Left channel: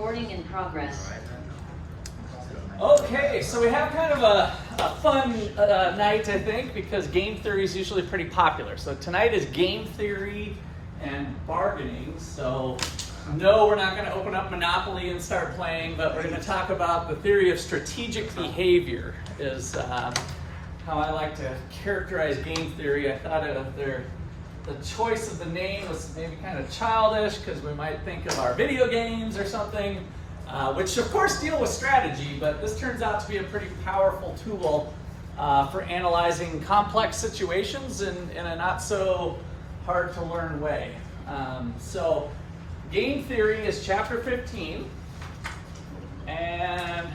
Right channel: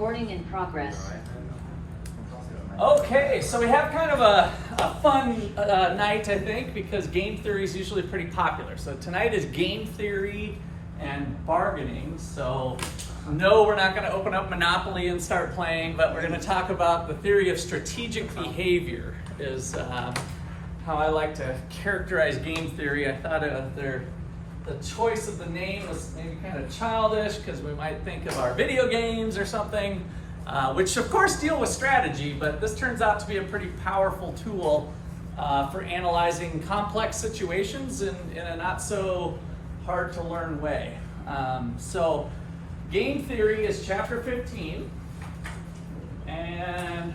Recording in progress. Okay, so we have kind of a fun night, I think, because game theory is usually pretty popular. So tonight is game theory and bargaining. So no, we're not going to open up Monopoly and start playing, but we're going to talk about the theory of strategic behavior is how I like to characterize game theory. I thought the choice of the name was maybe kind of childish because we might think of our video games or something, which of course deal with strategy, but this turns out to be a pretty powerful tool for analyzing complex situations in a not so hard to learn way. So game theory is chapter 15, and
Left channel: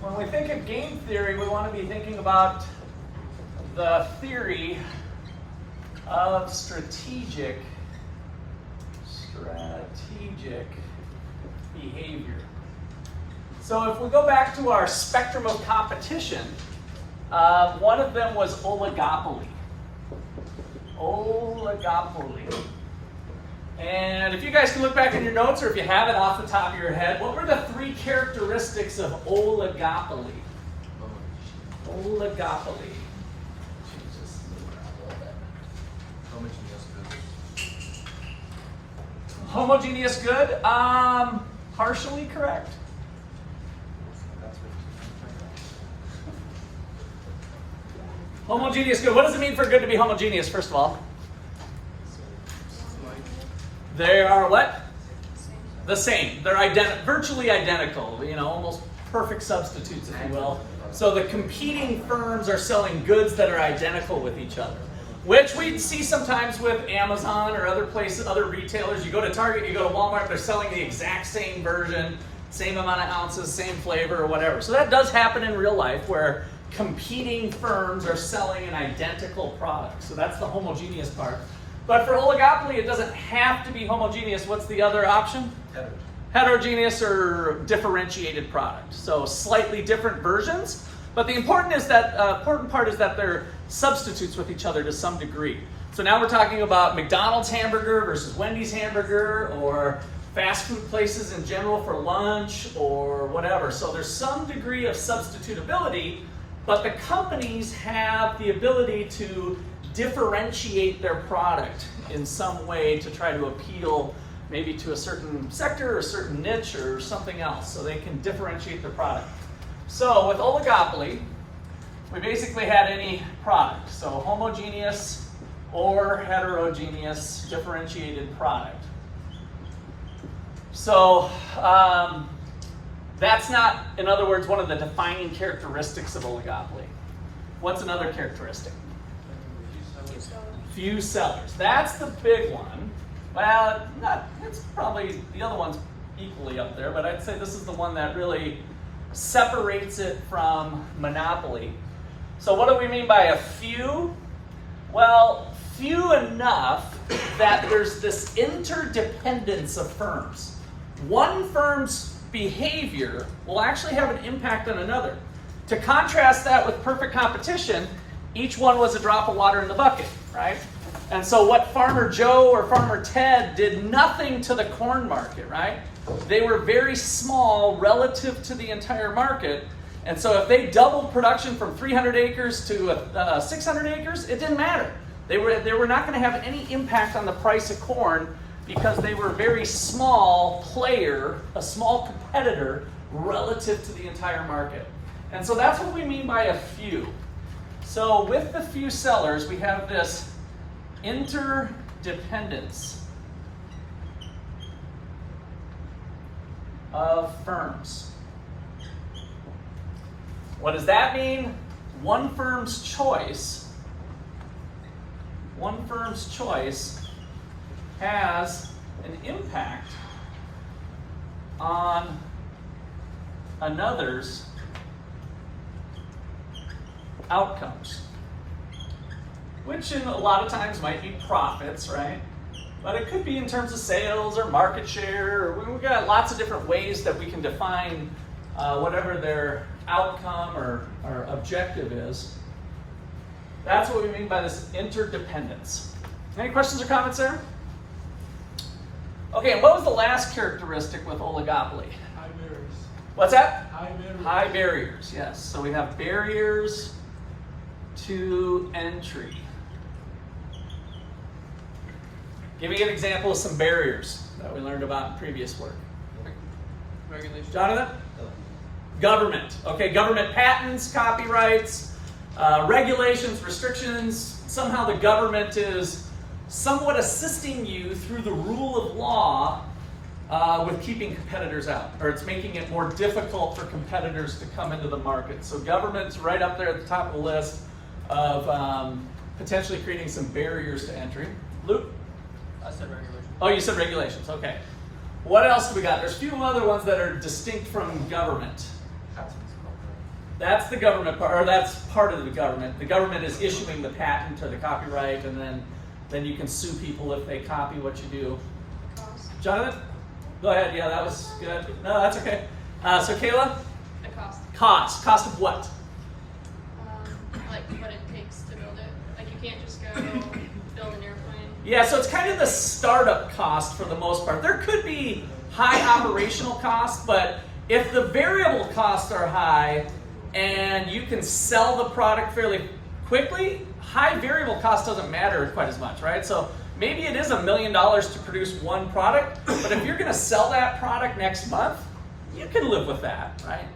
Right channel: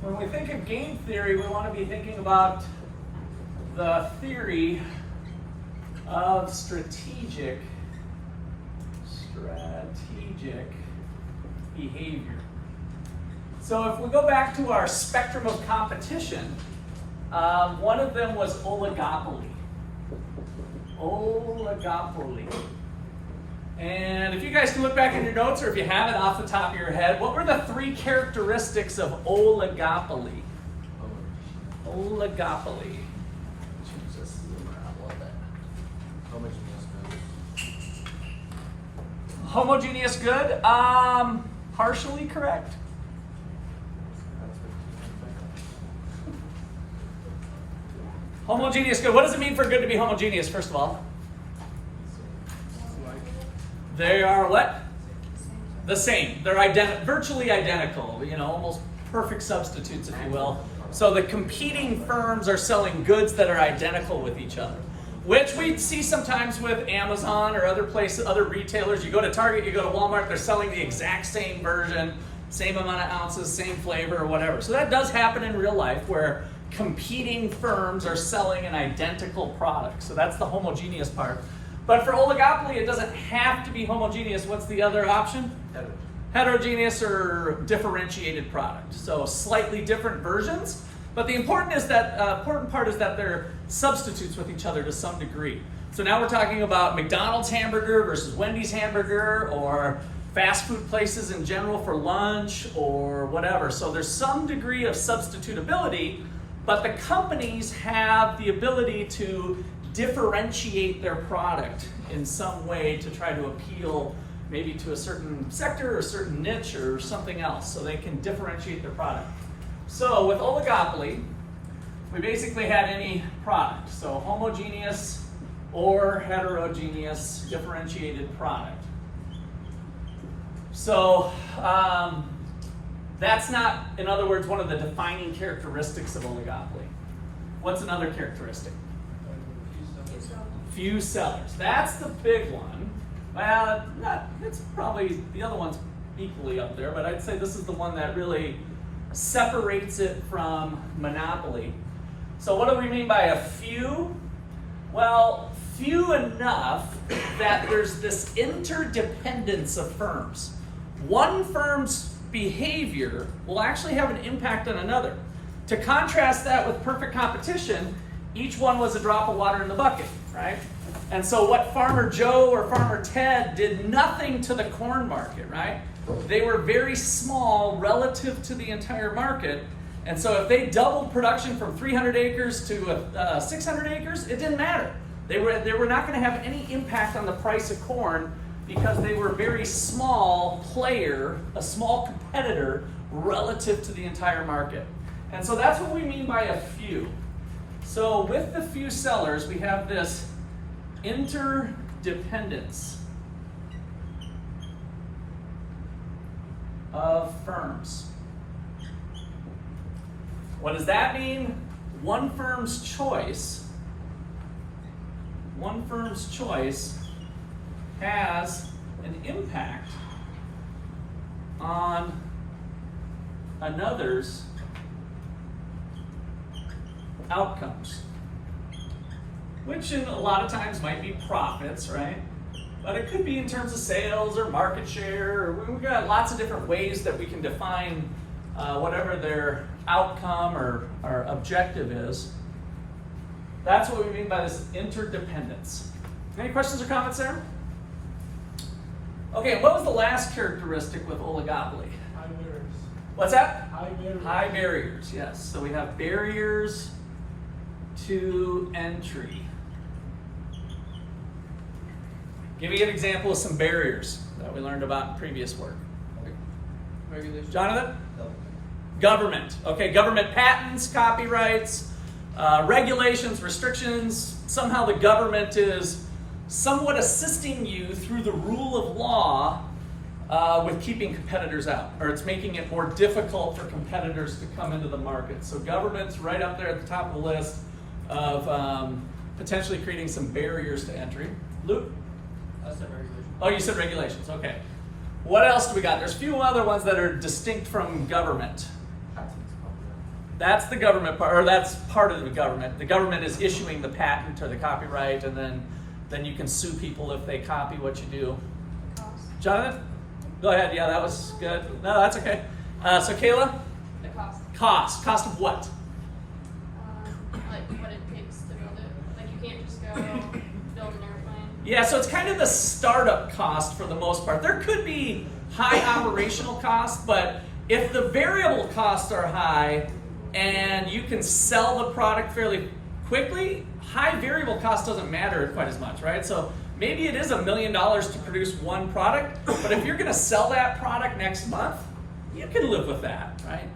when we think of game theory, we want to be thinking about the theory of strategic behavior. So if we go back to our spectrum of competition, one of them was oligopoly. And if you guys can look back in your notes, or if you have it off the top of your head, what were the three characteristics of oligopoly? Oligopoly. Homogeneous good? Partially correct. Homogeneous good. What does it mean for good to be homogeneous, first of all? They are what? The same. They're virtually identical, almost perfect substitutes, if you will. So the competing firms are selling goods that are identical with each other, which we see sometimes with Amazon or other places, other retailers. You go to Target, you go to Walmart, they're selling the exact same version, same amount of ounces, same flavor or whatever. So that does happen in real life where competing firms are selling an identical product. So that's the homogeneous part. But for oligopoly, it doesn't have to be homogeneous. What's the other option? Heterogeneous or differentiated product. So slightly different versions. But the important part is that they're substitutes with each other to some degree. So now we're talking about McDonald's hamburger versus Wendy's hamburger, or fast food places in general for lunch or whatever. So there's some degree of substitutability, but the companies have the ability to differentiate their product in some way to try to appeal maybe to a certain sector or a certain niche or something else, so they can differentiate their product. So with oligopoly, we basically had any product. So homogeneous or heterogeneous differentiated product. So that's not, in other words, one of the defining characteristics of oligopoly. What's another characteristic? Few sellers. That's the big one. Well, it's probably, the other one's equally up there, but I'd say this is the one that really separates it from monopoly. So what do we mean by a few? Well, few enough that there's this interdependence of firms. One firm's behavior will actually have an impact on another. To contrast that with perfect competition, each one was a drop of water in the bucket, right? And so what Farmer Joe or Farmer Ted did nothing to the corn market, right? They were very small relative to the entire market. And so if they doubled production from 300 acres to 600 acres, it didn't matter. They were not going to have any impact on the price of corn because they were a very small player, a small competitor relative to the entire market. And so that's what we mean by a few. So with the few sellers, we have this interdependence of firms. What does that mean? One firm's choice has an impact on another's outcomes, which in a lot of times might be profits, right? But it could be in terms of sales or market share. Or we've got lots of different ways that we can define whatever their outcome or objective is. That's what we mean by this interdependence. Any questions or comments there? Okay, and what was the last characteristic with oligopoly? High barriers. What's that? High barriers. High barriers, yes. So we have barriers to entry. Give me an example of some barriers that we learned about in previous work. Regulation. Jonathan? Government. Okay, government patents, copyrights, regulations, restrictions. Somehow the government is somewhat assisting you through the rule of law with keeping competitors out, or it's making it more difficult for competitors to come into the market. So government's right up there at the top of the list of potentially creating some barriers to entry. Luke? I said regulation. Oh, you said regulations, okay. What else do we got? There's a few other ones that are distinct from government. That's the government part, or that's part of the government. The government is issuing the patent or the copyright, and then you can sue people if they copy what you do. Cost. Jonathan? Go ahead, yeah, that was good. No, that's okay. So Kayla? The cost. Cost. Cost of what? Like what it takes to build it. Like you can't just go build an airplane. Yeah, so it's kind of the startup cost for the most part. There could be high operational costs, but if the variable costs are high and you can sell the product fairly quickly, high variable cost doesn't matter quite as much, right? So maybe it is $1 million to produce one product, but if you're gonna sell that product next month, you can live with that, right?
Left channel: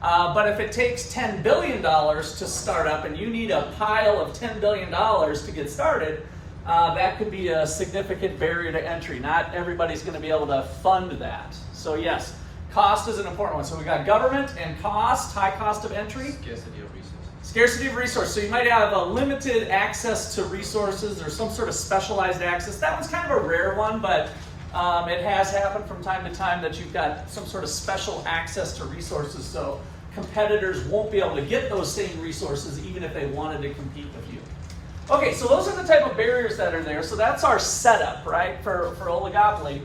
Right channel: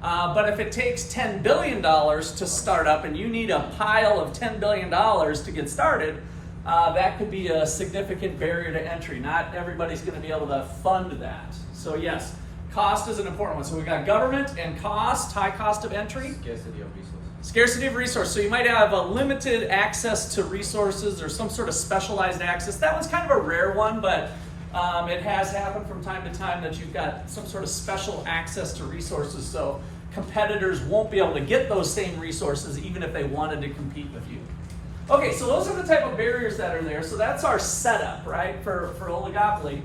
But if it takes $10 billion to start up and you need a pile of $10 billion to get started, that could be a significant barrier to entry. Not everybody's gonna be able to fund that. So yes, cost is an important one. So we got government and cost, high cost of entry. Scarcity of resources. Scarcity of resources. So you might have a limited access to resources or some sort of specialized access. That one's kind of a rare one, but it has happened from time to time that you've got some sort of special access to resources. So competitors won't be able to get those same resources even if they wanted to compete with you. Okay, so those are the type of barriers that are there. So that's our setup, right, for oligopoly.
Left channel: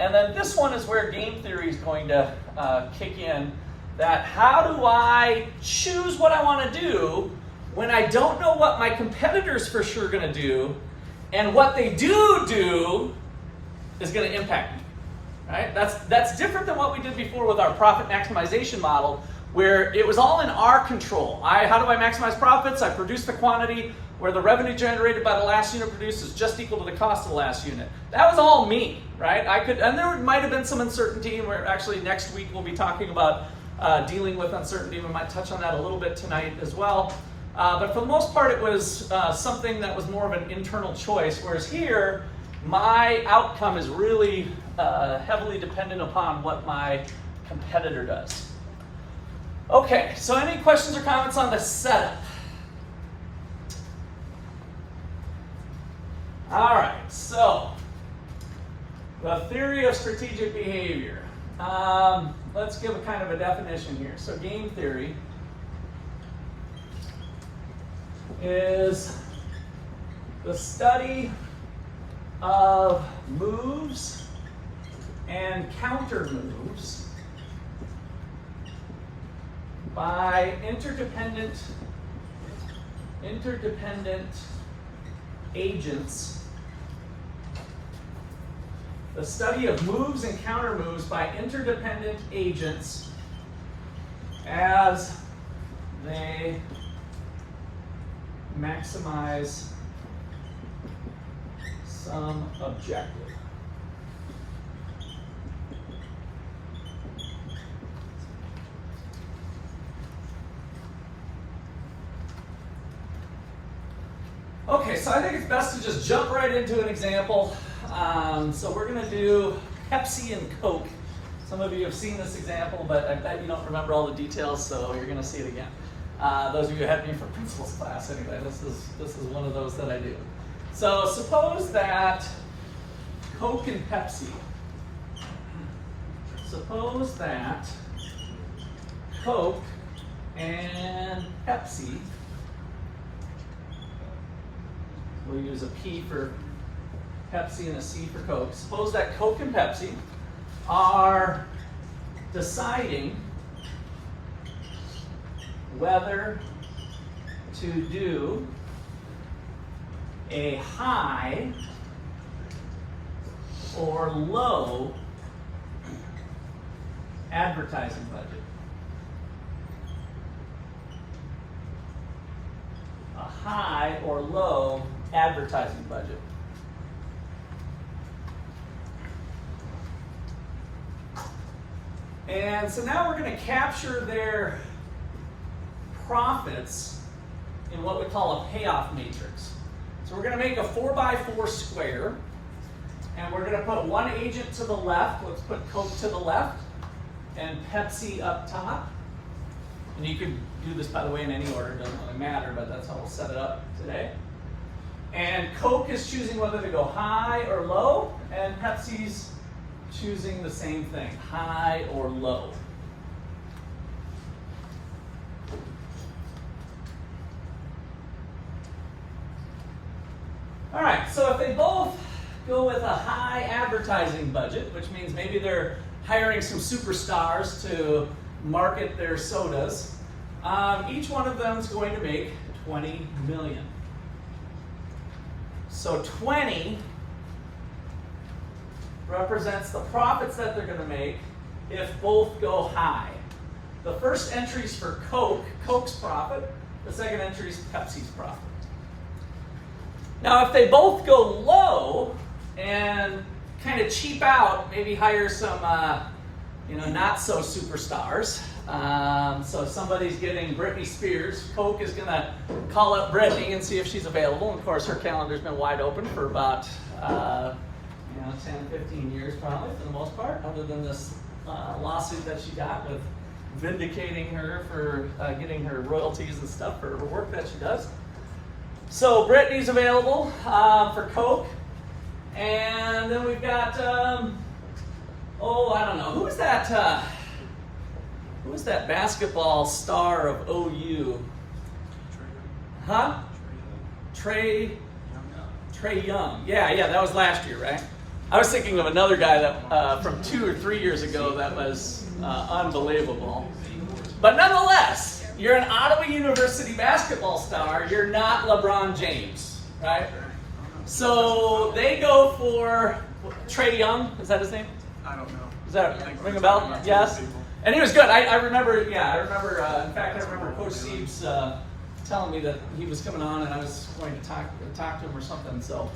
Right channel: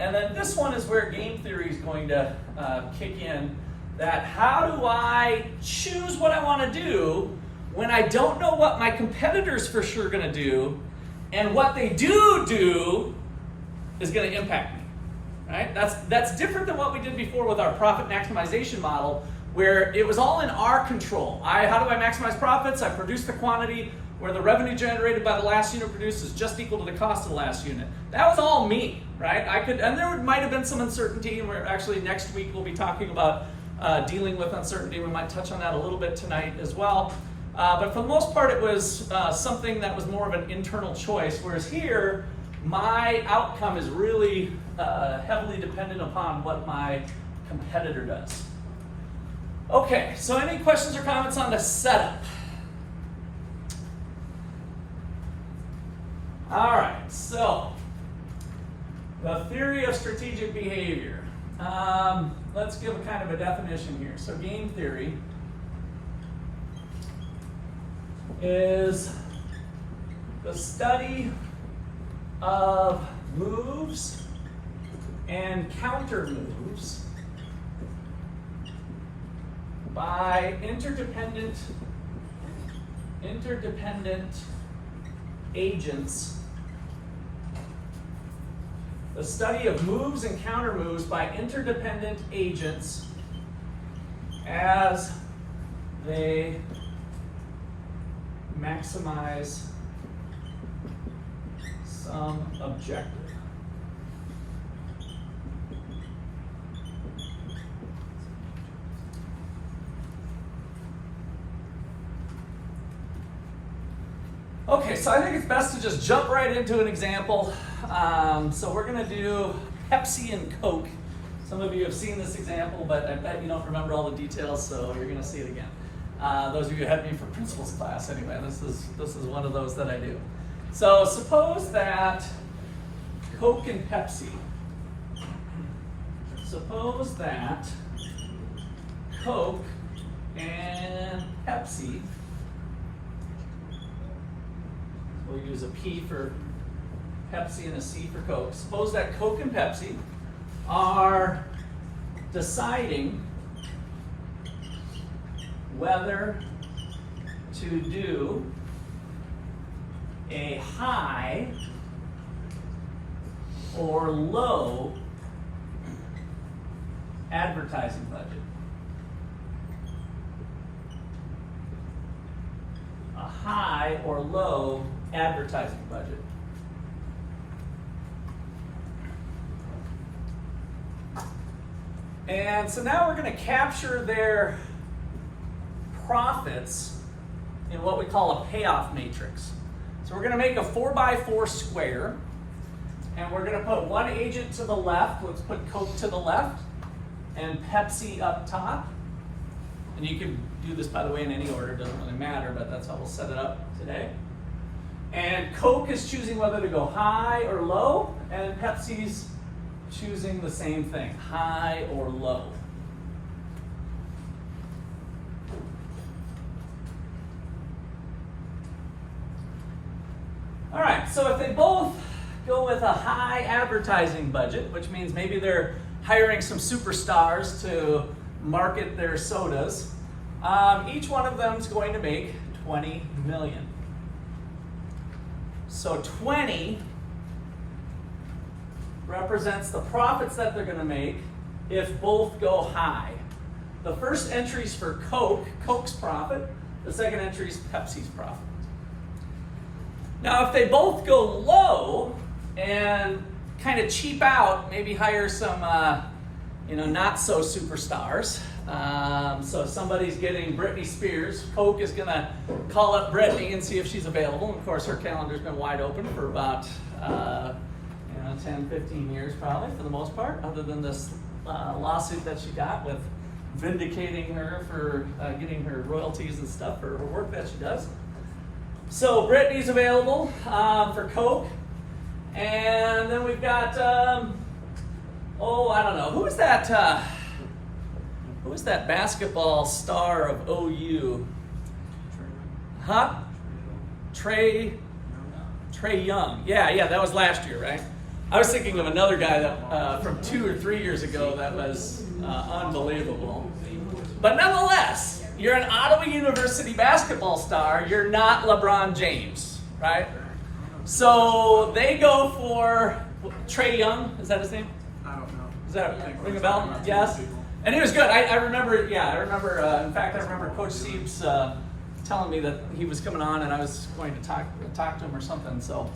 And then this one is where game theory is going to kick in. That how do I choose what I want to do when I don't know what my competitors for sure are going to do, and what they do is going to impact me, right? That's different than what we did before with our profit maximization model, where it was all in our control. How do I maximize profits? I produce the quantity where the revenue generated by the last unit produced is just equal to the cost of the last unit. That was all me, right? And there might have been some uncertainty, and we're actually next week we'll be talking about dealing with uncertainty. We might touch on that a little bit tonight as well. But for the most part, it was something that was more of an internal choice, whereas here, my outcome is really heavily dependent upon what my competitor does. Okay, so any questions or comments on the setup? All right, so the theory of strategic behavior. Let's give a kind of a definition here. So game theory is the study of moves and counter moves by interdependent agents. The study of moves and counter moves by interdependent agents as they maximize some objective. Okay, so I think it's best to just jump right into an example. So we're going to do Pepsi and Coke. Some of you have seen this example, but I bet you don't remember all the details, so you're going to see it again. Those of you who had me for principles class, anyway, this is one of those that I do. So suppose that Coke and Pepsi. Suppose that Coke and Pepsi. We'll use a P for Pepsi and a C for Coke. Suppose that Coke and Pepsi are deciding whether to do a high or low advertising budget. A high or low advertising budget. And so now we're going to capture their profits in what we call a payoff matrix. So we're going to make a 4x4 square, and we're going to put one agent to the left. Let's put Coke to the left and Pepsi up top. And you can do this, by the way, in any order. It doesn't really matter, but that's how we'll set it up today. And Coke is choosing whether to go high or low, and Pepsi's choosing the same thing, high or low. All right, so if they both go with a high advertising budget, which means maybe they're hiring some superstars to market their sodas, each one of them is going to make 20 million. So 20 represents the profits that they're going to make if both go high. The first entry is for Coke, Coke's profit. The second entry is Pepsi's profit. Now, if they both go low and kind of cheap out, maybe hire some, not so superstars. So if somebody's getting Britney Spears, Coke is going to call up Britney and see if she's available. And of course, her calendar's been wide open for about 10, 15 years probably, for the most part, other than this lawsuit that she got with vindicating her for getting her royalties and stuff for her work that she does. So Britney's available for Coke. And then we've got, I don't know, who is that basketball star of OU? Huh? Trey Young. Yeah, that was last year, right? I was thinking of another guy that from 2 or 3 years ago that was unbelievable. But nonetheless, you're an Ottawa University basketball star. You're not LeBron James, right? So they go for Trey Young. Is that his name? I don't know. Does that ring a bell? Yes. And he was good. I remember. In fact, I remember Coach Siebes telling me that he was coming on, and I was going to talk to him or something. So,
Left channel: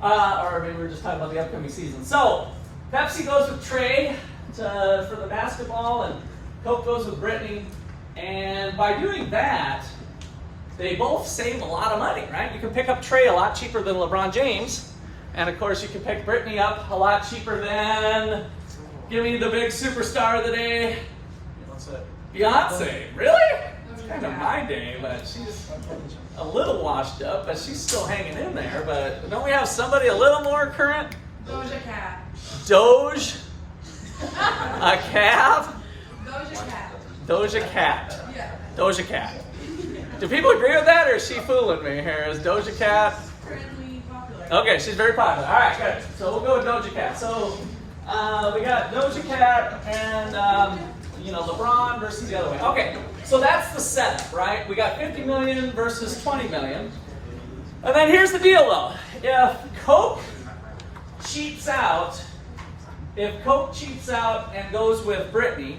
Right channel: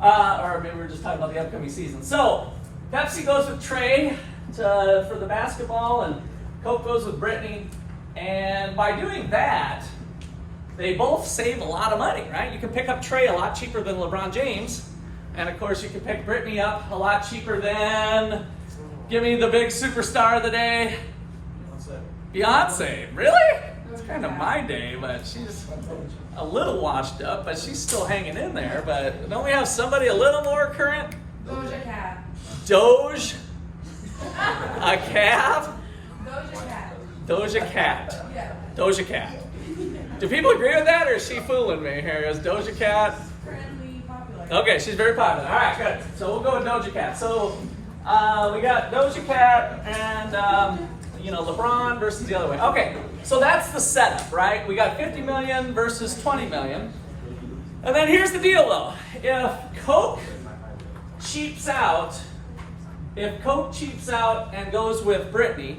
or maybe we were just talking about the upcoming season. So, Pepsi goes with Trey for the basketball, and Coke goes with Britney. And by doing that, they both save a lot of money, right? You can pick up Trey a lot cheaper than LeBron James, and of course, you can pick Britney up a lot cheaper than. Give me the big superstar of the day. Beyonce. Really? That's kind of my day, but she's a little washed up, but she's still hanging in there. But don't we have somebody a little more current? Doja Cat. Doge? A cat? Doja Cat. Doja Cat. Yeah. Doja Cat. Do people agree with that, or is she fooling me here? Is Doja Cat? Currently popular. Okay, she's very popular. All right, good. So we'll go with Doja Cat. So we got Doja Cat and LeBron versus the other way. Okay, so that's the setup, right? We got 50 million versus 20 million. And then here's the deal, though. If Coke cheaps out and goes with Britney,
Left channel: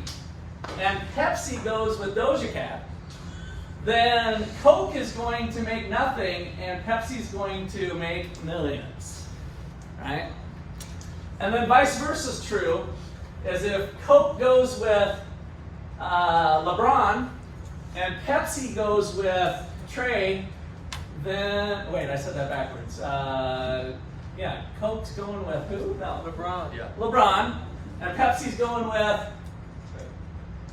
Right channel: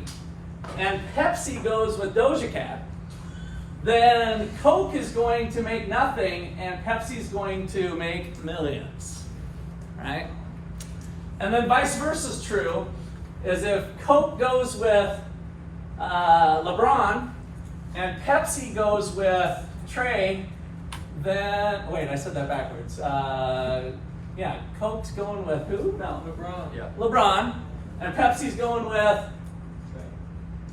and Pepsi goes with Doja Cat, then Coke is going to make nothing, and Pepsi's going to make millions, right? And then vice versa is true, is if Coke goes with LeBron and Pepsi goes with Trey, then, wait, I said that backwards. Coke's going with who? No, LeBron. Yeah. LeBron, and Pepsi's going with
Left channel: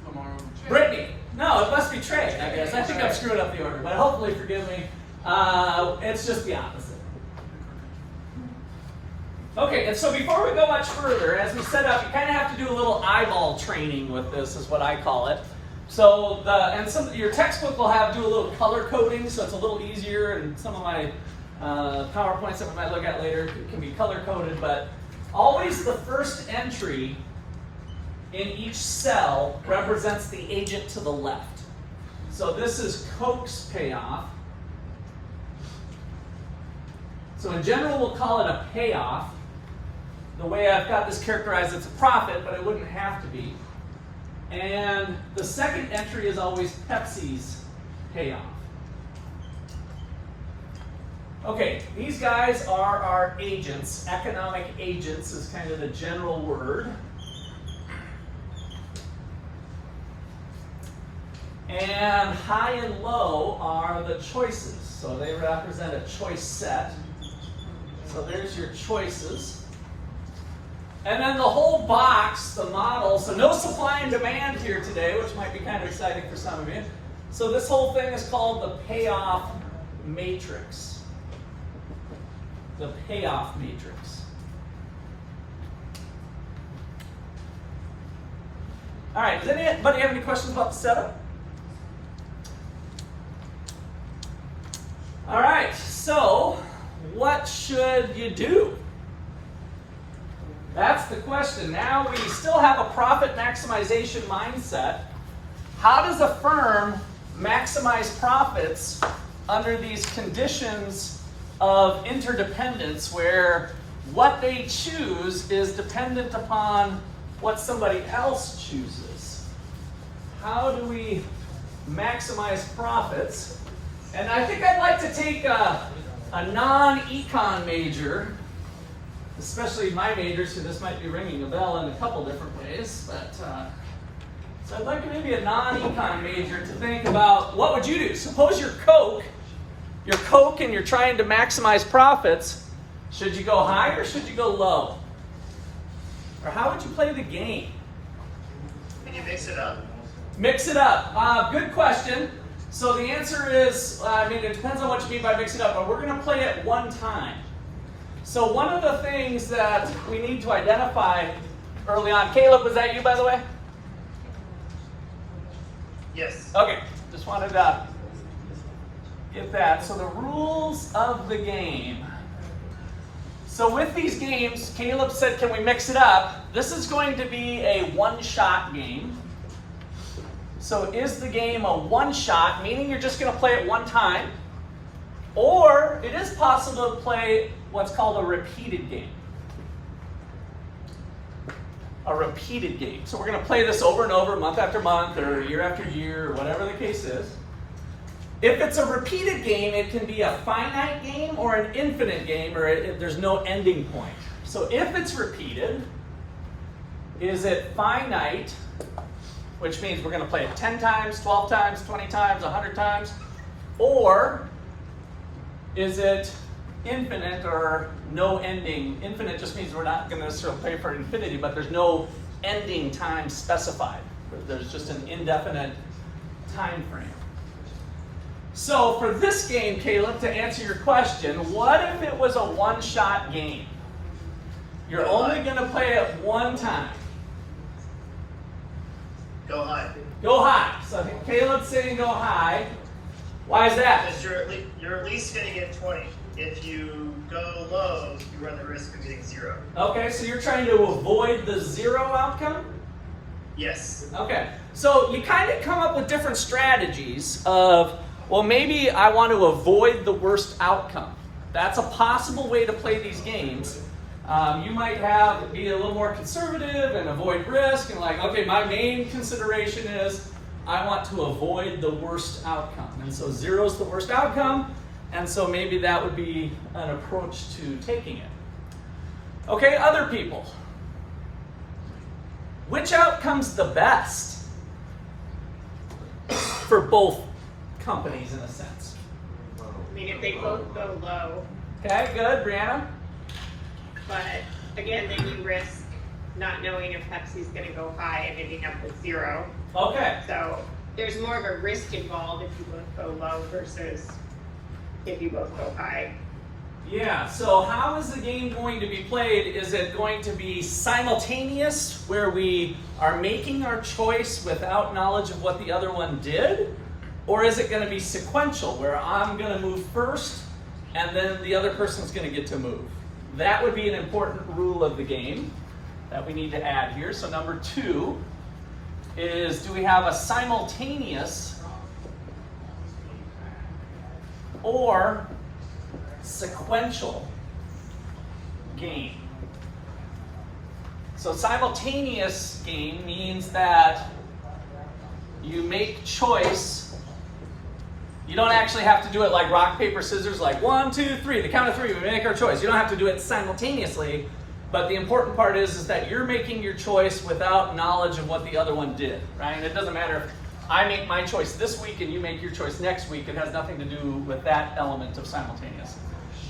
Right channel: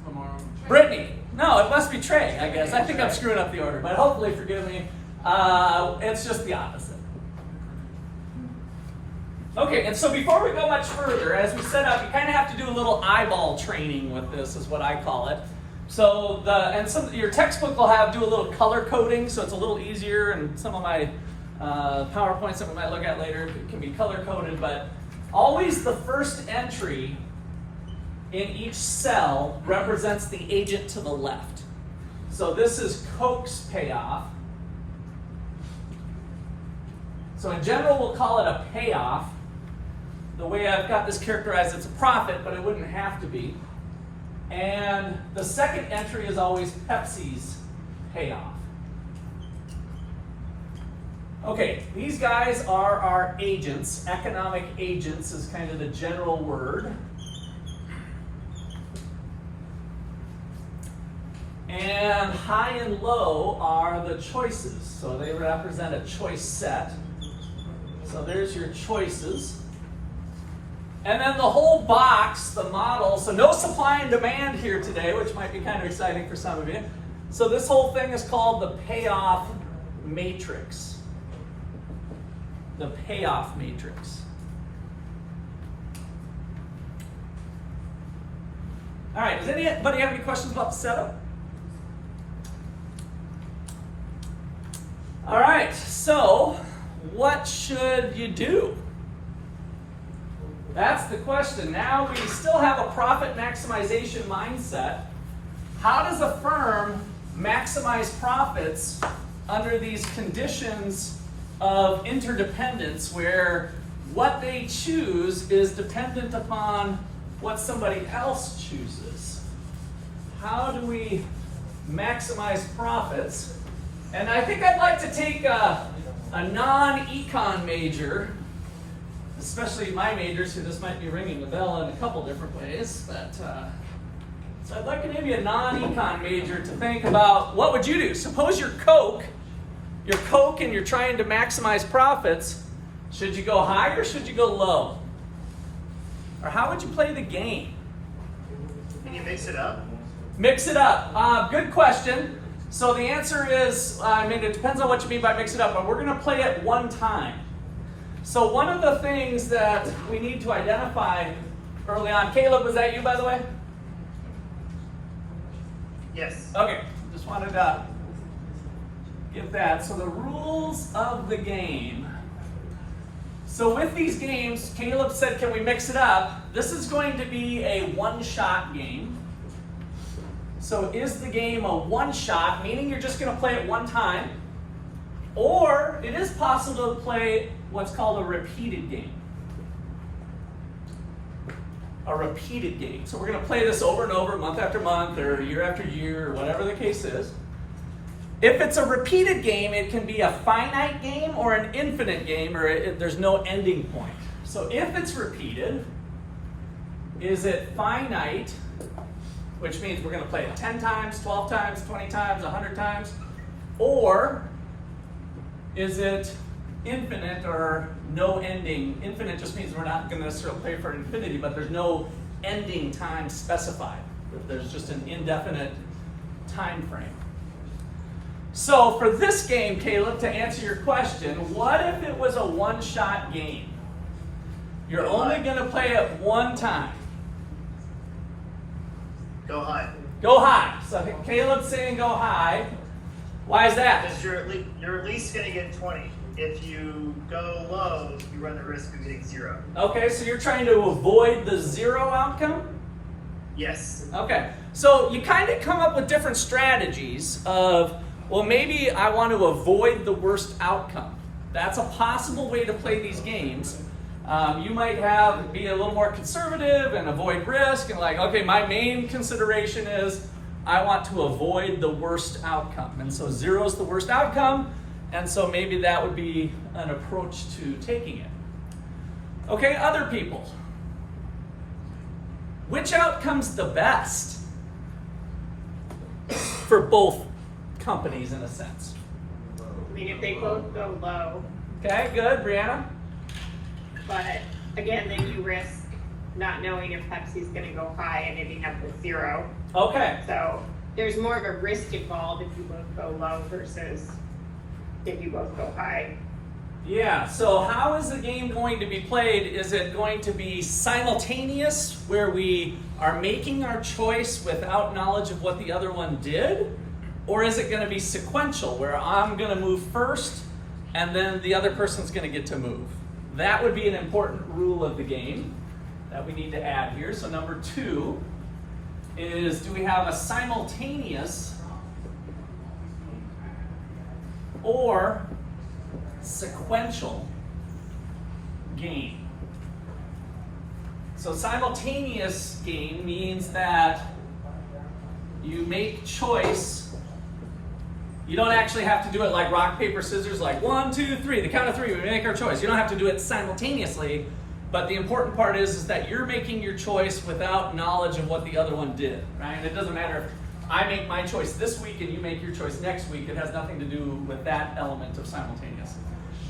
Lamar. Britney. No, it must be Trey, I guess. I think I'm screwing up the order, but hopefully forgive me. It's just the opposite. Okay, and so before we go much further, as we set up, you kind of have to do a little eyeball training with this, is what I call it. So your textbook will do a little color coding, so it's a little easier, and some of my PowerPoints that we might look at later can be color coded, but always the first entry in each cell represents the agent to the left. So this is Coke's payoff. So in general, we'll call it a payoff. The the way I've got this characterized, it's a profit, but it wouldn't have to be. And the second entry is always Pepsi's payoff. Okay, these guys are our agents. Economic agents is kind of the general word. And high and low are the choices. So they represent a choice set. So there's your choices. And then the whole box, the model, so no supply and demand here today, which might be kind of exciting for some of you. So this whole thing is called the payoff matrix. The payoff matrix. All right, does anybody have any questions about the setup? All right, so what should you do? That's the question. Now we still have a profit maximization mindset. How does a firm maximize profits under these conditions of interdependence where what they choose is dependent upon what somebody else chooses? How do we maximize profits? And I think I'd like to take a non-econ major, especially my majors, so this might be ringing a bell in a couple different ways, but so I'd like maybe a non-econ major to think about what would you do? Suppose you're Coke and you're trying to maximize profits. Should you go high or should you go low? Or how would you play the game? Can you mix it up? Mix it up. Good question. So the answer is, it depends on what you mean by mix it up, but we're going to play it one time. So one of the things that we need to identify early on, Caleb, was that you, by the way? Yes. Okay, just wanted to get that. So the rules of the game. So with these games, Caleb said, can we mix it up? This is going to be a one-shot game. So is the game a one-shot, meaning you're just going to play it one time? Or it is possible to play what's called a repeated game. A repeated game. So we're going to play this over and over, month after month, or year after year, or whatever the case is. If it's a repeated game, it can be a finite game or an infinite game, or there's no ending point. So if it's repeated, is it finite, which means we're going to play it 10 times, 12 times, 20 times, 100 times, or is it infinite or no ending? Infinite just means we're not going to necessarily play for infinity, but there's no ending time specified. There's just an indefinite time frame. So for this game, Caleb, to answer your question, what if it was a one-shot game? You're only going to play it one time. Go high. Go high. So Caleb's saying go high. Why is that? Because you're at least going to get 20. If you go low, you run the risk of getting 0. Okay, so you're trying to avoid the 0 outcome? Yes. Okay, so you kind of come up with different strategies of, well, maybe I want to avoid the worst outcome. That's a possible way to play these games. You might be a little more conservative and avoid risk and like, okay, my main consideration is I want to avoid the worst outcome. And so 0 is the worst outcome, and so maybe that would be an approach to taking it. Okay, other people. Which outcome's the best for both companies in a sense? I mean, if they both go low, Okay, good. Brianna? but again, then you risk not knowing if Pepsi's going to go high and ending up with 0. Okay. So there's more of a risk involved if you both go low versus if you both go high. Yeah, so how is the game going to be played? Is it going to be simultaneous, where we are making our choice without knowledge of what the other one did? Or is it going to be sequential, where I'm going to move first, and then the other person's going to get to move? That would be an important rule of the game that we need to add here. So number 2 is, do we have a simultaneous or sequential game? So simultaneous game means that you make choice. You don't actually have to do it like rock, paper, scissors, like 1, 2, 3, the count of 3, we make our choice. You don't have to do it simultaneously, but the important part is that you're making your choice without knowledge of what the other one did, right? It doesn't matter if I make my choice this week and you make your choice next week. It has nothing to do with that element of simultaneous.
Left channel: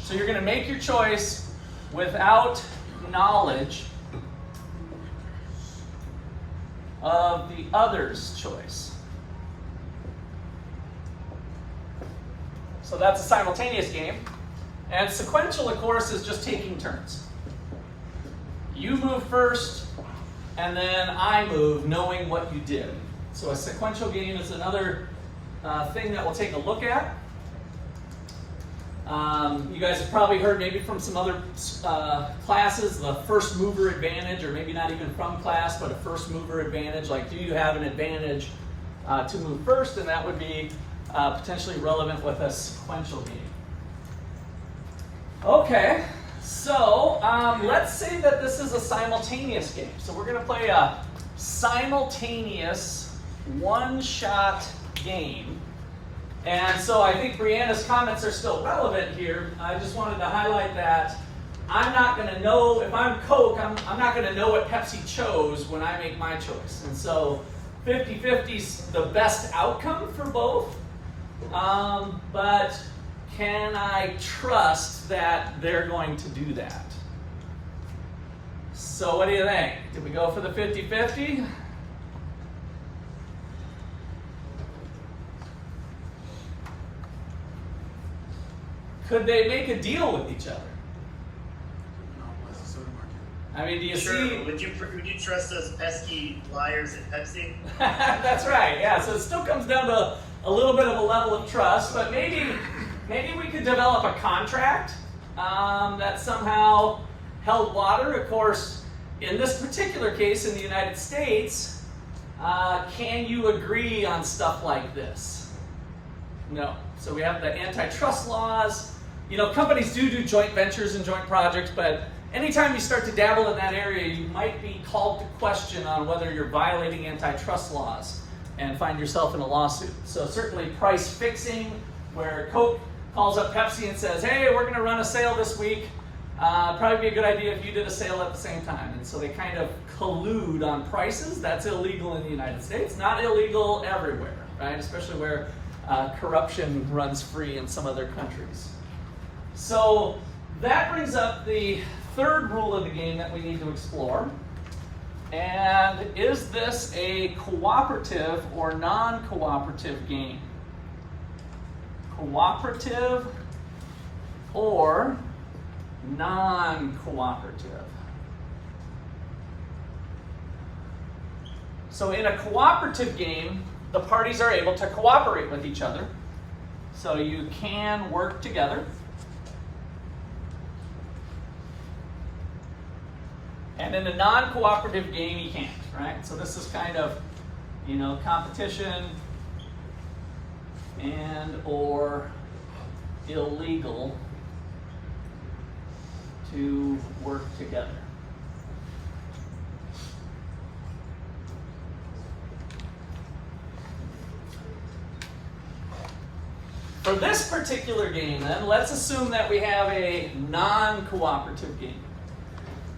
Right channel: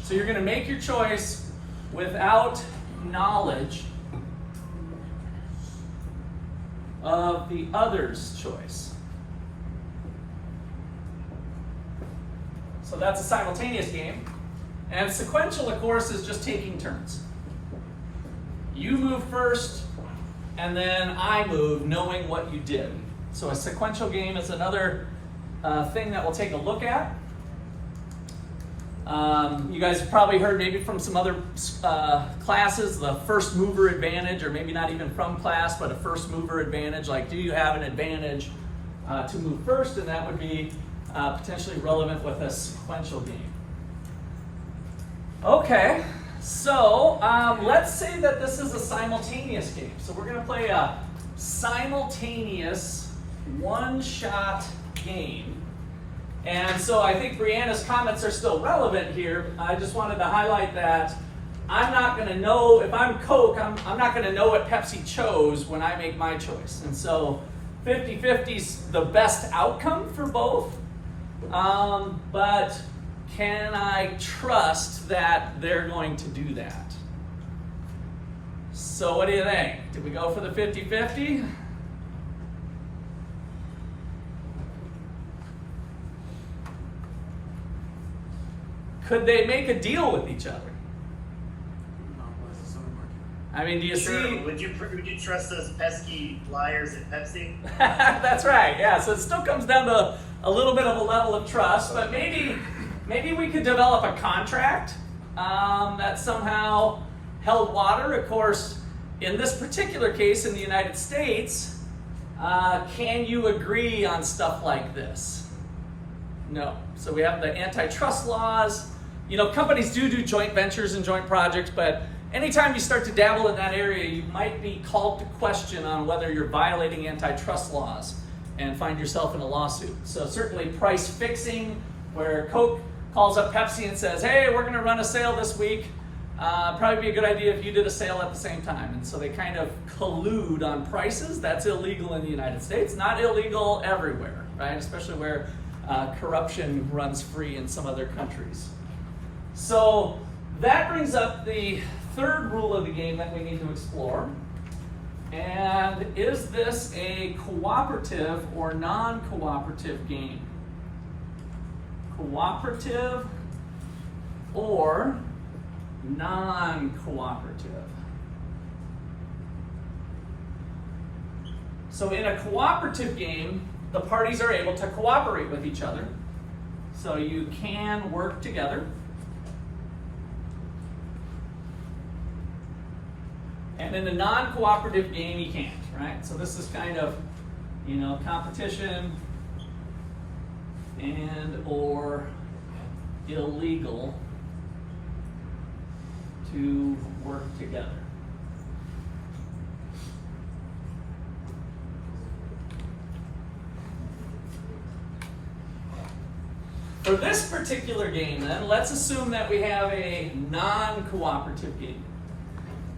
So you're going to make your choice without knowledge of the other's choice. So that's a simultaneous game. And sequential, of course, is just taking turns. You move first, and then I move, knowing what you did. So a sequential game is another thing that we'll take a look at. You guys have probably heard maybe from some other classes, the first mover advantage, or maybe not even from class, but a first mover advantage. Like, do you have an advantage to move first? And that would be potentially relevant with a sequential game. Okay, so let's say that this is a simultaneous game. So we're going to play a simultaneous one-shot game. And so I think Brianna's comments are still relevant here. I just wanted to highlight that I'm not going to know, if I'm Coke, I'm not going to know what Pepsi chose when I make my choice. And so 50-50 is the best outcome for both. But can I trust that they're going to do that? So what do you think? Did we go for the 50-50? Could they make a deal with each other? Monopolize the soda market. I mean, do you Sure. see? Would you trust those pesky liars at Pepsi? That's right, yeah. So it still comes down to a little bit of a level of trust, but maybe we could develop a contract that somehow held water. Of course, in this particular case in the United States, can you agree on stuff like this? No. So we have the antitrust laws. You know, companies do joint ventures and joint projects, but anytime you start to dabble in that area, you might be called to question on whether you're violating antitrust laws and find yourself in a lawsuit. So certainly price fixing, where Coke calls up Pepsi and says, hey, we're going to run a sale this week. Probably be a good idea if you did a sale at the same time. And so they kind of collude on prices. That's illegal in the United States, not illegal everywhere, right? Especially where corruption runs free in some other countries. So that brings up the third rule of the game that we need to explore. And is this a cooperative or non-cooperative game? Cooperative or non-cooperative? So in a cooperative game, the parties are able to cooperate with each other. So you can work together. And in a non-cooperative game, you can't, right? So this is kind of, you know, competition and or illegal to work together. For this particular game, then, let's assume that we have a non-cooperative game.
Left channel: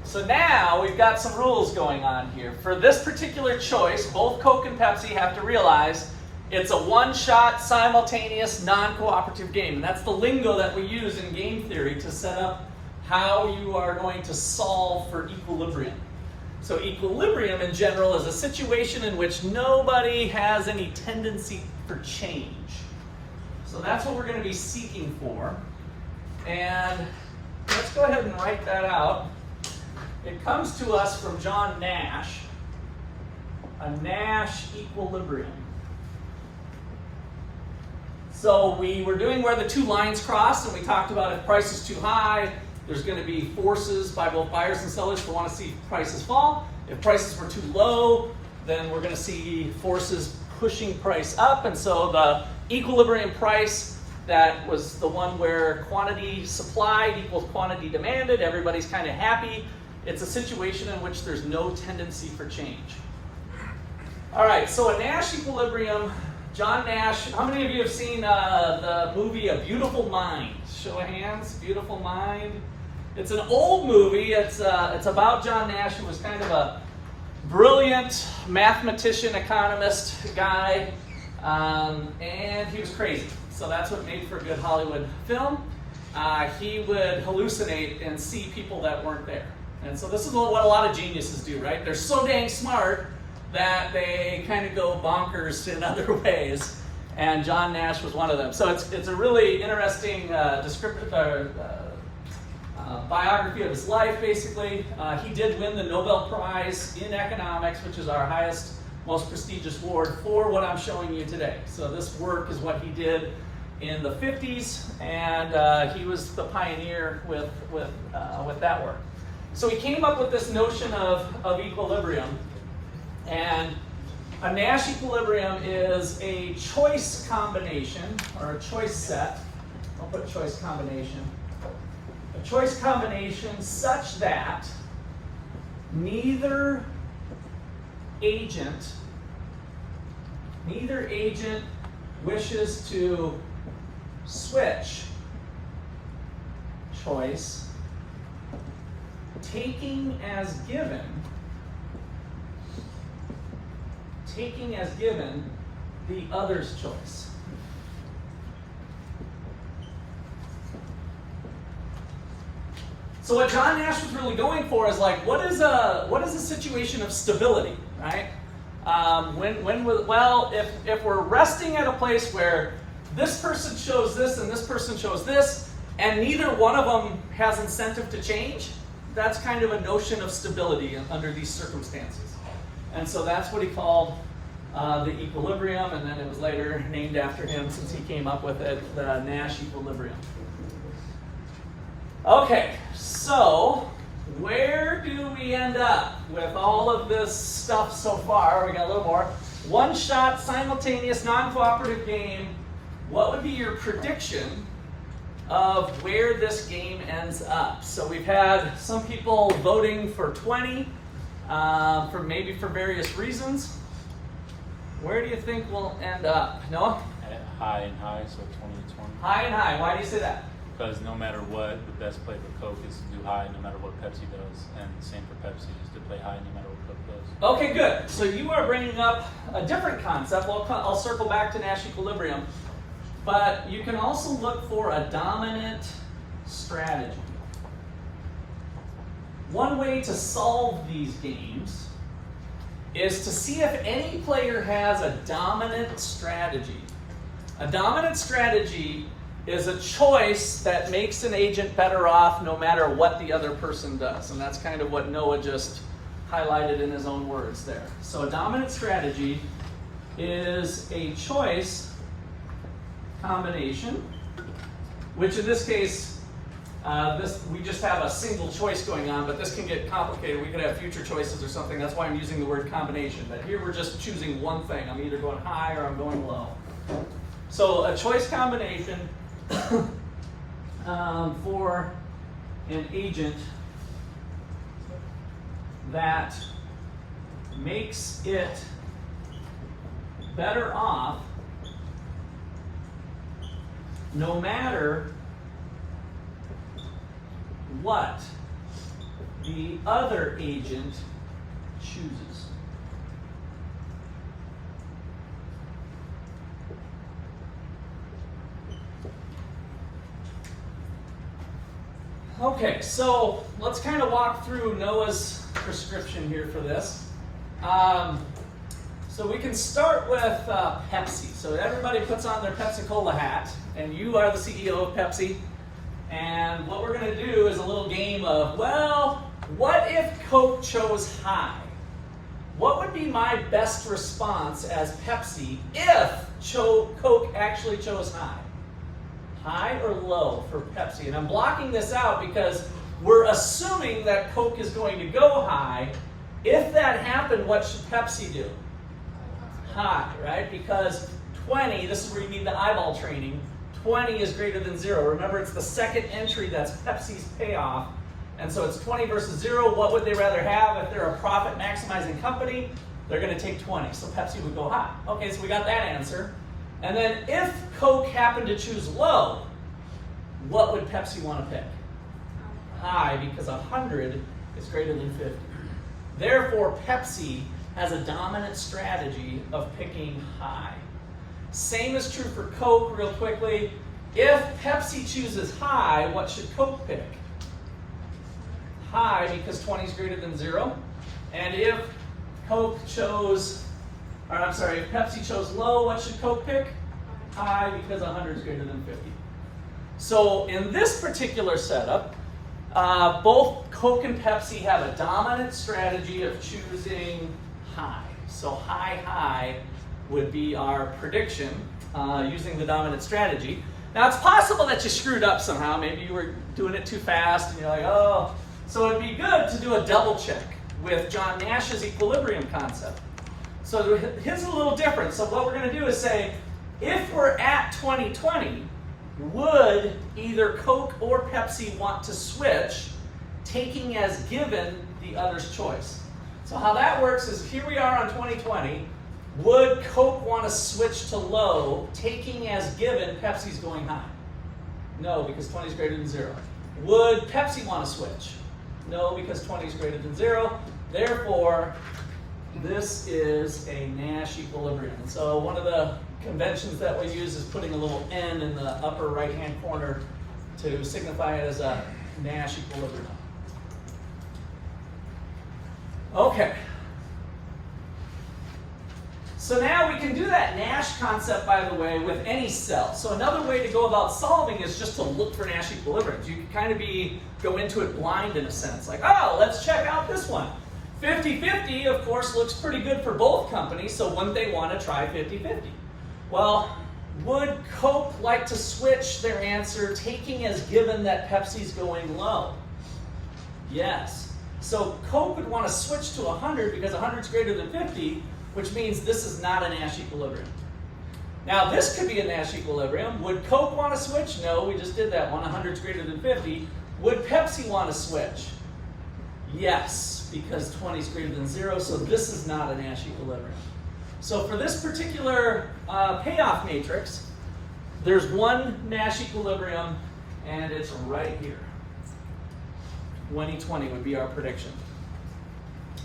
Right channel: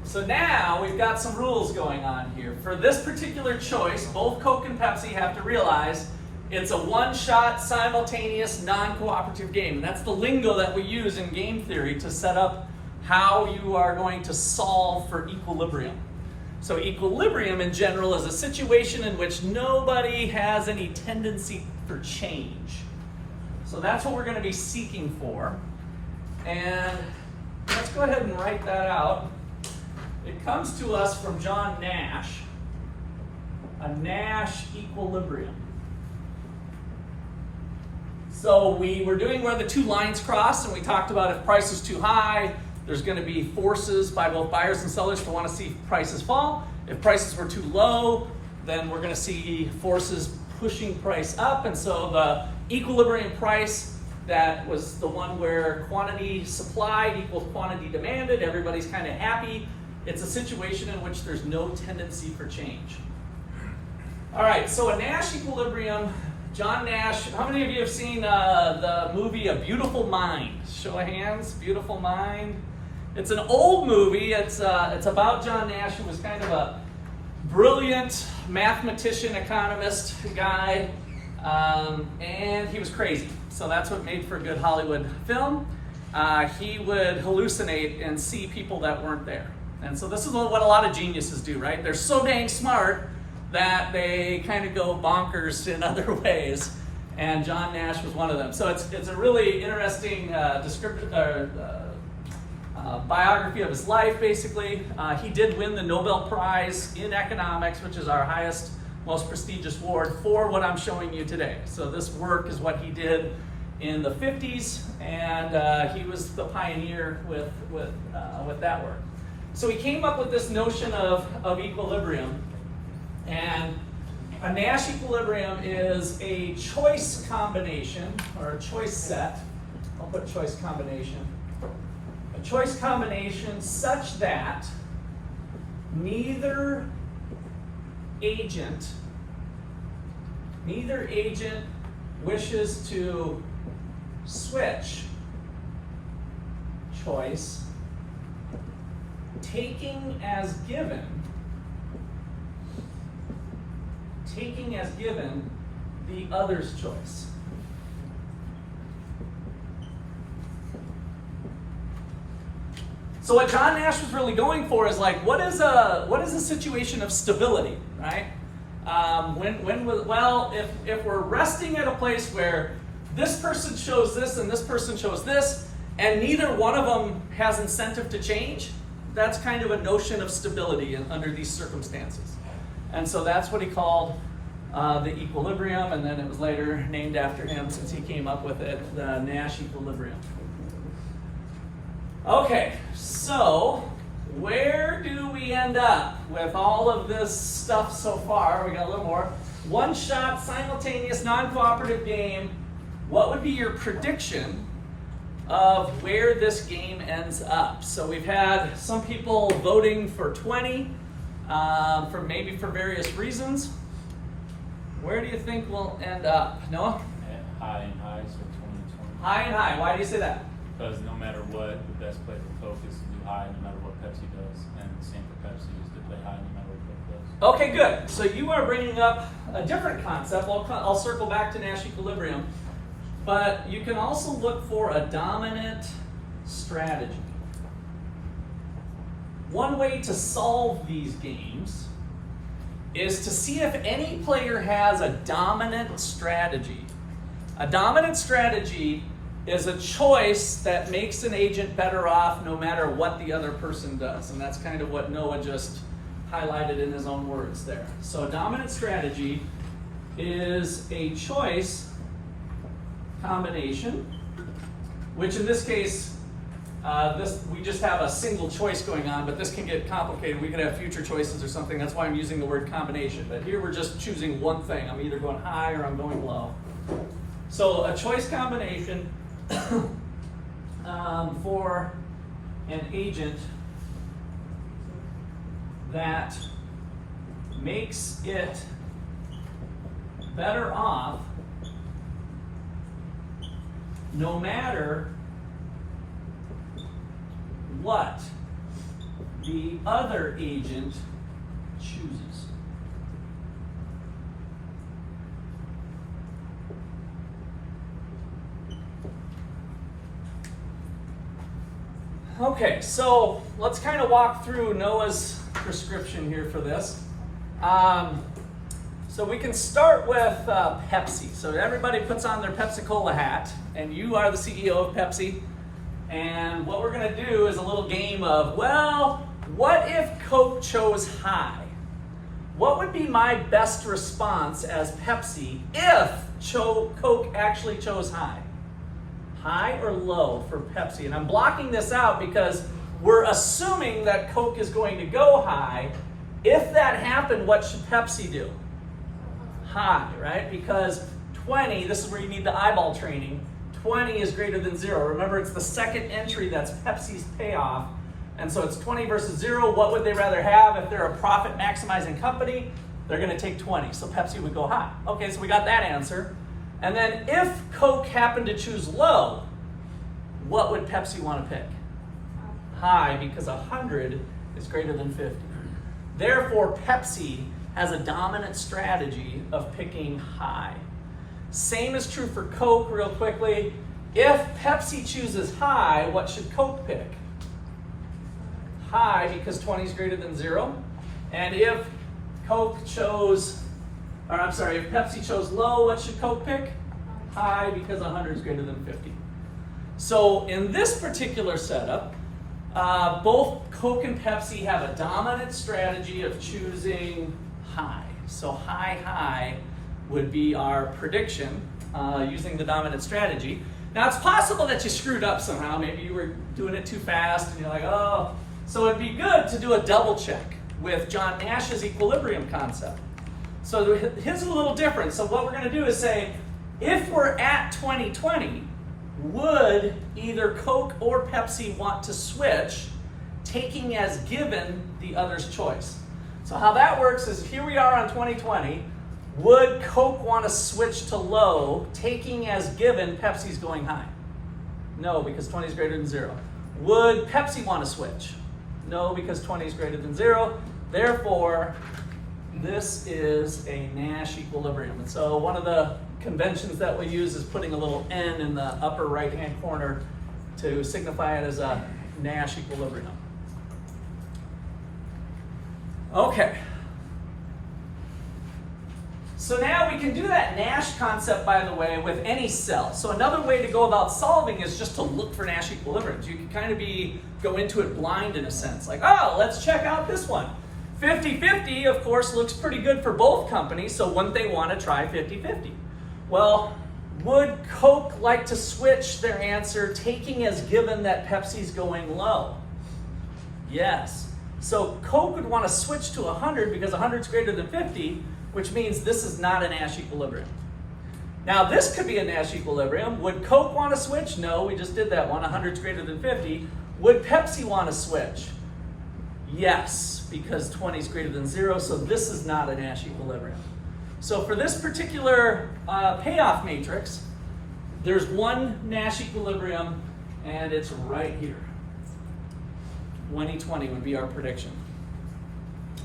So now we've got some rules going on here. For this particular choice, both Coke and Pepsi have to realize it's a one-shot, simultaneous, non-cooperative game. And that's the lingo that we use in game theory to set up how you are going to solve for equilibrium. So equilibrium in general is a situation in which nobody has any tendency for change. So that's what we're going to be seeking for. And let's go ahead and write that out. It comes to us from John Nash, a Nash equilibrium. So we were doing where the two lines cross, and we talked about if price is too high, there's going to be forces by both buyers and sellers to want to see prices fall. If prices were too low, then we're going to see forces pushing price up. And so the equilibrium price, that was the one where quantity supplied equals quantity demanded. Everybody's kind of happy. It's a situation in which there's no tendency for change. All right, so a Nash equilibrium, John Nash, how many of you have seen the movie A Beautiful Mind? Show of hands, Beautiful Mind. It's an old movie. It's about John Nash, who was kind of a brilliant mathematician, economist guy, and he was crazy. So that's what made for a good Hollywood film. He would hallucinate and see people that weren't there. And so this is what a lot of geniuses do, right? They're so dang smart that they kind of go bonkers in other ways. And John Nash was one of them. So it's a really interesting biography of his life, basically. He did win the Nobel Prize in economics, which is our highest, most prestigious award for what I'm showing you today. So this work is what he did in the 50s, and he was the pioneer with that work. So he came up with this notion of equilibrium, and a Nash equilibrium is a choice combination, or a choice set. I'll put choice combination. A choice combination such that neither agent wishes to switch choice, taking as given the other's choice. So what John Nash was really going for is like, what is a situation of stability, right? If we're resting at a place where this person chose this and this person chose this, and neither one of them has incentive to change, that's kind of a notion of stability under these circumstances. And so that's what he called the equilibrium, and then it was later named after him since he came up with it, the Nash equilibrium. Okay, so where do we end up with all of this stuff so far? We got a little more. One shot, simultaneous, non-cooperative game. What would be your prediction of where this game ends up? So we've had some people voting for 20, for various reasons. Where do you think we'll end up? Noah? High and high, so 20 to 20. High and high. Why do you say that? Because no matter what, the best play for Coke is to do high no matter what Pepsi does. And the same for Pepsi is to play high no matter what Coke does. Okay, good. So you are bringing up a different concept. I'll circle back to Nash equilibrium. But you can also look for a dominant strategy. One way to solve these games is to see if any player has a dominant strategy. A dominant strategy is a choice that makes an agent better off no matter what the other person does. And that's kind of what Noah just highlighted in his own words there. So a dominant strategy is a choice combination, which in this case, we just have a single choice going on, but this can get complicated. We could have future choices or something. That's why I'm using the word combination. But here we're just choosing one thing. I'm either going high or I'm going low. So a choice combination for an agent that makes it better off no matter what the other agent chooses. Okay, so let's kind of walk through Noah's prescription here for this. So we can start with Pepsi. So everybody puts on their Pepsi-Cola hat, and you are the CEO of Pepsi. And what we're going to do is a little game of, well, what if Coke chose high? What would be my best response as Pepsi if Coke actually chose high? High or low for Pepsi? And I'm blocking this out because we're assuming that Coke is going to go high. If that happened, what should Pepsi do? High, right? Because 20, this is where you need the eyeball training, 20 is greater than 0. Remember, it's the second entry that's Pepsi's payoff. And so it's 20 versus 0. What would they rather have? If they're a profit maximizing company, they're going to take 20. So Pepsi would go high. Okay, so we got that answer. And then if Coke happened to choose low, what would Pepsi want to pick? High, because 100 is greater than 50. Therefore, Pepsi has a dominant strategy of picking high. Same is true for Coke, real quickly. If Pepsi chooses high, what should Coke pick? High, because 20 is greater than 0. And if Pepsi chose low, what should Coke pick? High, because 100 is greater than 50. So in this particular setup, both Coke and Pepsi have a dominant strategy of choosing high. So high would be our prediction using the dominant strategy. Now it's possible that you screwed up somehow. Maybe you were doing it too fast and you're like, oh. So it'd be good to do a double check with John Nash's equilibrium concept. So his is a little different. So what we're going to do is say, if we're at 2020, would either Coke or Pepsi want to switch, taking as given the other's choice? So how that works is, here we are on 2020. Would Coke want to switch to low, taking as given Pepsi's going high? No, because 20 is greater than 0. Would Pepsi want to switch? No, because 20 is greater than 0. Therefore, this is a Nash equilibrium. And so one of the conventions that we use is putting a little N in the upper right-hand corner to signify it as a Nash equilibrium. Okay. So now we can do that Nash concept, by the way, with any cell. So another way to go about solving is just to look for Nash equilibriums. You can kind of go into it blind in a sense. Like, oh, let's check out this one. 50-50, of course, looks pretty good for both companies, so wouldn't they want to try 50-50? Well, would Coke like to switch their answer, taking as given that Pepsi's going low? Yes. So Coke would want to switch to 100 because 100 is greater than 50, which means this is not a Nash equilibrium. Now this could be a Nash equilibrium. Would Coke want to switch? No, we just did that one. 100 is greater than 50. Would Pepsi want to switch? Yes, because 20 is greater than 0, so this is not a Nash equilibrium. So for this particular payoff matrix, there's one Nash equilibrium, and it's right here. 2020 would be our prediction.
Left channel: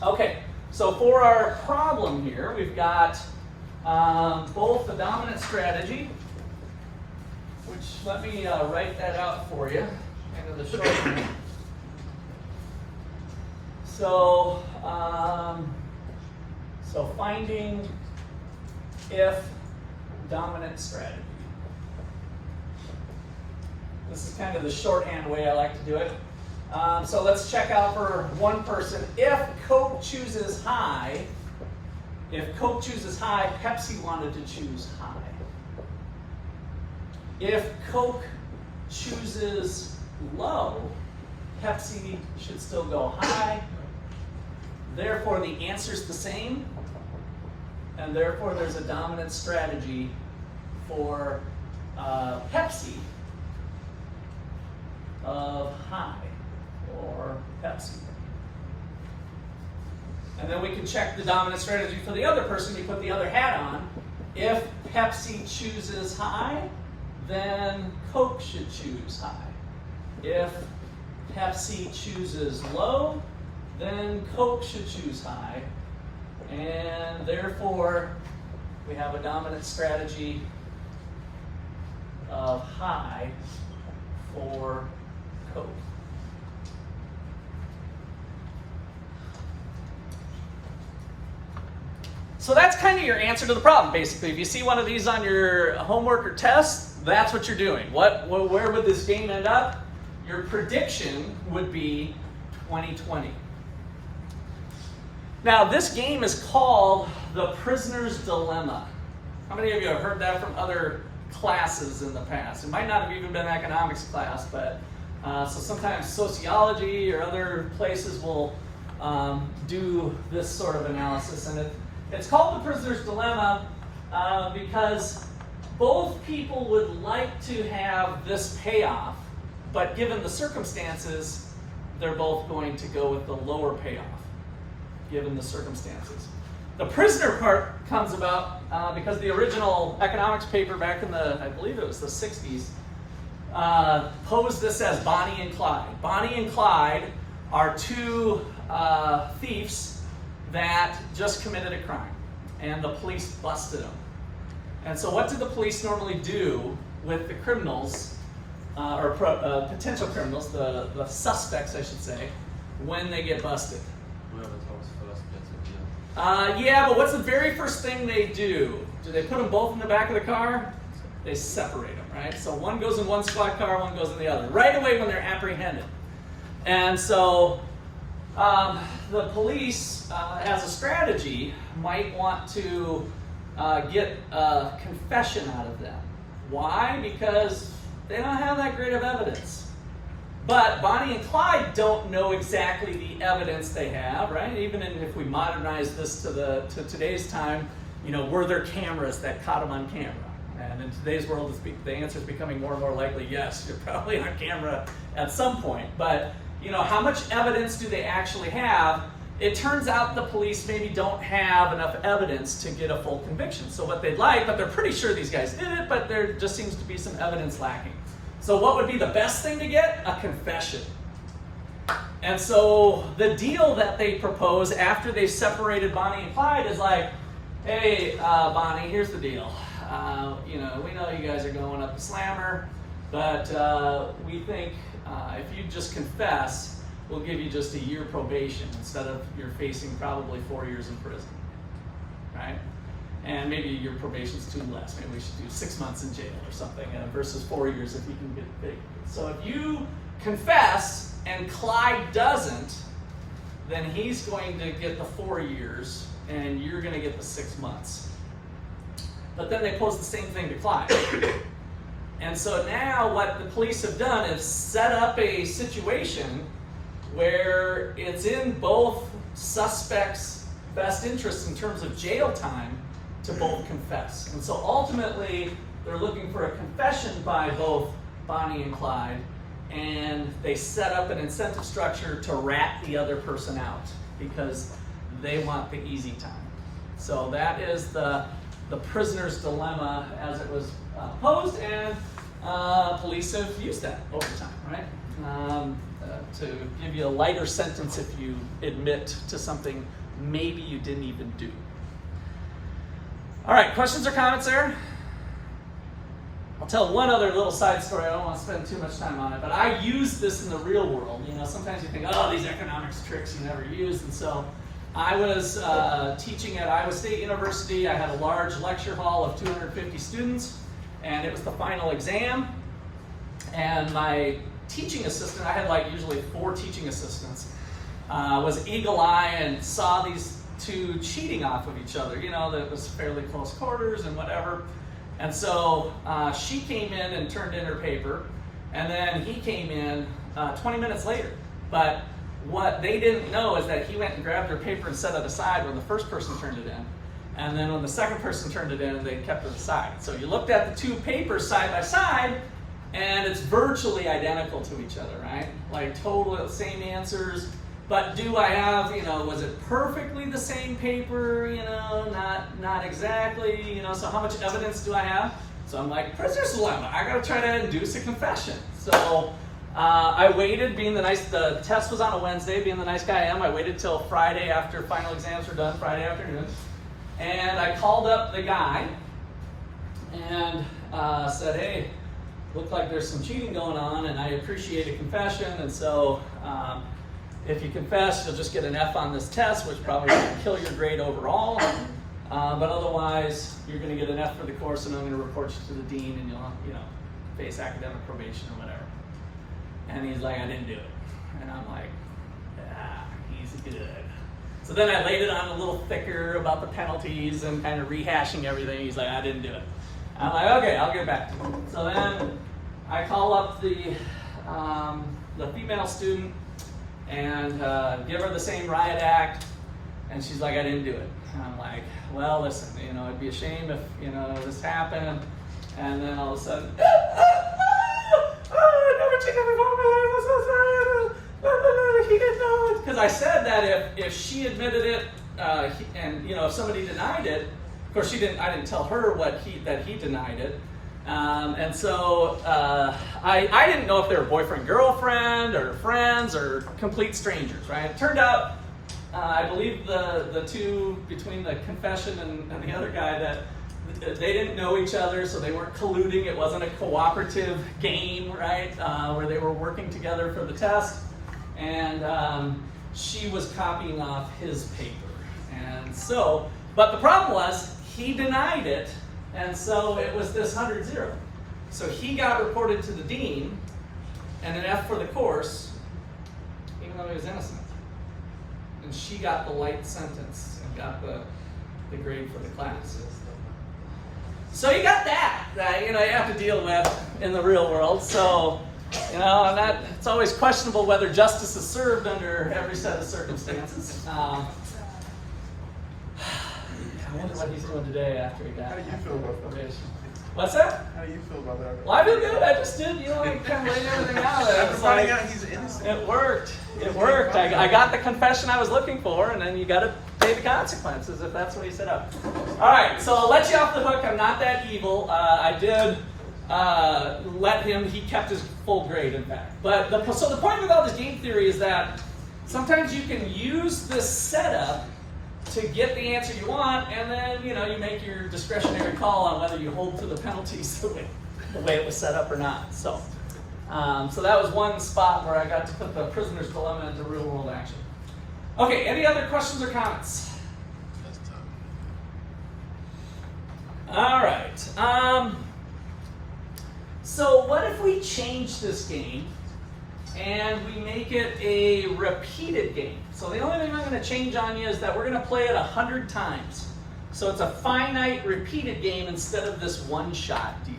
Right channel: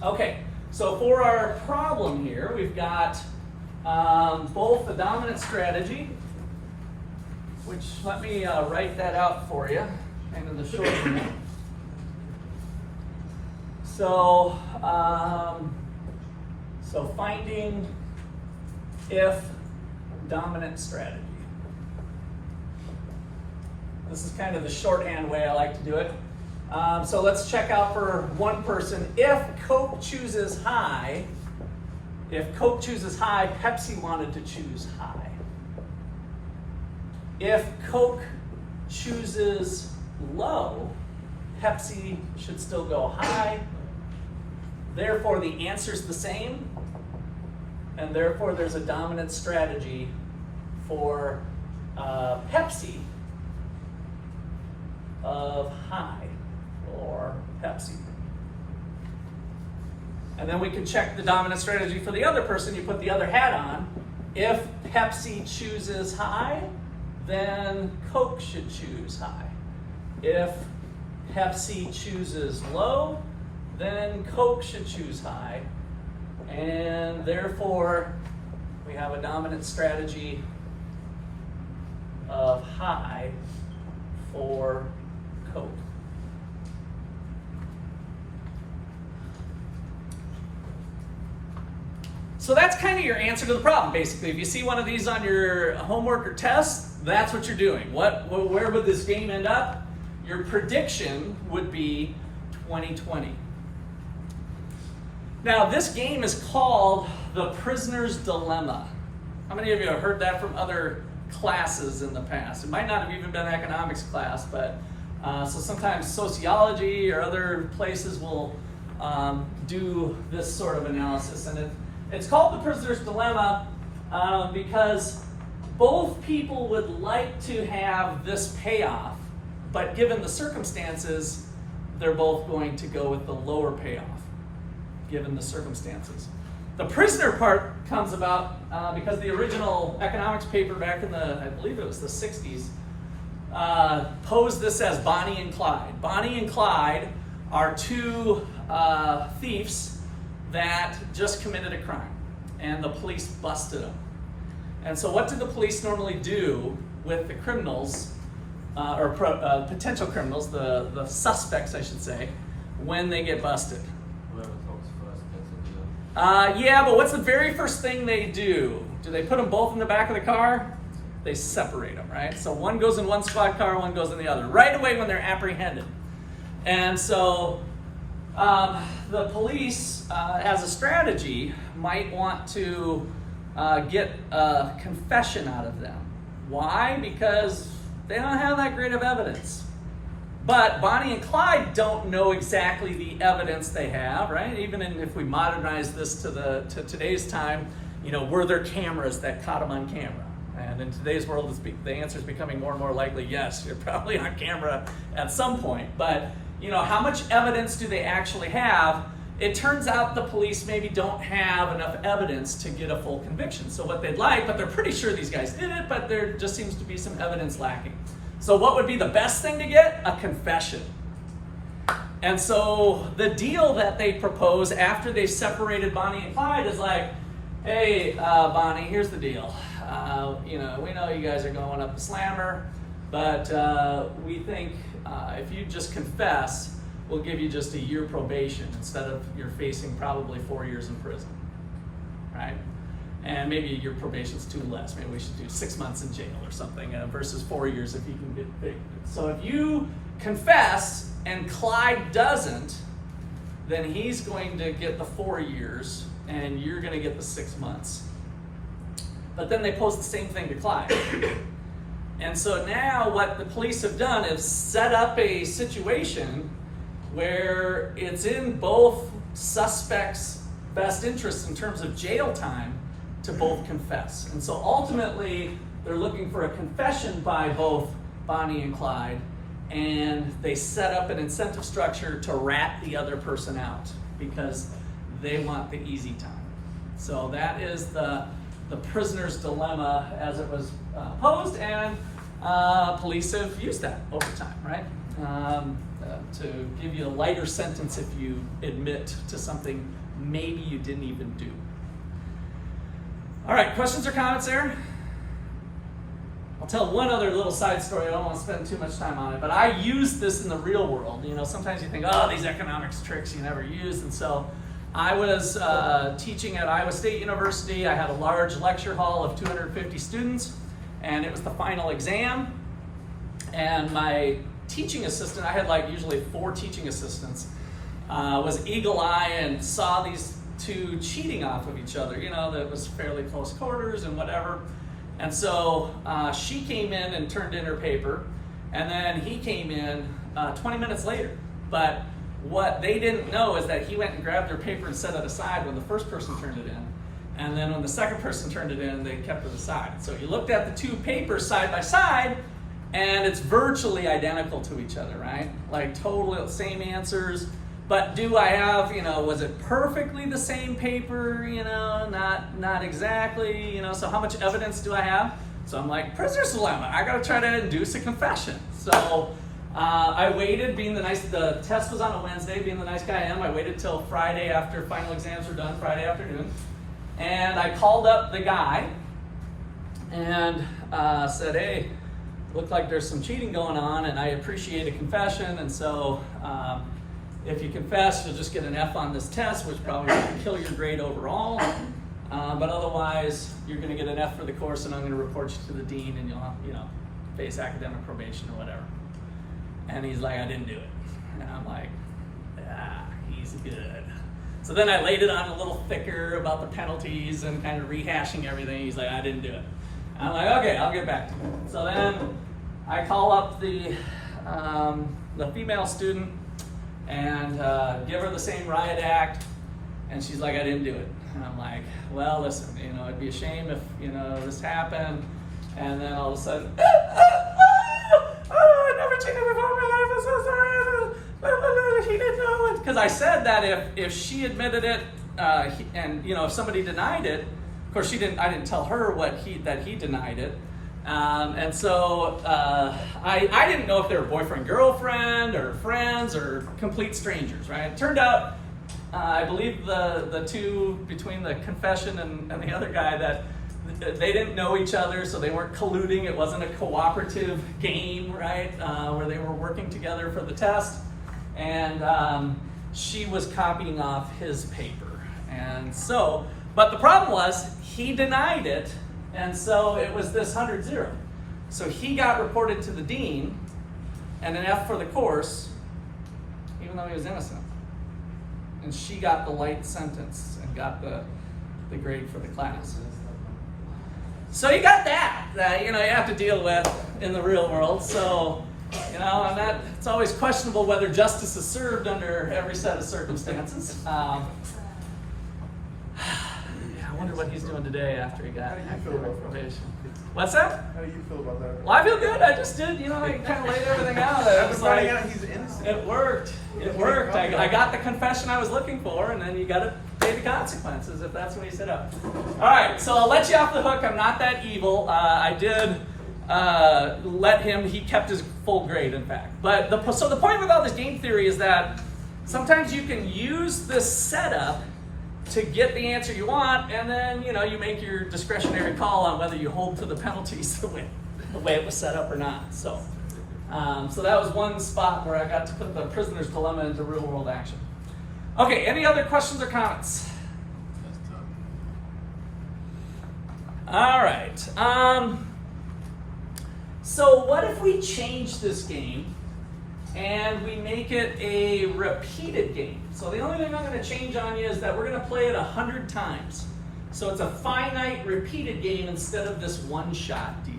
Okay, so for our problem here, we've got both the dominant strategy, which let me write that out for you, kind of the short hand. So, finding if dominant strategy. This is kind of the shorthand way I like to do it. So let's check out for one person. If Coke chooses high, Pepsi wanted to choose high. If Coke chooses low, Pepsi should still go high. Therefore, the answer's the same, and therefore there's a dominant strategy for Pepsi of high, or Pepsi. And then we can check the dominant strategy for the other person. You put the other hat on. If Pepsi chooses high, then Coke should choose high. If Pepsi chooses low, then Coke should choose high. And therefore, we have a dominant strategy of high for Coke. So that's kind of your answer to the problem, basically. If you see one of these on your homework or test, that's what you're doing. Where would this game end up? Your prediction would be 2020. Now, this game is called the prisoner's dilemma. How many of you have heard that from other classes in the past? It might not have even been an economics class, but so sometimes sociology or other places will do this sort of analysis. And it's called the prisoner's dilemma because both people would like to have this payoff, but given the circumstances, they're both going to go with the lower payoff, given the circumstances. The prisoner part comes about because the original economics paper back in I believe it was the 60s, posed this as Bonnie and Clyde. Bonnie and Clyde are two thieves that just committed a crime, and the police busted them. And so what did the police normally do with the criminals, or potential criminals, the suspects, I should say, when they get busted? Whoever talks first gets a deal. Yeah, but what's the very first thing they do? Do they put them both in the back of the car? They separate them, right? So one goes in one squad car, one goes in the other, right away when they're apprehended. And so the police, as a strategy, might want to get a confession out of them. Why? Because they don't have that great of evidence. But Bonnie and Clyde don't know exactly the evidence they have, right? Even if we modernize this to today's time, were there cameras that caught them on camera? And in today's world, the answer is becoming more and more likely, yes, you're probably on camera at some point. But, how much evidence do they actually have? It turns out the police maybe don't have enough evidence to get a full conviction. So what they'd like, but they're pretty sure these guys did it, but there just seems to be some evidence lacking. So what would be the best thing to get? A confession. And so the deal that they propose after they separated Bonnie and Clyde is like, hey, Bonnie, here's the deal. We know you guys are going up the slammer, but we think if you just confess, we'll give you just a year probation instead of you're facing probably 4 years in prison, right? And maybe your probation's too less. Maybe we should do 6 months in jail or something versus 4 years if you can get big. So if you confess and Clyde doesn't, then he's going to get the 4 years and you're going to get the 6 months. But then they pose the same thing to Clyde. And so now what the police have done is set up a situation where it's in both suspects' best interests in terms of jail time to both confess. And so ultimately, they're looking for a confession by both Bonnie and Clyde, and they set up an incentive structure to rat the other person out because they want the easy time. So that is the prisoner's dilemma as it was posed, and police have used that over time, right? To give you a lighter sentence if you admit to something maybe you didn't even do. All right, questions or comments there? I'll tell one other little side story. I don't want to spend too much time on it, but I use this in the real world. Sometimes you think, oh, these economics tricks you never use. And so I was teaching at Iowa State University. I had a large lecture hall of 250 students, and it was the final exam. And my teaching assistant, I had usually 4 teaching assistants, was eagle eye and saw these two cheating off of each other. That was fairly close quarters and whatever. And so she came in and turned in her paper, and then he came in 20 minutes later. But what they didn't know is that he went and grabbed their paper and set it aside when the first person turned it in. And then when the second person turned it in, they kept it aside. So you looked at the two papers side by side, and it's virtually identical to each other, right? Totally the same answers. But do I have, was it perfectly the same paper? Not exactly, so how much evidence do I have? So I'm like, prisoner's dilemma, I gotta try to induce a confession. So I waited, the test was on a Wednesday, being the nice guy I am, I waited till Friday after final exams were done, Friday afternoon. And I called up the guy and said, hey, looked like there's some cheating going on and I appreciate a confession, and so if you confess, you'll just get an F on this test, which probably won't kill your grade overall. But otherwise, you're going to get an F for the course, and I'm going to report you to the dean, and you'll face academic probation or whatever. And he's like, I didn't do it. And I'm like, he's good. So then I laid it on a little thicker about the penalties and kind of rehashing everything. He's like, I didn't do it. I'm like, okay, I'll get back to you. So then I call up the female student and give her the same riot act, and she's like, I didn't do it. And I'm like, well, listen, it'd be a shame if, this happened, and then all of a sudden, I never cheated before in my life, I'm so sorry. he didn't know it. Because I said that if she admitted it, and if somebody denied it, of course I didn't tell her that he denied it. And so I didn't know if they were boyfriend, girlfriend, or friends, or complete strangers, right? It turned out, I believe the two, between the confession and the other guy, that they didn't know each other, so they weren't colluding. It wasn't a cooperative game, right, where they were working together for the test. And she was copying off his paper. And so, but the problem was, he denied it, and so it was this 100-0. So he got reported to the dean, and an F for the course, even though he was innocent. And she got the light sentence and got the grade for the class. So you got that you have to deal with in the real world. So, it's always questionable whether justice is served under every set of circumstances. I wonder what he's doing today after he got. How do you feel about that? What's that? How do you feel about that? Well, I feel good. I just did, I kind of laid everything out. After finding out he's innocent. It worked. It worked. I got the confession I was looking for, and then you got to pay the consequences if that's what he set up. All right, so I'll let you off the hook. I'm not that evil. I did let him. He kept his full grade, in fact. But so the point with all this game theory is that sometimes you can use this setup to get the answer you want, and then you make your discretionary call on whether you hold to the penalties the way it was set up or not. So that was one spot where I got to put the prisoner's dilemma into real world action. Okay, any other questions or comments? That's tough. All right. So what if we change this game and we make it a repeated game? So the only thing I'm going to change on you is that we're going to play it 100 times. So it's a finite repeated game instead of this one-shot deal.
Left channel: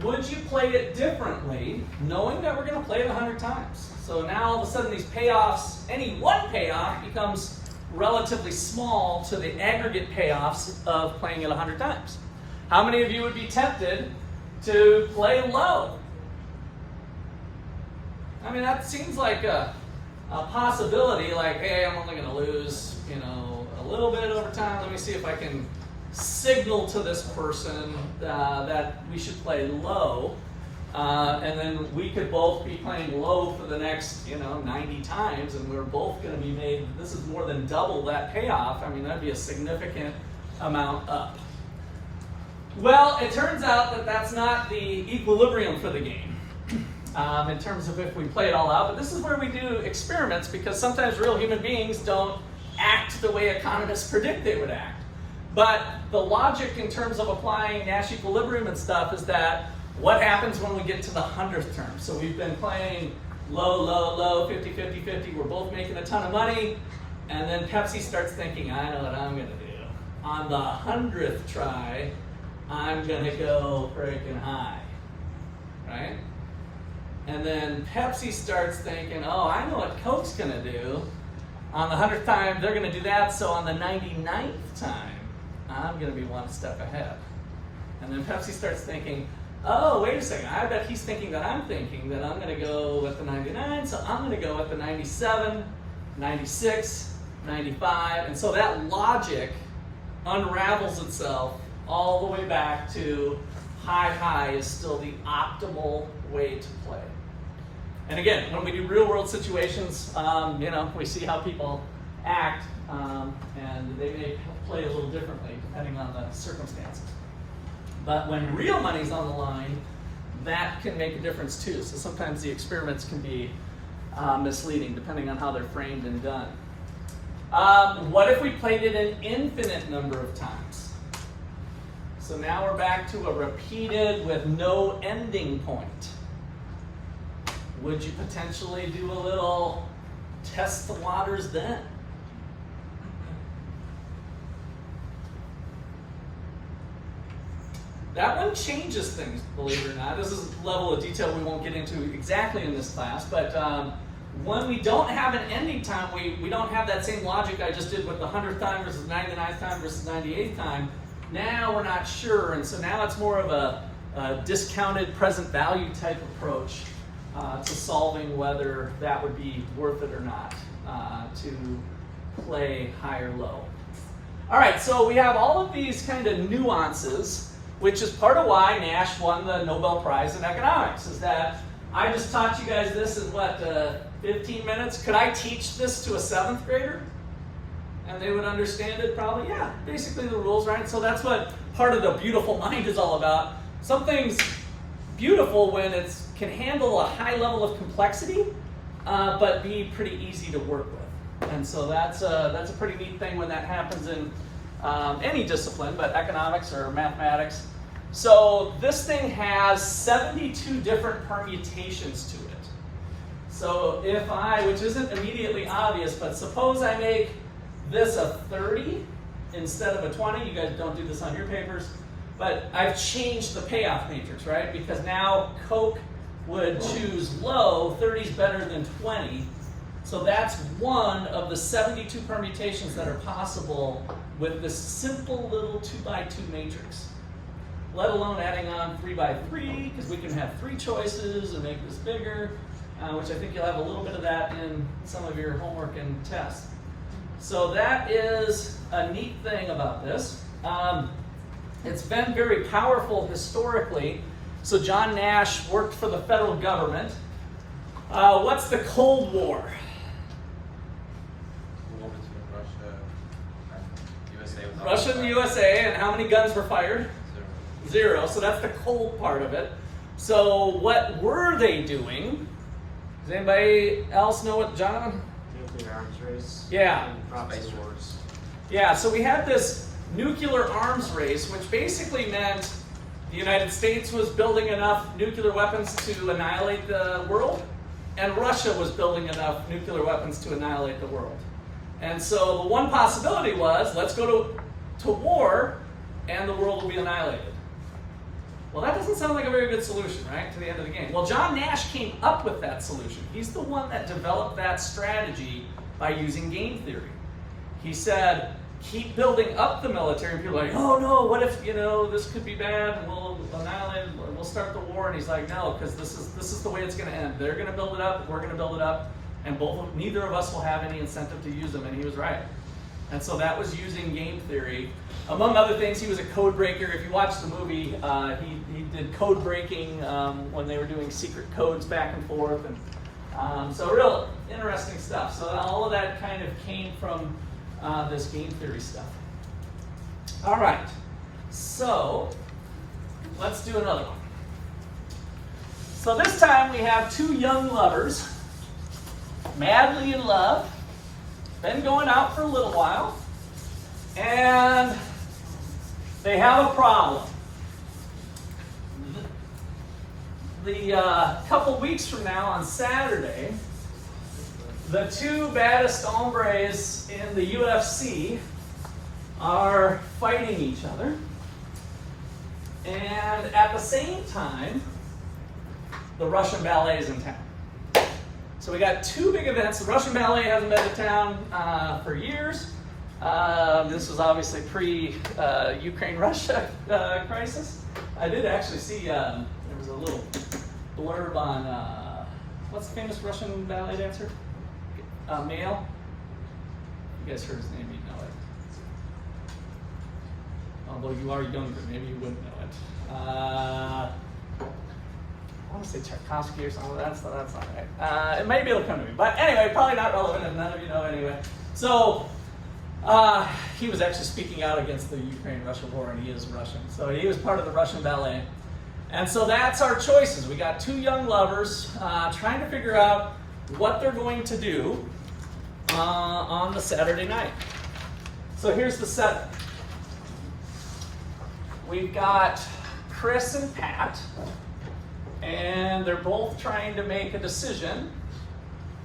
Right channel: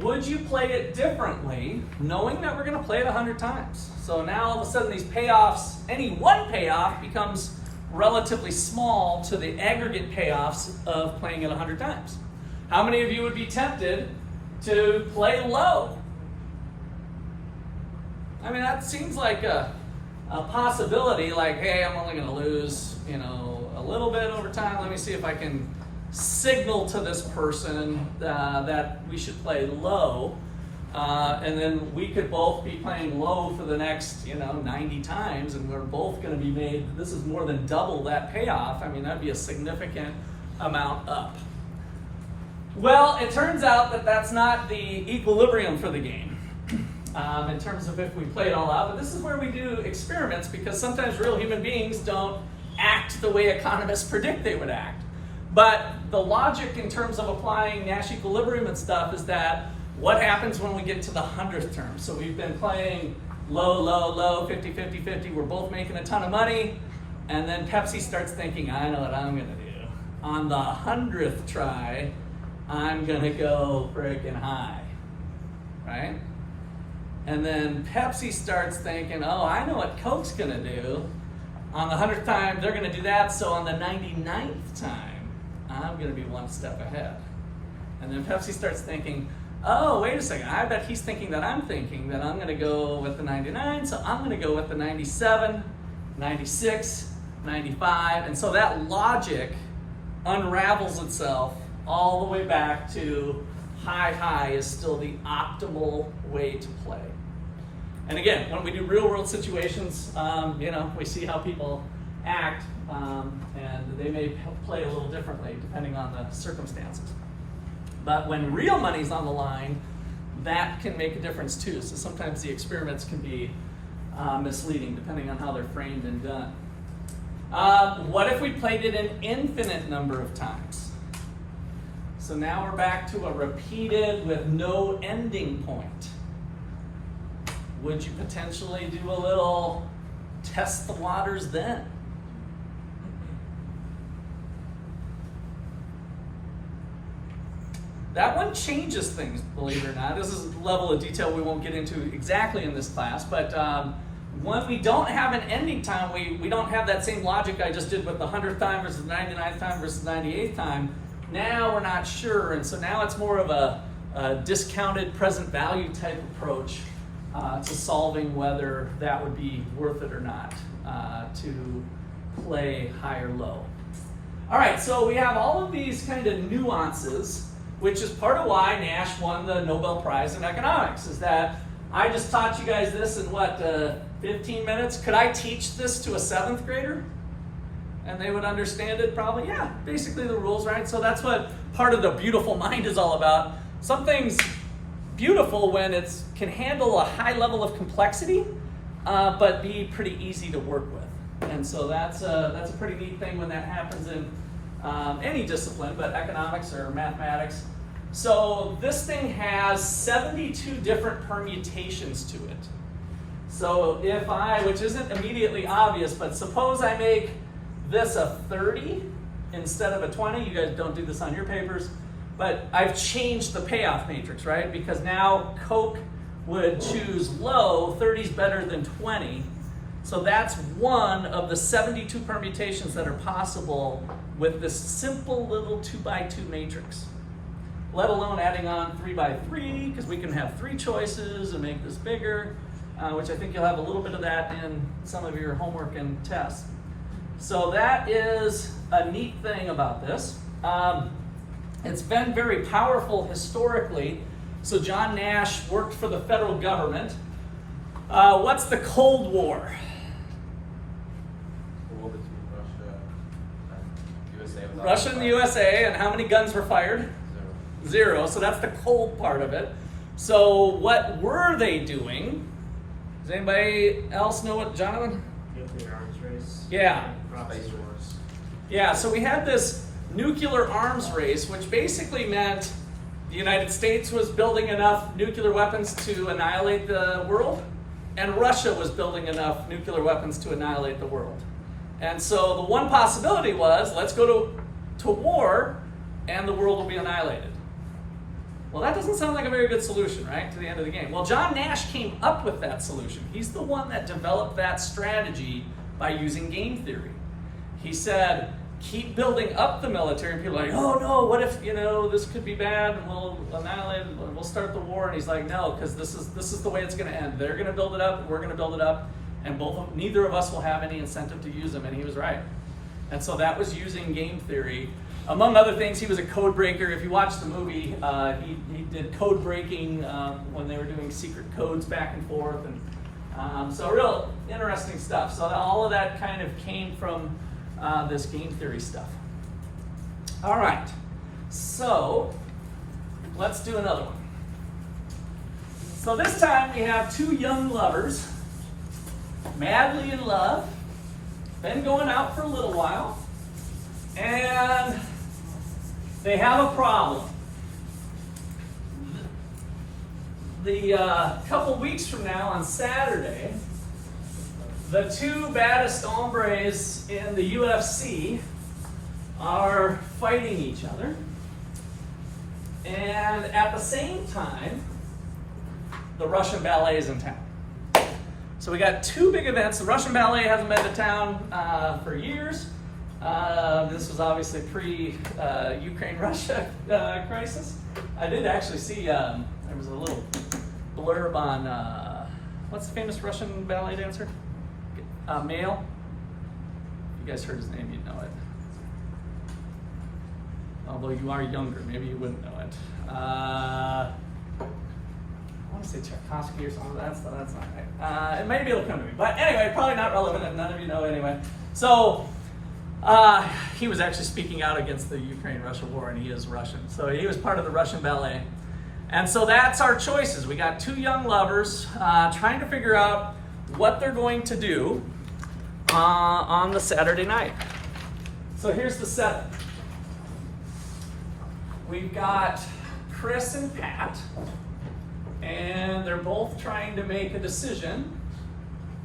Would you play it differently, knowing that we're going to play it 100 times? So now all of a sudden these payoffs, any one payoff becomes relatively small to the aggregate payoffs of playing it 100 times. How many of you would be tempted to play low? I mean, that seems like a possibility, like, hey, I'm only going to lose, a little bit over time. Let me see if I can signal to this person that we should play low. And then we could both be playing low for the next, 90 times, and we're both going to be made, this is more than double that payoff. I mean, that'd be a significant amount up. Well, it turns out that that's not the equilibrium for the game. In terms of if we play it all out, but this is where we do experiments, because sometimes real human beings don't act the way economists predict they would act. But the logic in terms of applying Nash equilibrium and stuff is that what happens when we get to the 100th term? So we've been playing low, low, low, 50, 50, 50, we're both making a ton of money, and then Pepsi starts thinking, I know what I'm gonna do. On the 100th try, I'm gonna go freaking high, right? And then Pepsi starts thinking, oh, I know what Coke's gonna do. On the 100th time, they're gonna do that, so on the 99th time, I'm gonna be one step ahead. And then Pepsi starts thinking, oh, wait a second, I bet he's thinking that I'm thinking that I'm gonna go with the 99, so I'm gonna go with the 97, 96, 95, and so that logic unravels itself all the way back to high is still the optimal way to play. And again, when we do real world situations, we see how people act, and they may play a little differently depending on the circumstances. But when real money's on the line, that can make a difference too. So sometimes the experiments can be misleading depending on how they're framed and done. What if we played it an infinite number of times? So now we're back to a repeated with no ending point. Would you potentially do a little test the waters then? That one changes things, believe it or not. This is a level of detail we won't get into exactly in this class, but when we don't have an ending time, we don't have that same logic I just did with the 100th time versus the 99th time versus 98th time. Now we're not sure, and so now it's more of a discounted present value type approach to solving whether that would be worth it or not to play high or low. All right, so we have all of these kind of nuances, which is part of why Nash won the Nobel Prize in economics, is that I just taught you guys this in 15 minutes? Could I teach this to a 7th grader? And they would understand it probably? Yeah, basically the rules, right? So that's what part of the beautiful mind is all about. Something's beautiful when it can handle a high level of complexity, but be pretty easy to work with. And so that's a pretty neat thing when that happens in any discipline, but economics or mathematics. So this thing has 72 different permutations to it. So if which isn't immediately obvious, but suppose I make this a 30 instead of a 20. You guys don't do this on your papers, but I've changed the payoff matrix, right? Because now Coke would choose low, 30 is better than 20. So that's one of the 72 permutations that are possible with this simple little 2x2 matrix. Let alone adding on 3x3, because we can have 3 choices and make this bigger, which I think you'll have a little bit of that in some of your homework and tests. So that is a neat thing about this. It's been very powerful historically. So John Nash worked for the federal government. What's the Cold War? The war between Russia and USA. Russia and the USA, and how many guns were fired? 0. So that's the cold part of it. So what were they doing? Does anybody else know what, Jonathan? Nuclear arms race. Yeah. Space wars. Yeah, so we had this nuclear arms race, which basically meant the United States was building enough nuclear weapons to annihilate the world, and Russia was building enough nuclear weapons to annihilate the world. And so the one possibility was, let's go to war, and the world will be annihilated. Well, that doesn't sound like a very good solution, right, to the end of the game. Well, John Nash came up with that solution. He's the one that developed that strategy by using game theory. He said, keep building up the military, and people are like, oh no, what if, this could be bad, and we'll annihilate it, we'll start the war. And he's like, no, because this is the way it's going to end. They're going to build it up, we're going to build it up, and neither of us will have any incentive to use them. And he was right. And so that was using game theory. Among other things, he was a code breaker. If you watch the movie, he did code breaking when they were doing secret codes back and forth. And so real interesting stuff. So all of that kind of came from this game theory stuff. All right, so let's do another one. So this time we have 2 young lovers, madly in love, been going out for a little while, and they have a problem. The couple weeks from now on Saturday, the 2 baddest hombres in the UFC are fighting each other. And at the same time, the Russian ballet is in town. So we got 2 big events. The Russian ballet hasn't been to town for years. This was obviously pre-Ukraine-Russia crisis. I did actually see, there was a little blurb on, what's the famous Russian ballet dancer? Male. You guys heard his name, you'd know it. Although you are younger, maybe you wouldn't know it. I want to say Tchaikovsky or something, that's not right. It may be able to come to me. But anyway, probably not relevant and none of you know anyway. So he was actually speaking out against the Ukraine-Russia war, and he is Russian. So he was part of the Russian ballet. And so that's our choices. We got 2 young lovers trying to figure out what they're going to do on the Saturday night. So here's the setup. We've got Chris and Pat, and they're both trying to make a decision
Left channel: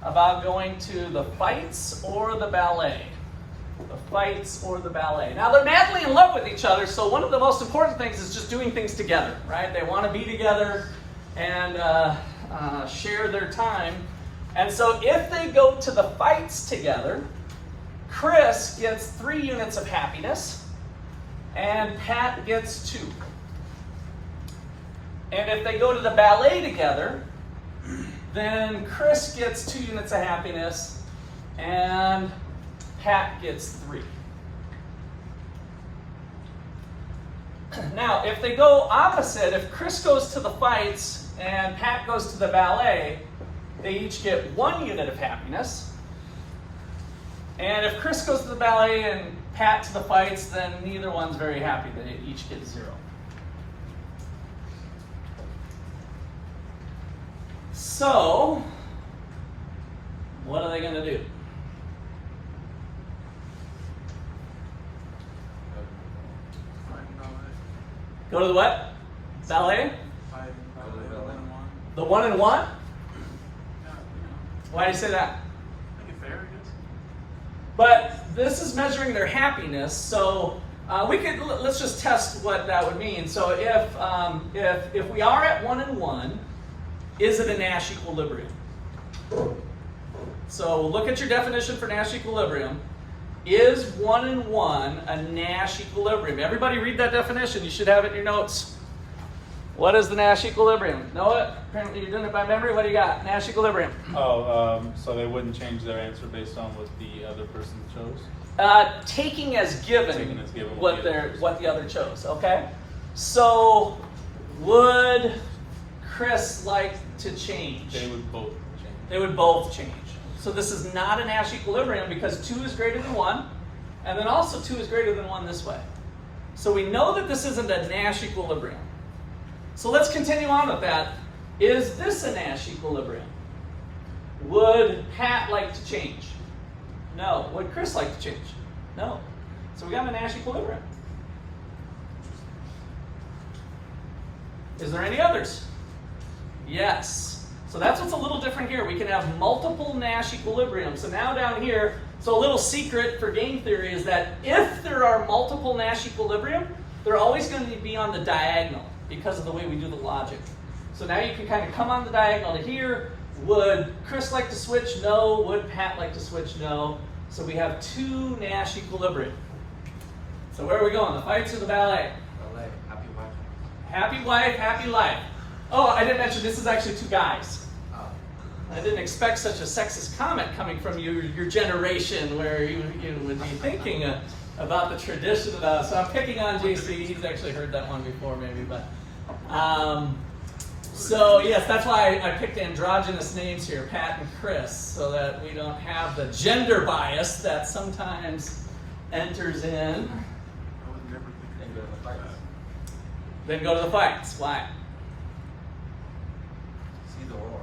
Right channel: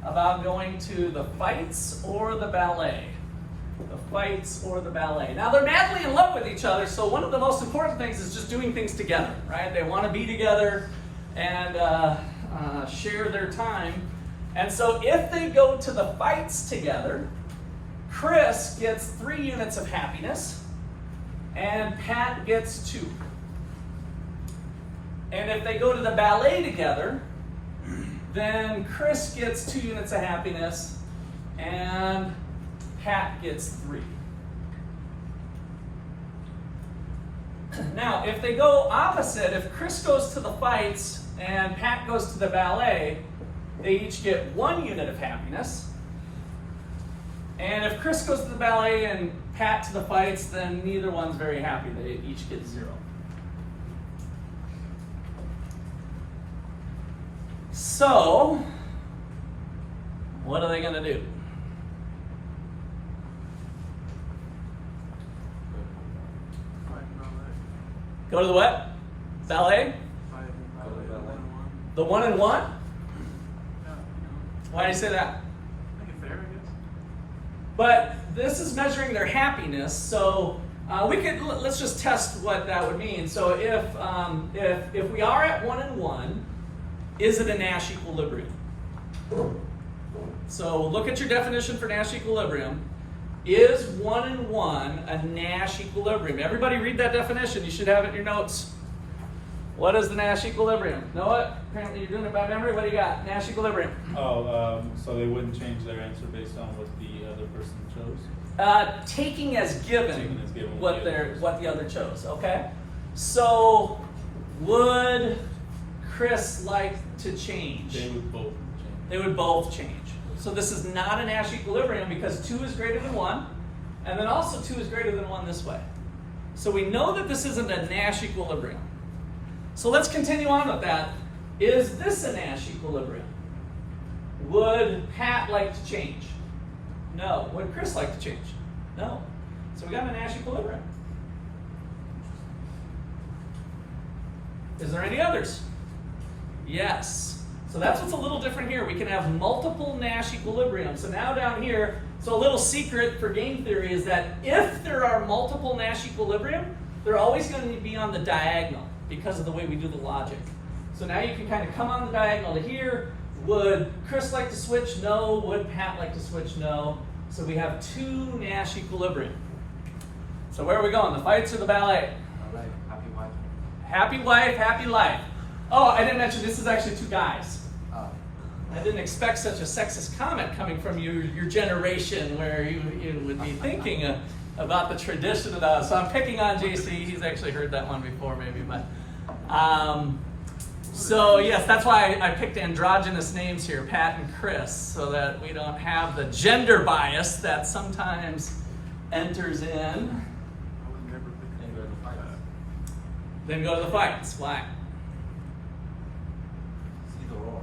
about going to the fights or the ballet. The fights or the ballet. Now they're madly in love with each other, so one of the most important things is just doing things together, right? They want to be together and share their time. And so if they go to the fights together, Chris gets 3 units of happiness, and Pat gets 2. And if they go to the ballet together, then Chris gets 2 units of happiness, and Pat gets 3. Now, if they go opposite, if Chris goes to the fights and Pat goes to the ballet, they each get 1 unit of happiness. And if Chris goes to the ballet and Pat to the fights, then neither one's very happy. They each get 0. So, what are they going to do? Fight and ballet. Go to the what? Ballet? Fight and ballet. Go to ballet. 1-1. The 1 and 1? Yeah, Why do you say that? make it fair, I guess. But this is measuring their happiness, so let's just test what that would mean. So if we are at 1 and 1, is it a Nash equilibrium? So look at your definition for Nash equilibrium. Is 1 and 1 a Nash equilibrium? Everybody read that definition. You should have it in your notes. What is the Nash equilibrium? Noah, apparently you're doing it by memory. What do you got? Nash equilibrium. So they wouldn't change their answer based on what the other person chose? Taking as given, Taking as given what what the other chose. Okay. So would Chris like to change? They would both change. They would both change. So this is not a Nash equilibrium because 2 is greater than 1, and then also 2 is greater than 1 this way. So we know that this isn't a Nash equilibrium. So let's continue on with that. Is this a Nash equilibrium? Would Pat like to change? No. Would Chris like to change? No. So we got a Nash equilibrium. Is there any others? Yes. So that's what's a little different here. We can have multiple Nash equilibriums. So now down here, so a little secret for game theory is that if there are multiple Nash equilibrium, they're always going to be on the diagonal because of the way we do the logic. So now you can kind of come on the diagonal to here. Would Chris like to switch? No. Would Pat like to switch? No. So we have 2 Nash equilibrium. So where are we going? The fights or the ballet? Ballet. Happy wife. Happy wife, happy life. Oh, I didn't mention this is actually 2 guys. I didn't expect such a sexist comment coming from your generation where you would be thinking about the tradition of that. So I'm picking on JC. He's actually heard that one before maybe. But so yes, that's why I picked androgynous names here, Pat and Chris, so that we don't have the gender bias that sometimes enters in. I would never think Then of go to the fights. Then go to the fights. Why? See the roar.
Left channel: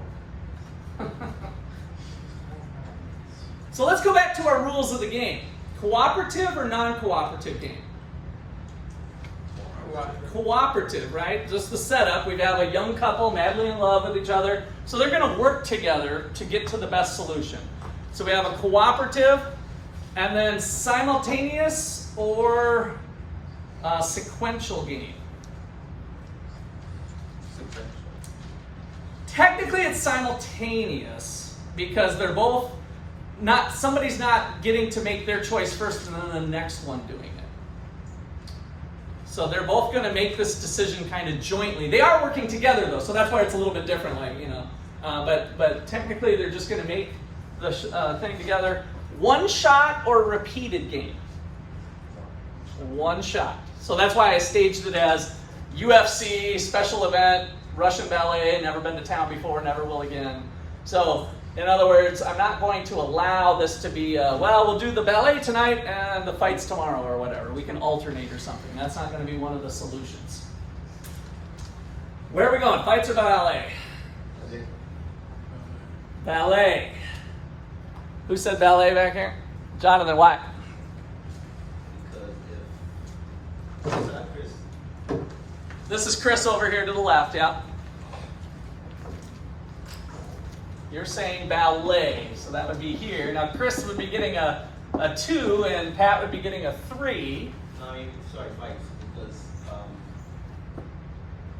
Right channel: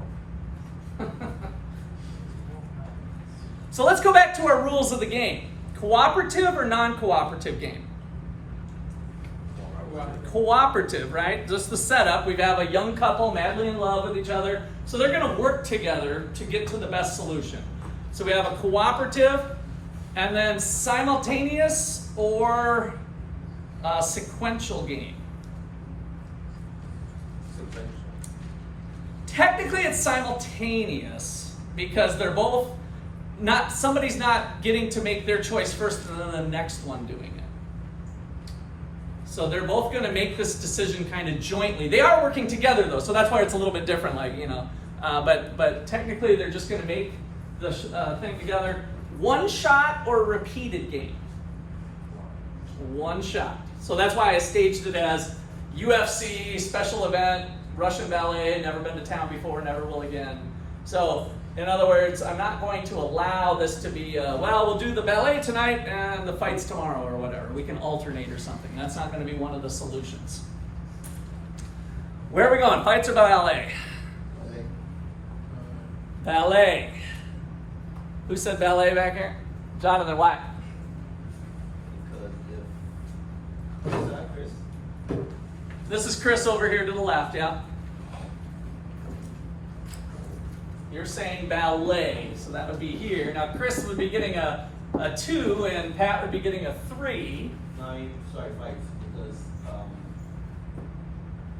So let's go back to our rules of the game. Cooperative or non-cooperative game? Cooperative, right? Just the setup. We have a young couple madly in love with each other. So they're going to work together to get to the best solution. So we have a cooperative and then simultaneous or sequential game. Technically it's simultaneous because they're both not, somebody's not getting to make their choice first and then the next one doing it. So they're both going to make this decision kind of jointly. They are working together though, so that's why it's a little bit different, like, you know. But technically they're just going to make the thing together. One shot or repeated game? One shot. So that's why I staged it as UFC, special event, Russian ballet, never been to town before, never will again. So, in other words, I'm not going to allow this to be, well, we'll do the ballet tonight and the fights tomorrow or whatever. We can alternate or something. That's not going to be one of the solutions. Where are we going? Fights or ballet? Ballet. Who said ballet back here? Jonathan, why? Because if Chris. This is Chris over here to the left, yeah? You're saying ballet, so that would be here. Now Chris would be getting a 2 and Pat would be getting a 3. No, I mean, sorry, fights, because,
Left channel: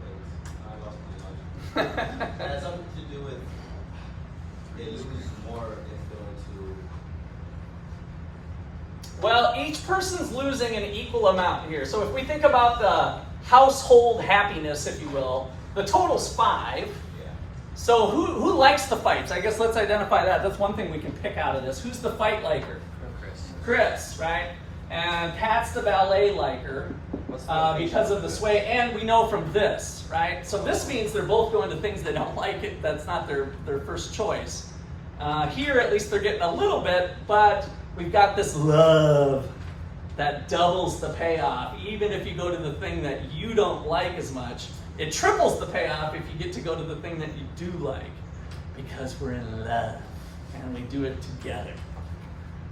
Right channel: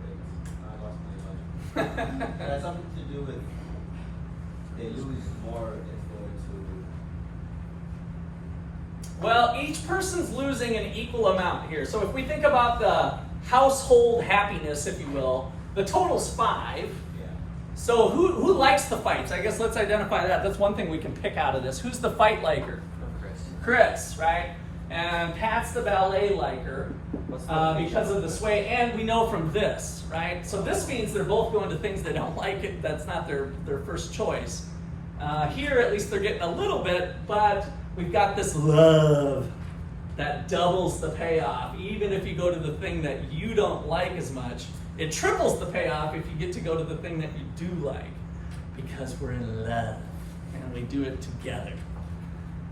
wait, I lost my logic. It has something to do with they lose more if going to. Well, each person's losing an equal amount here. So if we think about the household happiness, if you will, the total's 5. Yeah. So who likes the fights? I guess let's identify that. That's one thing we can pick out of this. Who's the fight liker? Chris, right? And Pat's the ballet liker because of the sway, and we know from this, right? So this means they're both going to things they don't like. It that's not their first choice. Here, at least they're getting a little bit, but we've got this love that doubles the payoff. Even if you go to the thing that you don't like as much, it triples the payoff if you get to go to the thing that you do like, because we're in love and we do it together.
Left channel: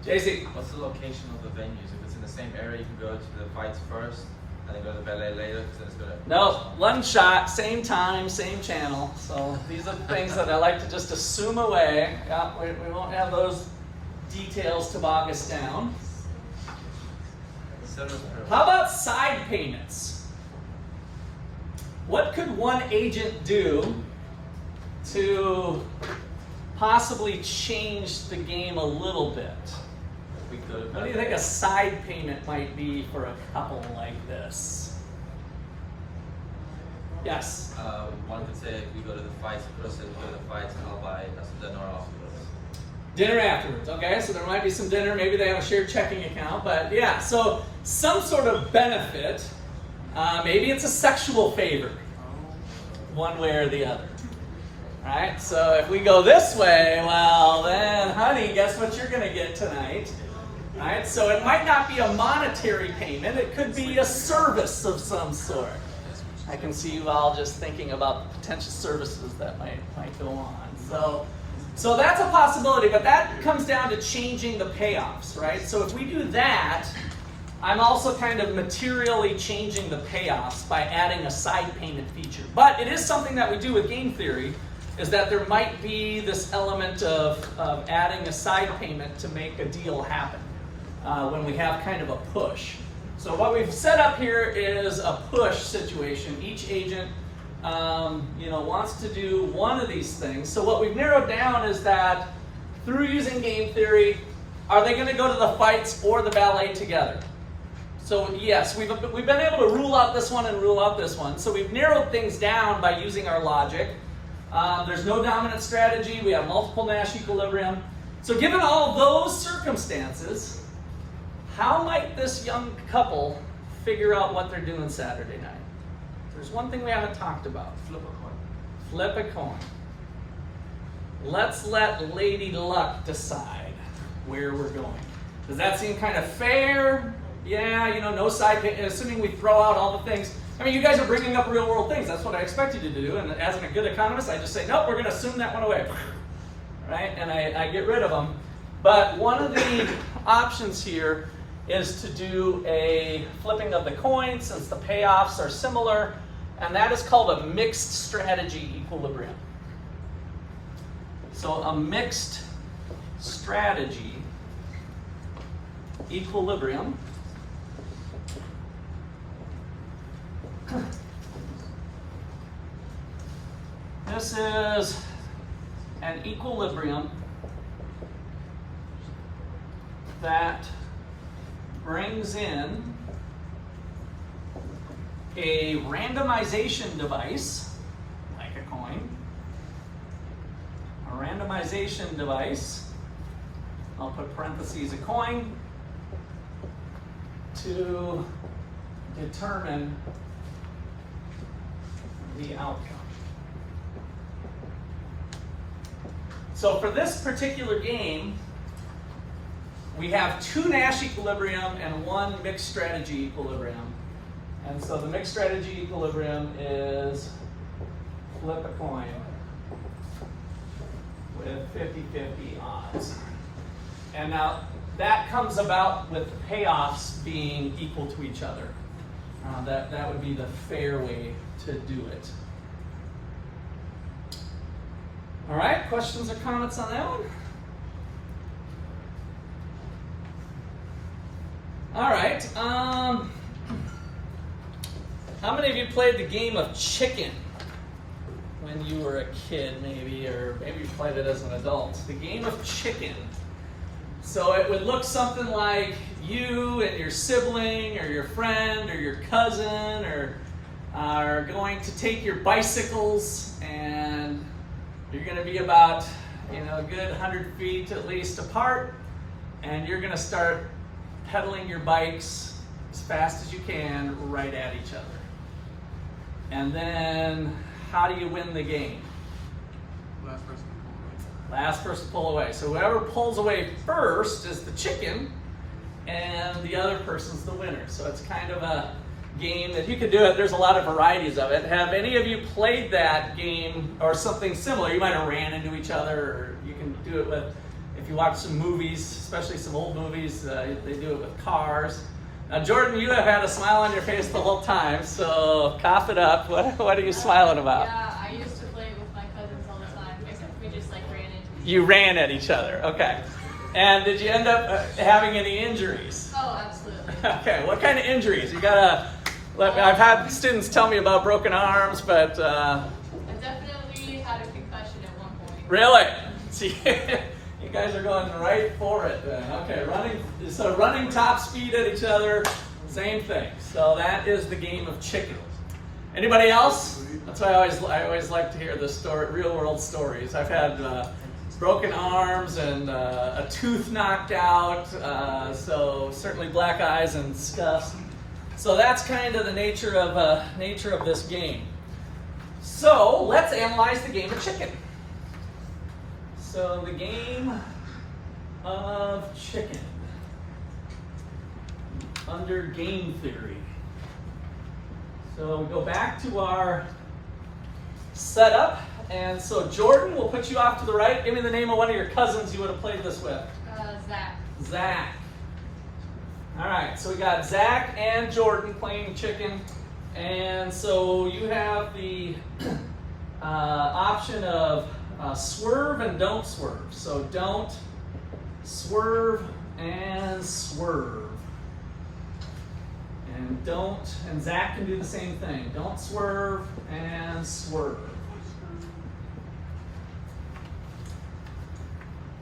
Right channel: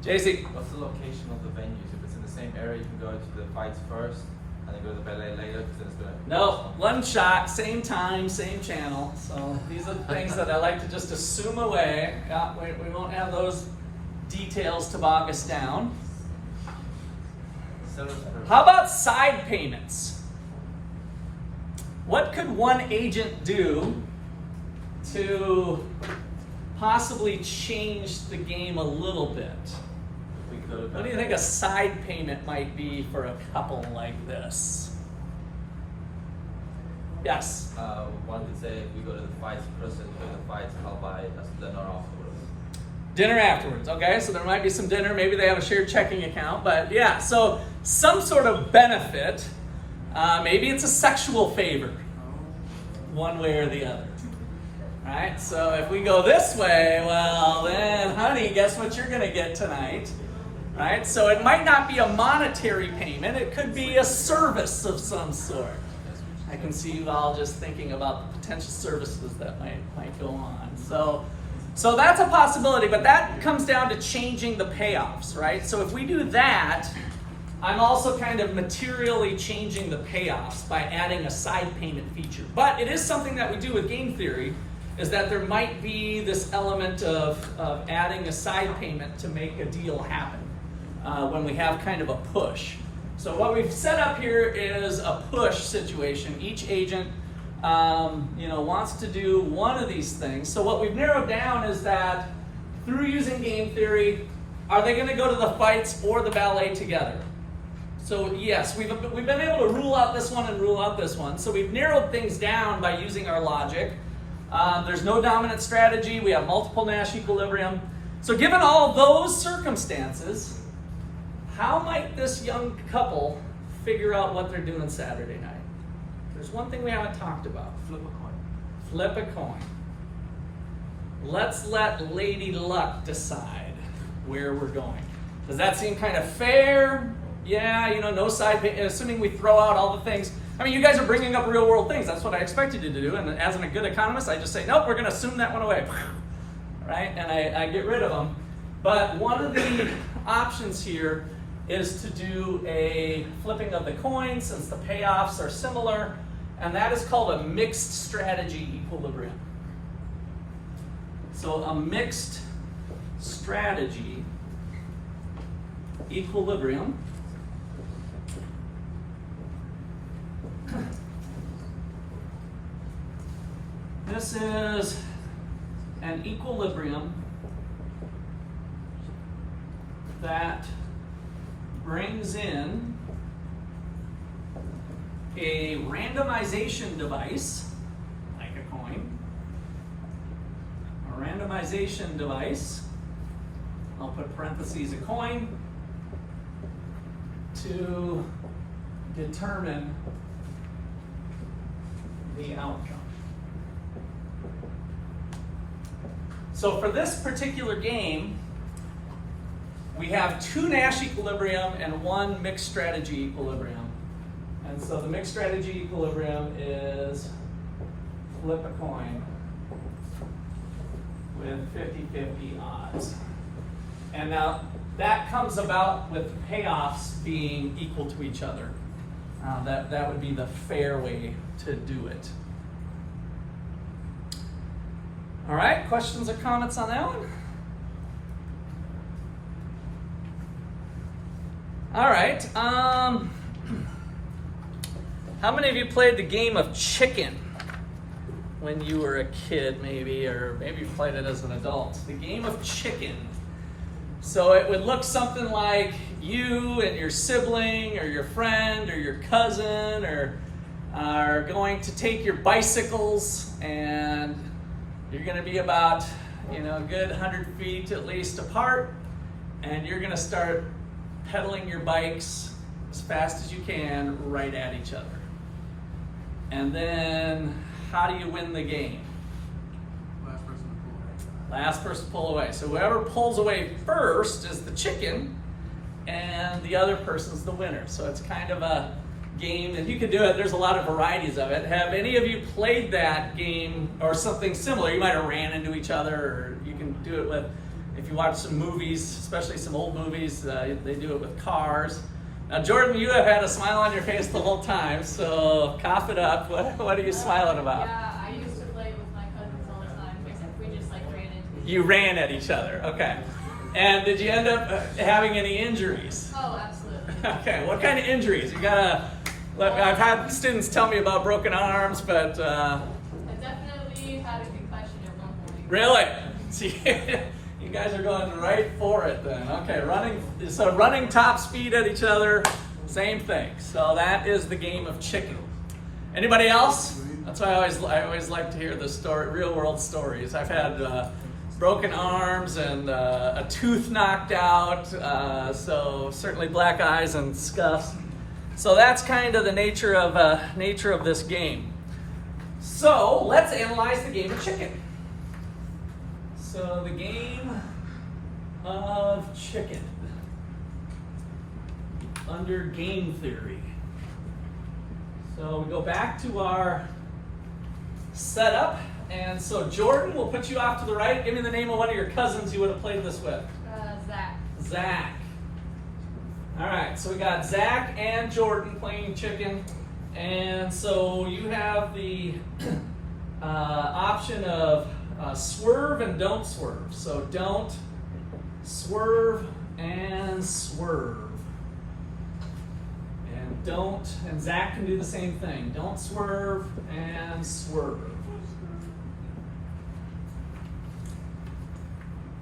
JC. What's the location of the venues? If it's in the same area, you can go to the fights first and then go to the ballet later, because it's gonna. No, one shot, same time, same channel. So these are the things that I like to just assume away. Yeah, we won't have those details to bog us down. How about side payments? What could one agent do to possibly change the game a little bit? We could. What do you think a side payment might be for a couple like this? Yes? One could say if we go to the fights, Chris said we go to the fights, I'll buy us dinner afterwards. Dinner afterwards, okay? So there might be some dinner. Maybe they have a shared checking account, but yeah, so some sort of benefit. Maybe it's a sexual favor, one way or the other. Right? So if we go this way, well then, honey, guess what you're gonna get tonight? Right? So it might not be a monetary payment, it could be a service of some sort. I can see you all just thinking about the potential services that might go on. So that's a possibility, but that comes down to changing the payoffs, right? So if we do that, I'm also kind of materially changing the payoffs by adding a side payment feature. But it is something that we do with game theory, is that there might be this element of adding a side payment to make a deal happen when we have kind of a push. So what we've set up here is a push situation. Each agent wants to do one of these things. So what we've narrowed down is that through using game theory, are they going to go to the fights or the ballet together? So yes, we've been able to rule out this one and rule out this one. So we've narrowed things down by using our logic. There's no dominant strategy. We have multiple Nash equilibrium. So given all those circumstances, how might this young couple figure out what they're doing Saturday night? There's one thing we haven't talked about. Flip a coin. Flip a coin. Let's let Lady Luck decide where we're going. Does that seem kind of fair? Yeah, no side pay, assuming we throw out all the things. I mean, you guys are bringing up real world things. That's what I expected you to do. And as a good economist, I just say, nope, we're going to assume that one away. Right? And I get rid of them. But one of the options here is to do a flipping of the coin since the payoffs are similar. And that is called a mixed strategy equilibrium. So a mixed strategy equilibrium this is an equilibrium that brings in a randomization device, like a coin, a randomization device, I'll put parentheses a coin, to determine the outcome. So for this particular game, we have two Nash equilibrium and one mixed strategy equilibrium. And so the mixed strategy equilibrium is flip a coin with 50-50 odds. And now that comes about with the payoffs being equal to each other. That would be the fair way to do it. All right, questions or comments on that one? All right. How many of you played the game of chicken when you were a kid, maybe, or maybe you played it as an adult? The game of chicken. So it would look something like you and your sibling or your friend or your cousin are going to take your bicycles and You're going to be about, a good 100 feet at least apart, and you're going to start pedaling your bikes as fast as you can right at each other. And then, how do you win the game? Last person to pull away. Last person to pull away. So whoever pulls away first is the chicken, and the other person's the winner. So it's kind of a game that you can do it. There's a lot of varieties of it. Have any of you played that game or something similar? You might have ran into each other, or you can do it with, if you watch some movies, especially some old movies, they do it with cars. Now, Jordan, you have had a smile on your face the whole time, so cough it up. What are you smiling about? Yeah, I used to play with my cousins all the time, except we just ran into each other. You ran at each other, okay. And did you end up having any injuries? Oh, absolutely. Okay, what kind of injuries? You gotta, look, I've had students tell me about broken arms, but I definitely had a concussion at one point. really? See, you guys are going right for it then. Okay, running top speed at each other, same thing. So that is the game of chicken. Anybody else? That's why I always like to hear the story, real world stories. I've had broken arms and a tooth knocked out, so certainly black eyes and scuffs. So that's kind of the nature of this game. So let's analyze the game of chicken. So the game of chicken under game theory. So we go back to our setup, and so Jordan, we'll put you off to the right. Give me the name of one of your cousins you would have played this with. Zach. Zach. All right, so we got Zach and Jordan playing chicken, and so you have the option of swerve and don't swerve. So don't swerve and swerve. And Zach can do the same thing. Don't swerve and swerve.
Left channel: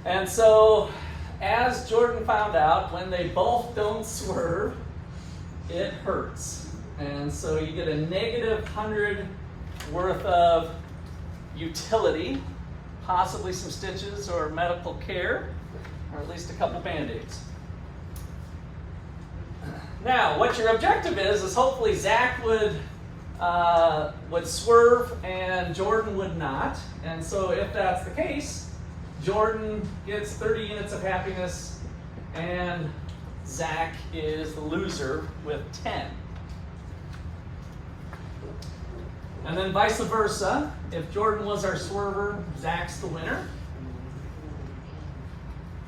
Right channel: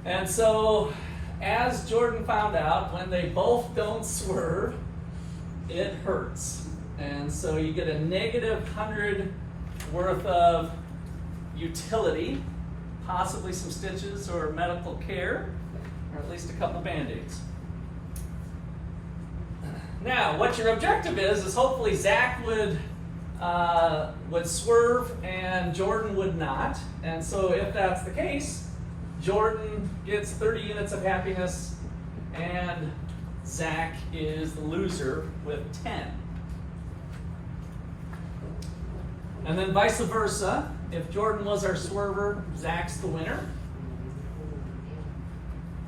And so, as Jordan found out, when they both don't swerve, it hurts. And so you get a negative 100 worth of utility, possibly some stitches or medical care, or at least a couple Band-Aids. Now, what your objective is hopefully Zach would swerve and Jordan would not. And so if that's the case, Jordan gets 30 units of happiness and Zach is the loser with 10. And then vice versa, if Jordan was our swerver, Zach's the winner.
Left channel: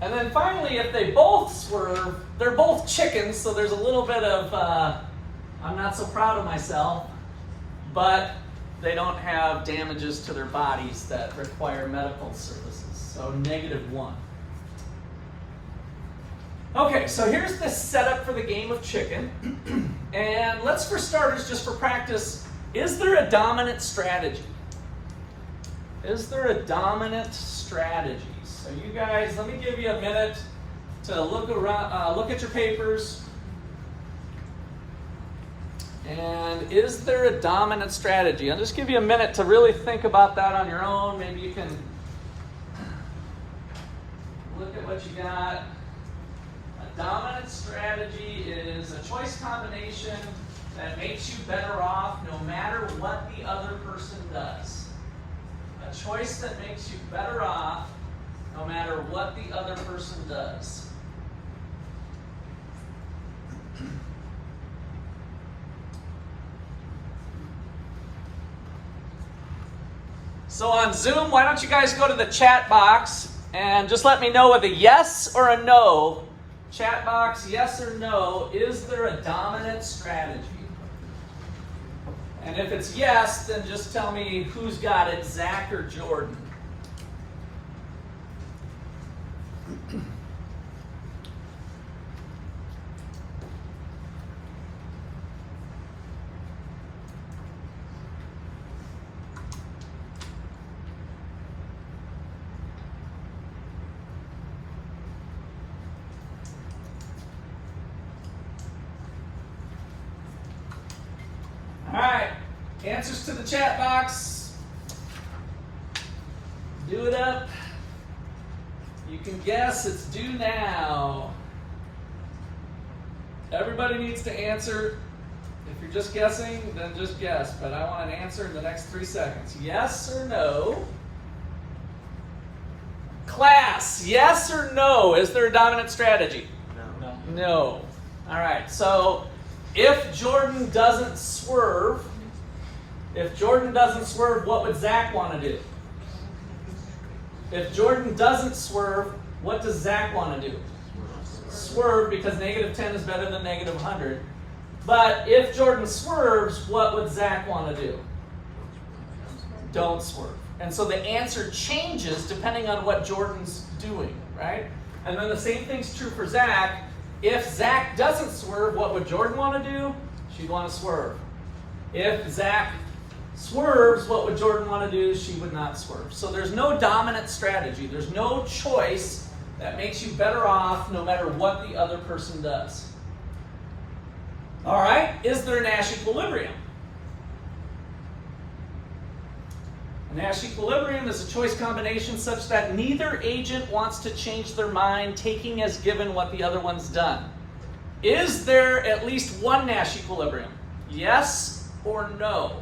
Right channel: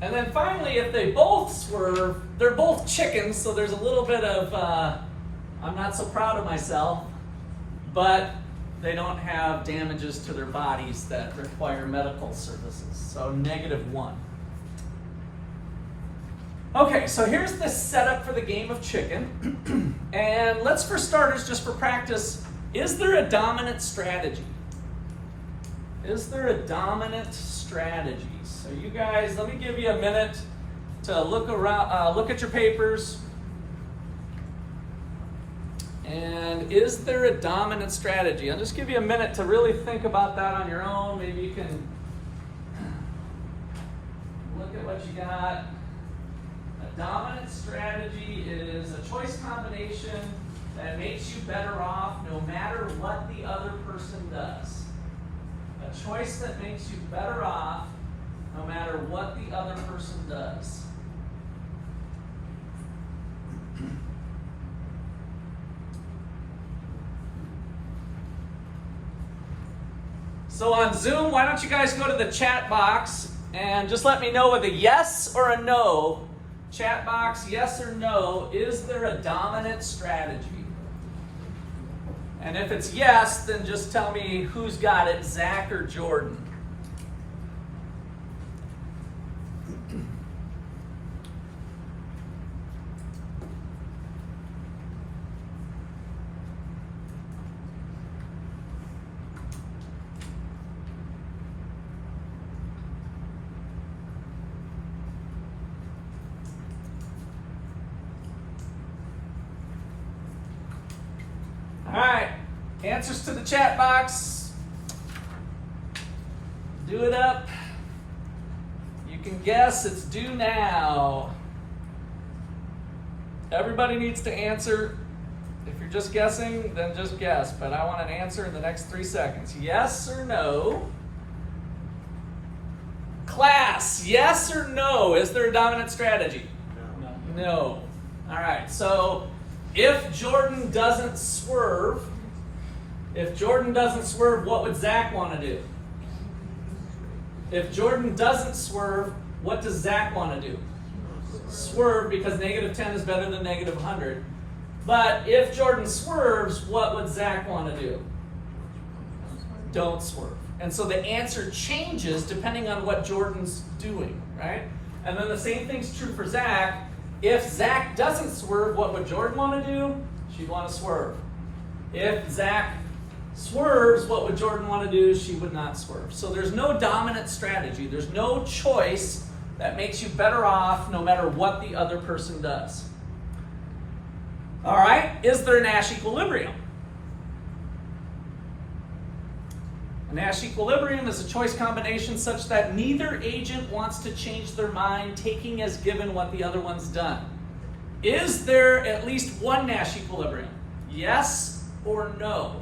And then finally, if they both swerve, they're both chickens, so there's a little bit of, I'm not so proud of myself, but they don't have damages to their bodies that require medical services, so -1. Okay, so here's the setup for the game of chicken. And let's, for starters, just for practice, is there a dominant strategy? Is there a dominant strategy? So you guys, let me give you a minute to look around, look at your papers. And is there a dominant strategy? I'll just give you a minute to really think about that on your own. Maybe you can look at what you got. A dominant strategy is a choice combination that makes you better off no matter what the other person does. A choice that makes you better off no matter what the other person does. So on Zoom, why don't you guys go to the chat box and just let me know with a yes or a no. Chat box, yes or no, is there a dominant strategy? And if it's yes, then just tell me who's got it, Zach or Jordan. All right, answers to the chat box. Do it up. You can guess, it's due now. Everybody needs to answer. If you're just guessing, then just guess. But I want an answer in the next 3 seconds. Yes or no? Class, yes or no? Is there a dominant strategy? No. No. All right, so if Jordan doesn't swerve, what would Zach want to do? If Jordan doesn't swerve, what does Zach want to do? Swerve, because negative 10 is better than negative 100. But if Jordan swerves, what would Zach want to do? Don't swerve. And so the answer changes depending on what Jordan's doing, right? And then the same thing's true for Zach. If Zach doesn't swerve, what would Jordan want to do? She'd want to swerve. If Zach swerves, what would Jordan want to do? She would not swerve. So there's no dominant strategy. There's no choice that makes you better off no matter what the other person does. All right, is there a Nash equilibrium? A Nash equilibrium is a choice combination such that neither agent wants to change their mind, taking as given what the other one's done. Is there at least one Nash equilibrium? Yes or no?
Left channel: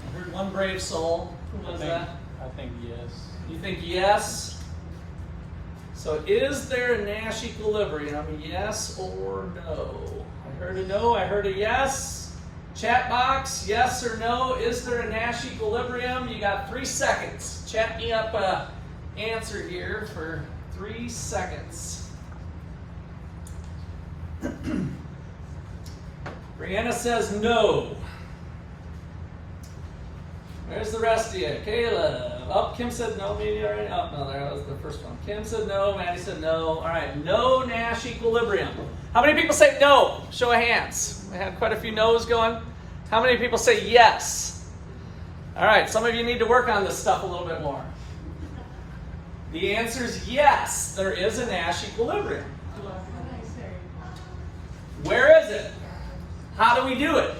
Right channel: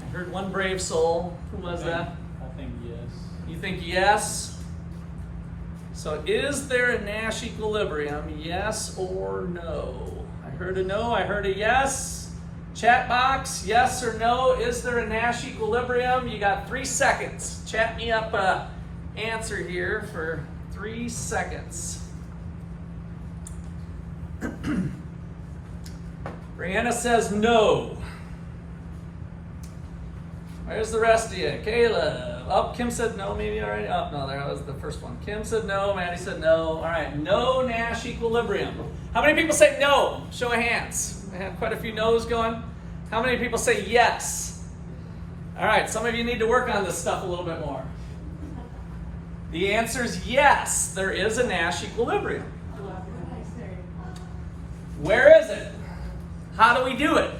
I heard one brave soul. Who was that? I think yes. You think yes? So is there a Nash equilibrium, yes or no? I heard a no, I heard a yes. Chat box, yes or no? Is there a Nash equilibrium? You got 3 seconds. Chat me up a answer here for 3 seconds. Brianna says no. Where's the rest of you? Kayla. Oh, Kim said no, maybe already. Oh, no, there was the first one. Kim said no. Maddie said no. All right, no Nash equilibrium. How many people say no? Show of hands. I had quite a few no's going. How many people say yes? All right, some of you need to work on this stuff a little bit more. The answer is yes, there is a Nash equilibrium. Where is it? How do we do it?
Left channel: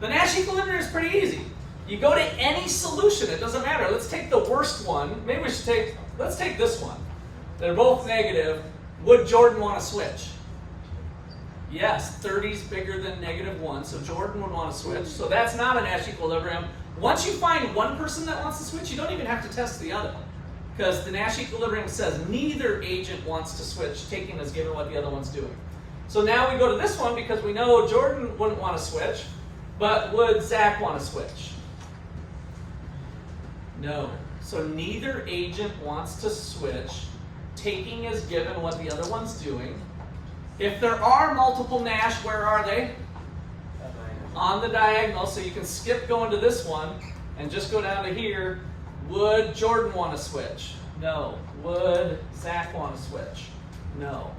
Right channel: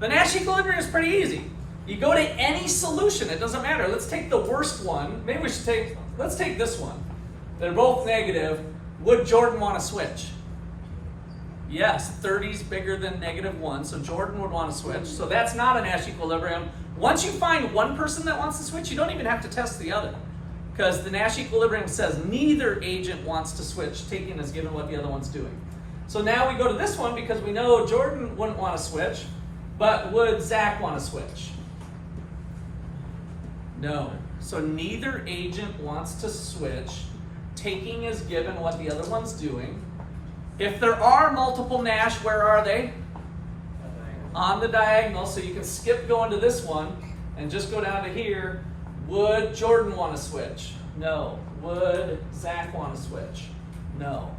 The Nash equilibrium is pretty easy. You go to any solution, it doesn't matter. Let's take the worst one. Maybe we should let's take this one. They're both negative. Would Jordan want to switch? Yes, 30 is bigger than -1, so Jordan would want to switch. So that's not a Nash equilibrium. Once you find one person that wants to switch, you don't even have to test the other. Because the Nash equilibrium says neither agent wants to switch, taking as given what the other one's doing. So now we go to this one because we know Jordan wouldn't want to switch, but would Zach want to switch? No. So neither agent wants to switch, taking as given what the other one's doing. If there are multiple Nash, where are they? On the diagonal, so you can skip going to this one and just go down to here. Would Jordan want to switch? No. Would Zach want to switch? No.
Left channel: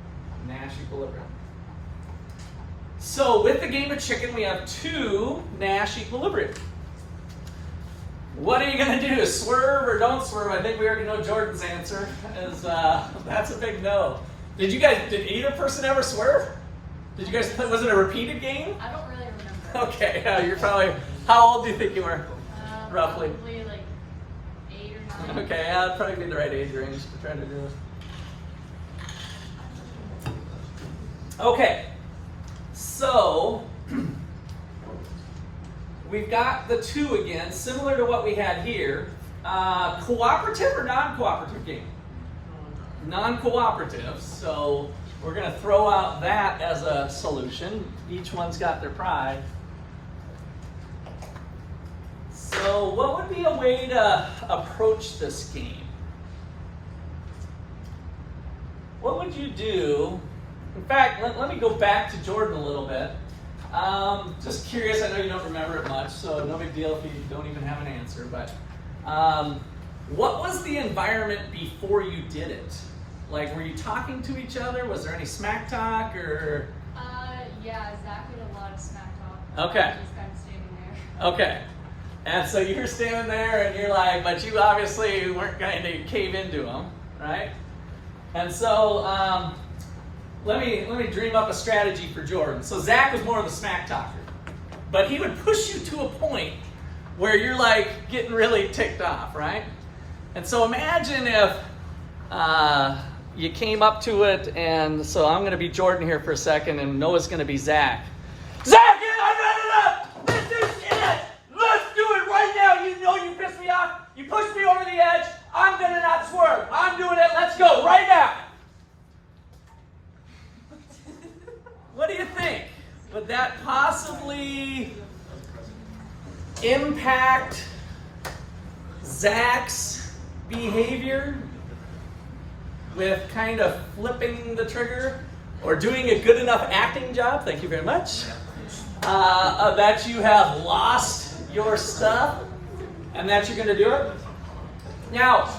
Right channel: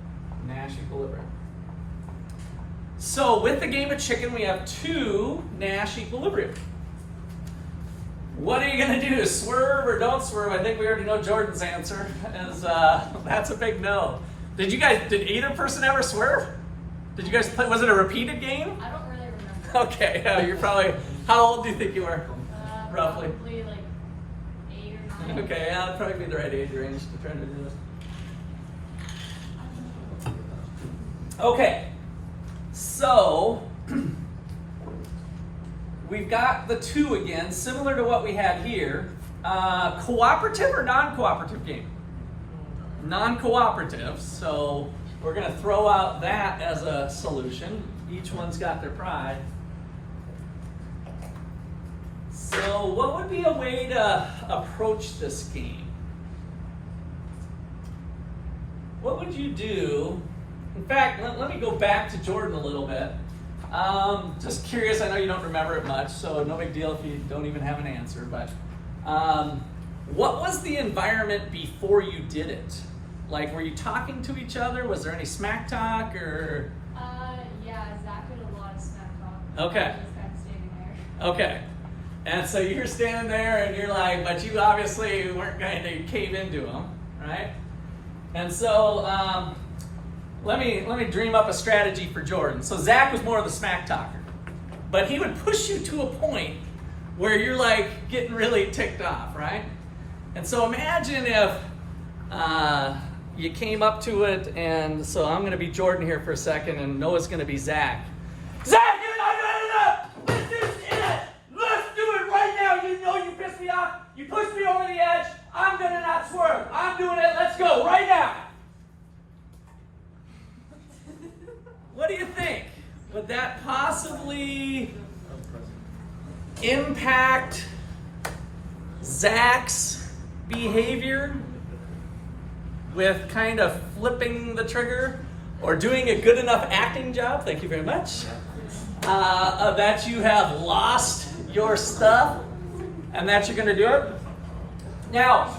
Nash equilibrium. So with the game of chicken, we have 2 Nash equilibrium. What are you going to do? Swerve or don't swerve? I think we already know Jordan's answer. That's a big no. Did either person ever swerve? Did you guys play? Was it a repeated game? I don't really remember. Okay, you're probably, how old do you think you were? Roughly. Probably like 8 or 9. Okay, yeah, that'd probably be the right age range to try to do this. Okay, so we've got the 2 again, similar to what we had here. Cooperative or non-cooperative game? Non-cooperative, so we're going to throw out that as a solution. Each one's got their pride. So what would be a way to approach this game? What would you do? In fact, let me go back to Jordan a little bit. Just curious, I know you don't remember it much, so no big deal if you don't even have an answer, but what was the environment before you did it? Like, were you talking to each other? Was there any smack talk, or? Yeah, Zach did a lot of smack talk. Okay. Just kind of standing there. Okay. And so you're standing there and you're like, but you obviously weren't going to cave into him, right? And so let me dream up a strategy for Jordan. So Zach was more of the smack talker, but he would push you to a point where you're like getting really ticked off, right? And so imagine if you came up to it, and so I'm going to be Jordan here for a second, and Noah's going to be Zach. Zach, let's do it right now. You know you pissed me off. You pushed me over the edge. I'm going to not swerve. I'm doing it. Let's go right now. What do you think? Would that possibly impact Zach's behavior with kind of flipping the trigger or doing a good enough acting job? Thank you very much. That you have lost your stuff and that you're going to do it. Now,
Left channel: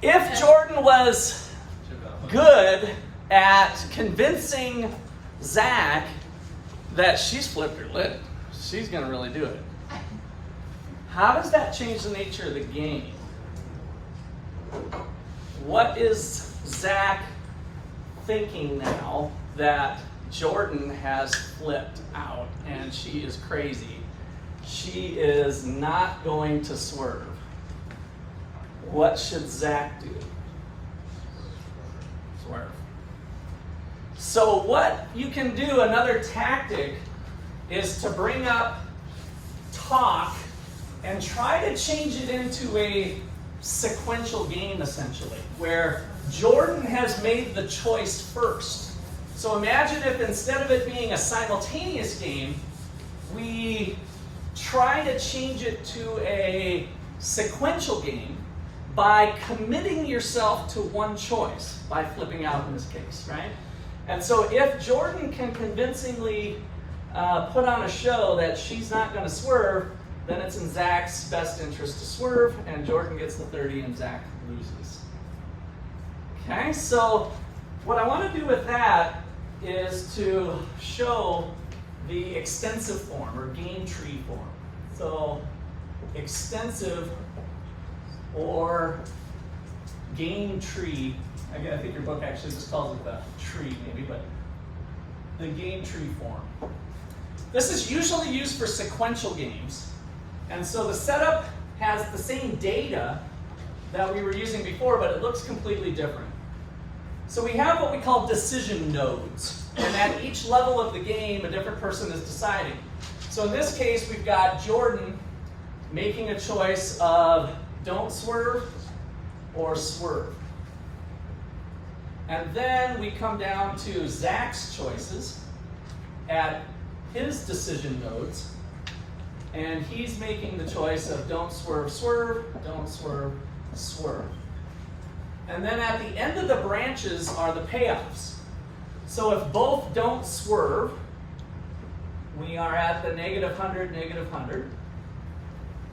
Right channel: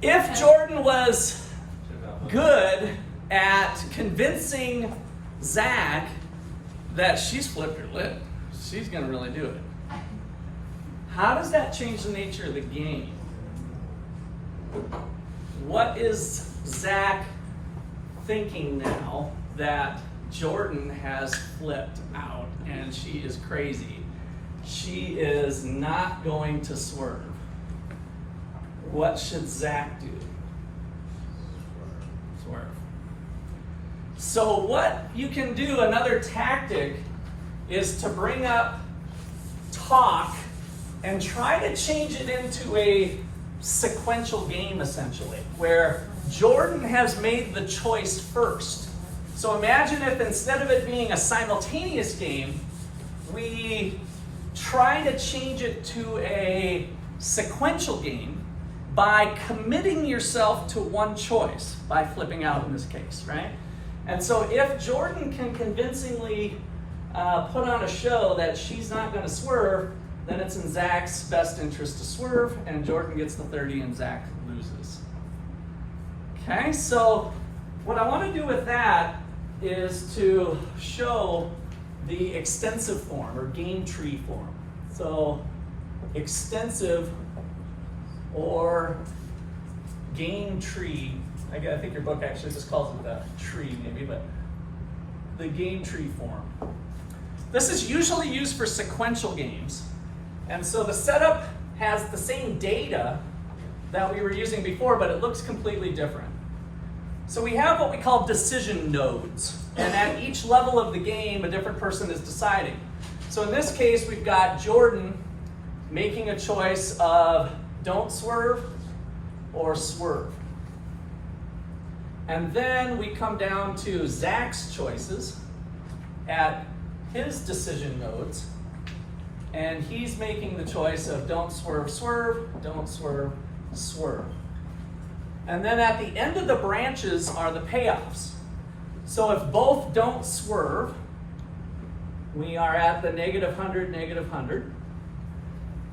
if Jordan was good at convincing Zach that she's flipped her lid, she's going to really do it, how does that change the nature of the game? What is Zach thinking now that Jordan has flipped out and she is crazy? She is not going to swerve. What should Zach do? Swerve. So what you can do, another tactic, is to bring up talk and try to change it into a sequential game, essentially, where Jordan has made the choice first. So imagine if instead of it being a simultaneous game, we try to change it to a sequential game by committing yourself to one choice, by flipping out in this case, right? And so if Jordan can convincingly put on a show that she's not going to swerve, then it's in Zach's best interest to swerve, and Jordan gets the 30 and Zach loses. Okay, so what I want to do with that is to show the extensive form, or game tree form. So extensive or game tree, I think your book actually just calls it the tree maybe, but the game tree form. This is usually used for sequential games. And so the setup has the same data that we were using before, but it looks completely different. So we have what we call decision nodes. And at each level of the game, a different person is deciding. So in this case, we've got Jordan making a choice of don't swerve or swerve. And then we come down to Zach's choices at his decision nodes. And he's making the choice of don't swerve, swerve, don't swerve, swerve. And then at the end of the branches are the payoffs. So if both don't swerve, we are at the -100, -100.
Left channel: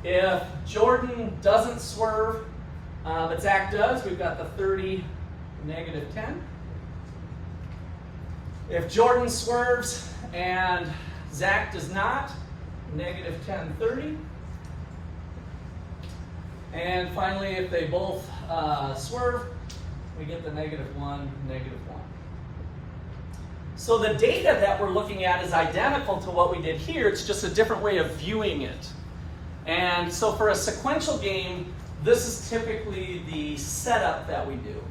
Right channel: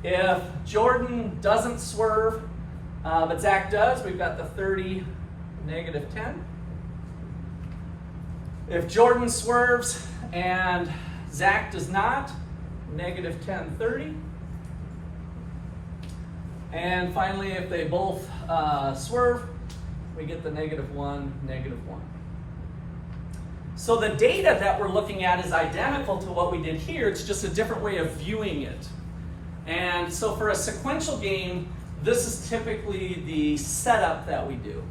If Jordan doesn't swerve, but Zach does, we've got the 30, -10. If Jordan swerves and Zach does not, -10, 30. And finally, if they both swerve, we get the -1, -1. So the data that we're looking at is identical to what we did here. It's just a different way of viewing it. And so for a sequential game, this is typically the setup that we do.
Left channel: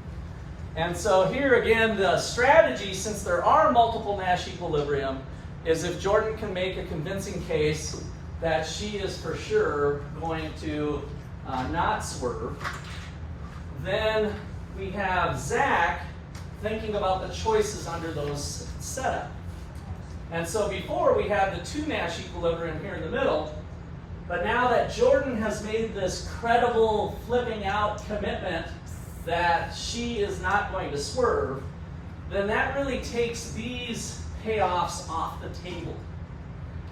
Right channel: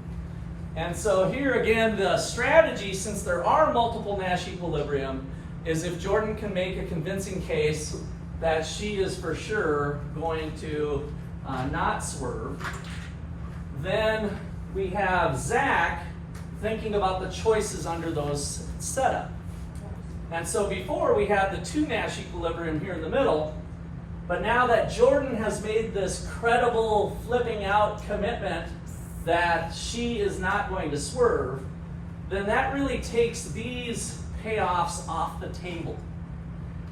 And so here again, the strategy, since there are multiple Nash equilibrium, is if Jordan can make a convincing case that she is for sure going to not swerve, then we have Zach thinking about the choices under those setup. And so before we had the 2 Nash equilibrium here in the middle, but now that Jordan has made this credible flipping out commitment that she is not going to swerve, then that really takes these payoffs off the table.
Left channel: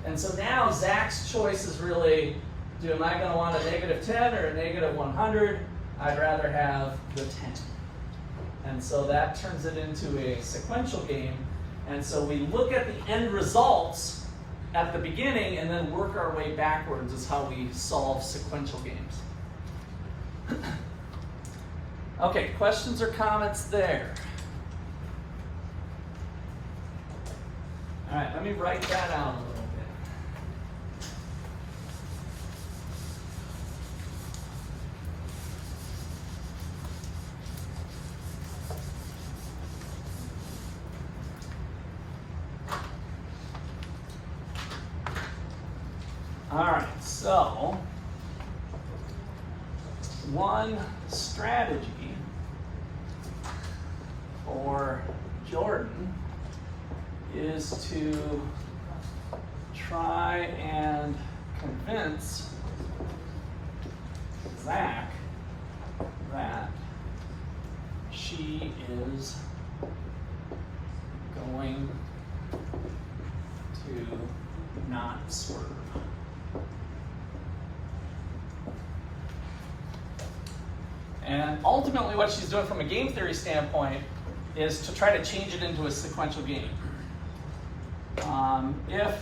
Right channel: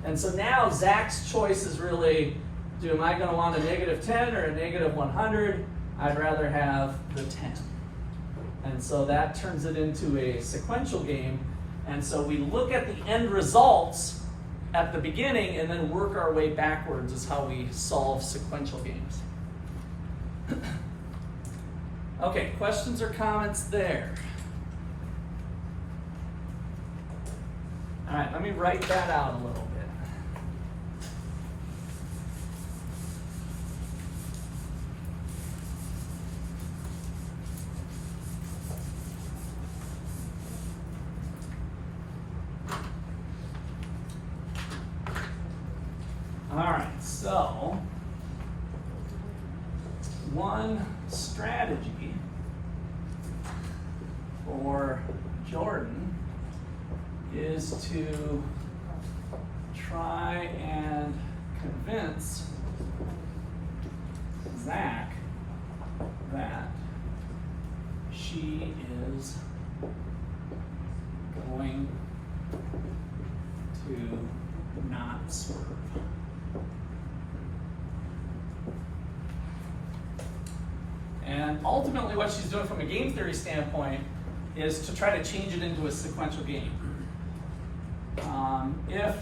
And so now Zach's choice is really, am I going to want a -10 or a -100? I'd rather have the 10. And so that turns it into a sequential game. And so we look at the end results at the beginning and then work our way backwards is how we solve sequential games. Okay, questions or comments there? let me write that out a little bit. All right, so one strategy for Jordan is to try and convince Zach that she is going to not swerve. And ultimately what she's doing from a game theory standpoint is to try to change it into a sequential game. If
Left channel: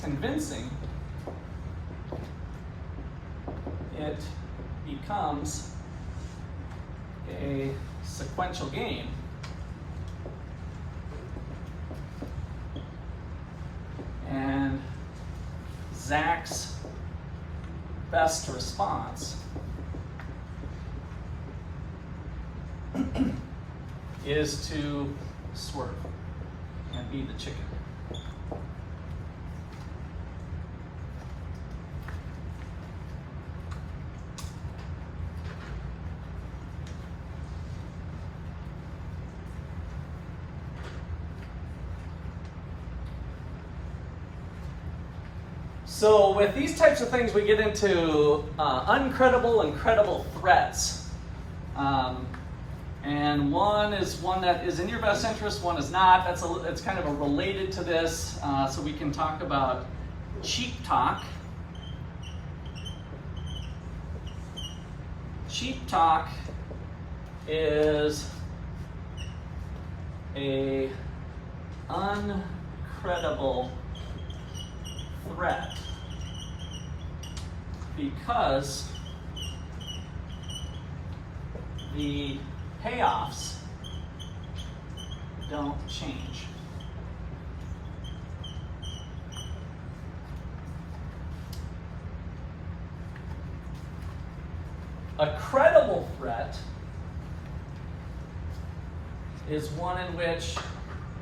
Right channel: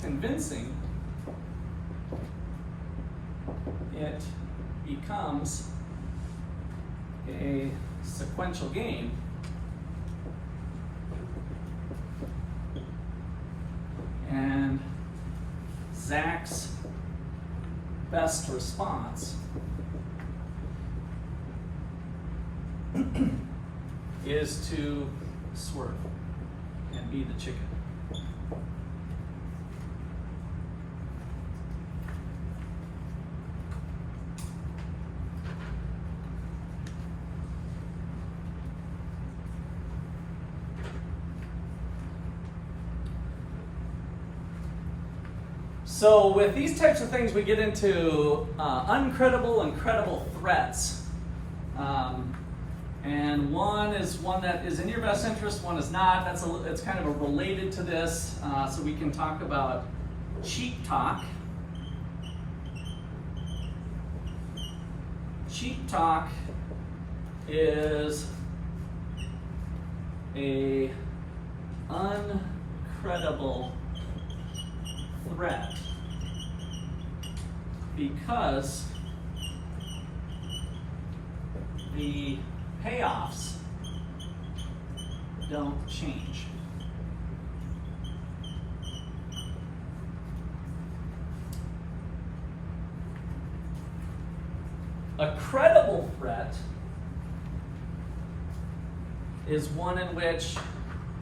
convincing, it becomes a sequential game, and Zach's best response is to swerve and be the chicken. So with these types of things, we get into uncredible and credible threats. And one is one that is in your best interest, one is not. It's kind of related to this. So we can talk about cheap talk. Cheap talk is a uncredible threat because the payoffs don't change. A credible threat is one in which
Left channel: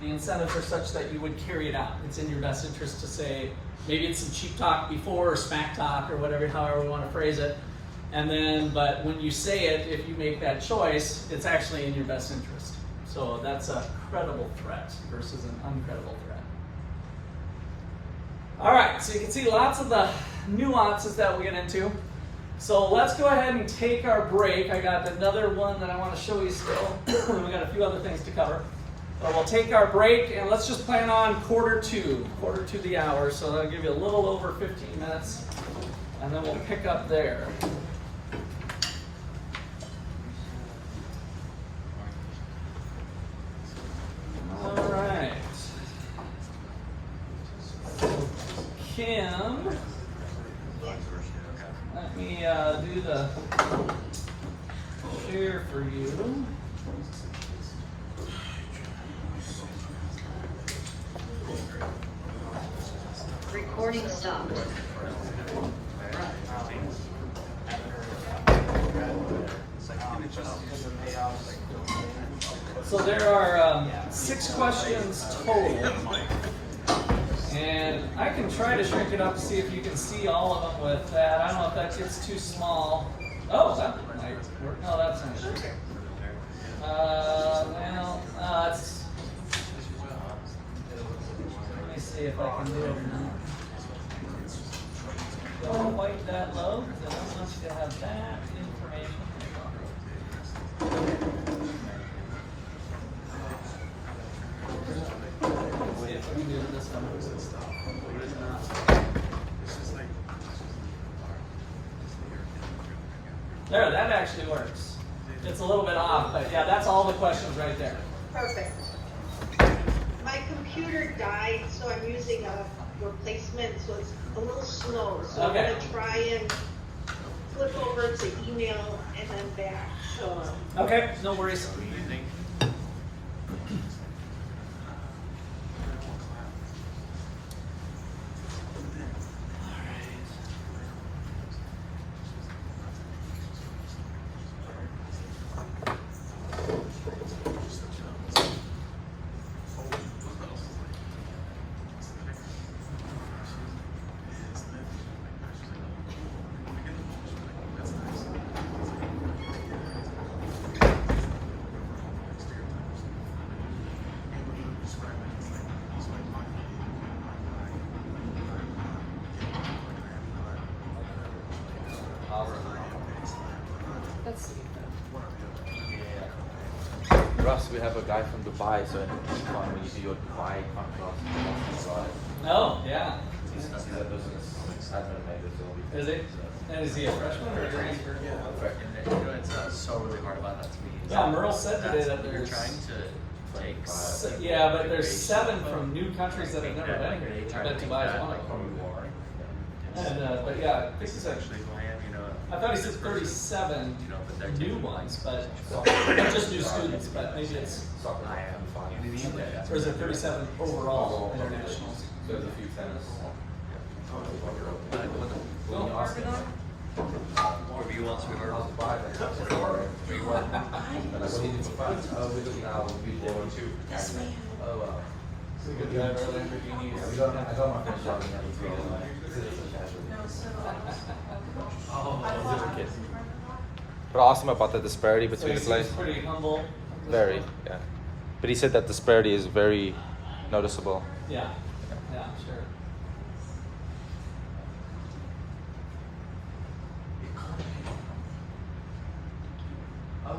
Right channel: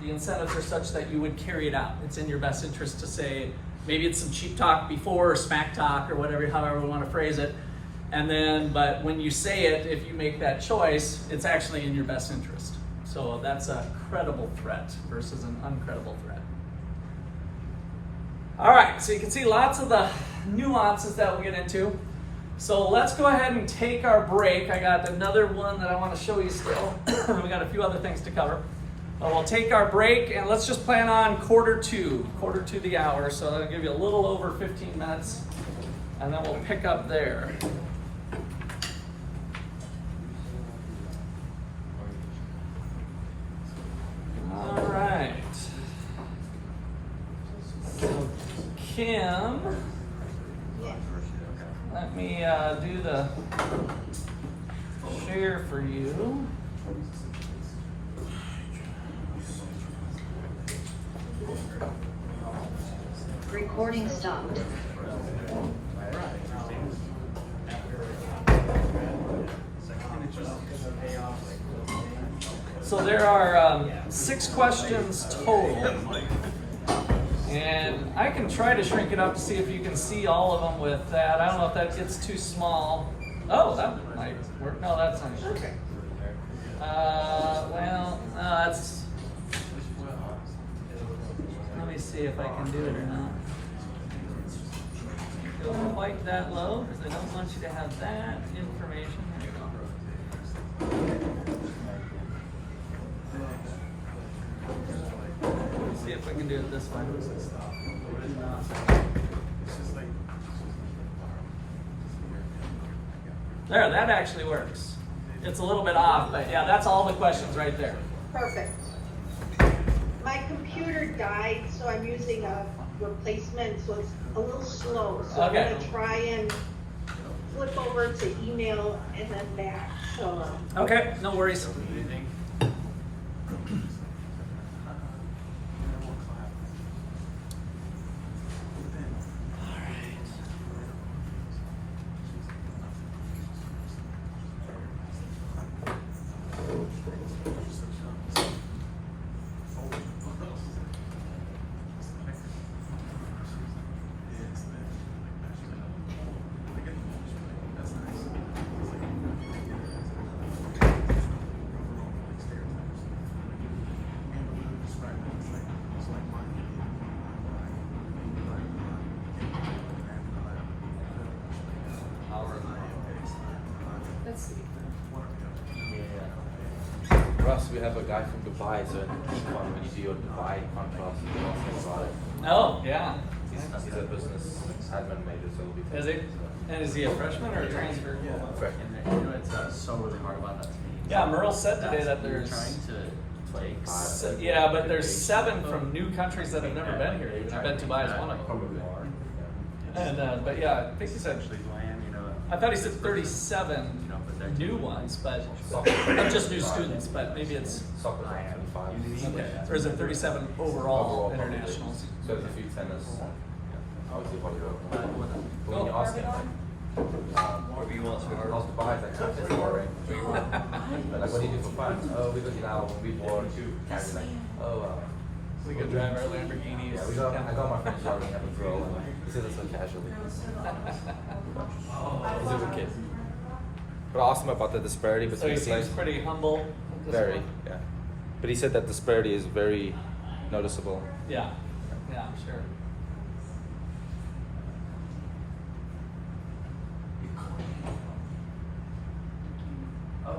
the incentives are such that you would carry it out. It's in your best interest to say, maybe it's some cheap talk before or smack talk or whatever, however we want to phrase it. And then, but when you say it, if you make that choice, it's actually in your best interest. So that's a credible threat versus an uncredible threat. All right, so you can see lots of the nuances that we get into. So let's go ahead and take our break. I got another one that I want to show you still. We got a few other things to cover. But we'll take our break and let's just plan on quarter to the hour. So that'll give you a little over 15 minutes and then we'll pick up there. All right. So Kim, let me do the share for you. Recording stopped. So there are 6 questions total, and I can try to shrink it up to see if you can see all of them with that. I don't know if that gets too small. Oh, that might work. No, that's an issue. That's. Let me see if I can do it now. Don't like that low because I don't want you to have that information. Let's see if we can do it this one. There, that actually works. It's a little bit off, but yeah, that's all the questions right there. Perfect. My computer died, so I'm using a replacement, so it's a little slow. So Okay. I'm gonna try and flip over to email and then back. So Okay, no worries. One or the other. Russ, we have a guy from Dubai, so in Econ, when you do your Dubai contrast, you can ask him about it. Oh, yeah. He's a business admin major, so he'll be Is it? And is he a freshman or a junior? Yeah. Correct. And you know, it's so really hard about that to me. Yeah, Merle said today that You're there's. trying to take. Yeah, but there's 7 from new countries that have never been here. I bet Dubai is one of them. Probably. And but yeah, I think he said. Especially Glam, you know. I thought he said 37 You know, but they're new ones, but not just new students, but maybe it's. Soccer, I am. 5. Or is it 37 overall population. internationals? So there's a few tennis. Obviously, 1 year old. When you ask him, Wherever you want, sweetheart. how's Dubai? It's like, it's boring. They're like, what do you do for fun? Oh, we look now, we born too. Oh, We could drive our Lamborghini. yeah, I got my friends jogging up and throw, and I said it so casually. He's a good kid. But I asked him about the disparity So between he the seems place. pretty humble. Very, yeah. But he said that disparity is very noticeable. Yeah, yeah, I'm sure. Oh,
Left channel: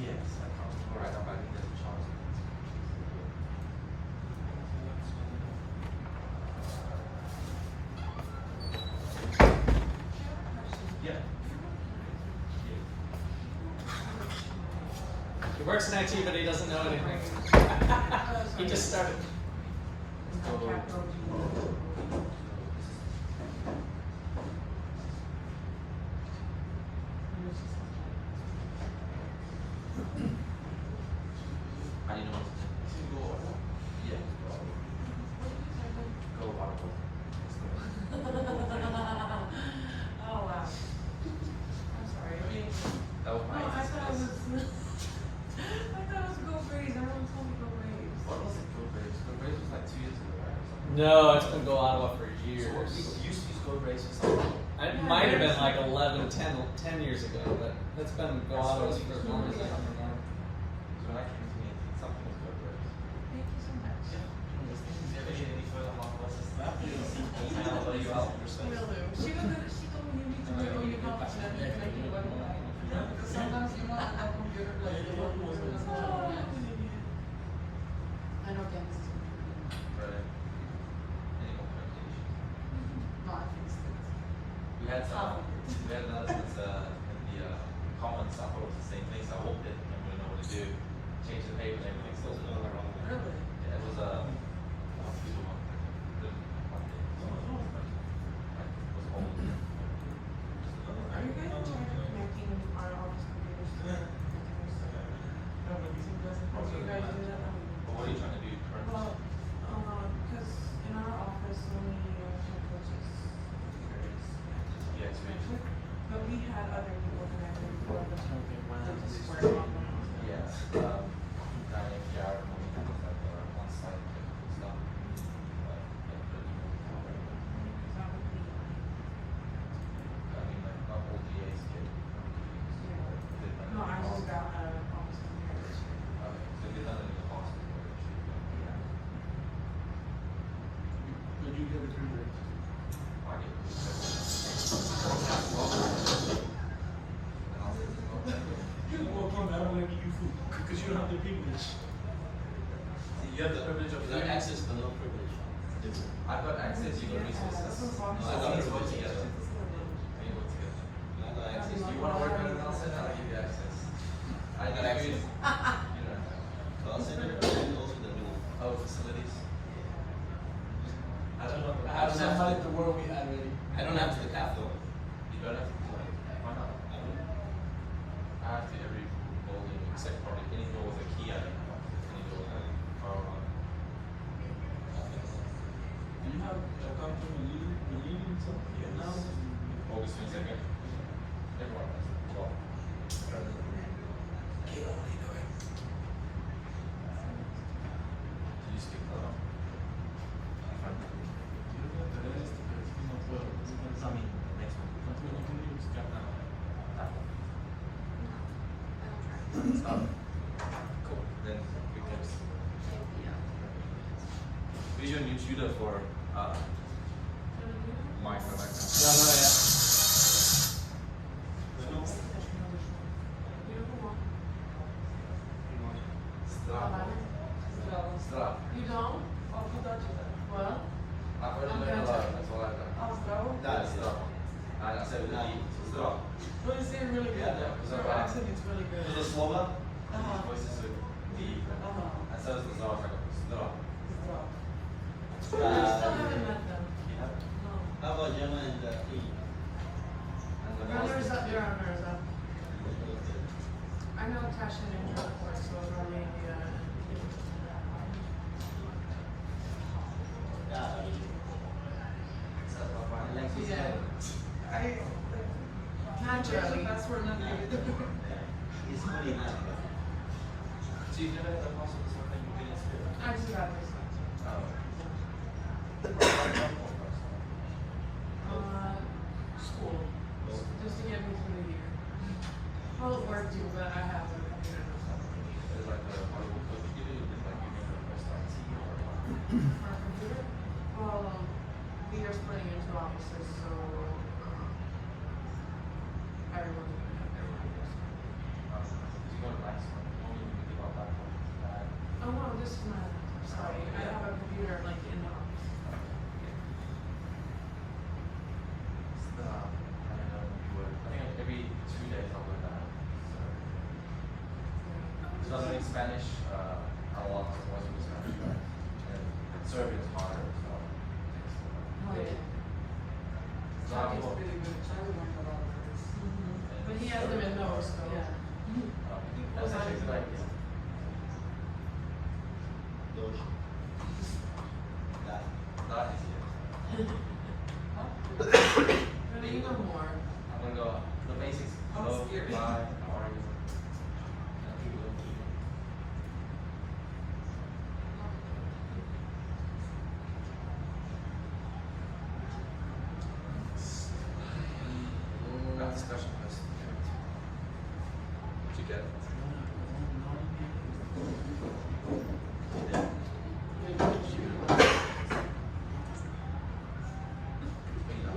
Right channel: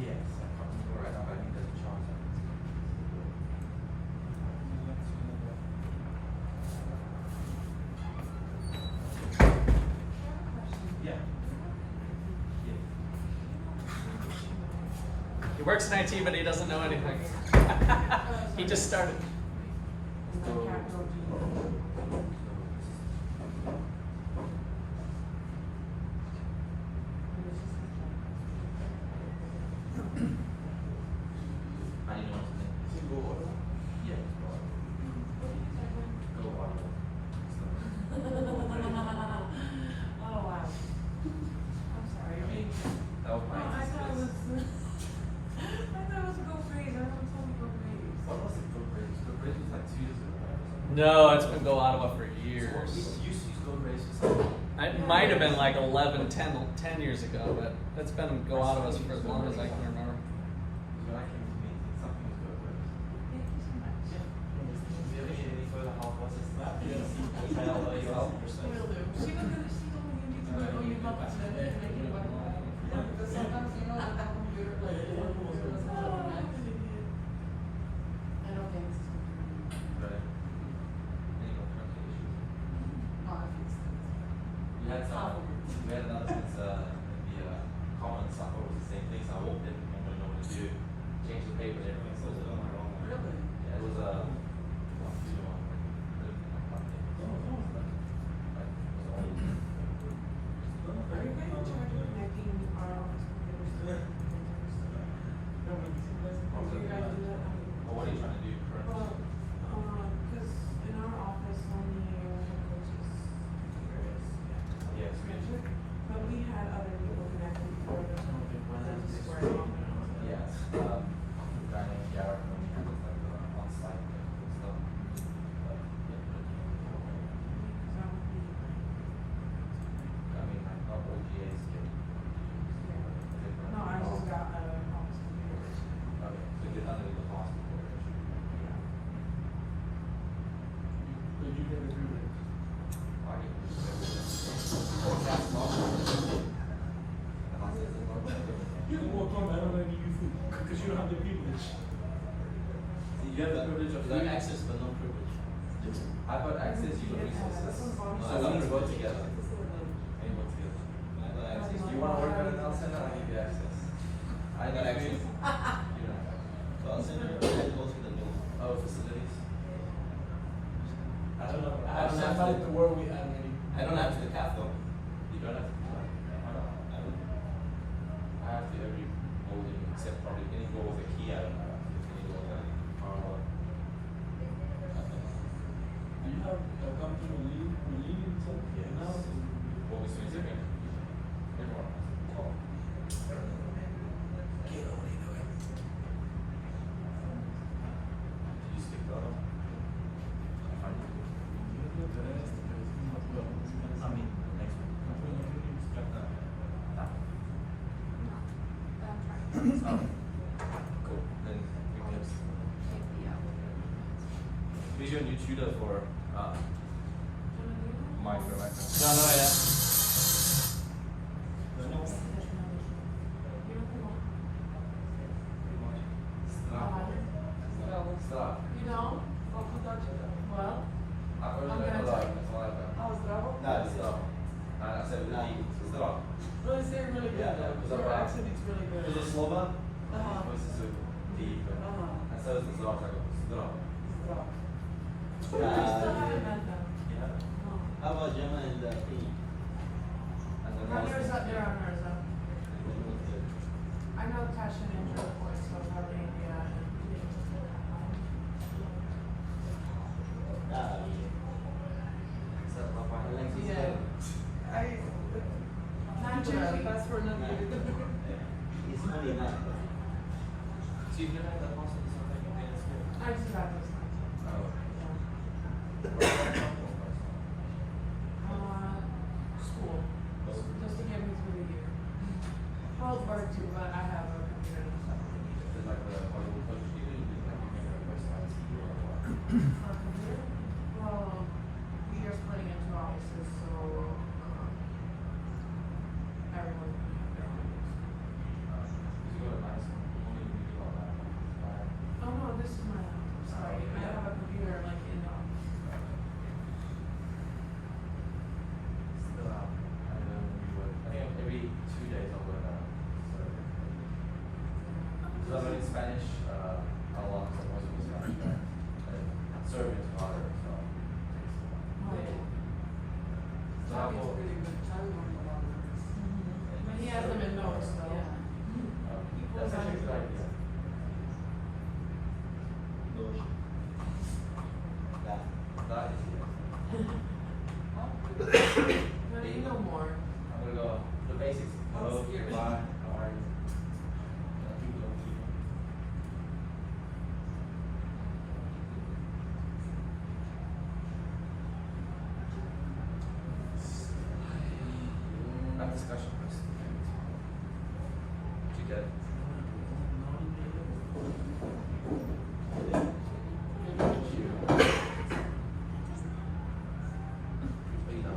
yes, I can't remember. I don't think there's a chance. Yeah. He works in IT, but he doesn't know anything. He just started. I need to know what's in it. Yeah. Go Ottawa. Oh, wow. I'm sorry. I mean, That was oh, my I thought it was, I thought it was Go Braves. Everyone told me Go Braves. What was it? Go Braves? Go Braves was like 2 years ago, right? Or something? No, it's been Go Ottawa for So years. what, people used to use Go Braves for something. It might have been like 11, 10 years ago, but that's been Go Ottawa's for as long as I can remember. Because when I came to me, something was Go Braves. Thank you so much. Do you ever need any further help? What's this? Email or you help? Will do. She told me you need to go, oh, you help us, and I keep going. Because sometimes, you know, the computer, like, it won't go. I know Candace is working. Right. Any more country issues? No, I fixed it. We had announcements in the comments. I thought it was the same thing, so I walked in and didn't know what to do. Changed the paper and everything, still didn't know what wrong. Really? Yeah, it was one few months. Like, it was old. Are you guys in charge of connecting our office computers to the printers? Do you guys do that? But what are you trying to do currently? Well, because in our office, only coaches computers. Yeah, it's weird. But we had other people connected before, but they just weren't on the house. Yeah, guy named Jared, when we did like on-site and stuff. But, yeah, That would be, I mean, like, not all DAs get. no, I just got an office computer this year. Okay, so get none of the hospital. Yeah. Did you get it through there? I think it was. You can walk in, but I don't let you give you food, because you don't have the privilege. You have the privilege of that access, but no privilege. I've got access, you got resources. So we need to work together. We need to work together. I got access. You wanna work at a Bell Center? I'll give you access. I got access. You don't have access. Bell Center and also the new. Oh, facilities? I don't know. I have somebody at the world we had already. I don't have to the cap though. You don't have to do that. Why not? I don't. I have to every building except probably any door with a key. I don't have access. Any door with a power on. Do you have a company leading something? Yes. Now? August 22nd. Everyone has to talk. Kayla, what are you doing? Did you speak that up? I'm fine. You don't have the rest, pero es que no puedo. Es que I mean, next week. no puedo buscar nada. Cool. Then we can. Who's your new tutor for Mike? Don't know yet. because Your accent is really good. because of Slova, Uh-huh. his voice is so deep, and so is the Zara. Zdra. Wow. I still Uh, haven't met them. Yeah. No. How about Gemma and E? And the They're on Mirza. I know Tasha and Andrew, of course, so probably India and. Yeah. Naturally, that's where none of it. It's funny, huh? So you've never had that possible something you didn't school? I just got this. Oh. School, just to get me through the year. Well, work too, but I have a computer and stuff. Is like the Hollywood coach you do? Is like you make a first time CEO or what? For a computer, well, we are splitting into offices, so, everyone's gonna have their own desk. Because you go to nice one, you only need to go on that. Oh, no, this is my, sorry, I have a computer like in the office. Still, I don't know, we would, I think every 2 days I'll go down. So I'm learning Spanish, a lot, so most of the Spanish, right? And Serbian's harder, so. Oh, yeah. So I It's will, really good. I would like a lot of this. But he has them in notes, though. Yeah. that's actually a good idea. Doge. Yeah. That is, But you know more. I'm gonna go, the basics, Oh, hello, scary. bye, how are you? Keep going, keep going. Not discussion, but did you get it? But you know.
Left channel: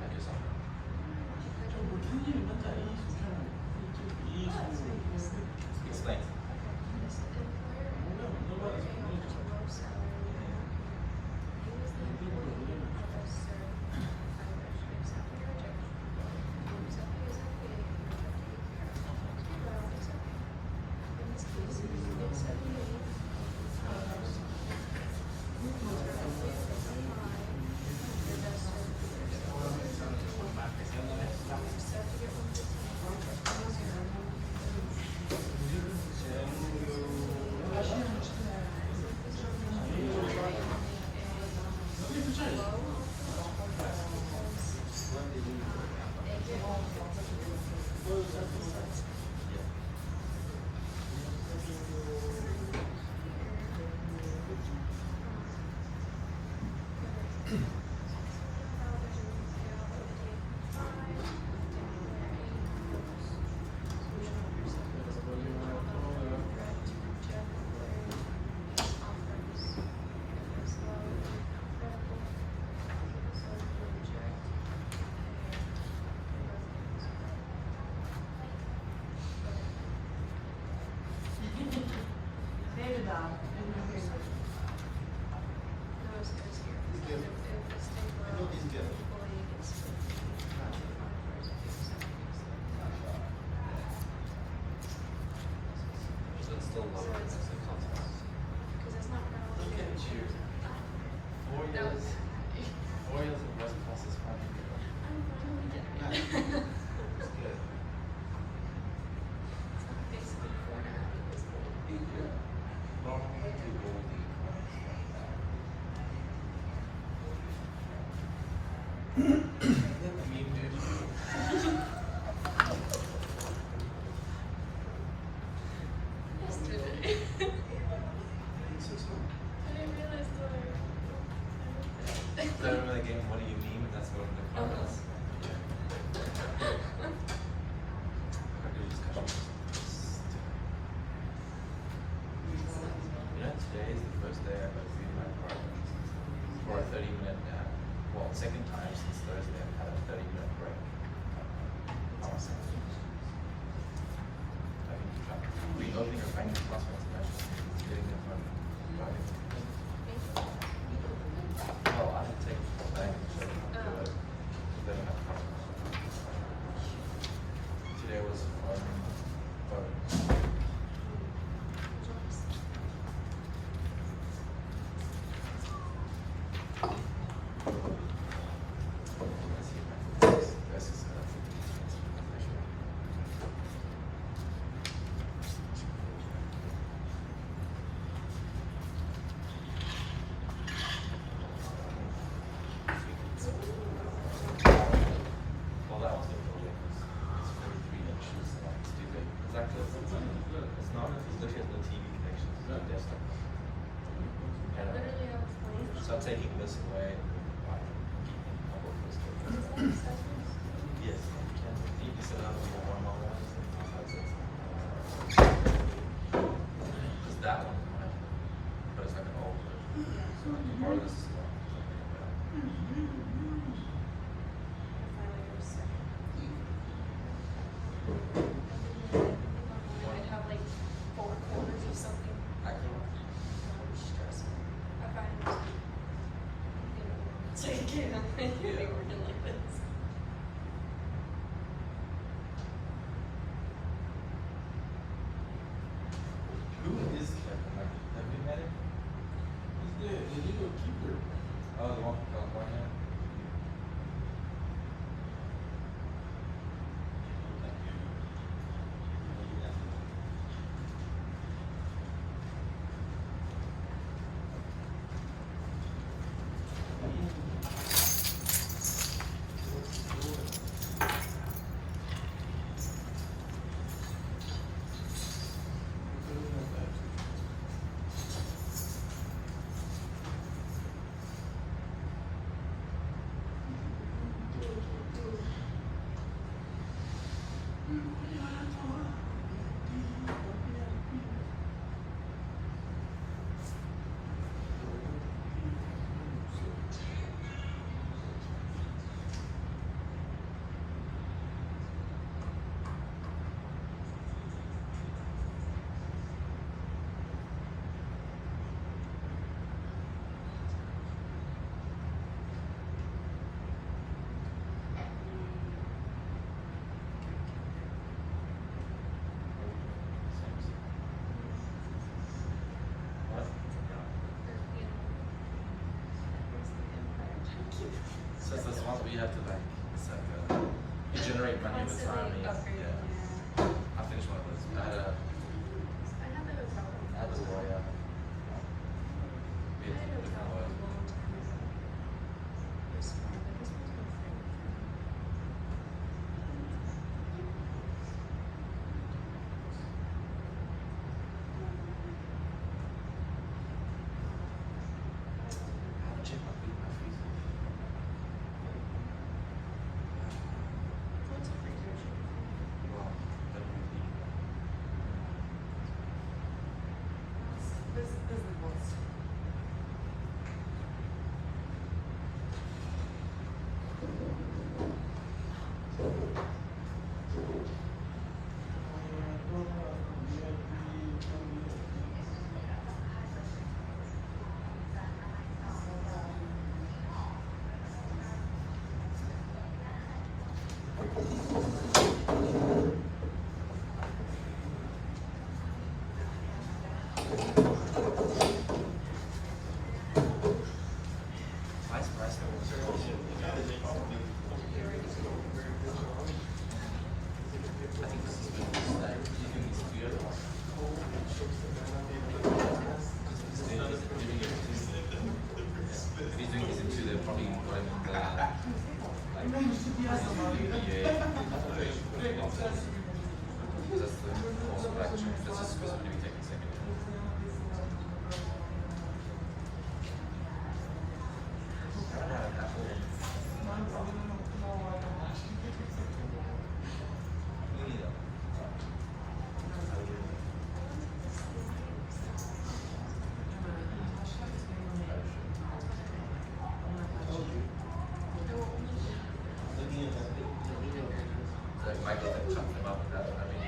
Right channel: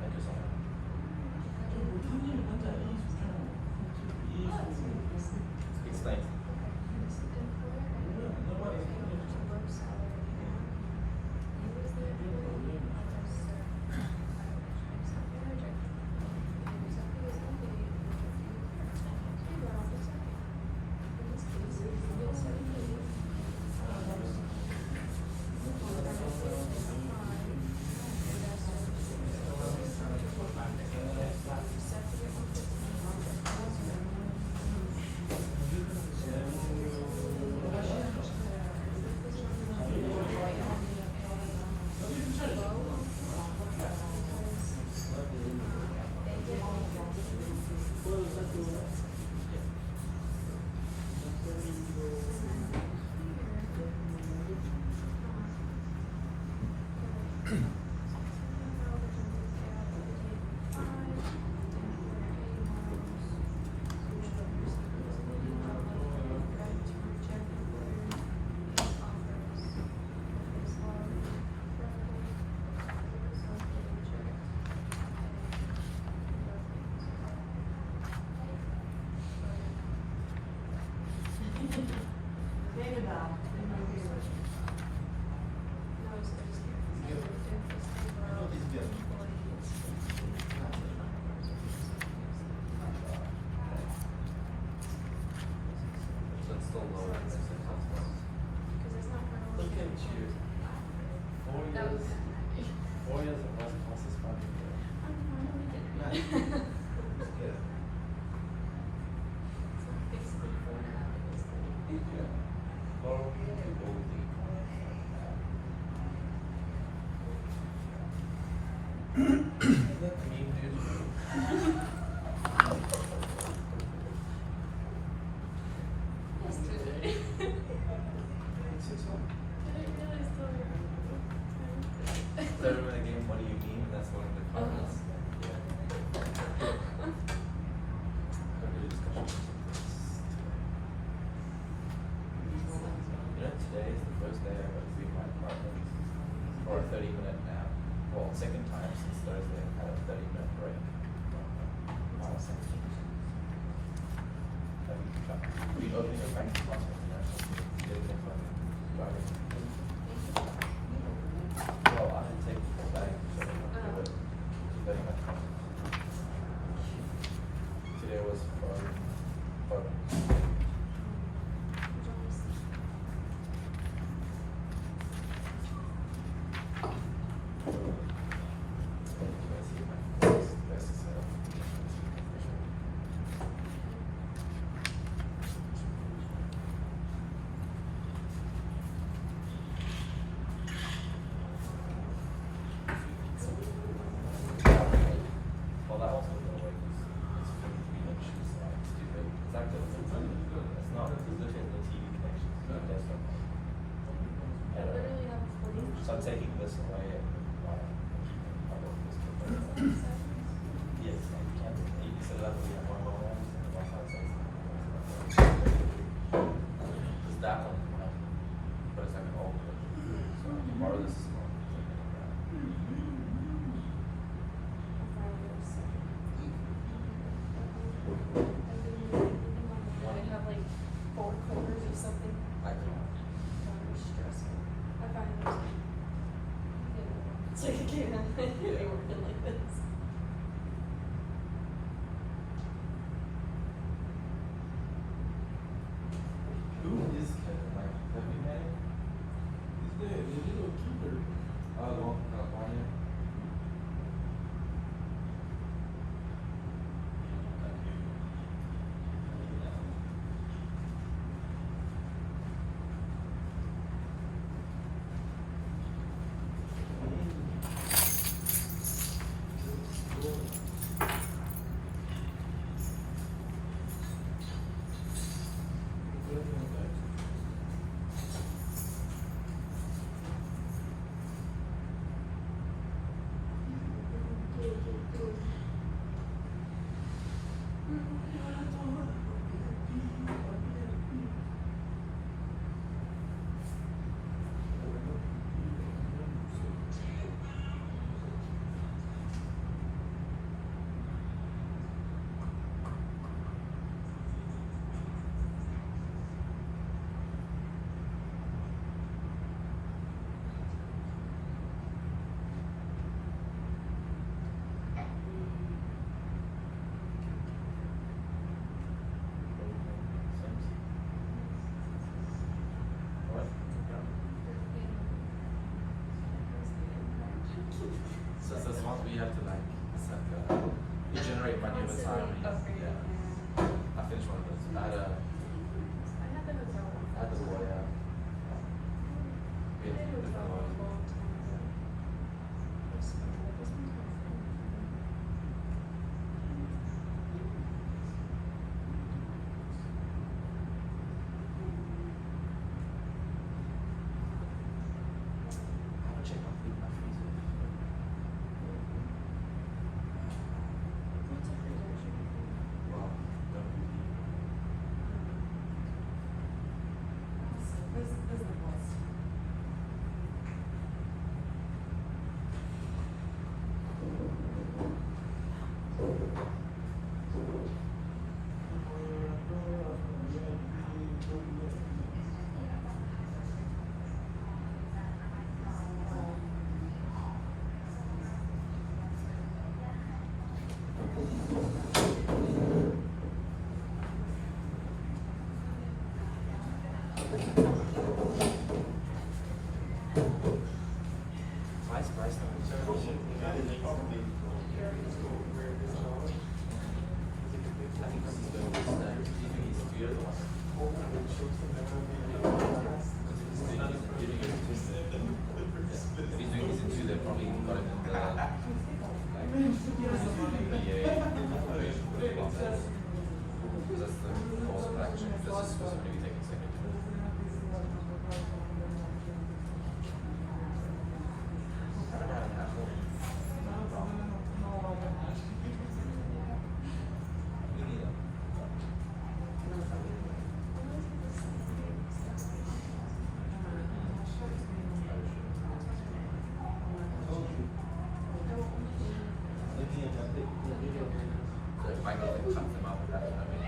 Thank you so much. Explain. David Dow is my favorite. I know this girl. So it's still low. That's the concept. Look at you. 4 years. 4 years of West Coast Spanish. It's good. That meme, dude. So I remember the game, what do you mean? That's one of the cards. Yeah. Good discussion. You know, today is the first day I've ever been in my apartment for a 30-minute nap. Well, second time since Thursday I've had a 30-minute break. just start. I literally have 40. So I'm taking this away. Yes, you can set it up with your normal ones. That's how it says. It's that one, right? But it's like an old version. So like you borrow this. I'd have like 4 quarters or something. I can. That would stress me. I find it, you know, so you can't have anybody working like this. Who is Kevin? Like, have we met him? He's dead. The legal keeper. Oh, the one from California. What? So it's this one where you have to like, it's like you generate money over time. And yeah. I finished one of those. I had the lawyer. We had different lawyers. I haven't checked my food in my freezer. Well, that would be. This is the boss. Why is rice not I think this is good. Do you think he's good? If he's doing this in two, they're probably got him in the like EA. That's the also action. That's just specifically taken second. I don't know how it happened. Me neither. Like Michael like chucked them up with that. I mean,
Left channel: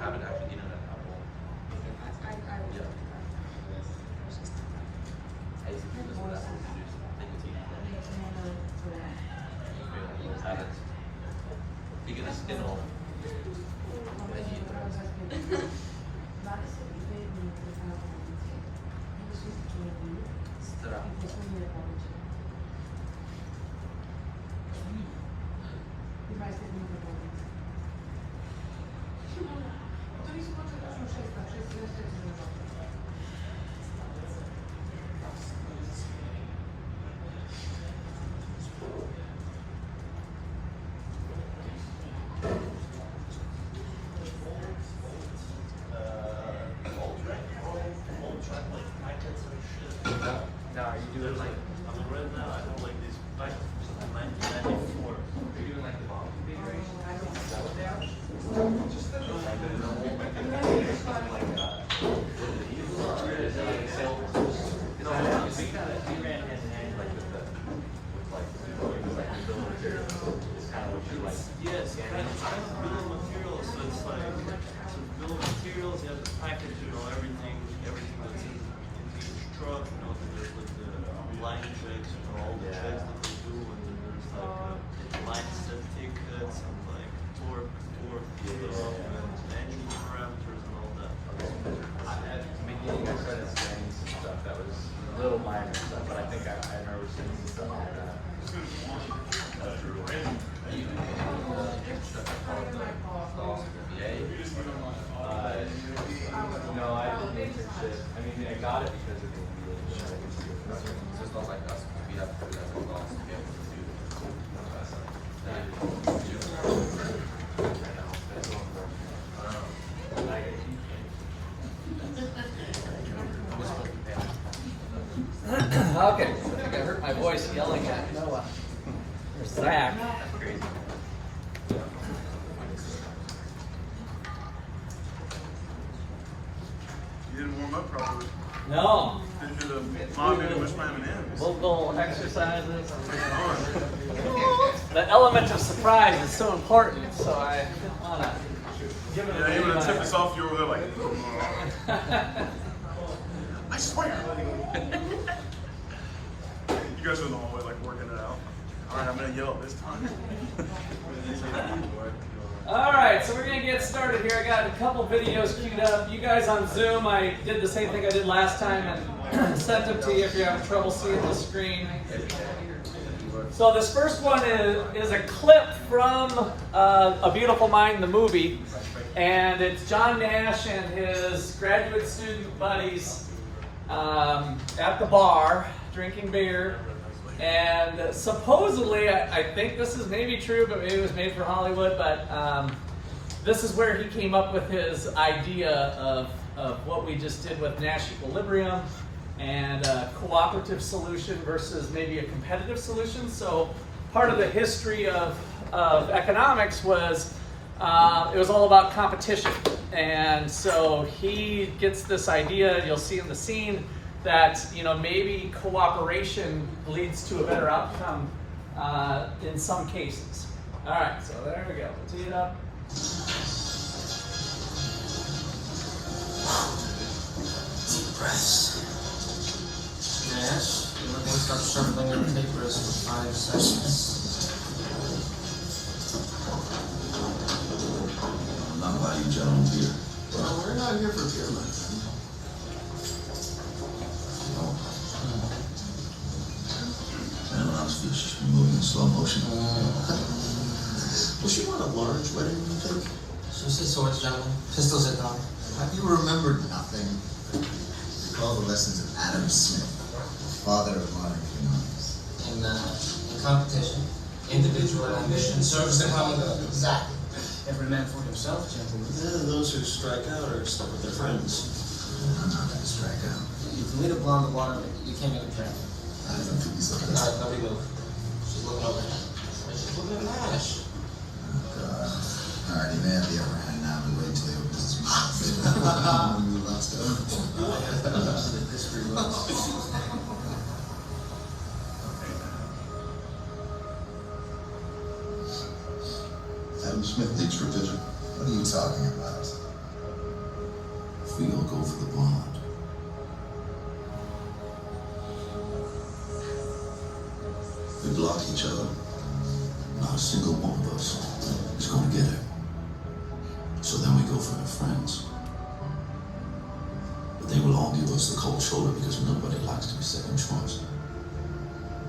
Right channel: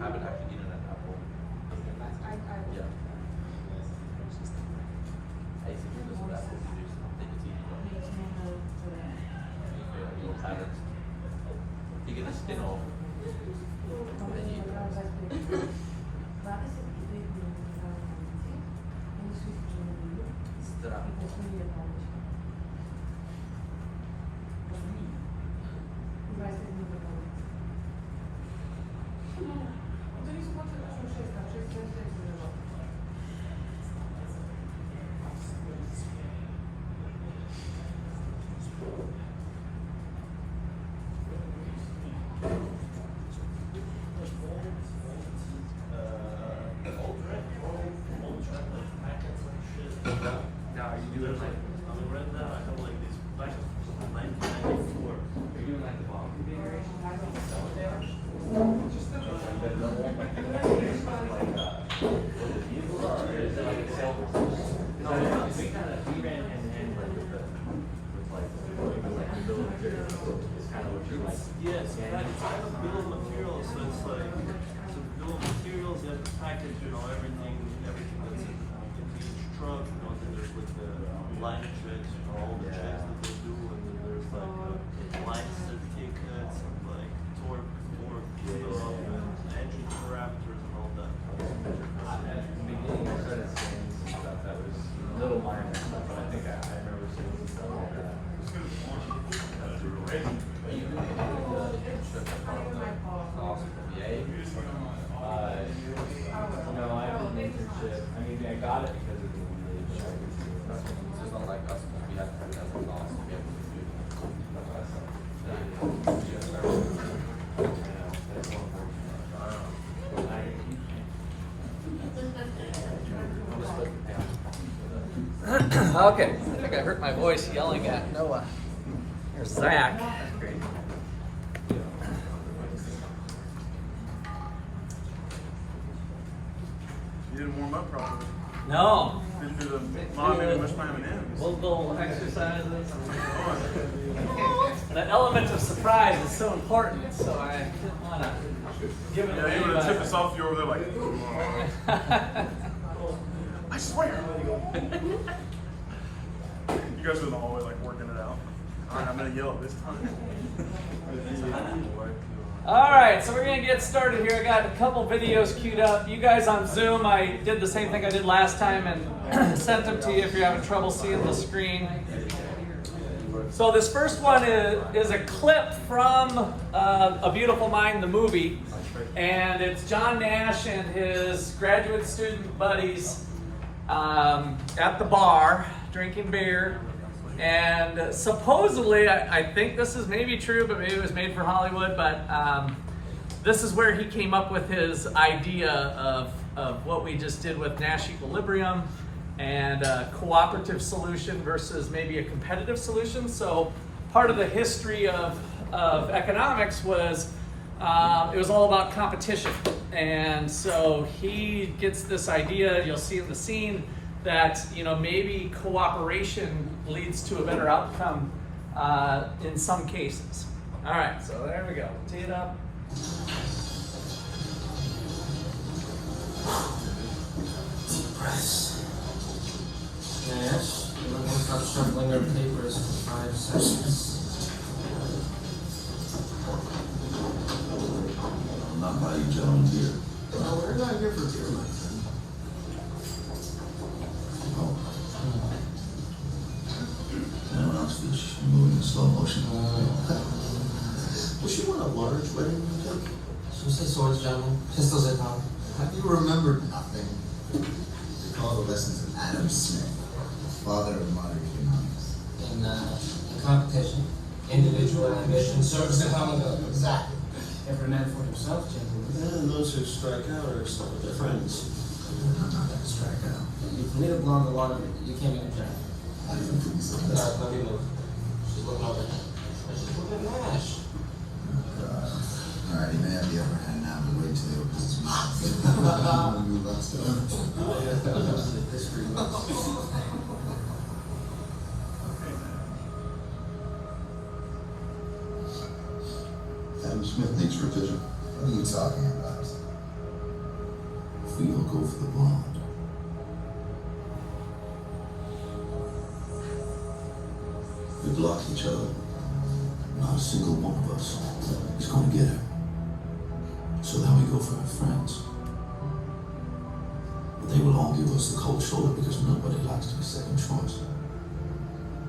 I haven't actually eaten an apple. You know, we ran hand in hand like with the bill of materials. It's kind of what you like. Yeah, it's kind of bill of materials. So it's like, so the bill of materials, you have to package, you know, everything that's in each truck. You know, then there's like the line checks, you know, all the checks that they do, and then there's like line set tickets and like torque stuff and engine parameters and all that. At the beginning, I started scanning some stuff that was little minor stuff, but I think I remember seeing some stuff like that. No, I didn't internship. I mean, I got it because of the MBA, but I didn't do it. So it's not like us, we have to have a class to be able to do this. Okay, I think I hurt my voice yelling at Noah. There's Zach. You didn't warm up properly. No. Didn't do the mom made much my M&M's. Little exercises. The element of surprise is so important, so I didn't want to give it away. Yeah, you would have by- tipped us off. You were there like, I swear. You guys were in the hallway like working it out. All right, I'm gonna yell at this time. All right, so we're gonna get started here. I got a couple videos queued up. You guys on Zoom, I did the same thing I did last time and sent them to you if you're having trouble seeing the screen. So this first one is a clip from A Beautiful Mind, the movie, and it's John Nash and his graduate student buddies at the bar drinking beer. And supposedly, I think this is maybe true, but maybe it was made for Hollywood, but this is where he came up with his idea of what we just did with Nash equilibrium and a cooperative solution versus maybe a competitive solution. So part of the history of economics was it was all about competition. And so he gets this idea, you'll see in the scene, that maybe cooperation leads to a better outcome in some cases. All right, so there we go. Tee it up. Deep breaths. Yes, you might want to stop shuffling your papers for 5 seconds. I'm not buying you gentlemen beer. No, we're not here for beer, Mike. Anyone else feels just moving in slow motion? Does she want a large wedding cake? She'll say swords, gentlemen. Pistols at dawn. Have you remembered nothing? Recall the lessons of Adam Smith, father of modern economics. In competition, individual ambition serves the common good. Exactly. Every man for himself, gentlemen. And those who strike out are stuck with their friends. I'm not going to strike out. You can lead a blonde to water, you can't even try. I don't think he's like Alright, let me move. She's looking over there. She's looking at Nash. God. Alright, he may have the upper hand now, but wait until he opens his mouth. Let's go. The history books. Adam Smith needs revision. What are you talking about? We all go for the blonde. We block each other. Not a single one of us is going to get her. So then we go for her friends. But they will all give us the cold shoulder because nobody likes to be second choice.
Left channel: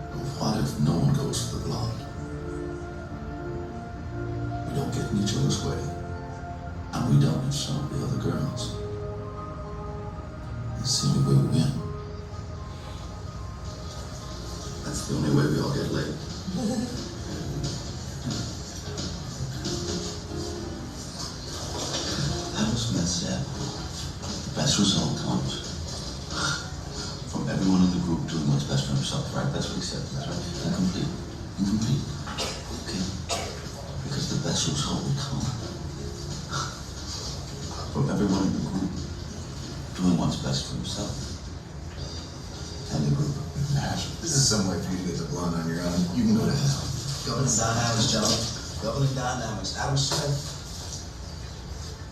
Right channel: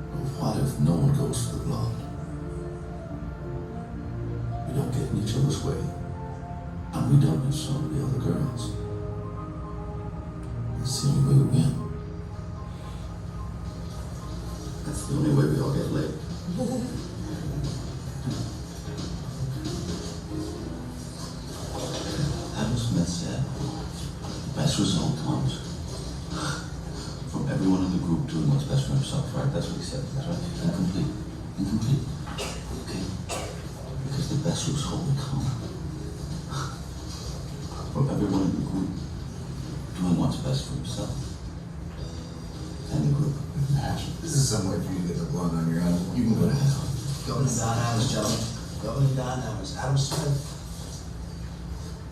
But what if no one goes for the blonde? We don't get in each other's way. And we don't in some of the other girls. That's the only way we win. That's the only way we all get laid. Adam Smith said, the best result comes from everyone in the group doing what's best for himself, right? That's what he said, that's right. Incomplete. Incomplete. Okay. Because the best result will come from everyone in the group doing what's best for himself and the group. Nash, this is some way for you to get the blunt on your own. You can go to hell. Governing dynamics, gentlemen. Governing dynamics. Adam Smith.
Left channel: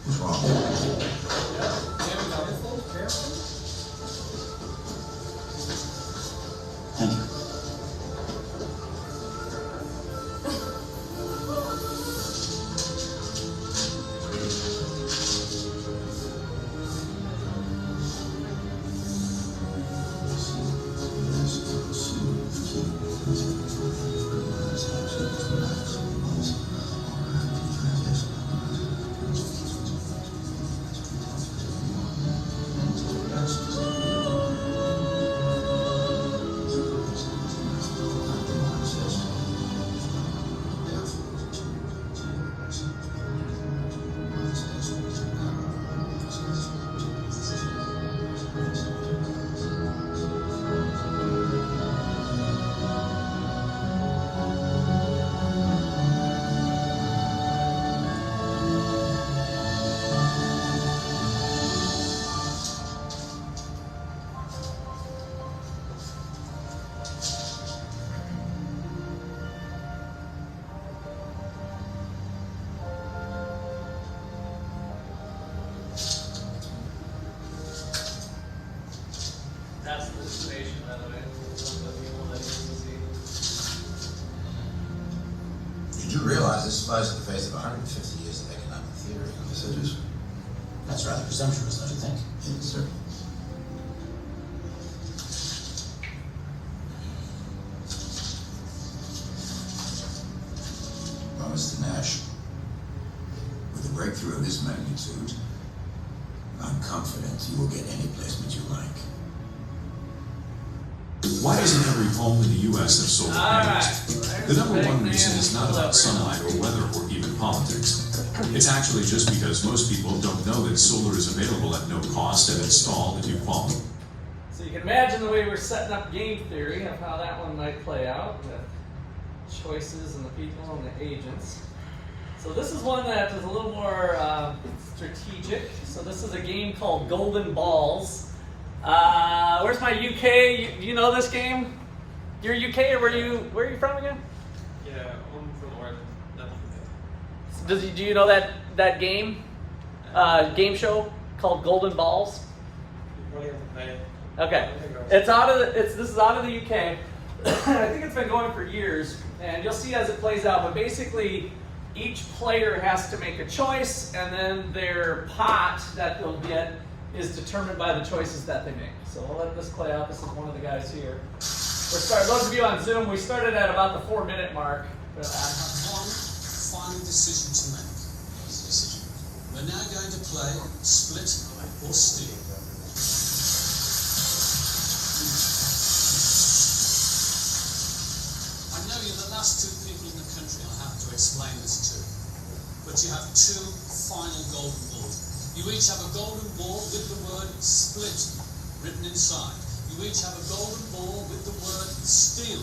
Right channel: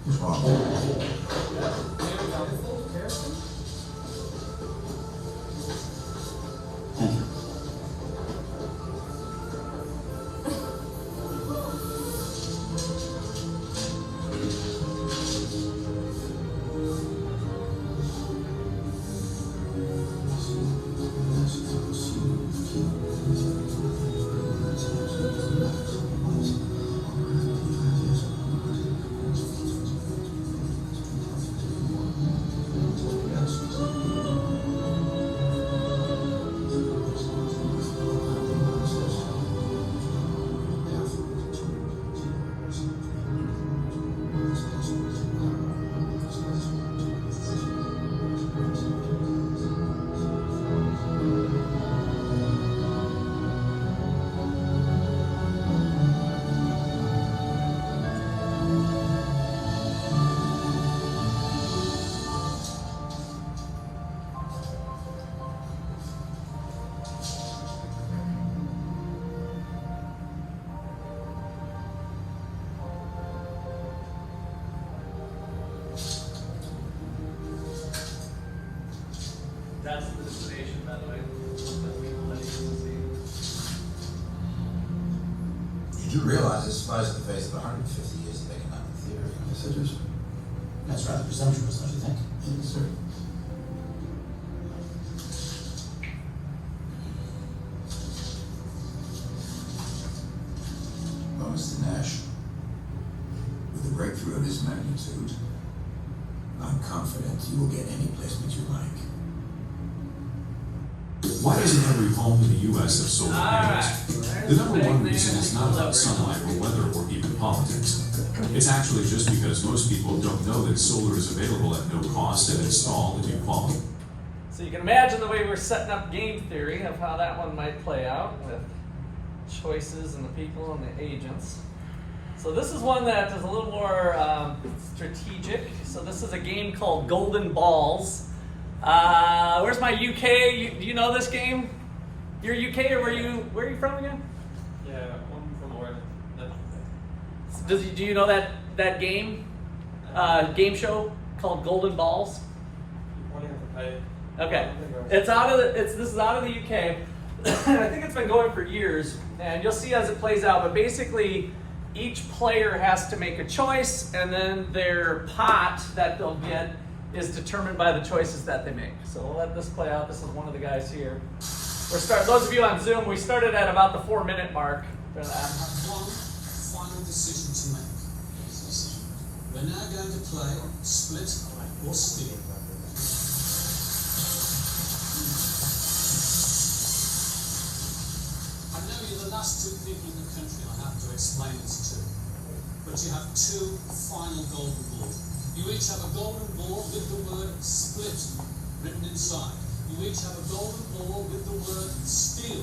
What's wrong? Thank you. That's the destination, by the way. You do realize this flies in the face of 150 years of economic theory. Yes, I do, sir. That's rather presumptuous, don't you think? Yes, sir. Well, Mr. Nash, with a breakthrough of this magnitude, I'm confident you will get any placement you like. Why doesn't every home in the U.S. have solar panels? The number one reason is not about sunlight or weather or even politics. It's actually just because most people don't know that solar is available at no cost and installed if you qualify. So you can imagine the way we're setting up game theory of how that one might play out with choices and the people and the agents. So this is one that is a little more strategic. So this is a game called Golden Balls. Where's my UK? You know this game? You're UK or where are you from again? Yeah, I'm from where? Do you know that game? Game show called Golden Balls? Okay. This is out of the UK. I think it's been going for years, and you'll see as it plays out, but basically each player has to make a choice, and then their pot that they'll get is determined by the choices that they make. So we'll let this play out. This is one of the guys here. Those of you on Zoom, we started at about the 4-minute mark. I have one final decision to make. We're now going to play split or steal. I know you're the last two people in the country I have to explain this to, but you have two final golden balls. You each have a golden ball with the word split written inside. You each have a golden ball with the word steal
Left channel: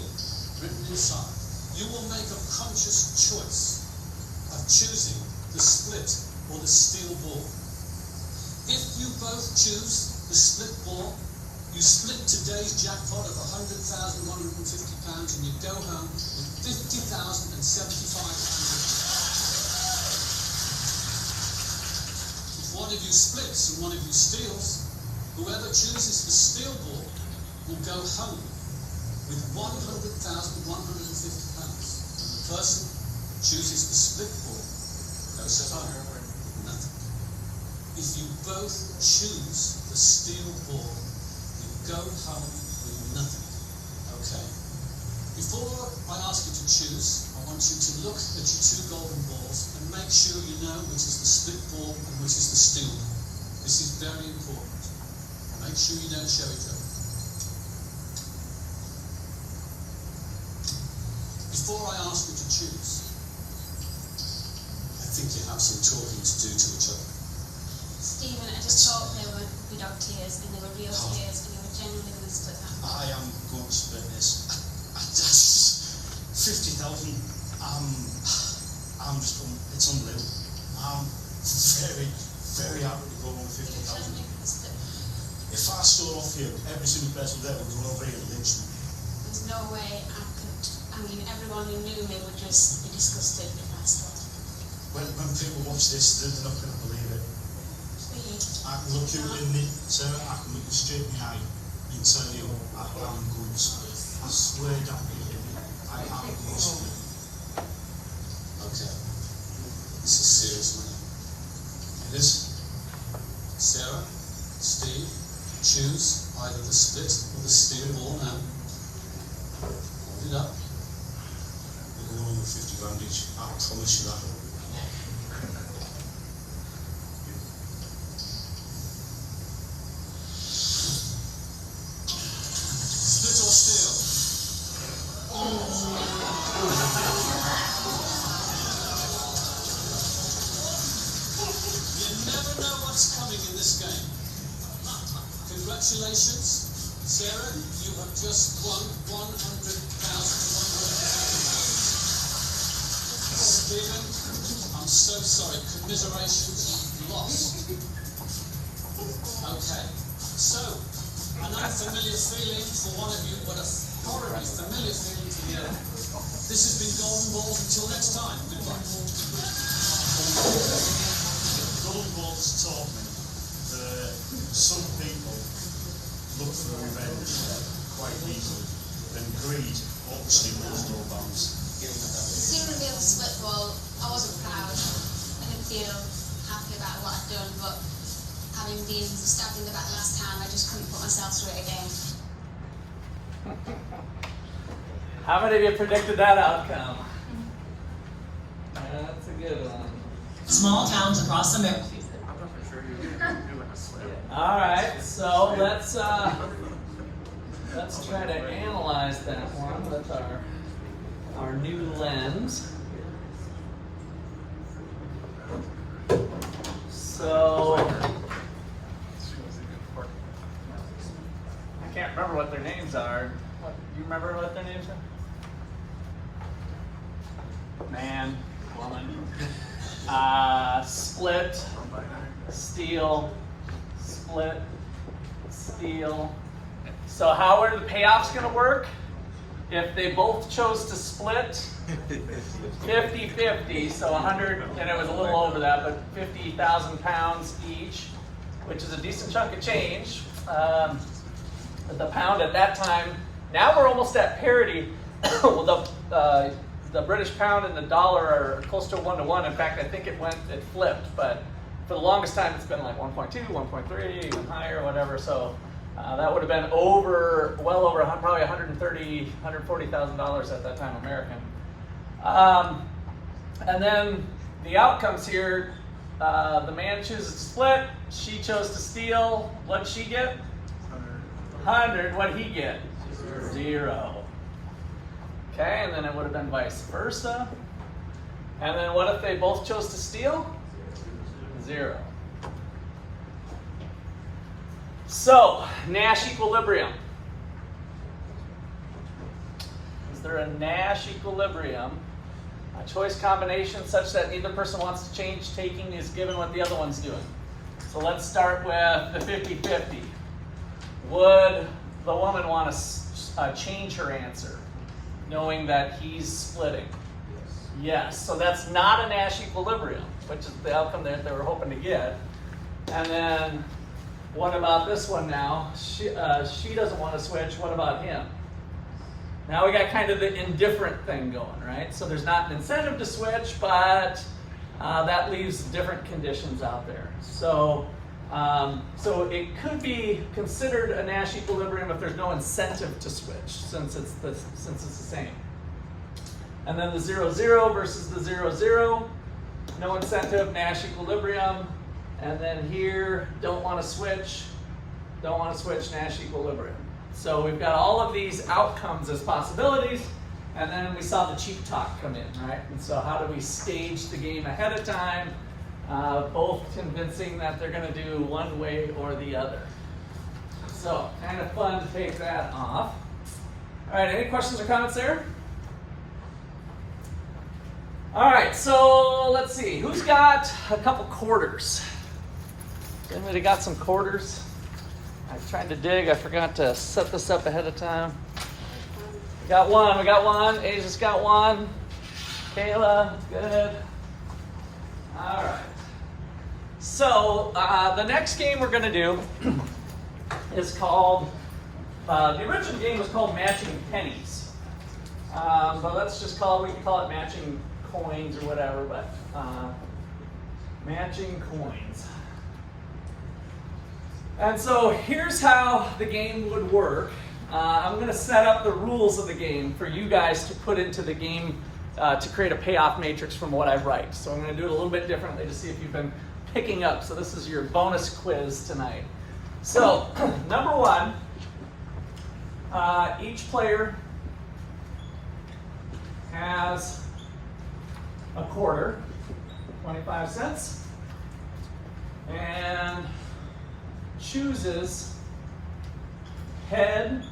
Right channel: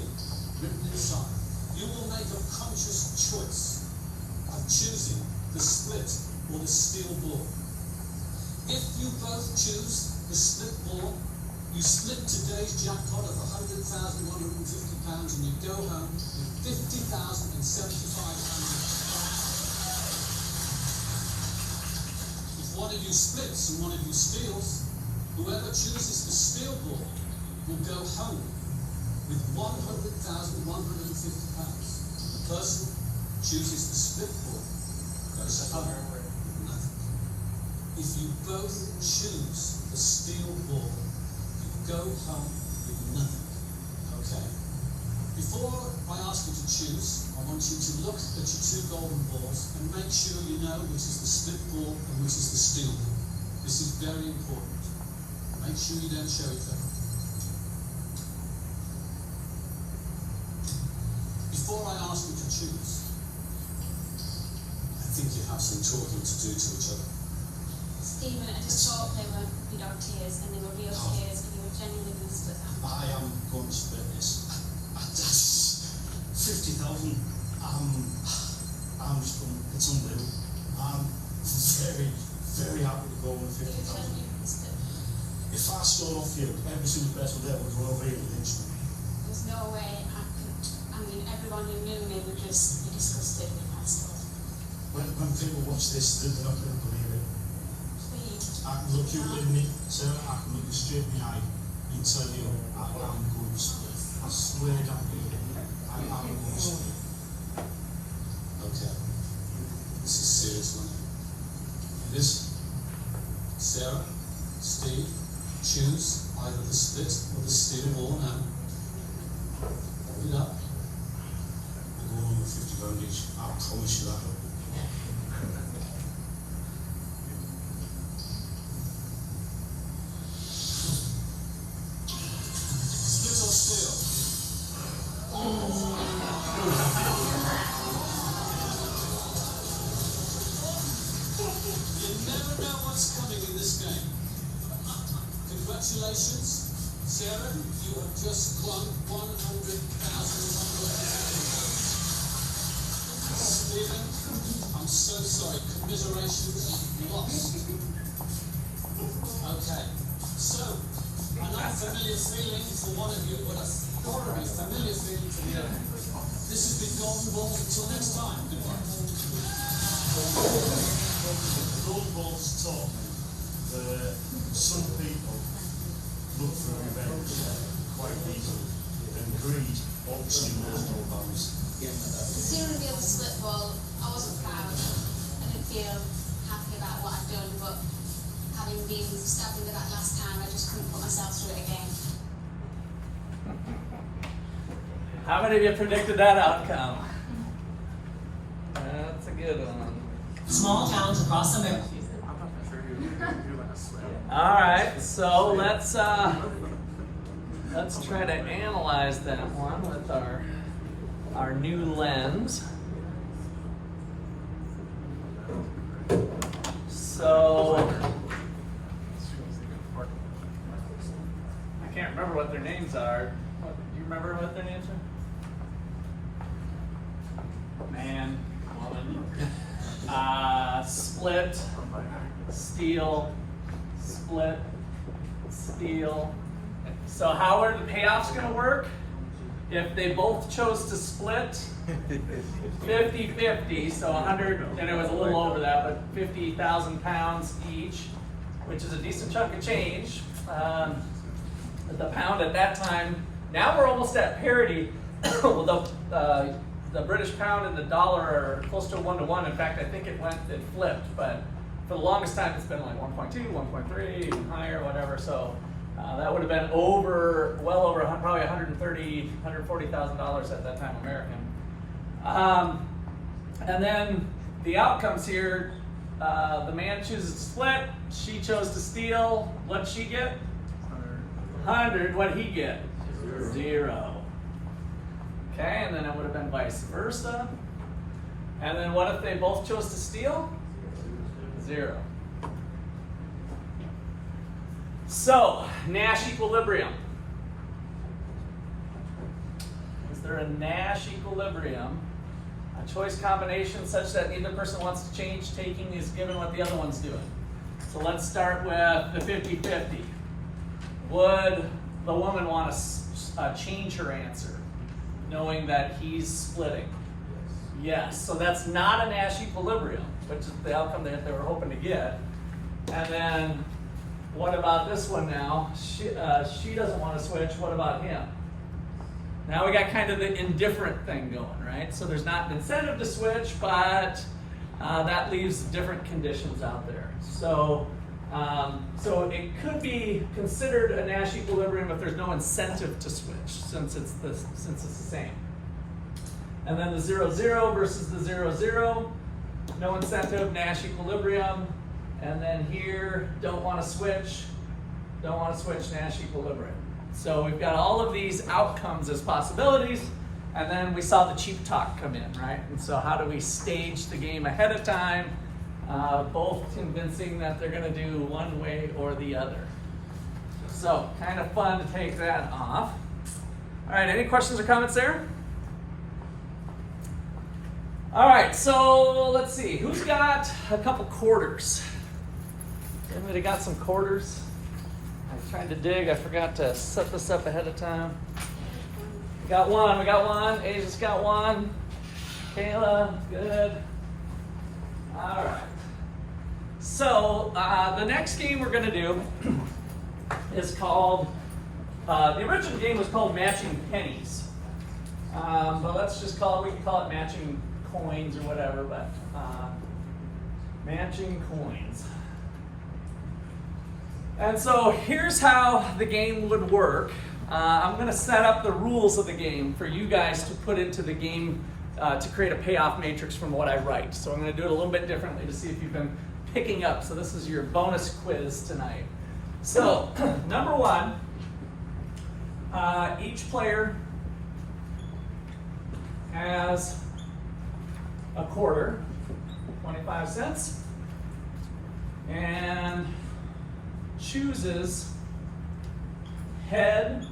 written inside. You will make a conscious choice of choosing the split or the steal ball. If you both choose the split ball, you split today's jackpot of £100,150 and you go home with £50,075. If one of you splits and one of you steals, whoever chooses the steal ball will go home with £100,150. And the person chooses the split ball goes home with nothing. If you both choose the steal ball, you go home with nothing. Okay. Before I ask you to choose, I want you to look at your two golden balls and make sure you know which is the split ball and which is the steal ball. This is very important. Make sure you don't show each other. Before I ask you to choose, I think you have some talking to do to each other. Stephen, I just thought they were without tears, and they were real tears, and you were genuinely going to split that. I am going to split this. That's 50,000. I'm just, it's unbelievable. I'm very, very happy to go with 50,000. If I stole off you, every single person there would well be lynch me. There's no way I could. I mean, everyone who knew me would just be disgusted if I stole. When people watch this, they're not going to believe it. Please. I can look you in the, Sarah, I can look you straight in the eye and tell you I'm going to split. I swear down here, I'm going to split. Okay. This is serious money. It is. Sarah, Steve, choose either the split or the steel ball now. Hold it up. We're going over 50 grand each. I promise you that. Split or steel? You never know what's coming in this game. Congratulations, Sarah, you have just won £100,000. Stephen, I'm so sorry, commiserations, you lost. Okay, so, an unfamiliar feeling for one of you, but a horribly familiar feeling for the other. This has been Golden Balls. Until next time, goodbye. Golden Balls taught me that some people look for revenge quite easily, and greed obviously knows no bounds. Seeing the other split ball, I wasn't proud. I didn't feel happy about what I'd done, but having been stabbed in the back last time, I just couldn't put myself through it again. How many of you predicted that outcome? That's a good one. Small towns across America. I thought for sure he was going to do like a slam. All right, so let's try to analyze that one with our new lens. So I can't remember what their names are. Do you remember what their names are? Man, woman, split, steal, split, steal. So how are the payoffs going to work? If they both chose to split 50-50, so 100, and it was a little over that, but 50,000 pounds each, which is a decent chunk of change. But the pound at that time, now we're almost at parity. The British pound and the dollar are close to 1-to-1. In fact, I think it flipped, but for the longest time it's been like 1.2, 1.3, even higher, whatever. So that would have been well over probably $130,000, $140,000 at that time American. And then the outcomes here, the man chooses to split, she chose to steal. What'd she get? 100. What'd he get? 0. Okay, and then it would have been vice versa. And then what if they both chose to steal? 0. So, Nash equilibrium. Is there a Nash equilibrium? A choice combination such that neither person wants to change taking is given what the other one's doing. So let's start with the 50-50. Would the woman want to change her answer, knowing that he's splitting? Yes. So that's not a Nash equilibrium, which is the outcome that they were hoping to get. And then what about this one now? She doesn't want to switch. What about him? Now we got kind of the indifferent thing going, right? So there's not an incentive to switch, but that leaves different conditions out there. So it could be considered a Nash equilibrium if there's no incentive to switch, since it's the same. And then the 0-0 versus the 0-0, no incentive, Nash equilibrium. And then here, don't want to switch, Nash equilibrium. So we've got all of these outcomes as possibilities, and then we saw the cheap talk come in, right? And so how do we stage the game ahead of time, both convincing that they're going to do one way or the other. So kind of fun to take that off. All right, any questions or comments there? All right, so let's see. Who's got a couple quarters? Anybody got some quarters? I tried to dig. I forgot to set this up ahead of time. We got one. We got one. Asia's got one. Kayla, good. All right. So the next game we're going to do is called, the original game was called Matching Pennies. But let's just we can call it Matching Coins or whatever, but Matching Coins. And so here's how the game would work. I'm going to set up the rules of the game for you guys to put into the game to create a payoff matrix from what I write. So I'm going to do it a little bit differently to see if you've been picking up. So this is your bonus quiz tonight. So number one, each player has a quarter, 25 cents, and chooses head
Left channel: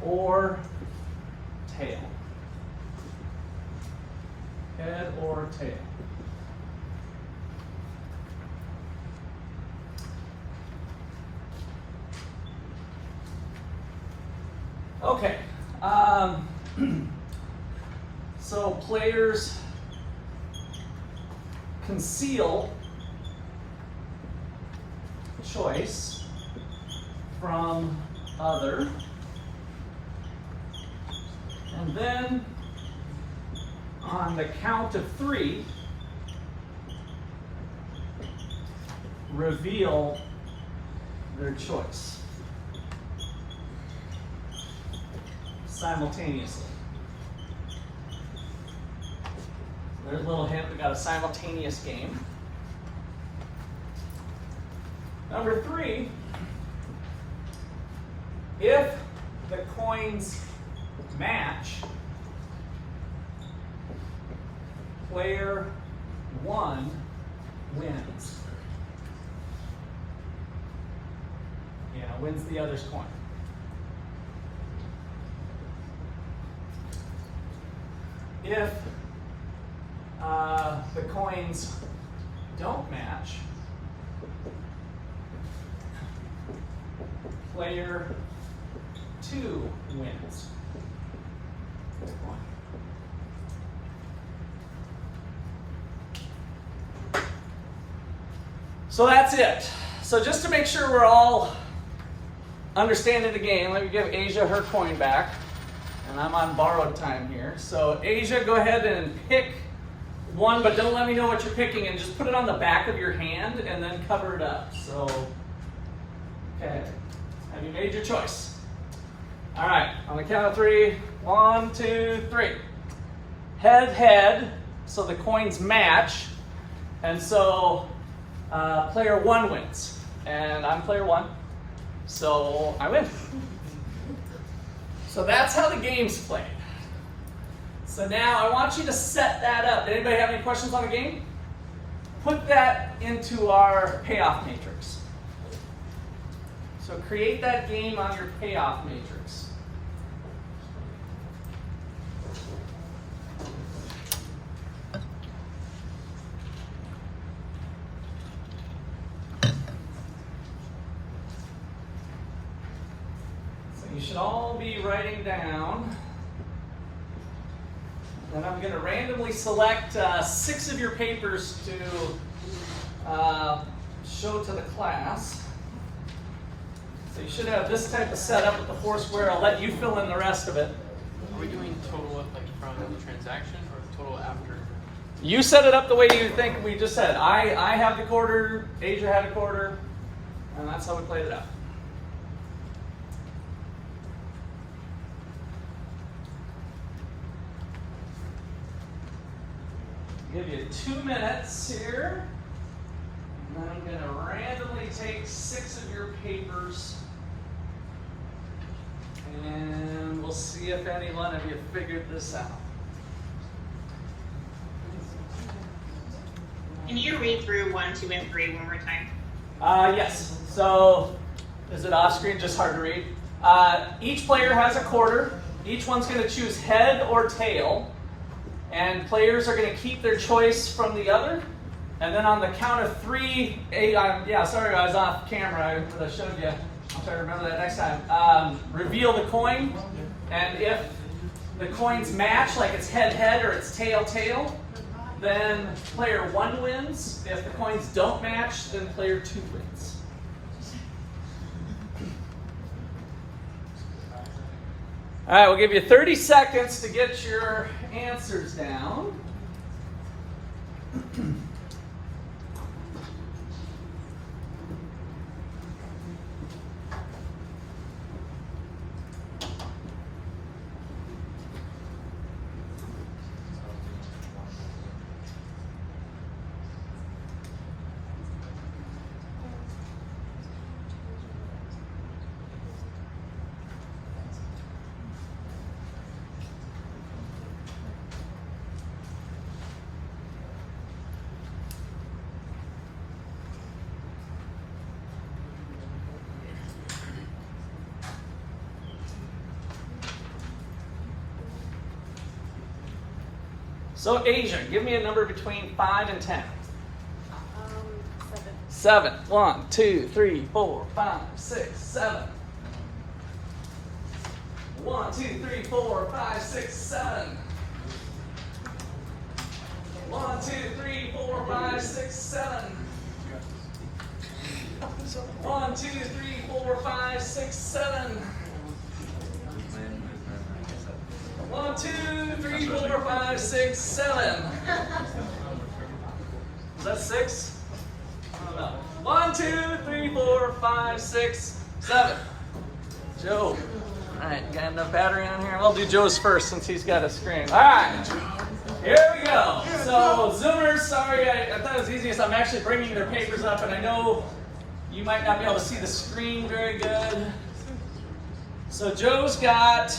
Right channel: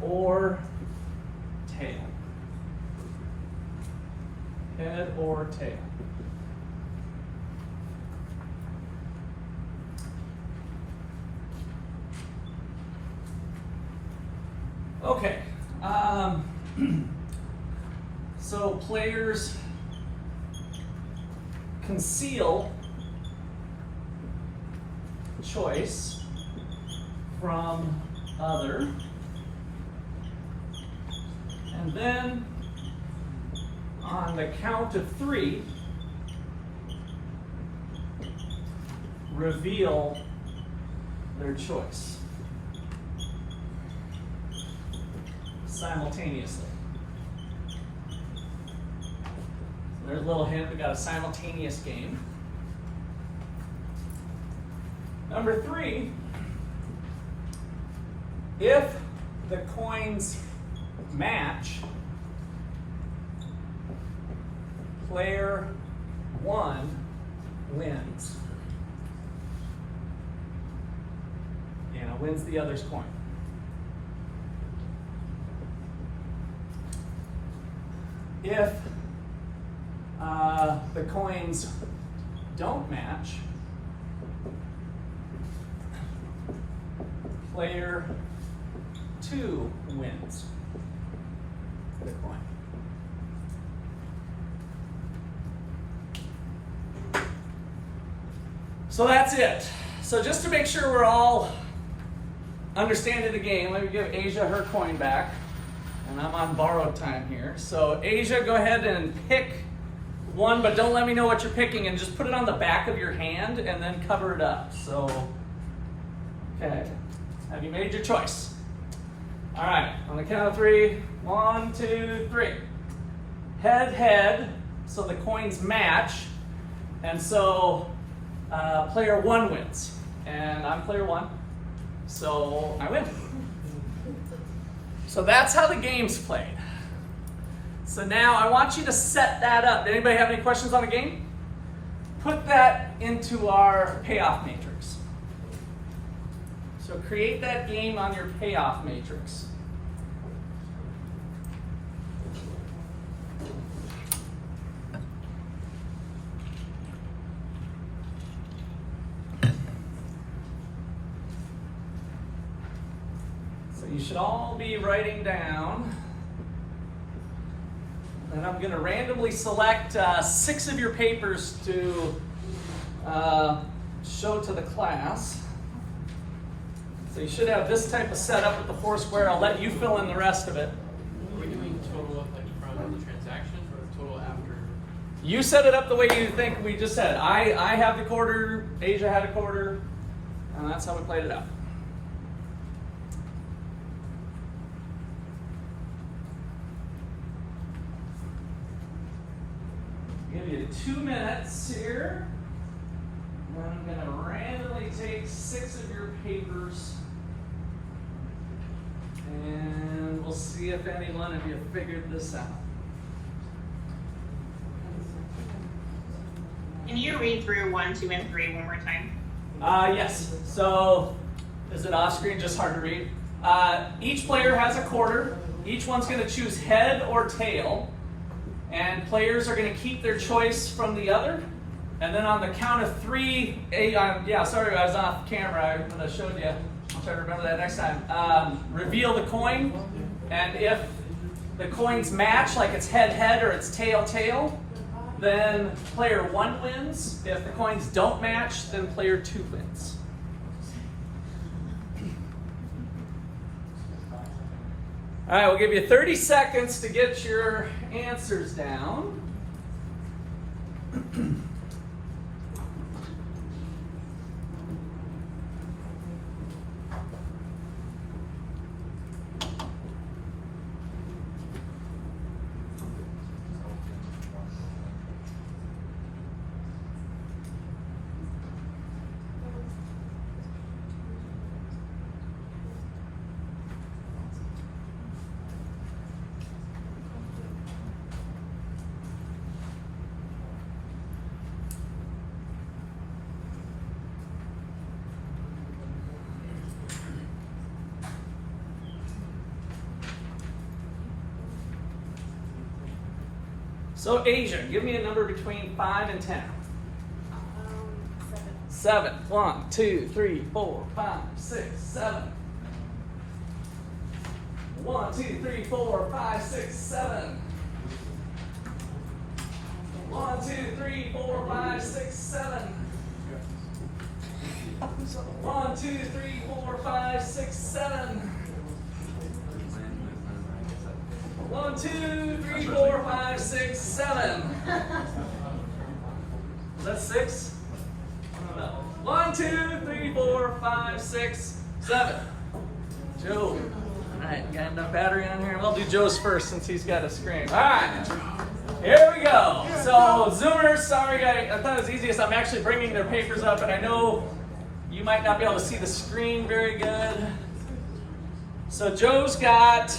or tail. Head or tail. Okay. So players conceal choice from other, and then on the count of 3, reveal their choice simultaneously. There's a little hint, we got a simultaneous game. Number 3, if the coins match, player 1 wins. Wins the other's coin. If the coins don't match, player 2 wins the coin. So that's it. So just to make sure we're all understanding the game, let me give Asia her coin back. And I'm on borrowed time here. So Asia, go ahead and pick one, but don't let me know what you're picking, and just put it on the back of your hand and then cover it up. So, okay. Have you made your choice? All right, on the count of 3, 1, 2, 3. Head, head, so the coins match, and so player 1 wins. And I'm player 1, so I win. So that's how the game's played. So now I want you to set that up. Did anybody have any questions on the game? Put that into our payoff matrix. So create that game on your payoff matrix. So you should all be writing down. And I'm going to randomly select 6 of your papers to show to the class. So you should have this type of setup with the 4 square. I'll let you fill in the rest of it. Are we doing total from the transaction or total after? You set it up the way you think we just said. I have the quarter, Asia had a quarter, and that's how we played it out. Give you 2 minutes here. And then I'm going to randomly take 6 of your papers. And we'll see if any one of you figured this out. Can you read through 1, 2, and 3 one more time? Yes. So, is it off screen? Just hard to read. Each player has a quarter. Each one's going to choose head or tail. And players are going to keep their choice from the other. And then on the count of three, sorry, I was off camera, but I showed you. I'll try to remember that next time. Reveal the coin, and if the coins match, like it's head-head or it's tail-tail, then player 1 wins. If the coins don't match, then player 2 wins. All right, we'll give you 30 seconds to get your answers down. So Asia, give me a number between 5 and 10. 7. 1, 2, 3, 4, 5, 6, 7. 1, 2, 3, 4, 5, 6, 7. 1, 2, 3, 4, 5, 6, 7. 1, 2, 3, 4, 5, 6, 7. 1, 2, 3, 4, 5, 6, 7. Was that 6? I don't know. 1, 2, 3, 4, 5, 6, 7. Joe. All right, got enough battery on here? We'll do Joe's first since he's got a screen. All right, here we go. So Zoomers, sorry, I thought it was easiest. I'm actually bringing their papers up, and I know you might not be able to see the screen very good. So Joe's got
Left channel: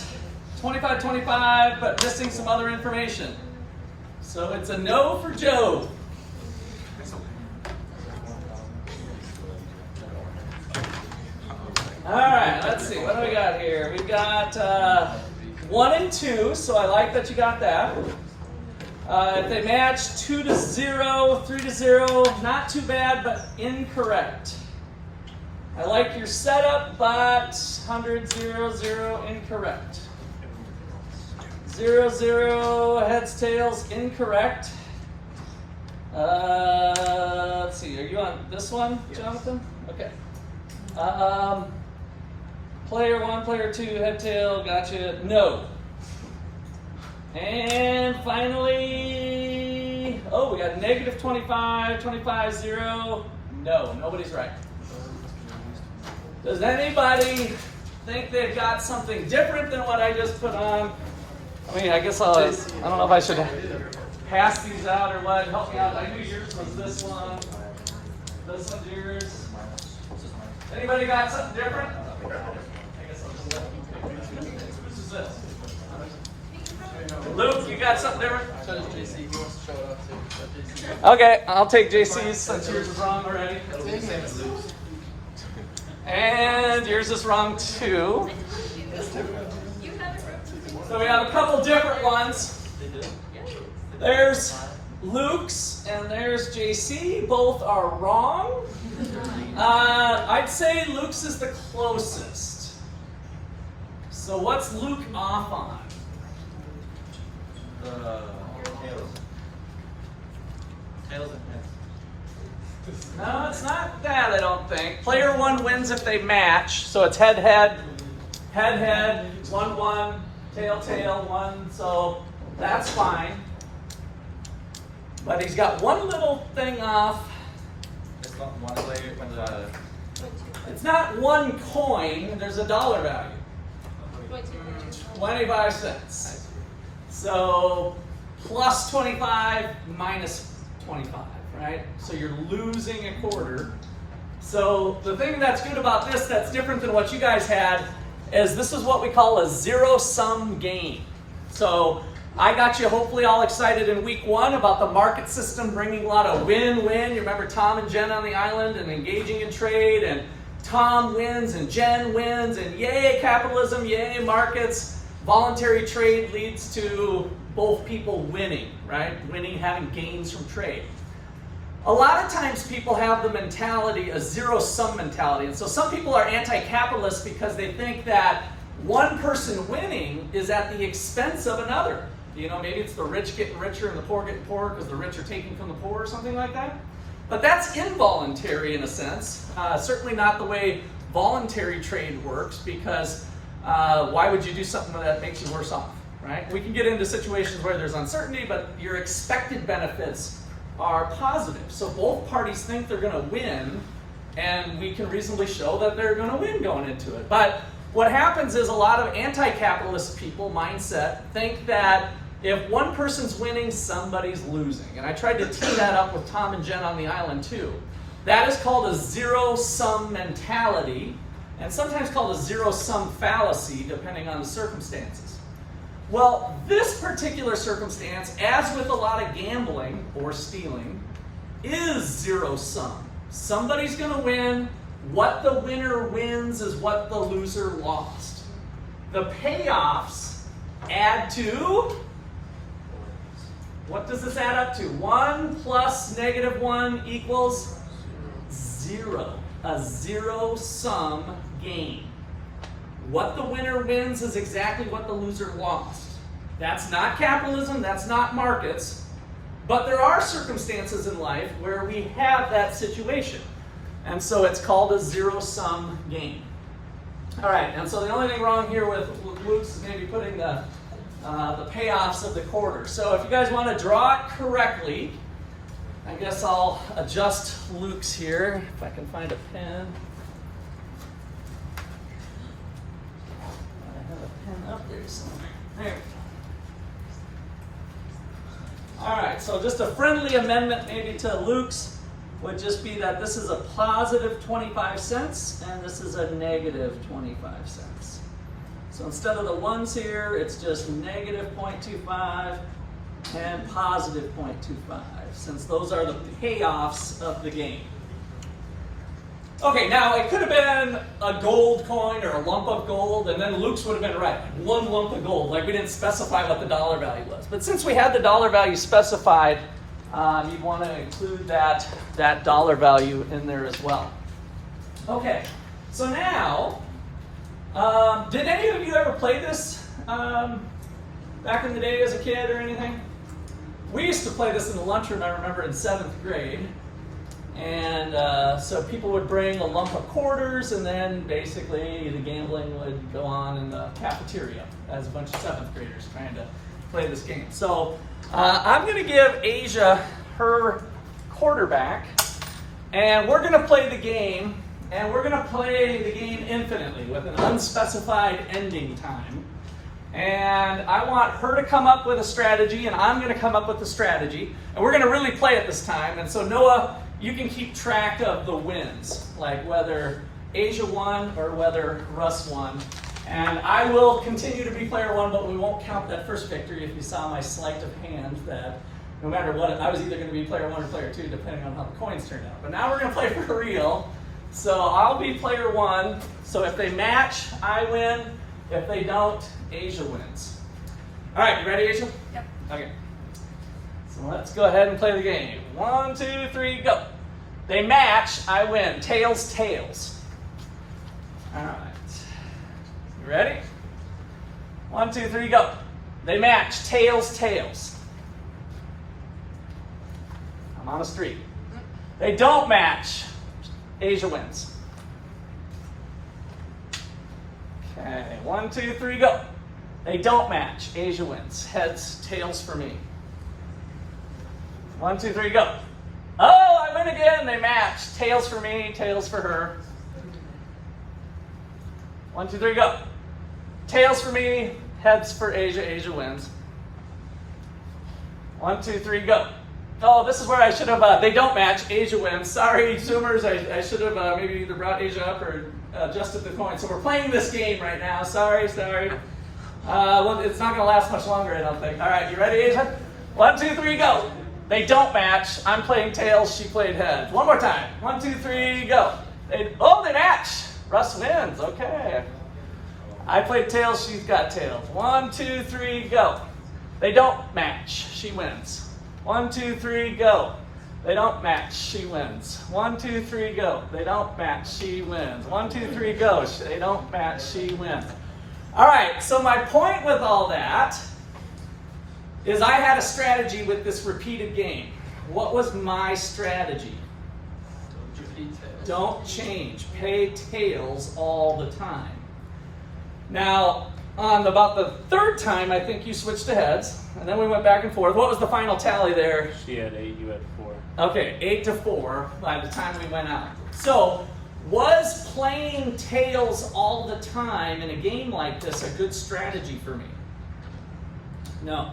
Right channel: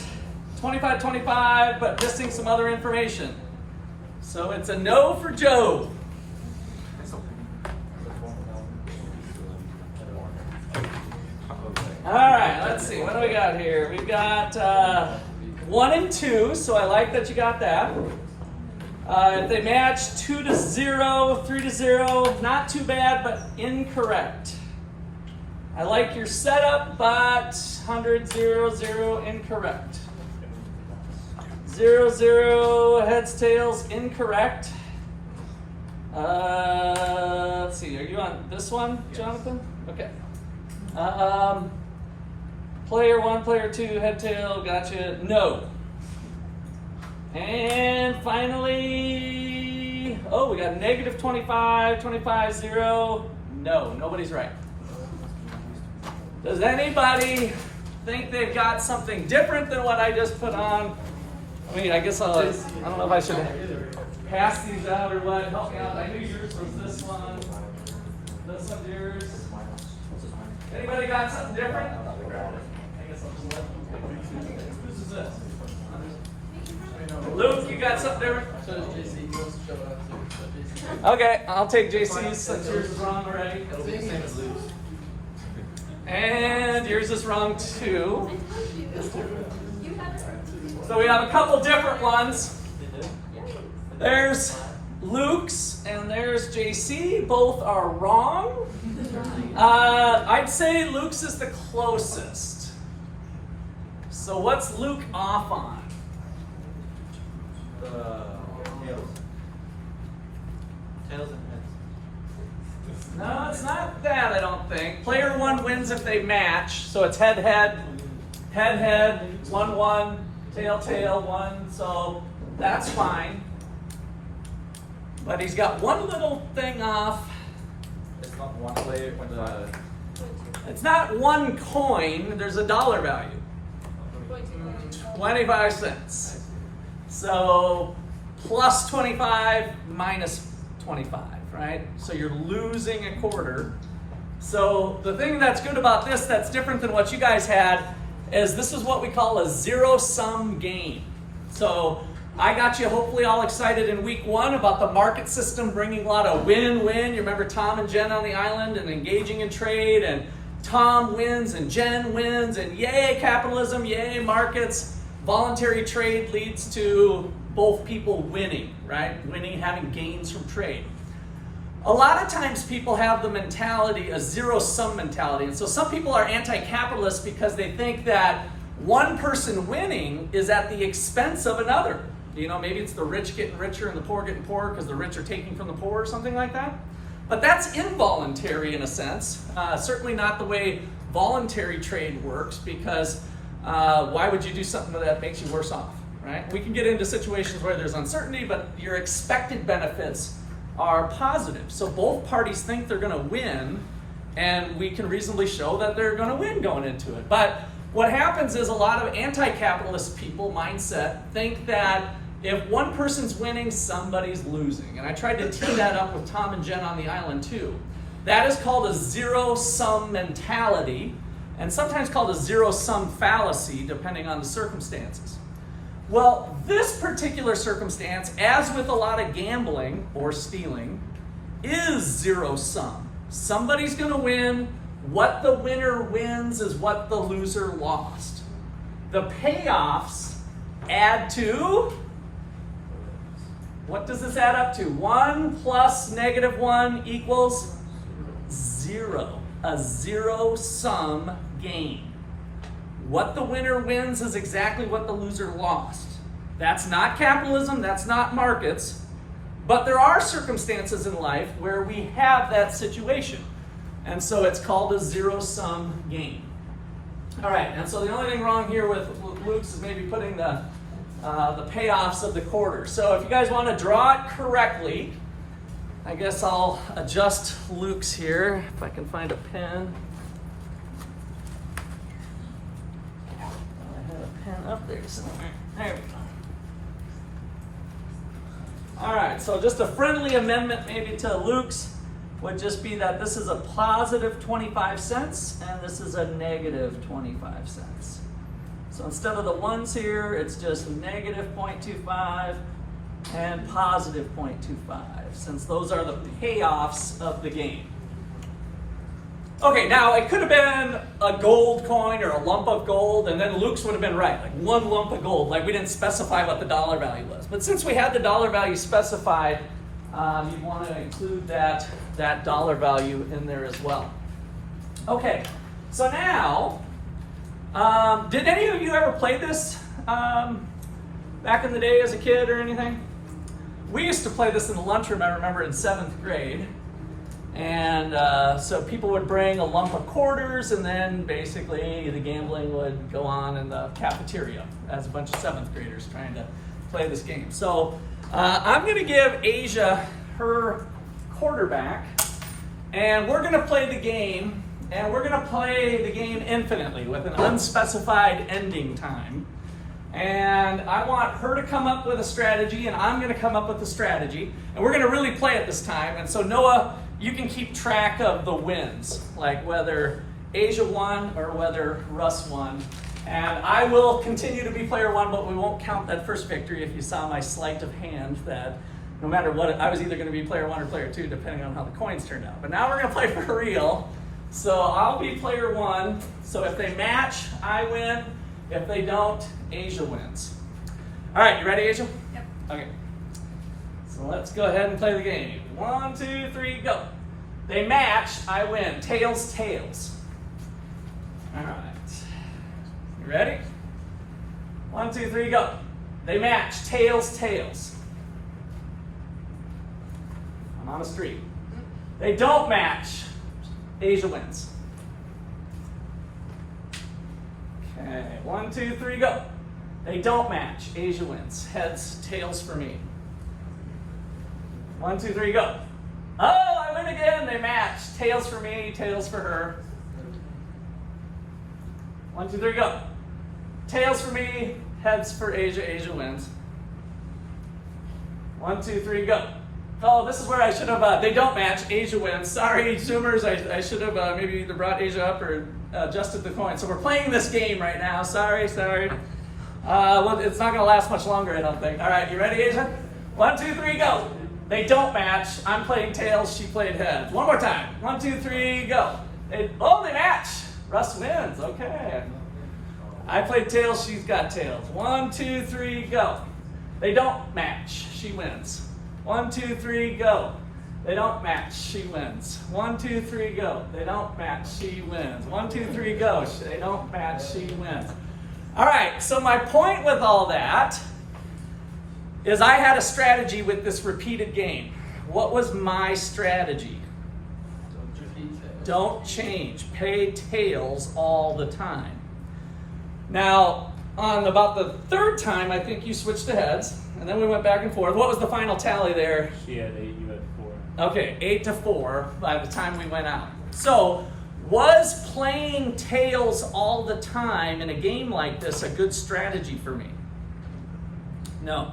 25-25, but missing some other information. So it's a no for Joe. It's okay. All right, let's see. What do we got here? We've got 1 and 2, so I like that you got that. If they match 2 to 0, 3 to 0, not too bad, but incorrect. I like your setup, but 100, 0, 0, incorrect. 0, 0, heads, tails, incorrect. Let's see, are you on this one, Jonathan? Okay. Player 1, player 2, head, tail, gotcha, no. And finally, we got -25, 25, 0. No, nobody's right. Does anybody think they've got something different than what I just put on? I mean, I guess I don't know if I should pass these out or what. Help me out. I knew yours was this one. This one's yours. Anybody got something different? I guess I'll just whose is this? Luke, you got something different? Okay, I'll take JC's since yours is wrong already. And yours is wrong too. So we have a couple different ones. There's Luke's and there's JC. Both are wrong. I'd say Luke's is the closest. So what's Luke off on? Tails and heads. No, it's not that, I don't think. Player 1 wins if they match. So it's head, head, head, head, 1, 1, tail, tail, 1. So that's fine. But he's got one little thing off. It's not one player when It's not one coin, there's a dollar value. 25 cents. So plus 25 minus 25, right? So you're losing a quarter. So the thing that's good about this that's different than what you guys had is this is what we call a zero-sum game. So I got you hopefully all excited in week 1 about the market system bringing a lot of win-win. You remember Tom and Jen on the island and engaging in trade, and Tom wins and Jen wins, and yay capitalism, yay markets. Voluntary trade leads to both people winning, right? Winning, having gains from trade. A lot of times people have the mentality, a zero-sum mentality. And so some people are anti-capitalist because they think that one person winning is at the expense of another. You know, maybe it's the rich getting richer and the poor getting poorer because the rich are taking from the poor or something like that. But that's involuntary in a sense. Certainly not the way voluntary trade works, because why would you do something that makes you worse off, right? We can get into situations where there's uncertainty, but your expected benefits are positive. So both parties think they're going to win, and we can reasonably show that they're going to win going into it. But what happens is a lot of anti-capitalist people mindset think that if one person's winning, somebody's losing. And I tried to tee that up with Tom and Jen on the island too. That is called a zero-sum mentality, and sometimes called a zero-sum fallacy, depending on the circumstances. Well, this particular circumstance, as with a lot of gambling or stealing, is zero-sum. Somebody's going to win. What the winner wins is what the loser lost. The payoffs add to, what does this add up to? 1 plus -1 equals 0. A zero-sum game. What the winner wins is exactly what the loser lost. That's not capitalism, that's not markets, but there are circumstances in life where we have that situation. And so it's called a zero-sum game. All right, and so the only thing wrong here with Luke's is maybe putting the payoffs of the quarter. So if you guys want to draw it correctly, I guess I'll adjust Luke's here, if I can find a pen. I had a pen up there somewhere. There we go. All right, so just a friendly amendment maybe to Luke's would just be that this is a positive 25 cents and this is a negative 25 cents. So instead of the ones here, it's just negative 0.25 and positive 0.25, since those are the payoffs of the game. Okay, now it could have been a gold coin or a lump of gold, and then Luke's would have been right, like 1 lump of gold, like we didn't specify what the dollar value was. But since we had the dollar value specified, you want to include that dollar value in there as well. Okay, so now, did any of you ever play this back in the day as a kid or anything? We used to play this in the lunchroom, I remember, in 7th grade. And so people would bring a lump of quarters, and then basically the gambling would go on in the cafeteria as a bunch of 7th graders trying to play this game. So I'm going to give Asia her quarterback, and we're going to play the game, and we're going to play the game infinitely with an unspecified ending time. And I want her to come up with a strategy, and I'm going to come up with a strategy, and we're going to really play it this time. And so Noah, you can keep track of the wins, like whether Asia won or whether Russ won. And I will continue to be player 1, but we won't count that first victory if you saw my sleight of hand that no matter what, I was either going to be player 1 or player 2, depending on how the coins turned out. But now we're going to play for real. So I'll be player 1. So if they match, I win. If they don't, Asia wins. All right, you ready, Asia? Yep. Okay. So let's go ahead and play the game. 1, 2, 3, go. They match, I win. Tails, tails. All right. You ready? 1, 2, 3, go. They match, tails, tails. I'm on a streak. They don't match, Asia wins. Okay, 1, 2, 3, go. They don't match, Asia wins. Heads, tails for me. 1, 2, 3, go. Oh, I win again. They match. Tails for me, tails for her. 1, 2, 3, go. Tails for me, heads for Asia. Asia wins. 1, 2, 3, go. Oh, this is where I should have, they don't match. Asia wins. Sorry, Zoomers. I should have maybe either brought Asia up or adjusted the coin. So we're playing this game right now. Sorry. Well, it's not going to last much longer, I don't think. All right, you ready, Asia? 1, 2, 3, go. They don't match. I'm playing tails. She played heads. One more time. 1, 2, 3, go. They match. Russ wins. Okay. I played tails. She's got tails. 1, 2, 3, go. They don't match. She wins. 1, 2, 3, go. They don't match, she wins. 1, 2, 3, go. They don't match, she wins. 1, 2, 3, go. They don't match, she wins. All right, so my point with all that is I had a strategy with this repeated game. What was my strategy? Don't change. Pay tails all the time. Now, on about the third time, I think you switched to heads, and then we went back and forth. What was the final tally there? She had 8, you had 4. Okay, 8-4 by the time we went out. So, was playing tails all the time in a game like this a good strategy for me? No.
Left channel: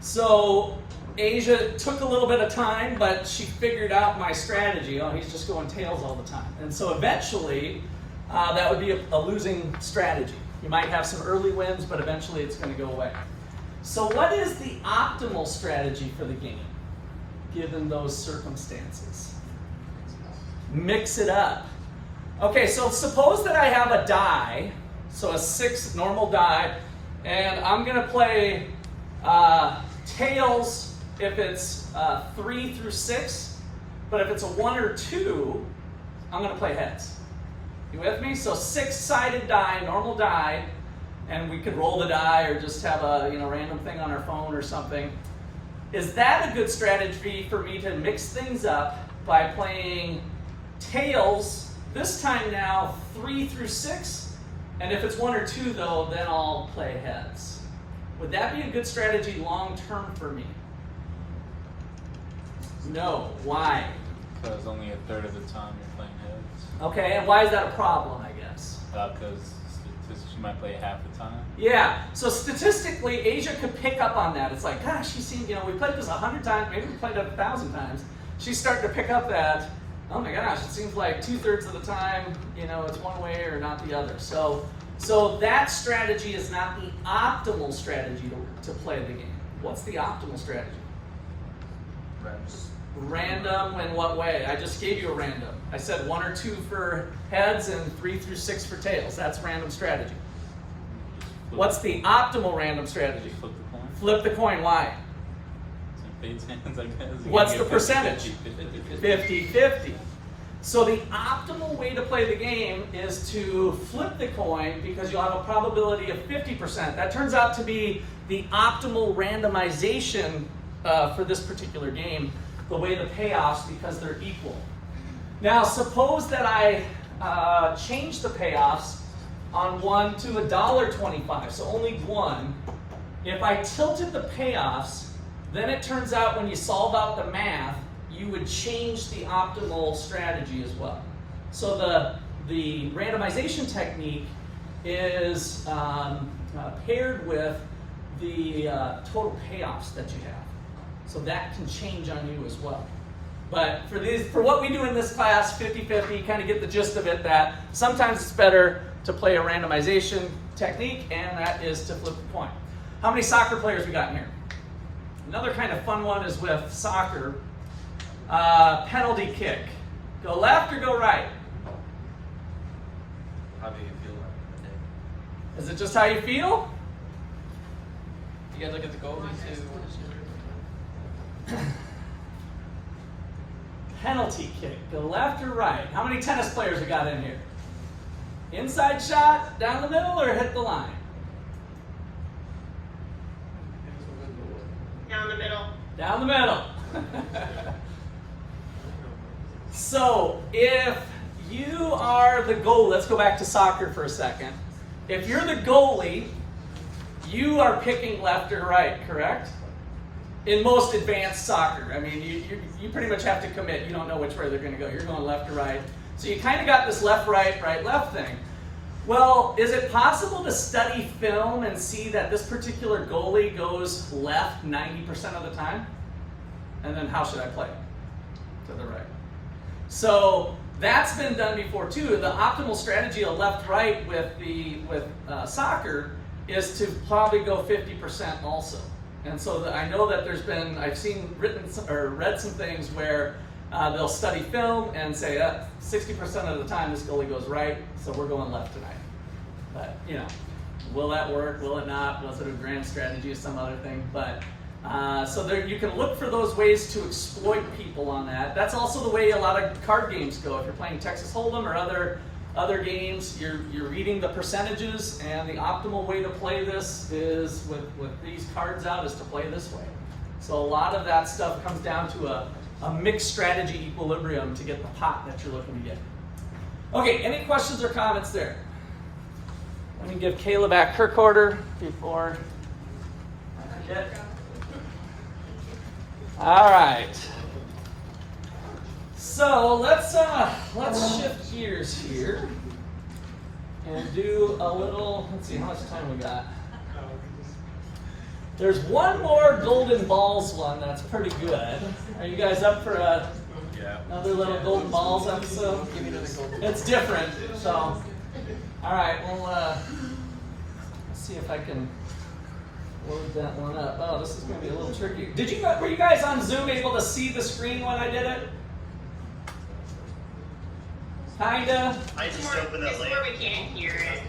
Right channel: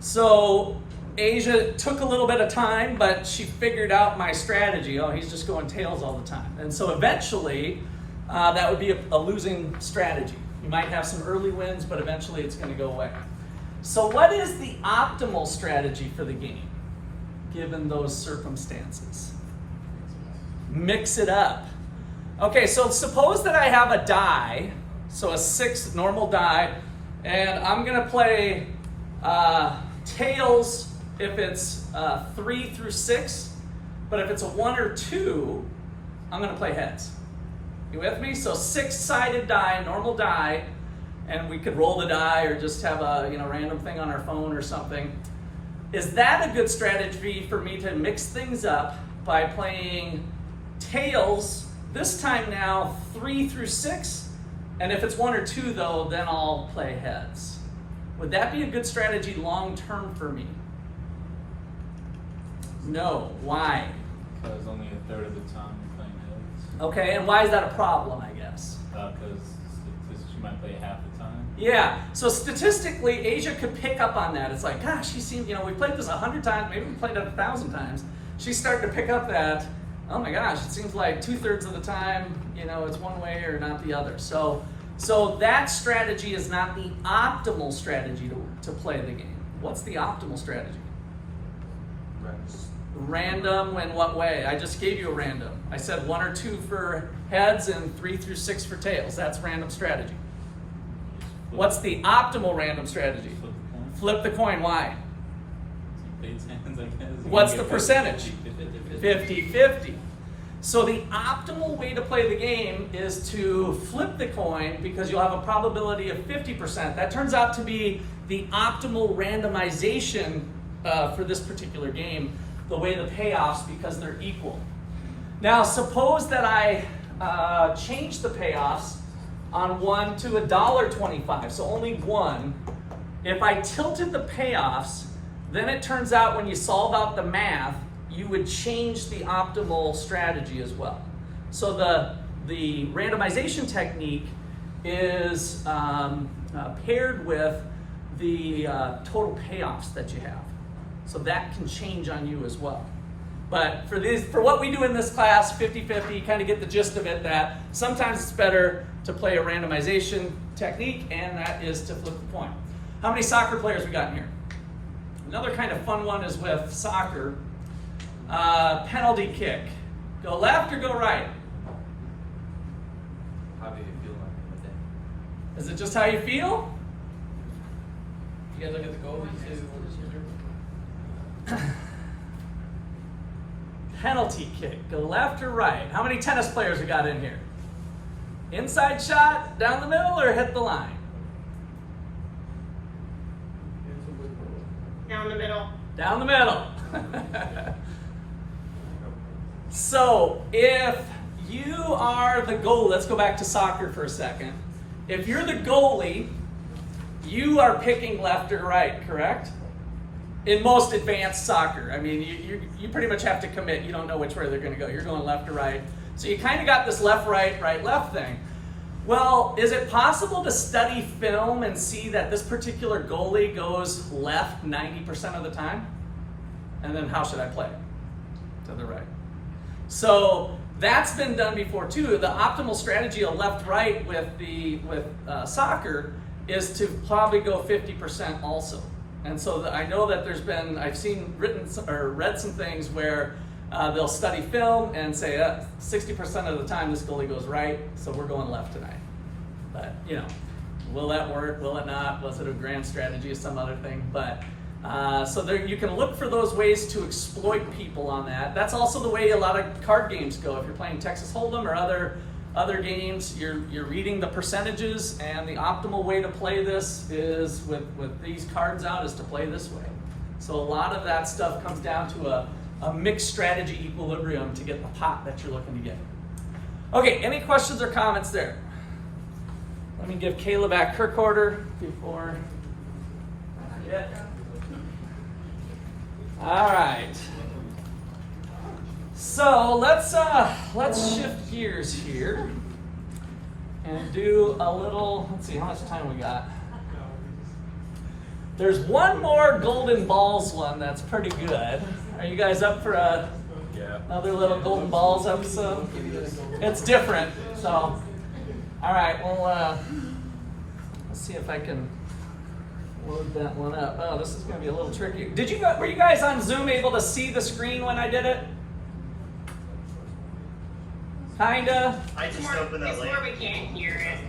So, Asia took a little bit of time, but she figured out my strategy. Oh, he's just going tails all the time. And so eventually, that would be a losing strategy. You might have some early wins, but eventually it's going to go away. So what is the optimal strategy for the game, given those circumstances? Mix it up. Okay, so suppose that I have a die, so a 6 normal die, and I'm going to play tails if it's 3 through 6, but if it's a 1 or 2, I'm going to play heads. You with me? So 6-sided die, normal die, and we could roll the die or just have a random thing on our phone or something. Is that a good strategy for me to mix things up by playing tails, this time now 3 through 6, and if it's 1 or 2 though, then I'll play heads? Would that be a good strategy long term for me? No. Why? Because only a third of the time you're playing heads. Okay, and why is that a problem, I guess? Because you might play half the time. Yeah, so statistically, Asia could pick up on that. It's like, gosh, she's seen, we played this 100 times, maybe we played it 1,000 times. She's starting to pick up that, oh my gosh, it seems like 2/3 of the time, it's one way or not the other. So that strategy is not the optimal strategy to play the game. What's the optimal strategy? Random in what way? I just gave you a random. I said 1 or 2 for heads and 3 through 6 for tails. That's random strategy. What's the optimal random strategy? Flip the coin. Why? What's the percentage? 50-50. So the optimal way to play the game is to flip the coin because you'll have a probability of 50%. That turns out to be the optimal randomization for this particular game, the way the payoffs, because they're equal. Now suppose that I change the payoffs on 1 to $1.25, so only 1. If I tilted the payoffs, then it turns out when you solve out the math, you would change the optimal strategy as well. So the randomization technique is paired with the total payoffs that you have. So that can change on you as well. But for what we do in this class, 50-50, kind of get the gist of it, that sometimes it's better to play a randomization technique, and that is to flip the coin. How many soccer players we got in here? Another kind of fun one is with soccer. Penalty kick. Go left or go right? How do you feel with it? Is it just how you feel? You guys look at the goalie too. Penalty kick. Go left or right? How many tennis players we got in here? Inside shot, down the middle, or hit the line? Down the middle. Down the middle. So if you are the goalie, let's go back to soccer for a second. If you're the goalie, you are picking left or right, correct? In most advanced soccer, I mean, you pretty much have to commit. You don't know which way they're going to go. You're going left or right. So you kind of got this left, right, right, left thing. Well, is it possible to study film and see that this particular goalie goes left 90% of the time? And then how should I play? To the right. So that's been done before too. The optimal strategy of left-right with soccer is to probably go 50% also. And so I know that I've seen read some things where they'll study film and say 60% of the time this goalie goes right, so we're going left tonight. But will that work? Will it not? Was it a grand strategy or some other thing? But So there, you can look for those ways to exploit people on that. That's also the way a lot of card games go. If you're playing Texas Hold'em or other games, you're reading the percentages, and the optimal way to play this is with these cards out is to play this way. So a lot of that stuff comes down to a mixed strategy equilibrium to get the pot that you're looking to get. Okay, any questions or comments there? Let me give Kayla back her quarter before I forget. All right. So let's shift gears here and do a little. Let's see how much time we got. There's one more Golden Balls one that's pretty good. Are you guys up for another little Golden Balls episode? It's different. So, all right. Well, let's see if I can load that one up. Oh, this is going to be a little tricky. Were you guys on Zoom able to see the screen when I did it? Kinda. I just opened that link. We can't hear it.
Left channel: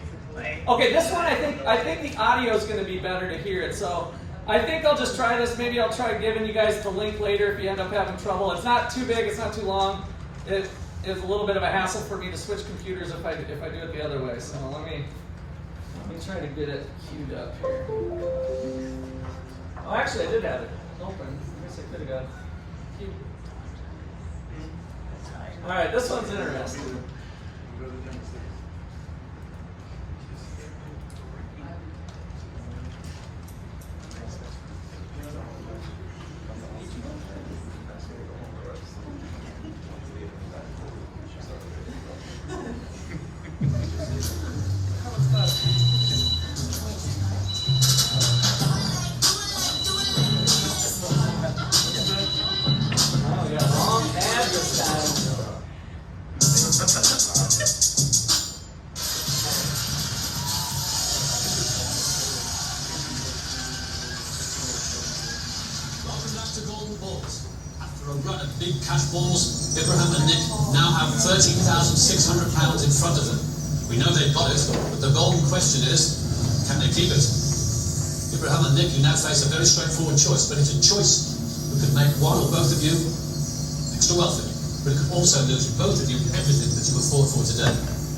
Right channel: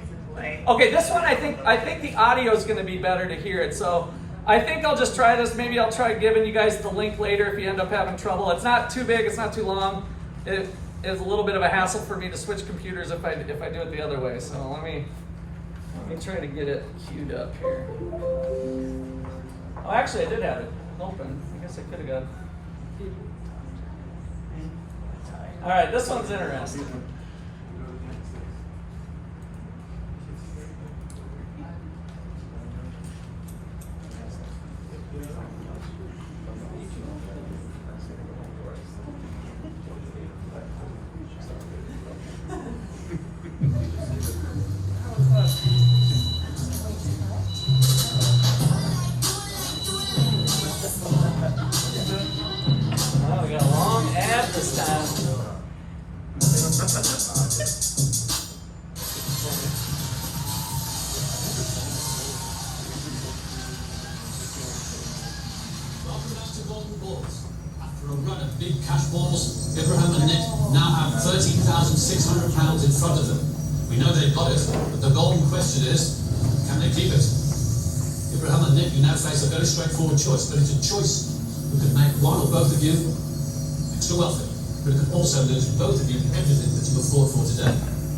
Okay, this one I think the audio is going to be better to hear it. So I think I'll just try this. Maybe I'll try giving you guys the link later if you end up having trouble. It's not too big. It's not too long. It is a little bit of a hassle for me to switch computers if I do it the other way. So let me try to get it queued up here. Well, actually, I did have it open. I guess I could have got it. All right, this one's interesting. Oh, we got a long ad this time. Welcome back to Golden Balls. After a run of big cash balls, Abraham and Nick now have £13,600 in front of them. We know they've got it, but the golden question is, can they keep it? Abraham and Nick, you now face a very straightforward choice, but it's a choice that could make one or both of you extra wealthy, but it could also lose both of you everything that you were fought for today.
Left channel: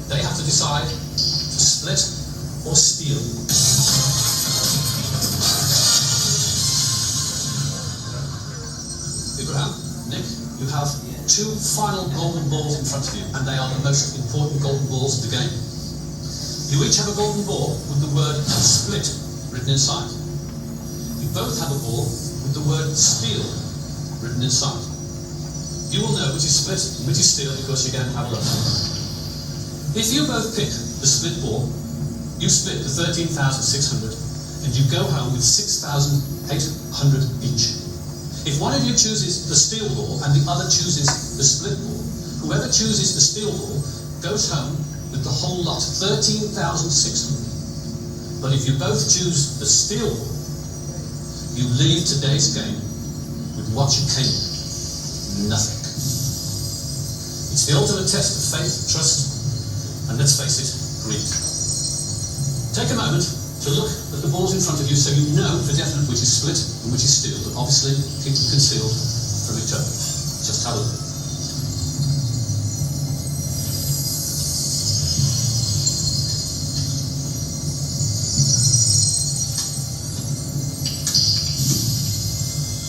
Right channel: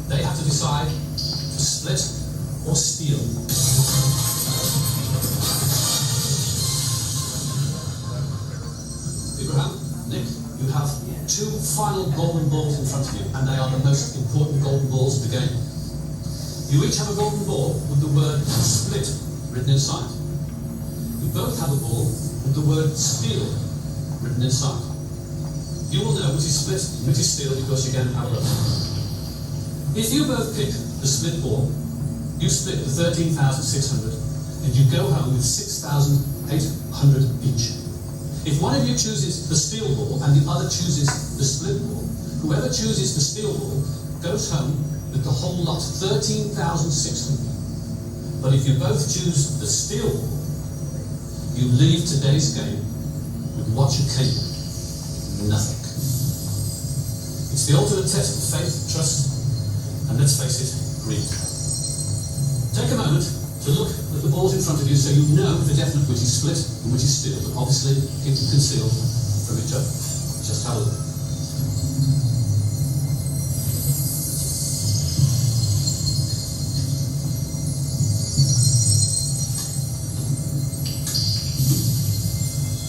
They have to decide to split or steal. Abraham, Nick, you have two final golden balls in front of you, and they are the most important golden balls of the game. You each have a golden ball with the word split written inside. You both have a ball with the word steal written inside. You will know which is split and which is steal because you're going to have a look. If you both pick the split ball, you split the 13,600 and you go home with 6,800 each. If one of you chooses the steal ball and the other chooses the split ball, whoever chooses the steal ball goes home with the whole lot, 13,600. But if you both choose the steal ball, you leave today's game with what you came with, nothing. It's the ultimate test of faith, trust, and let's face it, greed. Take a moment to look at the balls in front of you so you know for definite which is split and which is steal, but obviously keep them concealed from each other. Just have a look.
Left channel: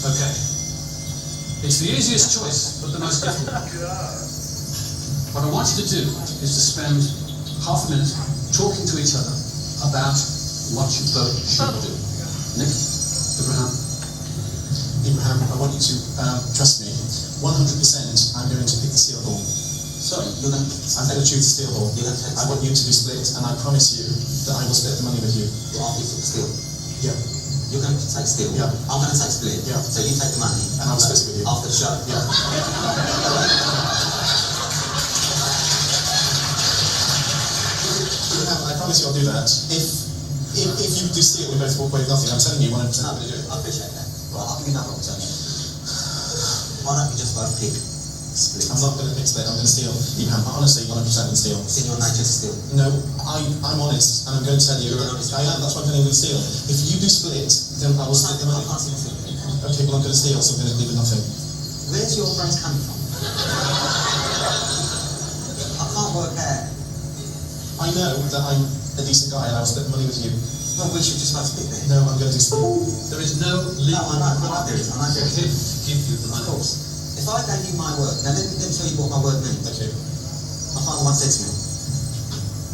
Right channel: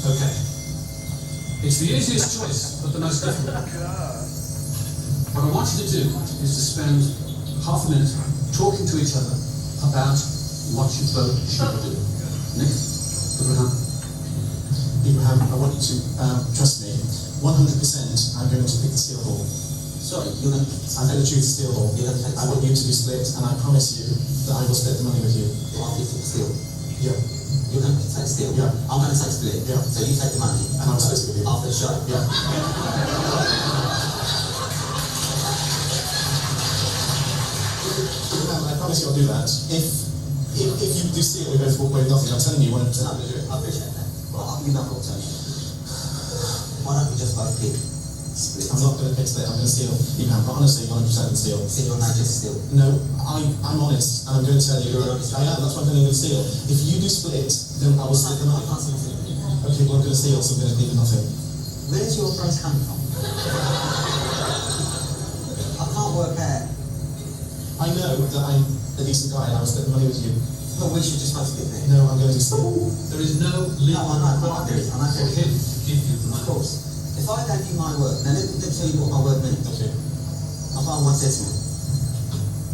Okay. It's the easiest choice, but the most difficult. What I want you to do is to spend half a minute talking to each other about what you both should do. Nick, Abraham. Abraham, I want you to trust me. 100% I'm going to pick the steel ball. Sorry, I'm going to choose the steel ball. I want you to be split, and I promise you that I will split the money with you. You want me to steal? Yeah. You're going to take steal? Yeah. I'm going to take split? Yeah. So you take the money? And I'll split it with you. After the show? Yeah. I promise you I'll do that. If you do steal, we both walk away with nothing. I'm telling you 100% I'm going to do it. I appreciate that. Right, I'll give you another alternative. Why don't you just both pick split? I'm not going to pick split, I'm going to steal. Abraham, honestly, 100% going to steal. It's in your nature to steal? No, I'm honest, and I'm going to tell you. You're an honest I am, that's why I'm telling you to steal. If you do split, then I will split the money. I can't see myself doing that. Okay, well I'm going to steal, so I'm going to leave with nothing. Where's your brains coming from? I can't work out. I know that I'm a decent guy and I will split the money with you. Well, we should just have split then. No, I'm going to do steal. There is no No, legal I know there is. I know there for him is. to give you the money. Of course. If I gave you my work, now let me tell you what my work means. Okay. My father once said to me,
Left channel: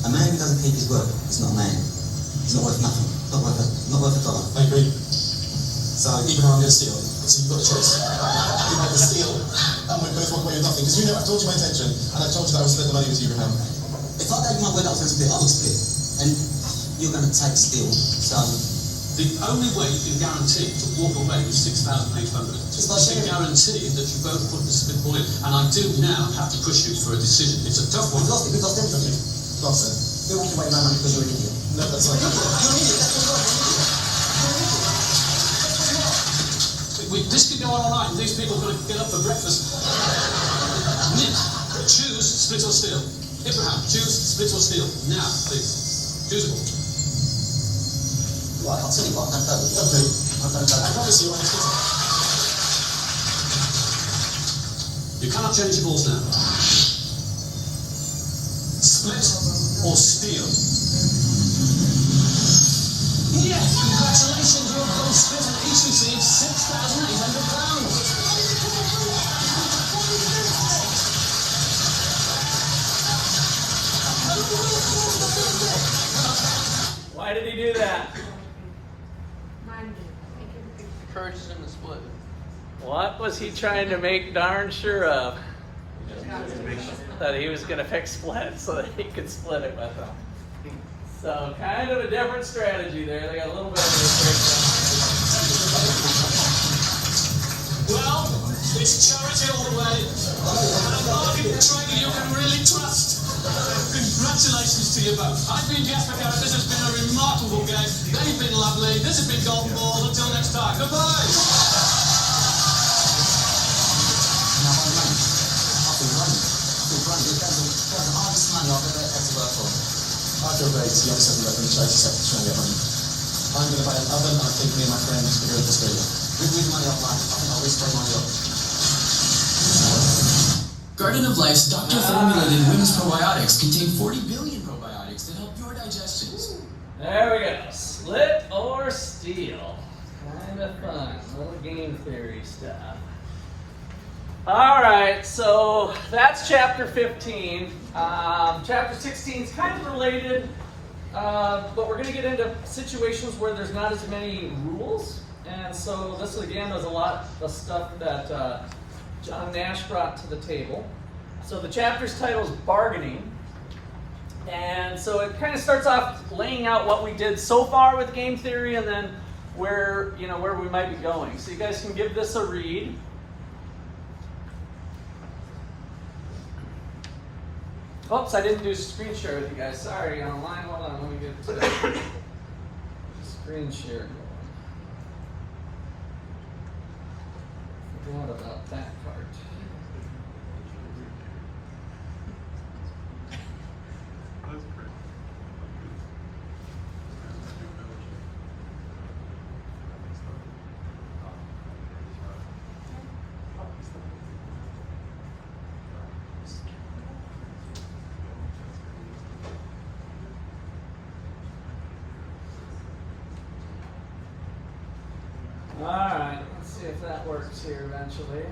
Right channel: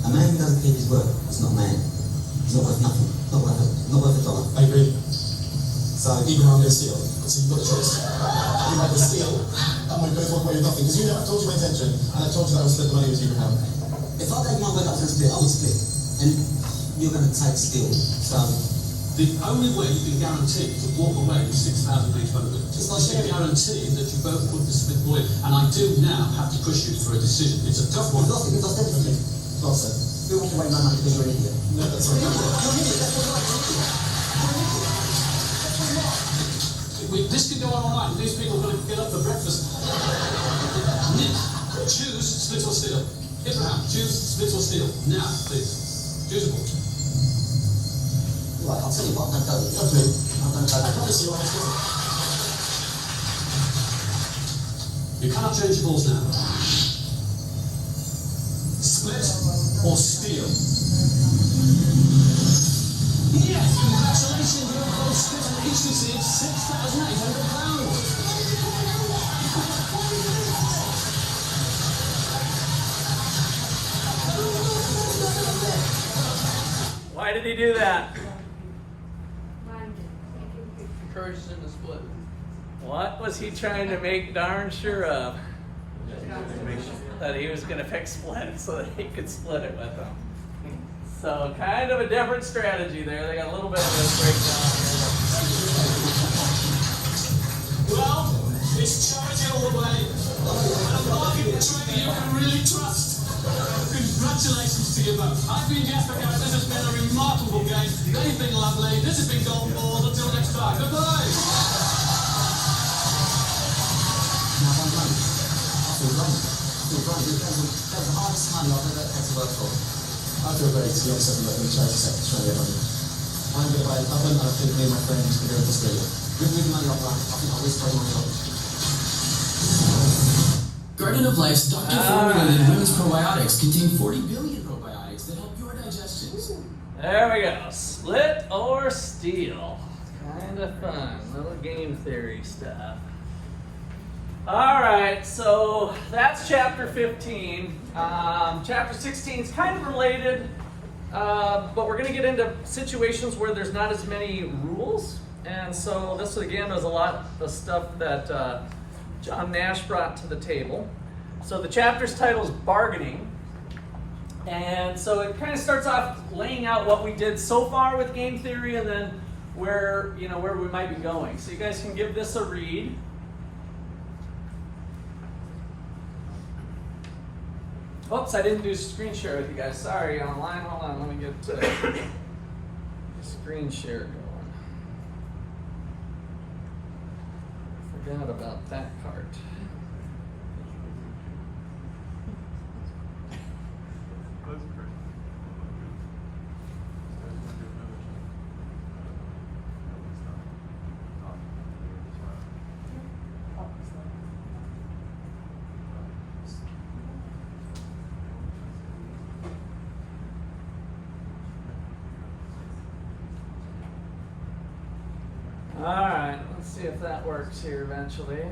a man who doesn't keep his word is not a man. He's not worth nothing. Not worth a dollar. I agree. So even though I'm going to steal, so you've got the choice. You might just steal, and we both walk away with nothing. Because you know, I told you my intention, and I told you that I would split the money with you, Abraham. If I gave you my word that I was going to split, I would split. And you're going to take steal. So The only way you can guarantee to walk away with 6,800 is to guarantee that you both put the split all in. And I do now have to push you for a decision. It's a tough one. we've lost it. We've lost everything. Well said. We walked away with no money because you're an idiot. No, that's not. You're an idiot. That's what you're an idiot. This could go on all night, and these people are going to get up for breakfast. Nick, choose split or steal. Abraham, choose split or steal. Now, please. Choose a ball. Right, I'll tell you what, I'm going to go with you. Okay. I'm going to go I with promise you I will split it. You cannot change the balls now. Split or steal? Yes, congratulations, you're both split and each received £6,800. Why did he do that? Encourages him to split. What was he trying to make darn sure of? That he was going to pick split so that he could split it with them. So kind of a different strategy there. They got a little bit of Well, it's charity all the way. And a market trader you can really trust. Congratulations to you both. I've been Jasper Garrett. This has been a remarkable game. They've been lovely. This has been Golden Balls. Until next time. Goodbye. Now, I'm running. I feel running. That was the hardest money I've ever had to work for. I feel great. The other 7 left in the charity sector trying to get money. I'm going to buy an oven, and I think me and my friends are going to Australia. With the money I've won, I think I'll risk my money on. Garden of Life's doctor-formulated women's probiotics contain 40 billion probiotics that help your digestion. There we go. Split or steal. Kind of fun. Little game theory stuff. All right, so that's chapter 15. Chapter 16 is kind of related, but we're going to get into situations where there's not as many rules. And so this, again, is a lot of stuff that John Nash brought to the table. So the chapter's title is Bargaining. And so it kind of starts off laying out what we did so far with game theory and then where we might be going. So you guys can give this a read. Oops, I didn't do screen share with you guys. Sorry, online. Hold on, let me get to screen share going. Forgot about that part. That's great. I like it. You guys want to do another key? All right, let's see if that works here eventually.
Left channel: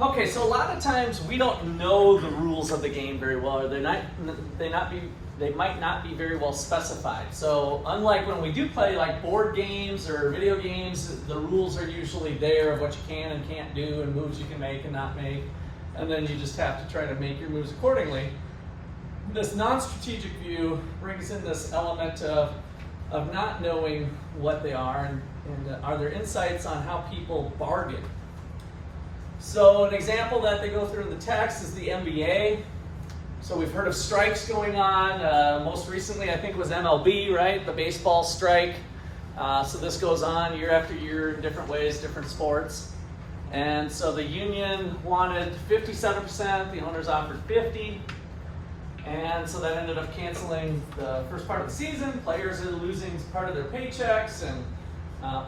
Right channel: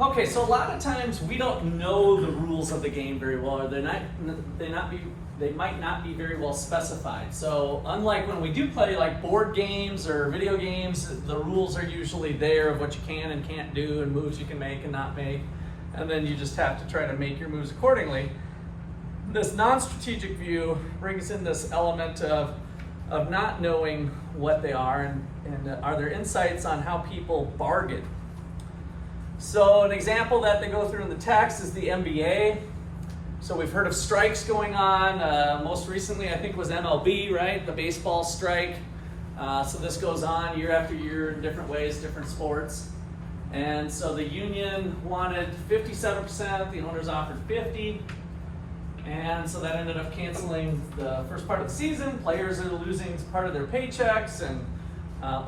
Okay, so a lot of times we don't know the rules of the game very well, or they might not be very well specified. So unlike when we do play like board games or video games, the rules are usually there of what you can and can't do and moves you can make and not make, and then you just have to try to make your moves accordingly. This non-strategic view brings in this element of not knowing what they are and are there insights on how people bargain. So an example that they go through in the text is the NBA. So we've heard of strikes going on. Most recently, I think, was MLB, right? The baseball strike. So this goes on year after year in different ways, different sports. And so the union wanted 57%, the owners offered 50%. And so that ended up canceling the first part of the season. Players are losing part of their paychecks, and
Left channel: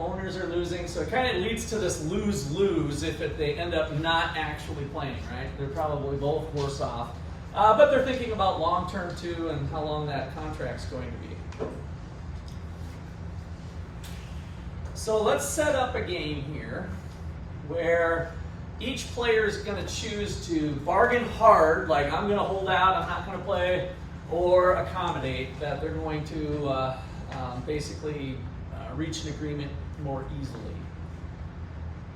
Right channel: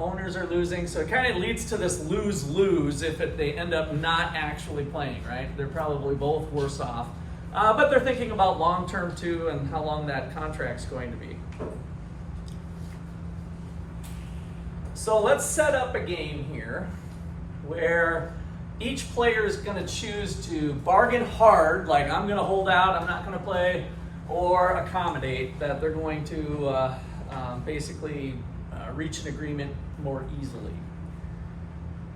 owners are losing. So it kind of leads to this lose-lose if they end up not actually playing, right? They're probably both worse off. But they're thinking about long-term too and how long that contract's going to be. So let's set up a game here where each player is going to choose to bargain hard, like I'm going to hold out, I'm not going to play, or accommodate, that they're going to basically reach an agreement more easily.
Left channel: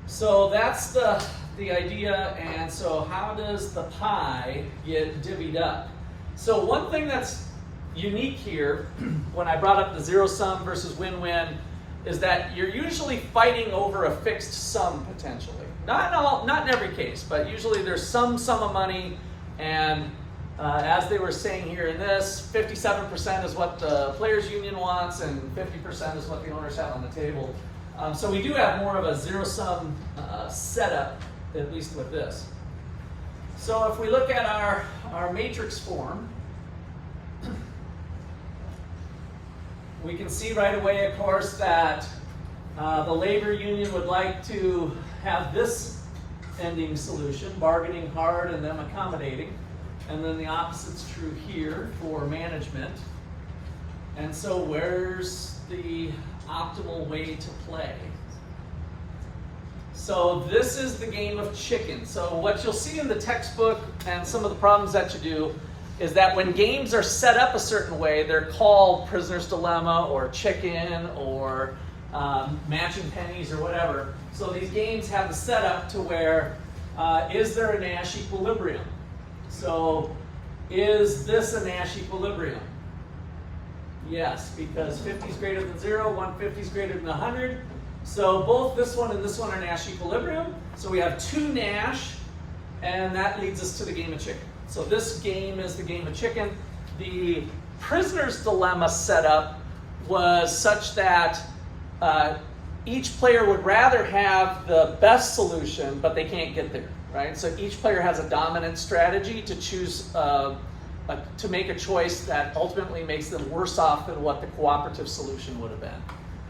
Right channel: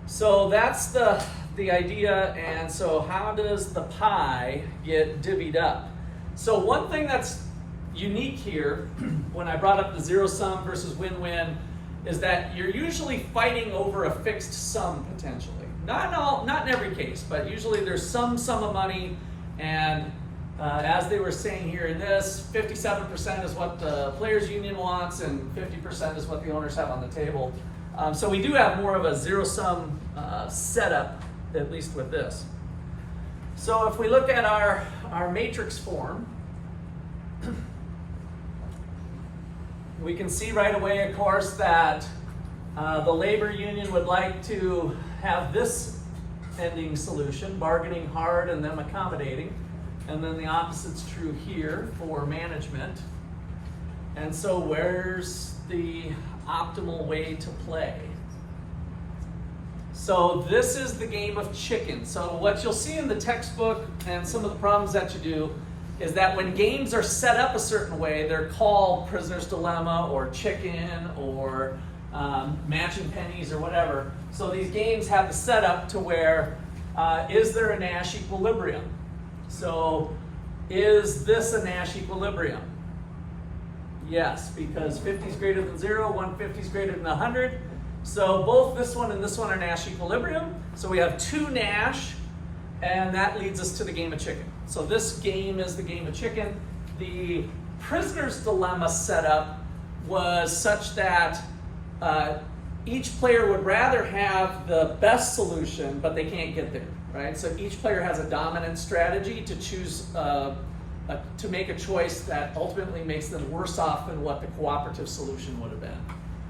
So that's the idea, and so how does the pie get divvied up? So one thing that's unique here, when I brought up the zero sum versus win-win, is that you're usually fighting over a fixed sum potentially. Not in every case, but usually there's some sum of money, and as they were saying here in this, 57% is what the players union wants, and 50% is what the owners have on the table. So we do have more of a zero sum setup, at least with this. So if we look at our matrix form, we can see right away, of course, that the labor union would like to have this ending solution, bargaining hard and them accommodating. And then the opposite's true here for management. And so where's the optimal way to play? So this is the game of chicken. So what you'll see in the textbook and some of the problems that you do is that when games are set up a certain way, they're called prisoner's dilemma or chicken or matching pennies or whatever. So these games have the setup to where, is there a Nash equilibrium? So is this a Nash equilibrium? Yes, because 50 is greater than 0, 150 is greater than 100. So both this one and this one are Nash equilibrium. So we have two Nash, and that leads us to the game of chicken. So this game is the game of chicken. The prisoner's dilemma setup was such that each player would rather have the best solution, but they can't get there, right? So each player has a dominant strategy to choose, to make a choice that ultimately makes them worse off than what the cooperative solution would have been.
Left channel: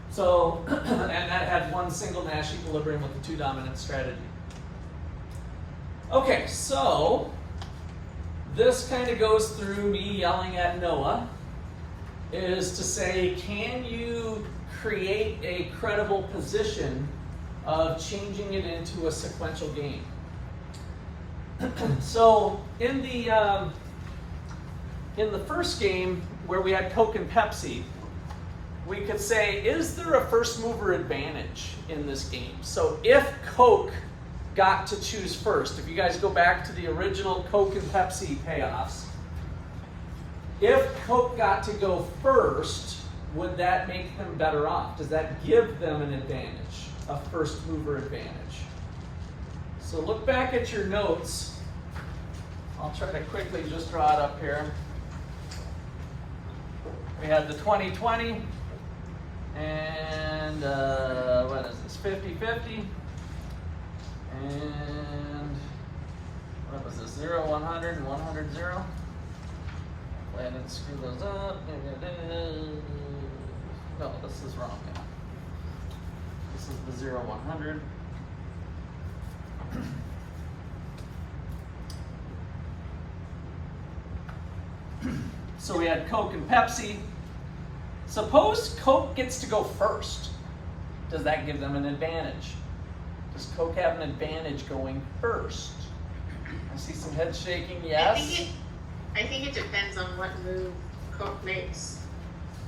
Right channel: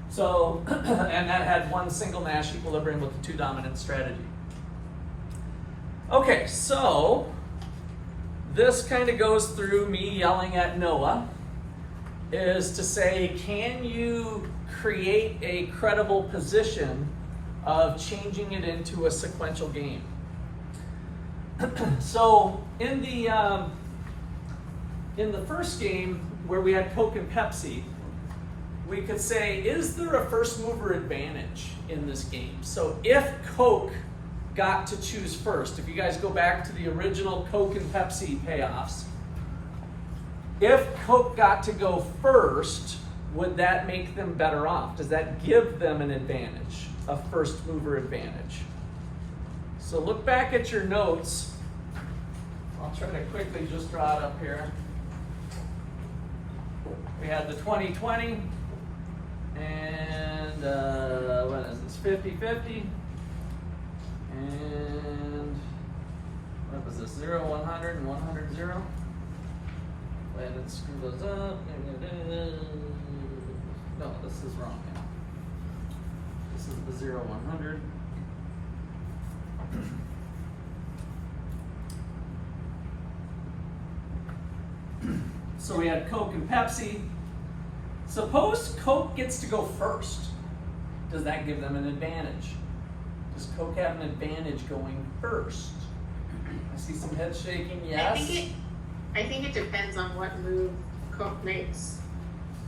So, and that had one single Nash equilibrium with the two dominant strategy. Okay, so this kind of goes through me yelling at Noah, is to say, can you create a credible position of changing it into a sequential game? So in the first game where we had Coke and Pepsi, we could say, is there a first mover advantage in this game? So if Coke got to choose first, if you guys go back to the original Coke and Pepsi payoffs, if Coke got to go first, would that make them better off? Does that give them an advantage, a first mover advantage? So look back at your notes. I'll try to quickly just draw it up here. We had the 20-20, and what is this, 50-50, and what was this, 0-100 and 100-0. And it screw those up. No, this is wrong. Yeah. This is the 0-100. So we had Coke and Pepsi. Suppose Coke gets to go first. Does that give them an advantage? Does Coke have an advantage going first? I see some head shaking, yes. I think it depends on what move Coke makes.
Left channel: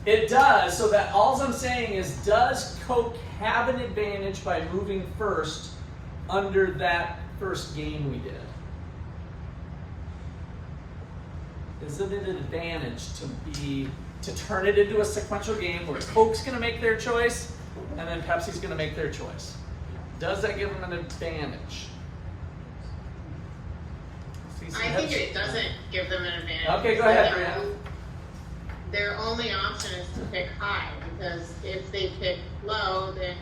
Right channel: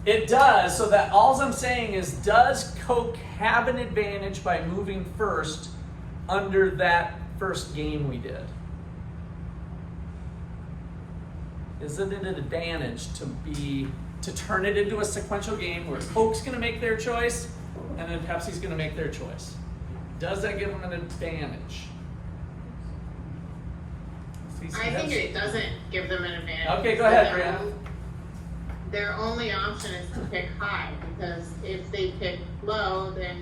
It does, so that all I'm saying is, does Coke have an advantage by moving first under that first game we did? Is it an advantage to turn it into a sequential game where Coke's gonna make their choice and then Pepsi's gonna make their choice? Does that give them an advantage? Pepsi's. I think it doesn't give them an advantage. Okay, go ahead, Brianna. Their only option is to pick high, because if they pick low, then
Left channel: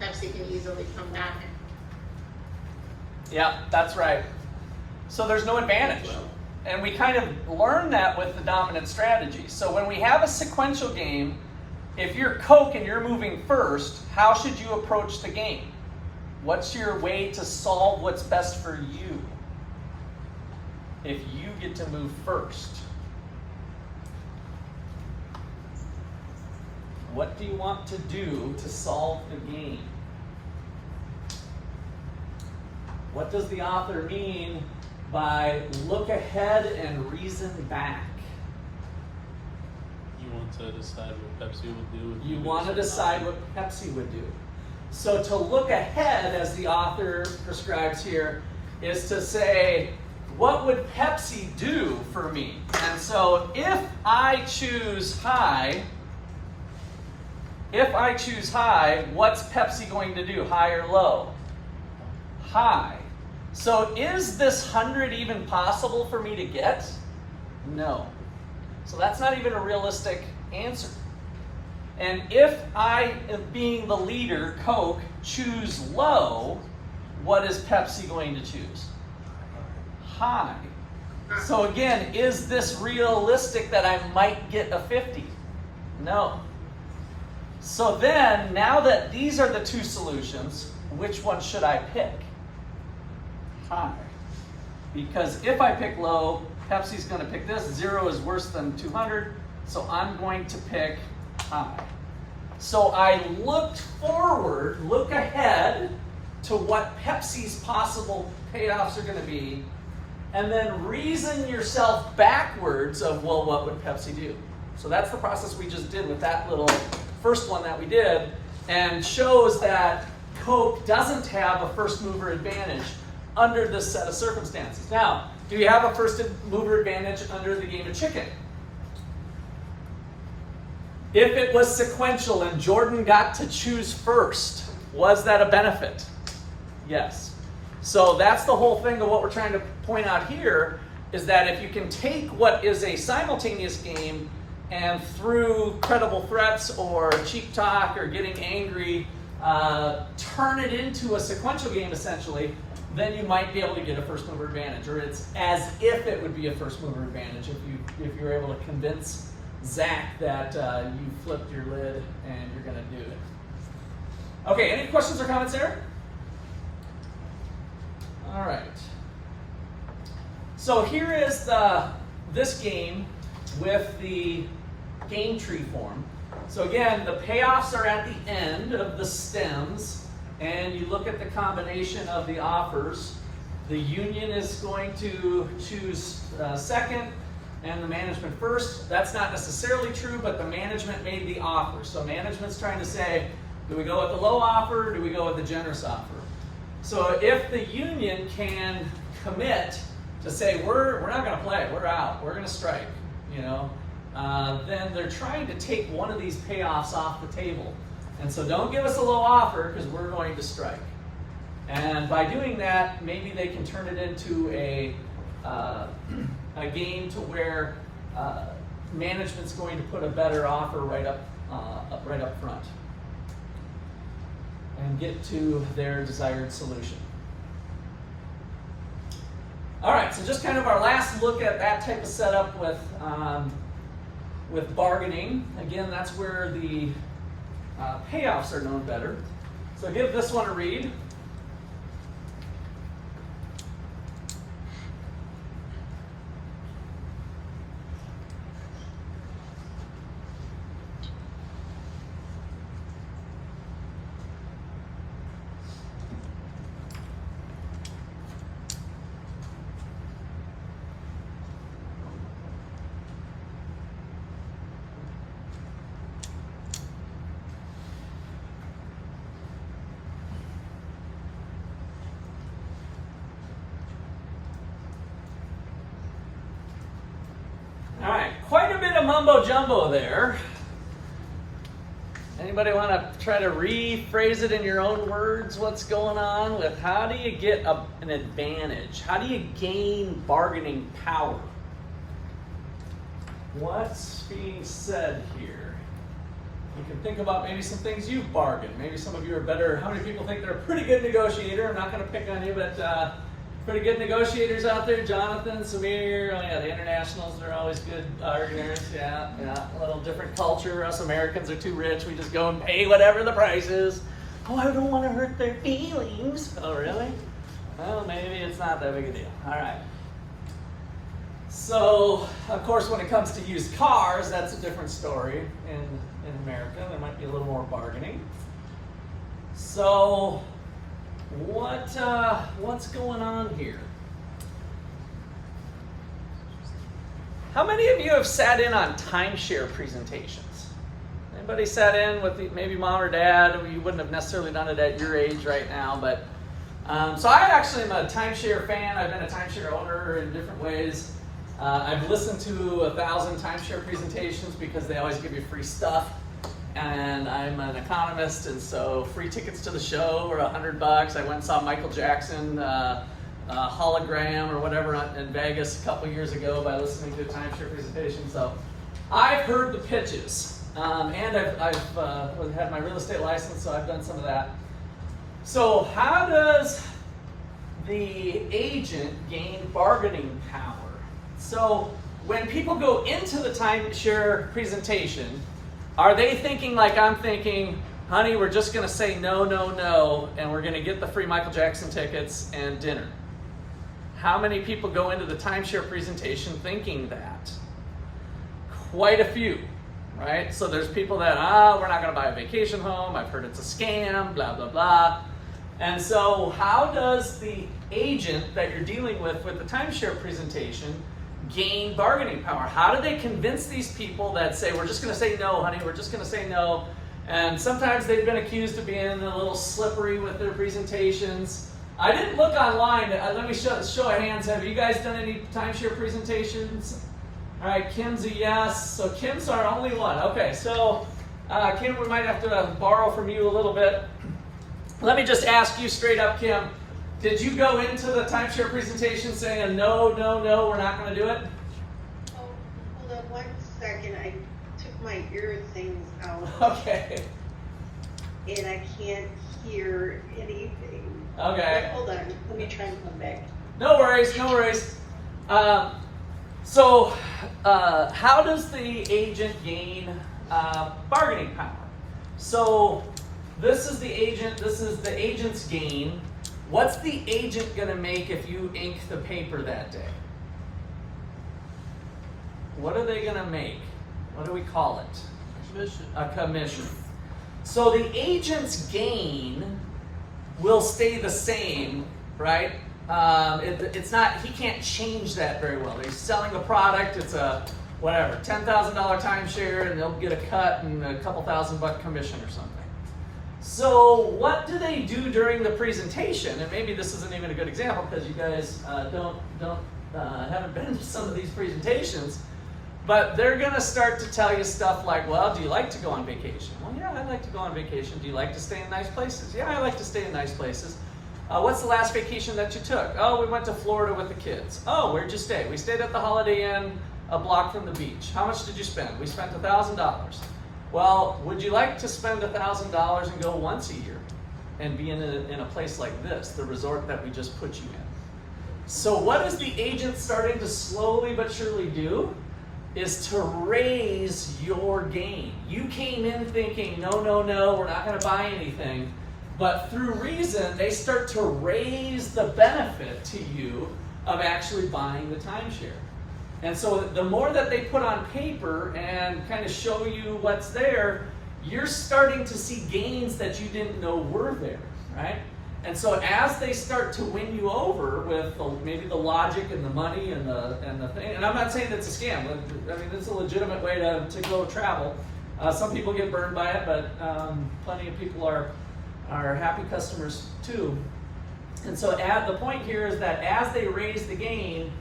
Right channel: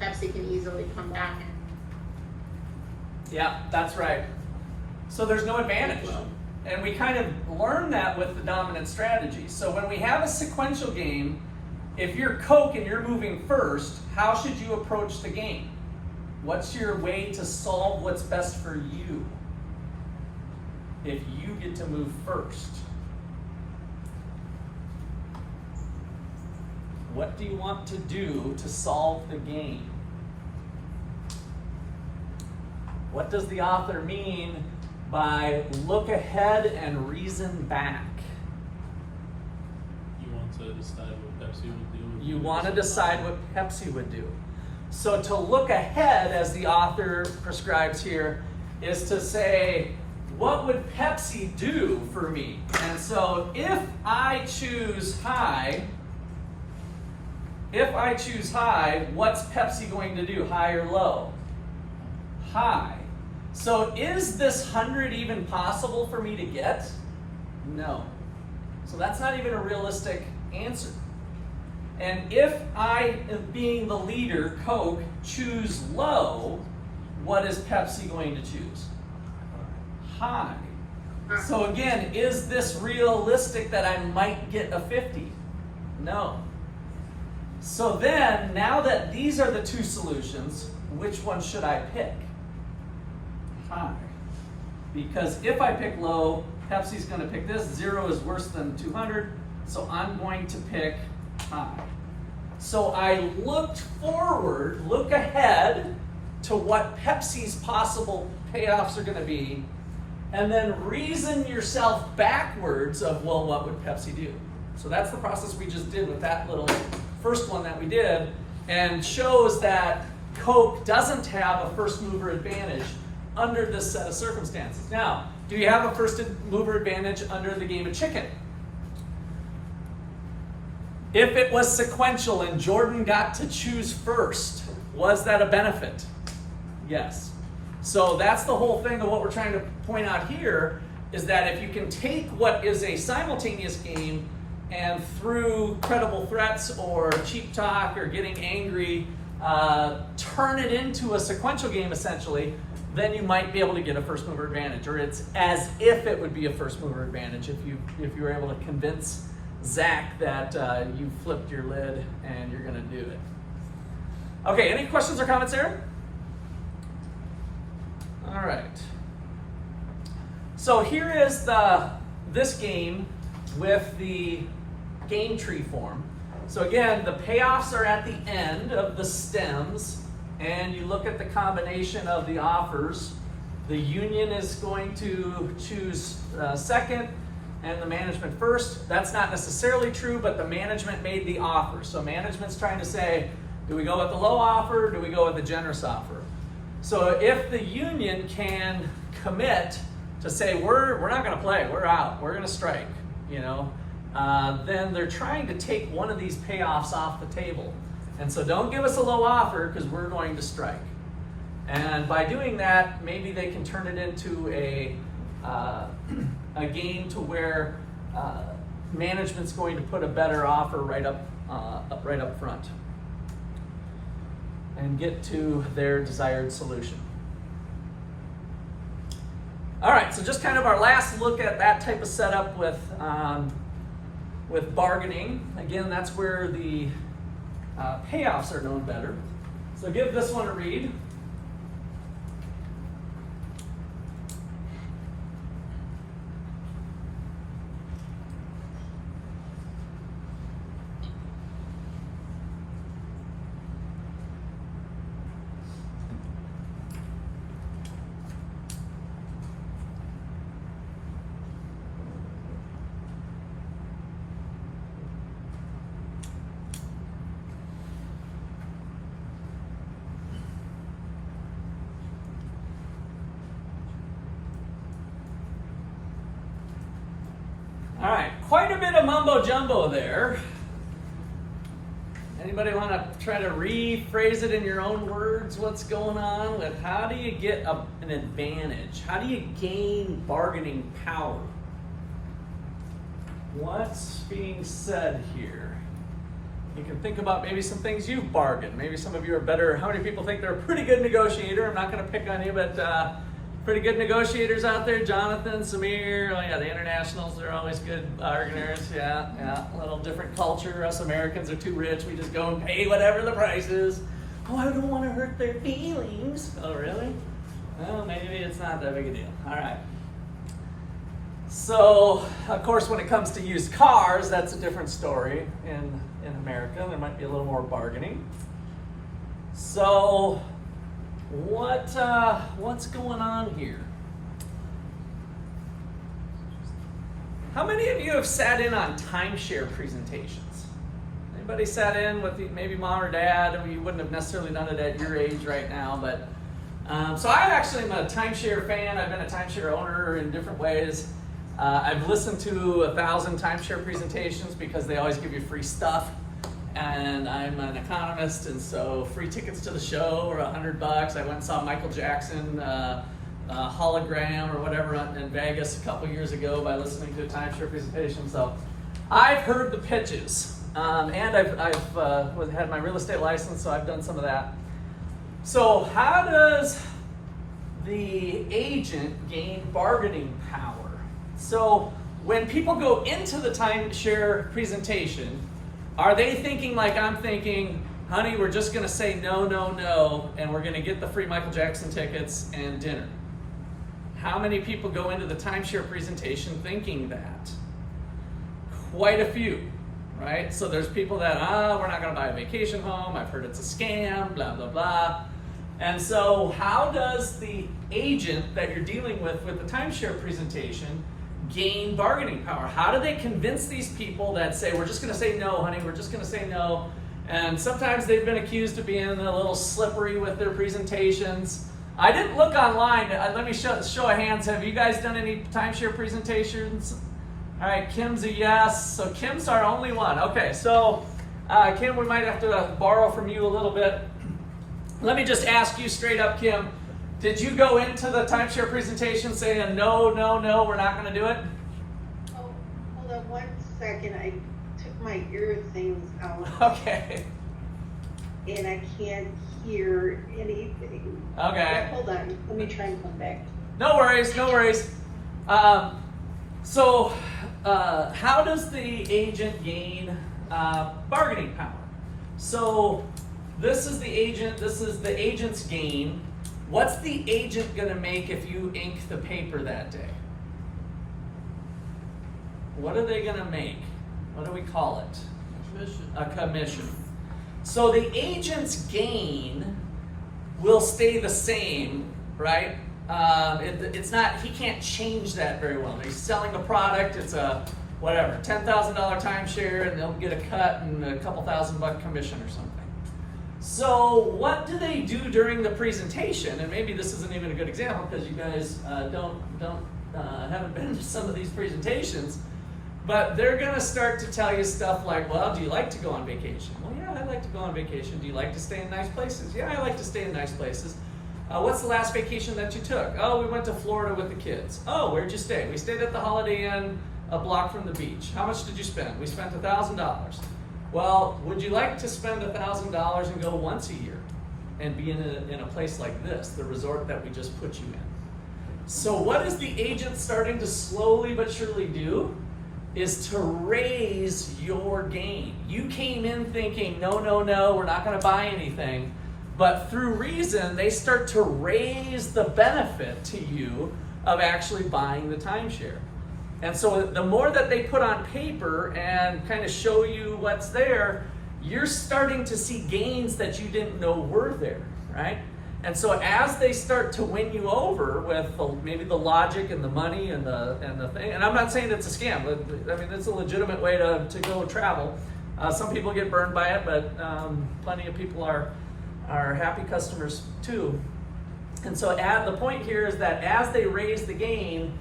Pepsi can easily come back. Yeah, that's right. So there's no advantage. And we kind of learn that with the dominant strategy. So when we have a sequential game, if you're Coke and you're moving first, how should you approach the game? What's your way to solve what's best for you if you get to move first? What do you want to do to solve the game? What does the author mean by look ahead and reason back? You want to decide what Pepsi would do. You want to decide what Pepsi would do. So to look ahead, as the author prescribes here, is to say, what would Pepsi do for me? And so if I choose high, what's Pepsi going to do, high or low? High. So is this 100 even possible for me to get? No. So that's not even a realistic answer. And if I, being the leader, Coke, choose low, what is Pepsi going to choose? High. So again, is this realistic that I might get a 50? No. So then, now that these are the two solutions, which one should I pick? High. Because if I pick low, Pepsi's going to pick this. 0 is worse than 200, so I'm going to pick high. So I look ahead to what Pepsi's possible payoffs are going to be, and then reason yourself backwards of, well, what would Pepsi do? So that's the process we just did with that little first one that we did, and shows that Coke doesn't have a first mover advantage under this set of circumstances. Now, do you have a first mover advantage under the game of chicken? If it was sequential and Jordan got to choose first, was that a benefit? Yes. So that's the whole thing of what we're trying to point out here, is that if you can take what is a simultaneous game and through credible threats or cheap talk or getting angry, turn it into a sequential game essentially, then you might be able to get a first mover advantage, or it's as if it would be a first mover advantage if you were able to convince Zach that you flipped your lid and you're going to do it. Okay, any questions or comments there? All right. So here is this game with the game tree form. So again, the payoffs are at the end of the stems, and you look at the combination of the offers. The union is going to choose second, and the management first. That's not necessarily true, but the management made the offer. So management's trying to say, do we go with the low offer, or do we go with the generous offer? So if the union can commit to say, we're not going to play, we're out, we're going to strike, then they're trying to take one of these payoffs off the table. And so don't give us a low offer because we're going to strike. And by doing that, maybe they can turn it into a game to where management's going to put a better offer right up front and get to their desired solution. All right, so just kind of our last look at that type of setup with bargaining. Again, that's where the payoffs are known better. So give this one a read. All right, quite a bit of mumbo jumbo there. Anybody want to try to rephrase it in your own words? What's going on with how do you get an advantage? How do you gain bargaining power? What's being said here? You can think about maybe some things you've bargained. Maybe some of you are better. How many people think they're a pretty good negotiator? I'm not going to pick on you, but pretty good negotiators out there. Jonathan, Samir, oh yeah, the internationals are always good bargainers. Yeah, a little different culture. Us Americans are too rich. We just go and pay whatever the price is. Oh, I don't want to hurt their feelings. Oh, really? Well, maybe it's not that big a deal. All right. So, of course, when it comes to used cars, that's a different story in America. There might be a little more bargaining. So, what's going on here? How many of you have sat in on timeshare presentations? Anybody sat in with maybe mom or dad? I mean, you wouldn't have necessarily done it at your age right now, but so I actually am a timeshare fan. I've been a timeshare owner in different ways. I've listened to 1,000 timeshare presentations because they always give you free stuff. And I'm an economist, and so free tickets to the show are $100. I went and saw Michael Jackson hologram or whatever in Vegas a couple years ago by listening to a timeshare presentation. So I've heard the pitches, and I've had my real estate license, so I've done some of that. So how does the agent gain bargaining power? So when people go into the timeshare presentation, are they thinking like I'm thinking, honey, we're just going to say no, no, no, and we're going to get the free Michael Jackson tickets and dinner? How many people go into the timeshare presentation thinking that? Quite a few, right? So there's people that, we're not going to buy a vacation home. I've heard it's a scam, blah, blah, blah. And so how does the agent that you're dealing with the timeshare presentation gain bargaining power? How do they convince these people that say, we're just going to say no, honey, we're just going to say no? And sometimes they've been accused of being a little slippery with their presentations. I didn't look online. Let me show of hands. Have you guys done any timeshare presentations? All right, Kim's a yes. So Kim's our only one. Okay, so Kim, we might have to borrow from you a little bit. Let me just ask you straight up, Kim. Did you go into the timeshare presentation saying no, no, no, we're not going to do it? Oh, hold on 1 second. I took my ear things out. Okay. And I can't hear anything. Okay. Hold on. Let me try and come back. No worries, no worries. So how does the agent gain bargaining power? So this is the agent's gain. What's the agent going to make if you ink the paper that day? What are they going to make? What do we call it? Commission. A commission. So the agent's gain will stay the same, right? It's not, he can't change that very well. He's selling a product, it's a whatever, $10,000 timeshare, and they'll get a cut and a couple $1,000 commission or something. So what do they do during the presentation? And maybe this isn't even a good example because you guys haven't been to some of these presentations, but they're going to start to tell you stuff like, well, do you like to go on vacation? Well, yeah, I'd like to go on vacation. Do you like to stay in nice places? Yeah, I like to stay in nice places. What's the last vacation that you took? Oh, we went to Florida with the kids. Oh, where'd you stay? We stayed at the Holiday Inn a block from the beach. How much did you spend? We spent $1,000. Well, would you like to spend $1,000 and go once a year and be in a place like this, the resort that we just put you in? So what is the agent starting to slowly but surely do? Is to raise your gain. You came in thinking, no, no, no, we're not going to buy anything. But through reason, they start to raise the benefit to you of actually buying the timeshare. And so the more that they put on paper and kind of show you what's there, you're starting to see gains that you didn't know were there, right? And so as they start to win you over with maybe the logic and the money and the thing, and I'm not saying it's a scam, I mean, it's a legitimate way to go travel. Some people get burned by it, but plenty of people are happy customers too. And so the point here is that as they raise the gain,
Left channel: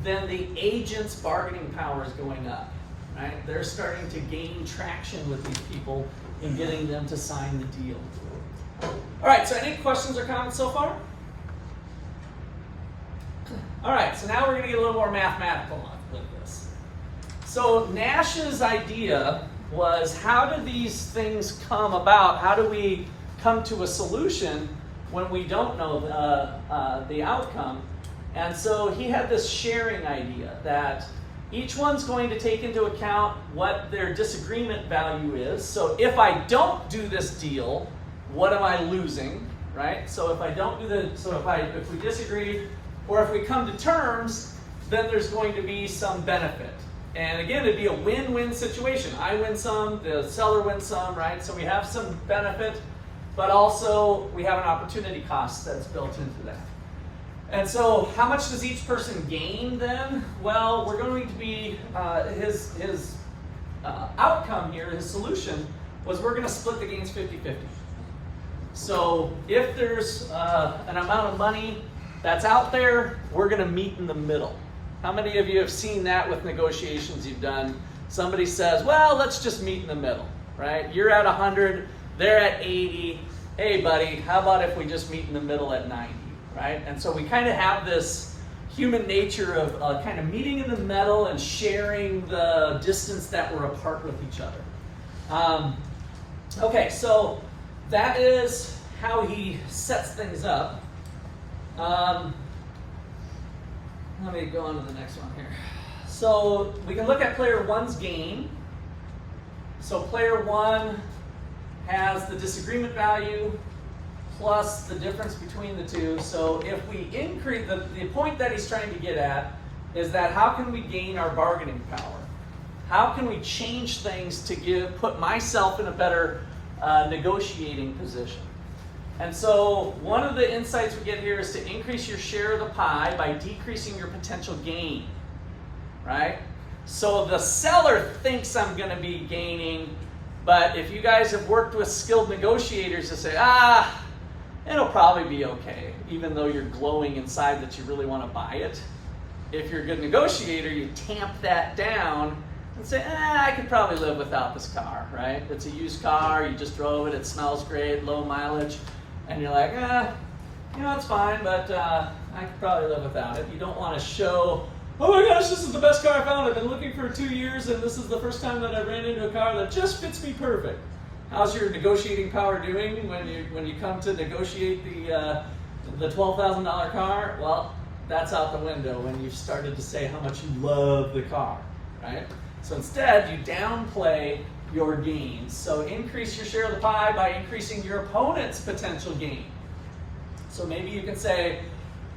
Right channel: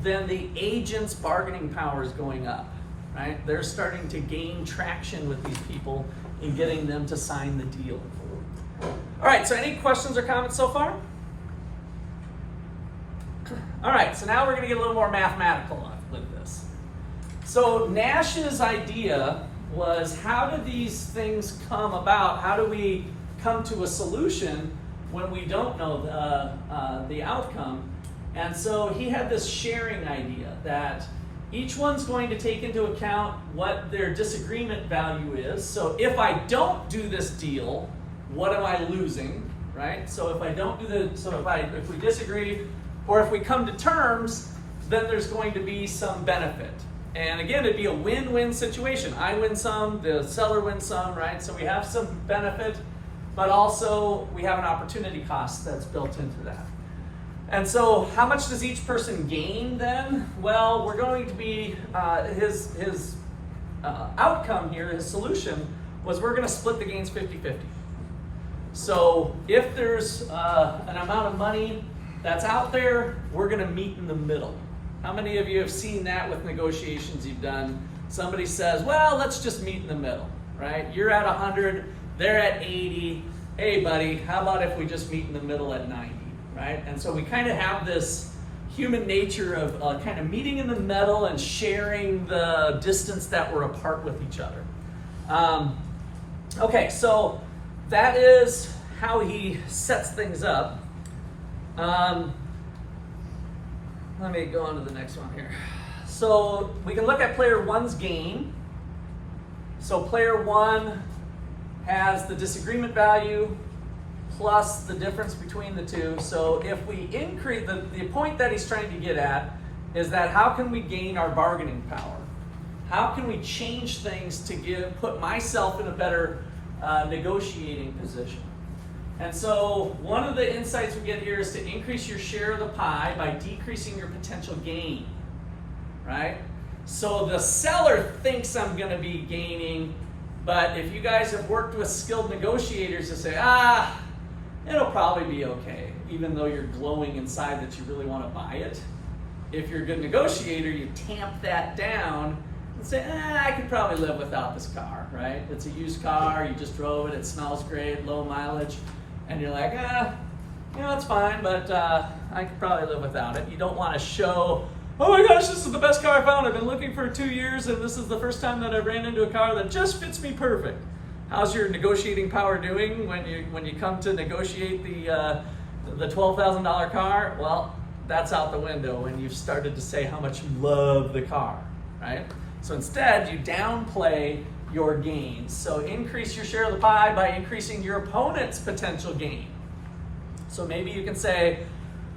then the agent's bargaining power is going up, right? They're starting to gain traction with these people in getting them to sign the deal. All right, so any questions or comments so far? All right, so now we're going to get a little more mathematical with this. So Nash's idea was, how do these things come about? How do we come to a solution when we don't know the outcome? And so he had this sharing idea that each one's going to take into account what their disagreement value is. So if I don't do this deal, what am I losing, right? So if I don't do if we disagree, or if we come to terms, then there's going to be some benefit. And again, it'd be a win-win situation. I win some, the seller wins some, right? So we have some benefit, but also we have an opportunity cost that's built into that. And so how much does each person gain then? Well, we're going to be, his outcome here, his solution, was we're going to split the gains 50-50. So if there's an amount of money that's out there, we're going to meet in the middle. How many of you have seen that with negotiations you've done? Somebody says, well, let's just meet in the middle, right? You're at 100, they're at 80. Hey, buddy, how about if we just meet in the middle at 90, right? And so we kind of have this human nature of kind of meeting in the middle and sharing the distance that we're apart with each other. Okay, so that is how he sets things up. Let me go on to the next one here. So we can look at player one's gain. So player one has the disagreement value plus the difference between the two. So if we increase, the point that he's trying to get at is that how can we gain our bargaining power? How can we change things to put myself in a better negotiating position? And so one of the insights we get here is to increase your share of the pie by decreasing your potential gain, right? So the seller thinks I'm going to be gaining, but if you guys have worked with skilled negotiators, they say, it'll probably be okay, even though you're glowing inside that you really want to buy it. If you're a good negotiator, you tamp that down and say, I could probably live without this car, right? It's a used car, you just drove it, it smells great, low mileage. And you're like, it's fine, but I could probably live without it. You don't want to show, oh my gosh, this is the best car I found. I've been looking for 2 years, and this is the first time that I ran into a car that just fits me perfect. How's your negotiating power doing when you come to negotiate the $12,000 car? Well, that's out the window when you've started to say how much you love the car, right? So instead, you downplay your gains. So increase your share of the pie by increasing your opponent's potential gain. So maybe you can say,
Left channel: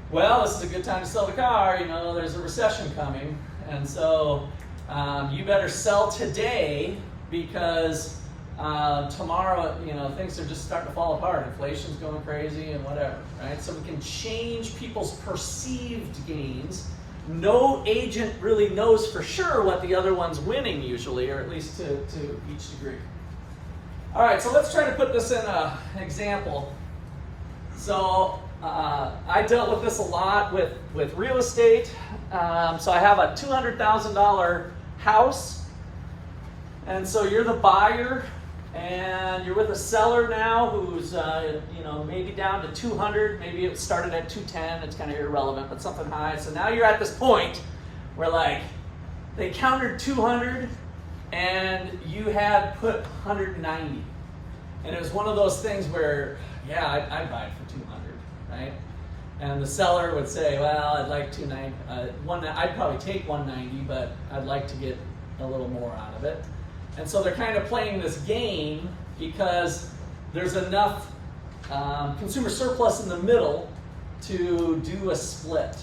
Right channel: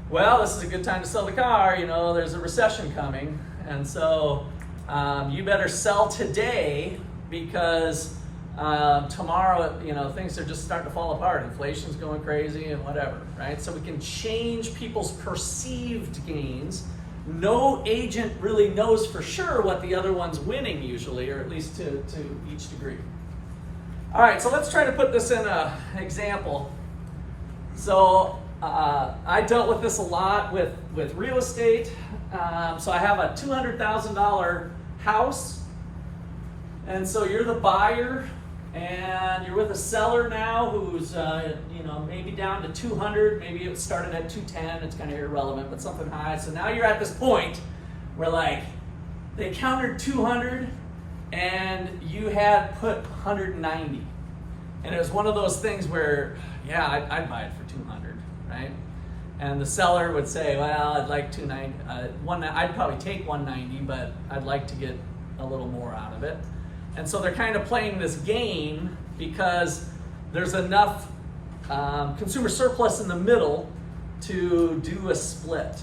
well, this is a good time to sell the car, there's a recession coming, and so you better sell today because tomorrow, things are just starting to fall apart. Inflation's going crazy and whatever, right? So we can change people's perceived gains. No agent really knows for sure what the other one's winning usually, or at least to each degree. All right, so let's try to put this in an example. So I dealt with this a lot with real estate. So I have a $200,000 house, and so you're the buyer, and you're with a seller now who's maybe down to 200, maybe it started at 210, it's kind of irrelevant, but something high. So now you're at this point where they countered 200 and you had put 190. And it was one of those things where, I'd buy it for 200, right? And the seller would say, well, I'd like 290, I'd probably take 190, but I'd like to get a little more out of it. And so they're kind of playing this game because there's enough consumer surplus in the middle to do a split.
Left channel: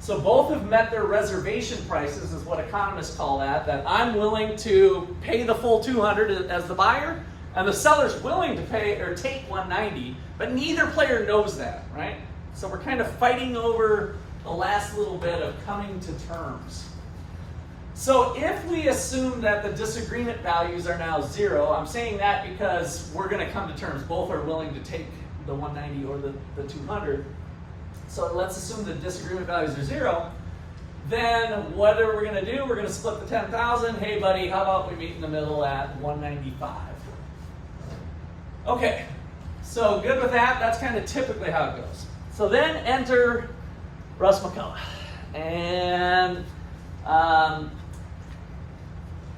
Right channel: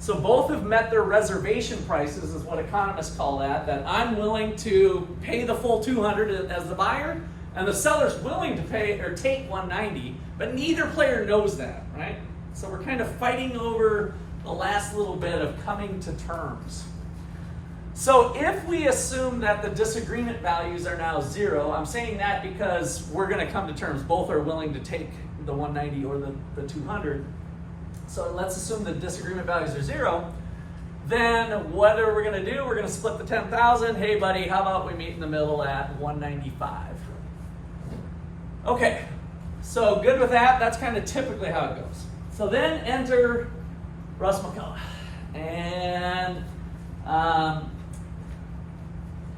So both have met their reservation prices, is what economists call that I'm willing to pay the full 200 as the buyer, and the seller's willing to pay or take 190, but neither player knows that, right? So we're kind of fighting over the last little bit of coming to terms. So if we assume that the disagreement values are now 0, I'm saying that because we're going to come to terms. Both are willing to take the 190 or the 200. So let's assume the disagreement values are 0. Then what are we going to do? We're going to split the 10,000. Hey, buddy, how about we meet in the middle at 195? Okay, so good with that. That's kind of typically how it goes. So then enter Russ McCullough. And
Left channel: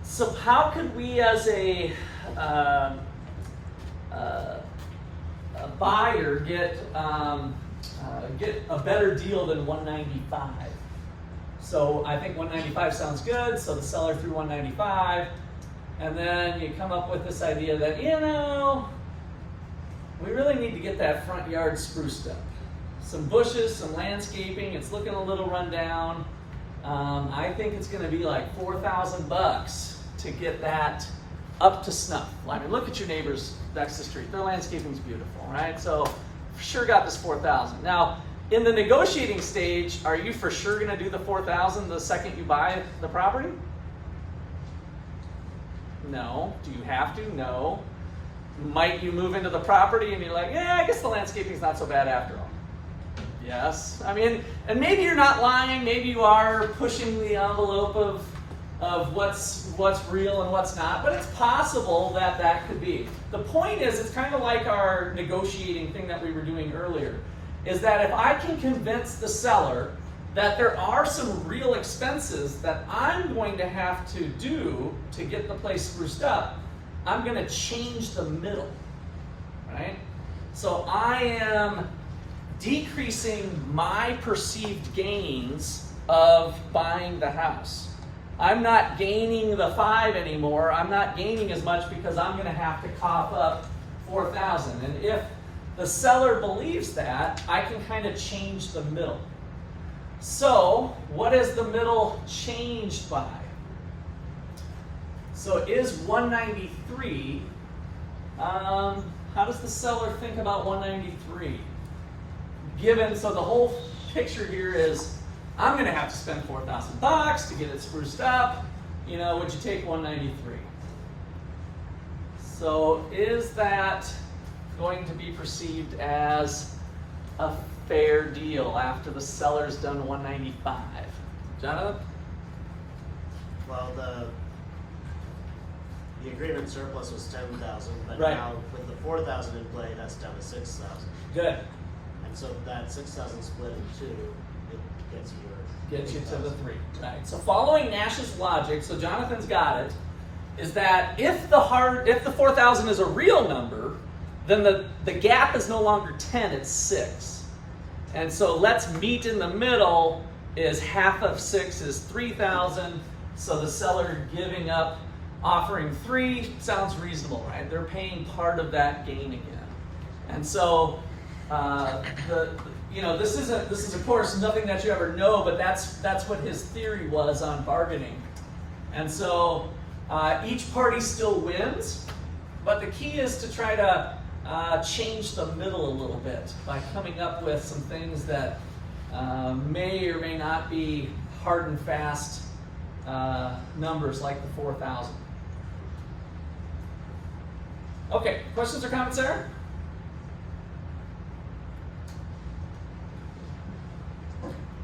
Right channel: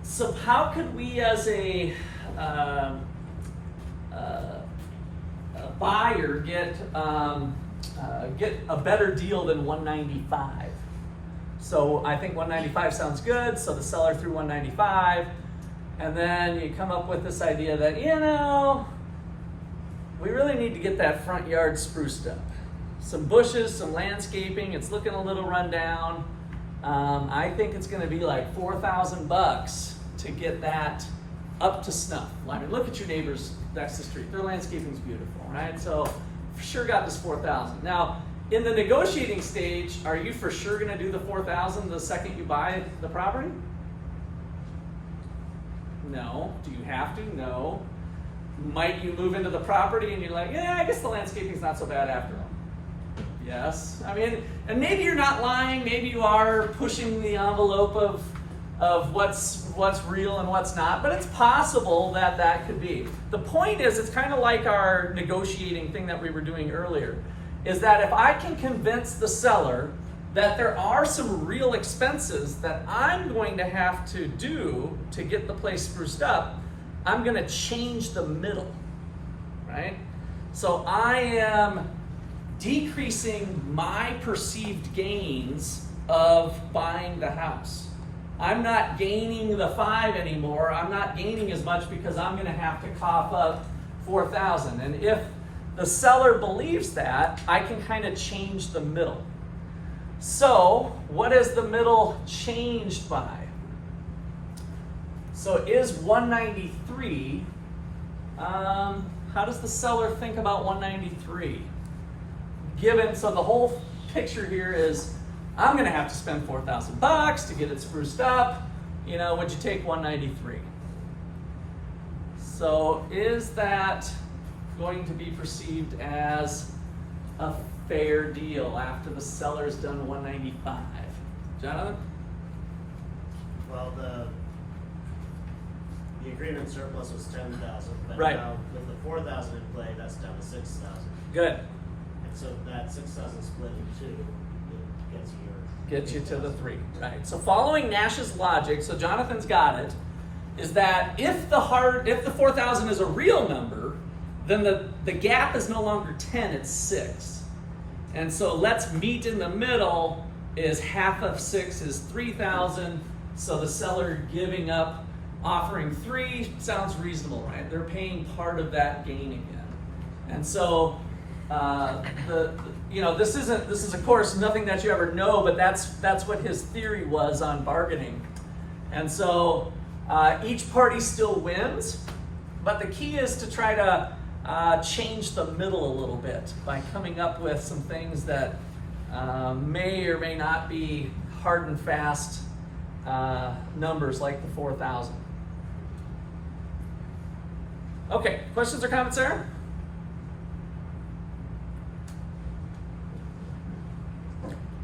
so how could we as a buyer get a better deal than 195? So I think 195 sounds good, so the seller threw 195, and then you come up with this idea that, you know, we really need to get that front yard spruced up. Some bushes, some landscaping, it's looking a little run down. I think it's gonna be like $4,000 to get that up to snuff. I mean, look at your neighbors next to the street. Their landscaping's beautiful, right? So for sure got this 4,000. Now, in the negotiating stage, are you for sure gonna do the 4,000 the second you buy the property? No. Do you have to? No. Might you move into the property and you're like, yeah, I guess the landscaping's not so bad after all. Yes. I mean, and maybe you're not lying, maybe you are pushing the envelope of what's real and what's not, but it's possible that that could be. The point is, it's kind of like our negotiating thing that we were doing earlier, is that if I can convince the seller that there are some real expenses that I'm going to have to do to get the place spruced up, I'm going to change the middle, right? So I am decreasing my perceived gains of buying the house. I'm not gaining the 5 anymore. I'm not gaining as much because I'm going to have to cough up 4,000. And if the seller believes that, I can kind of change the middle. So what is the middle changed by? So is 193, how does the seller think about 193? Given, so the whole picture here is, I'm gonna have to spend $4,000 to get it spruced up, you know, would you take 193? So is that going to be perceived as a fair deal after the seller's done 195? Jonathan? Well, the agreement surplus was 10,000, but right. Now with the 4,000 in play, that's down to 6,000. Good. And so that 6,000 split in 2, it gets you Gets you to the 3, right? So following Nash's logic, so Jonathan's got it, is that if the 4,000 is a real number, then the gap is no longer 10, it's 6. And so let's meet in the middle is half of 6 is 3,000. So the seller giving up, offering 3 sounds reasonable, right? They're paying part of that gain again. And so this is of course nothing that you ever know, but that's what his theory was on bargaining. And so each party still wins, but the key is to try to change the middle a little bit by coming up with some things that may or may not be hard and fast numbers like the 4,000. Okay, questions or comments there?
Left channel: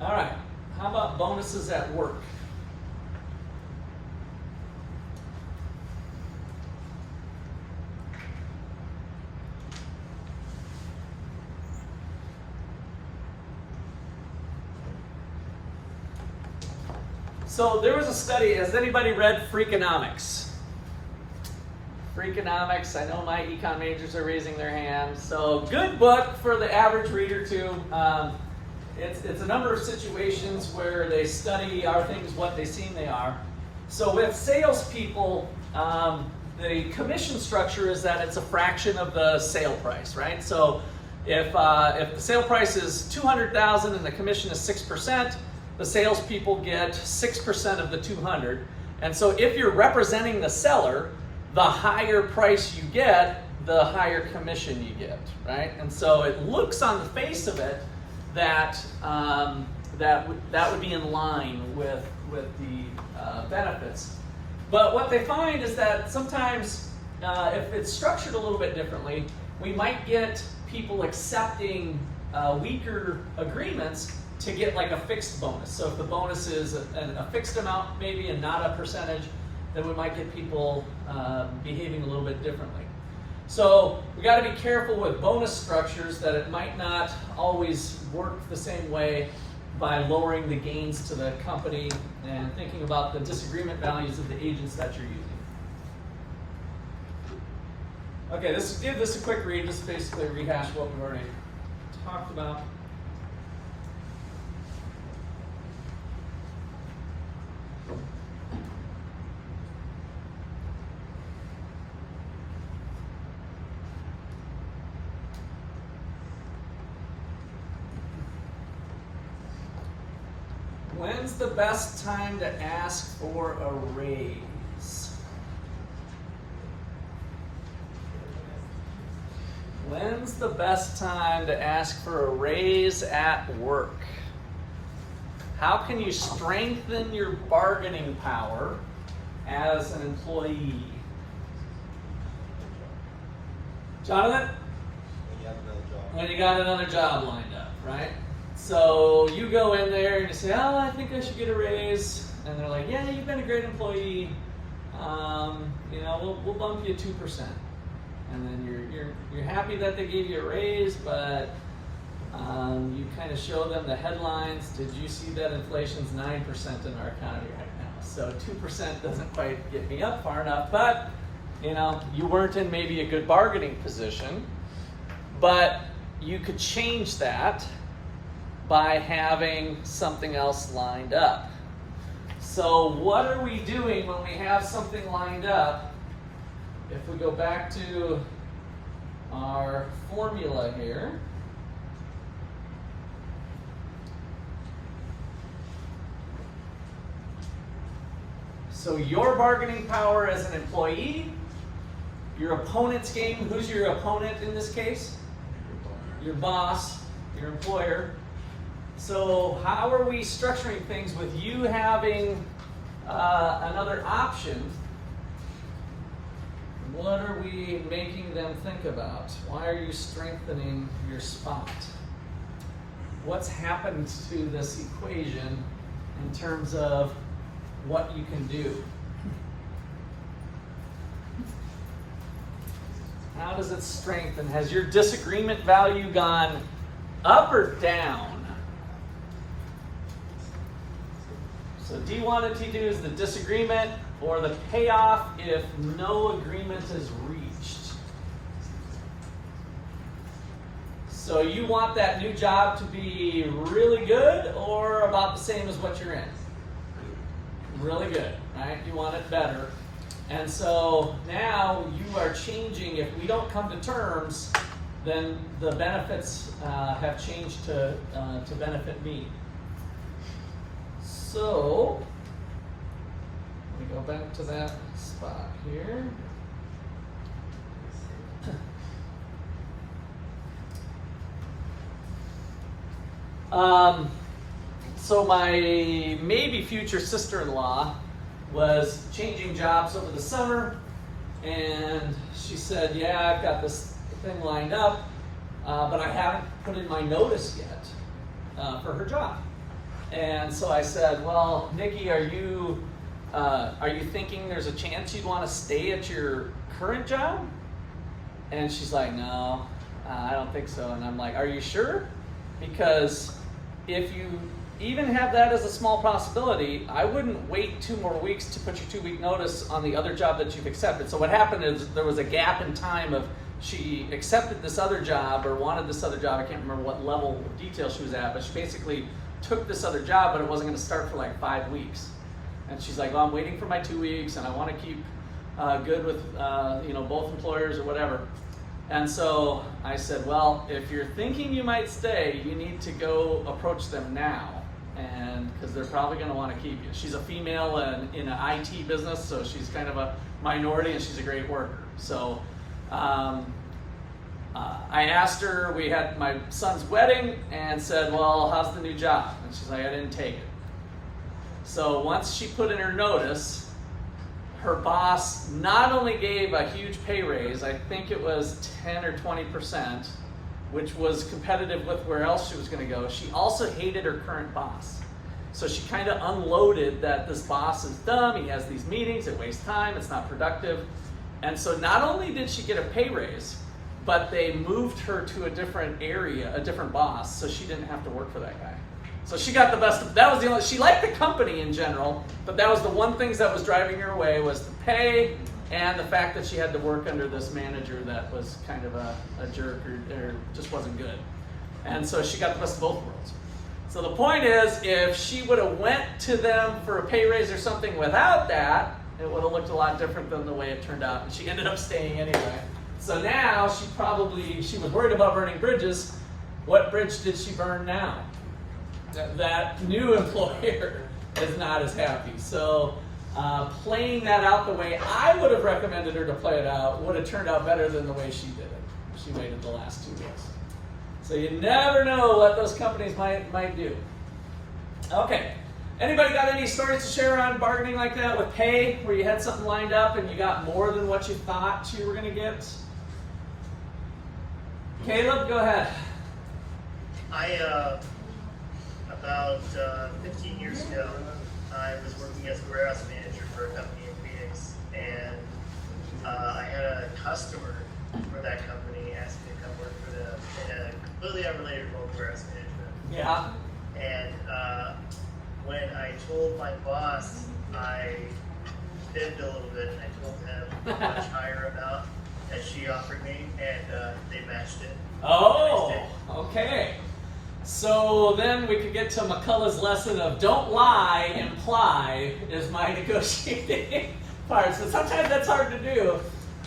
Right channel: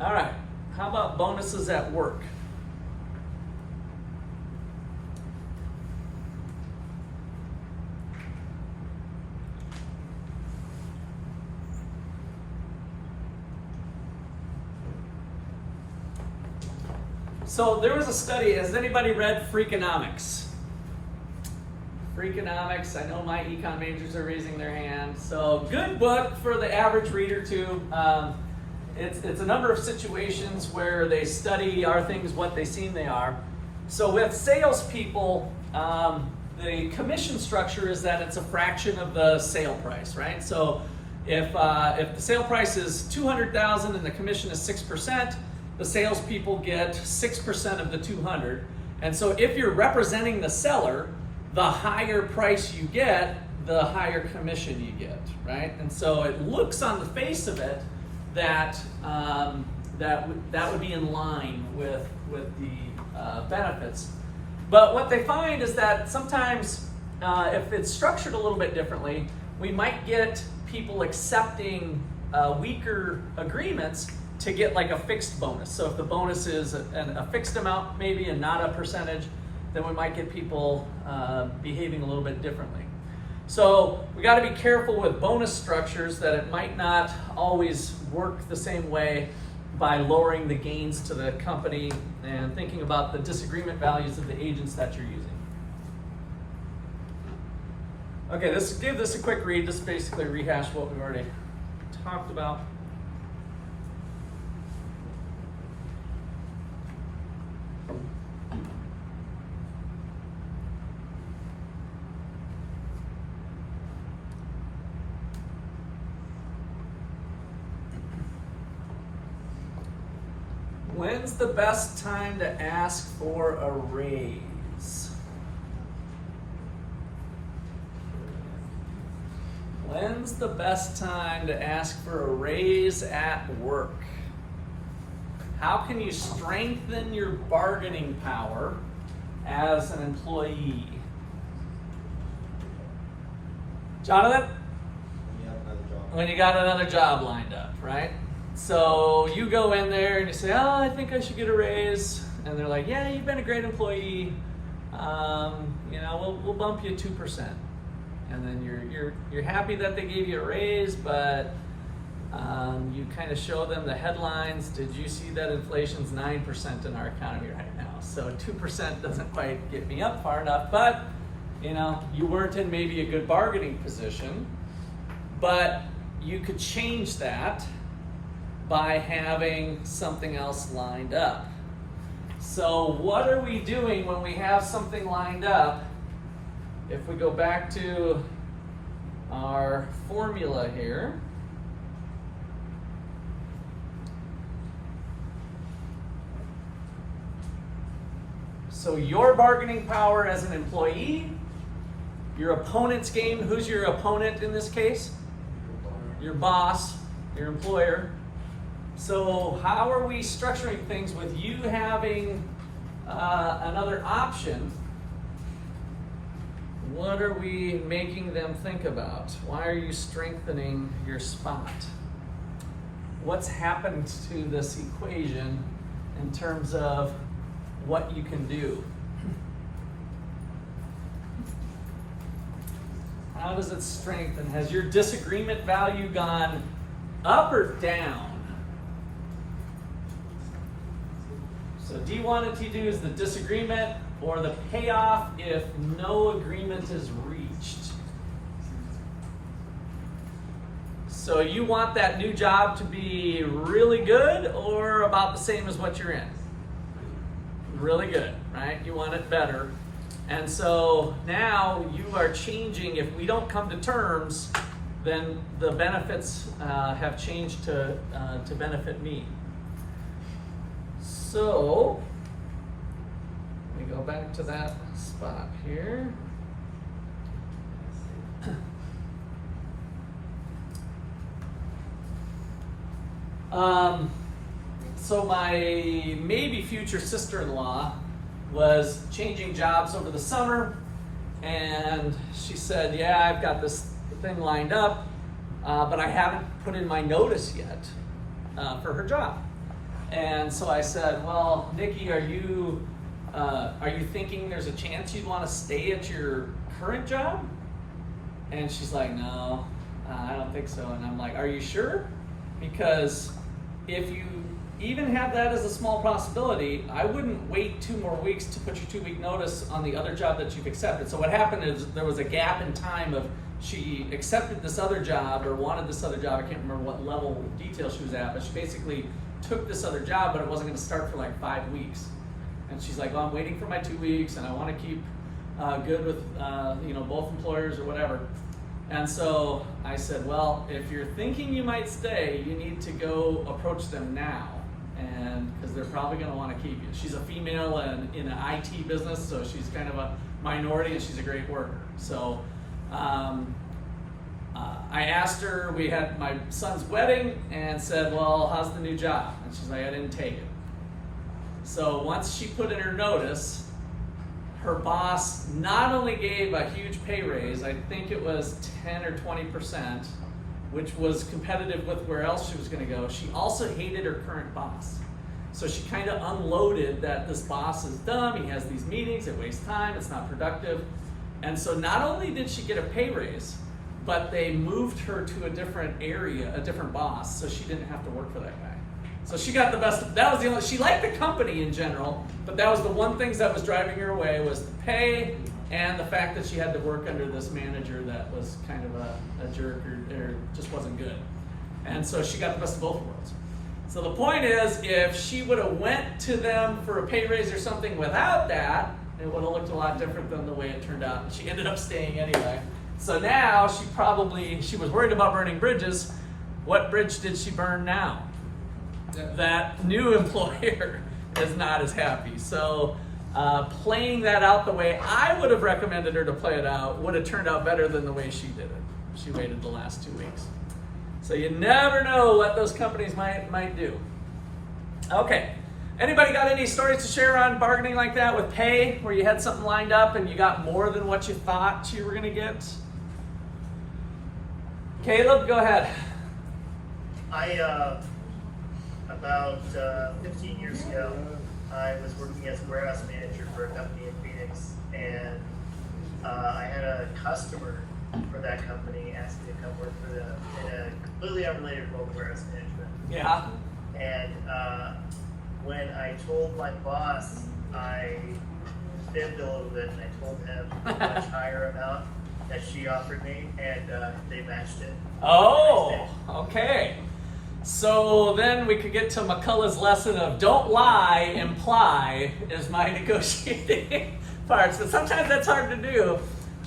All right, how about bonuses at work? So there was a study, has anybody read Freakonomics? Freakonomics, I know my econ majors are raising their hand. So good book for the average reader too. It's a number of situations where they study are things what they seem they are. So with salespeople, the commission structure is that it's a fraction of the sale price, right? So if the sale price is $200,000 and the commission is 6%, the salespeople get 6% of the 200. And so if you're representing the seller, the higher price you get, the higher commission you get, right? And so it looks on the face of it that that would be in line with the benefits. But what they find is that sometimes if it's structured a little bit differently, we might get people accepting weaker agreements to get like a fixed bonus. So if the bonus is a fixed amount maybe and not a percentage, then we might get people behaving a little bit differently. So we got to be careful with bonus structures that it might not always work the same way by lowering the gains to the company and thinking about the disagreement values of the agents that you're using. Okay, give this a quick read. This basically rehash what we've already talked about. When's the best time to ask for a raise? When's the best time to ask for a raise at work? How can you strengthen your bargaining power as an employee? Jonathan? When you got another job lined up, right? So you go in there and you say, oh, I think I should get a raise. And they're like, yeah, you've been a great employee. We'll bump you 2%. And then you're happy that they gave you a raise, but you kind of show them the headlines. Did you see that inflation's 9% in our economy right now? So 2% doesn't quite get me up far enough, but you weren't in maybe a good bargaining position, but you could change that by having something else lined up. So what are we doing when we have something lined up? If we go back to our formula here, so your bargaining power as an employee, your opponent's game. Who's your opponent in this case? Your boss, your employer. So how are we structuring things with you having another option? What are we making them think about? Why are you strengthening your spot? What's happened to this equation in terms of what you can do? How does it strengthen? Has your disagreement value gone up or down? So D1 and T2 is the disagreement or the payoff if no agreement is reached. So you want that new job to be really good or about the same as what you're in? Really good, right? You want it better. And so now you are changing. If we don't come to terms, then the benefits have changed to benefit me. So let me go back to that spot here. So my maybe future sister-in-law was changing jobs over the summer, and she said, yeah, I've got this thing lined up, but I haven't put in my notice yet for her job. And so I said, well, Nikki, are you thinking there's a chance you'd want to stay at your current job? And she's like, no, I don't think so. And I'm like, are you sure? Because if you even have that as a small possibility, I wouldn't wait 2 more weeks to put your 2-week notice on the other job that you've accepted. So what happened is there was a gap in time of she accepted this other job or wanted this other job. I can't remember what level of detail she was at, but she basically took this other job, but it wasn't going to start for like 5 weeks. And she's like, well, I'm waiting for my 2 weeks, and I want to keep good with both employers or whatever. And so I said, well, if you're thinking you might stay, you need to go approach them now, and because they're probably going to want to keep you. She's a female and in an IT business, so she's kind of a minority, and she's a great worker. So I asked her, we had my son's wedding, and said, well, how's the new job? And she's like, I didn't take it. So once she put in her notice, her boss not only gave a huge pay raise, I think it was 10 or 20%, which was competitive with where else she was going to go. She also hated her current boss. So she kind of unloaded that this boss is dumb, he has these meetings, it wastes time, it's not productive. And so not only did she get a pay raise, but they moved her to a different area, a different boss, so she didn't have to work for that guy. So she got the best. That was the only. She liked the company in general, but that was the one thing that was driving her away was the pay and the fact that she had to work under this manager that was kind of a jerk or just wasn't good. And so she got the best of both worlds. So the point is, if she would have went to them for a pay raise or something without that, it would have looked a lot different than the way it turned out. And she ended up staying anyway. So now she was worried about burning bridges. What bridge did she burn now? That new employer is not as happy. So playing that out the way I would have recommended her to play it out would have turned out better than the way she did it. She waited the last 2 weeks. So you never know what those companies might do. Okay. Anybody got any stories to share on bargaining like that with pay, where you had something lined up and you got more than what you thought you were going to get? Caleb, go ahead. About 15 years ago, I was working as a warehouse manager for a company in Phoenix, and I had a customer for that company ask me to come work for them in a completely unrelated role to warehouse management. Yeah. And when I told my boss, I fibbed a little bit, and I told him a much higher amount that she offered me, and they matched it. Oh, okay. So then we could get to McCullough's lesson of don't lie, imply is my negotiating parts. But sometimes that's hard to do.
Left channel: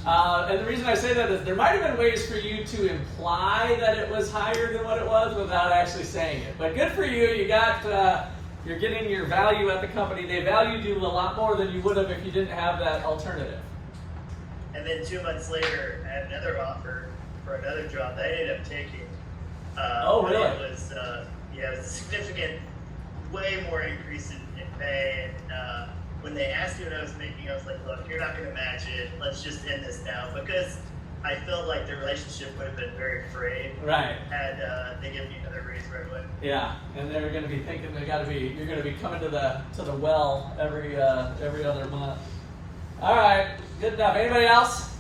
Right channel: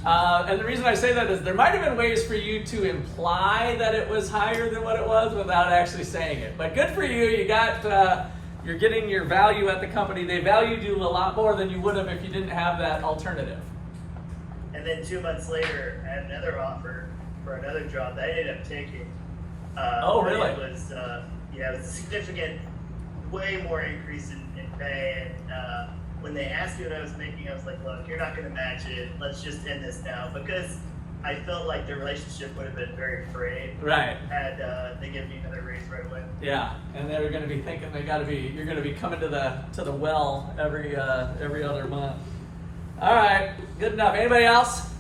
And the reason I say that is there might have been ways for you to imply that it was higher than what it was without actually saying it. But good for you. You got, you're getting your value at the company. They valued you a lot more than you would have if you didn't have that alternative. And then 2 months later, I had another offer for another job that I ended up taking. Oh, really? It was, it was a significant, way more increase in pay. And when they asked me what I was making, I was like, look, you're not going to match it. Let's just end this now. Because I felt like the relationship would have been very frayed. Right. Had they given me another raise right away. Yeah, and they're going to be thinking you're going to be coming to the well every other month. All right, good enough. Anybody else?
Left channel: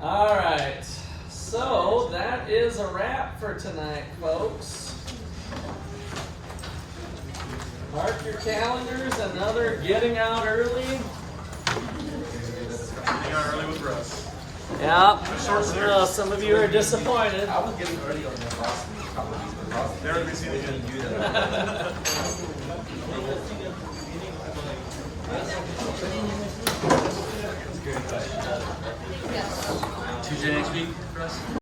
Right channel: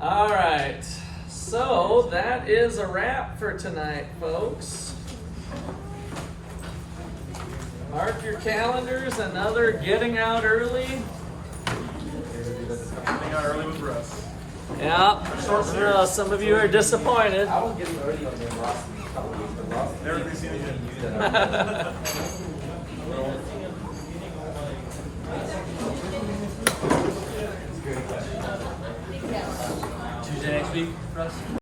All right. So that is a wrap for tonight, folks. Mark your calendars. Another getting out early. Getting out early with Russ. Yeah. A short series. Some of you are disappointed. I was getting early on the last couple of weeks, but Ross Never to be seen again. Tuesday next week, Russ?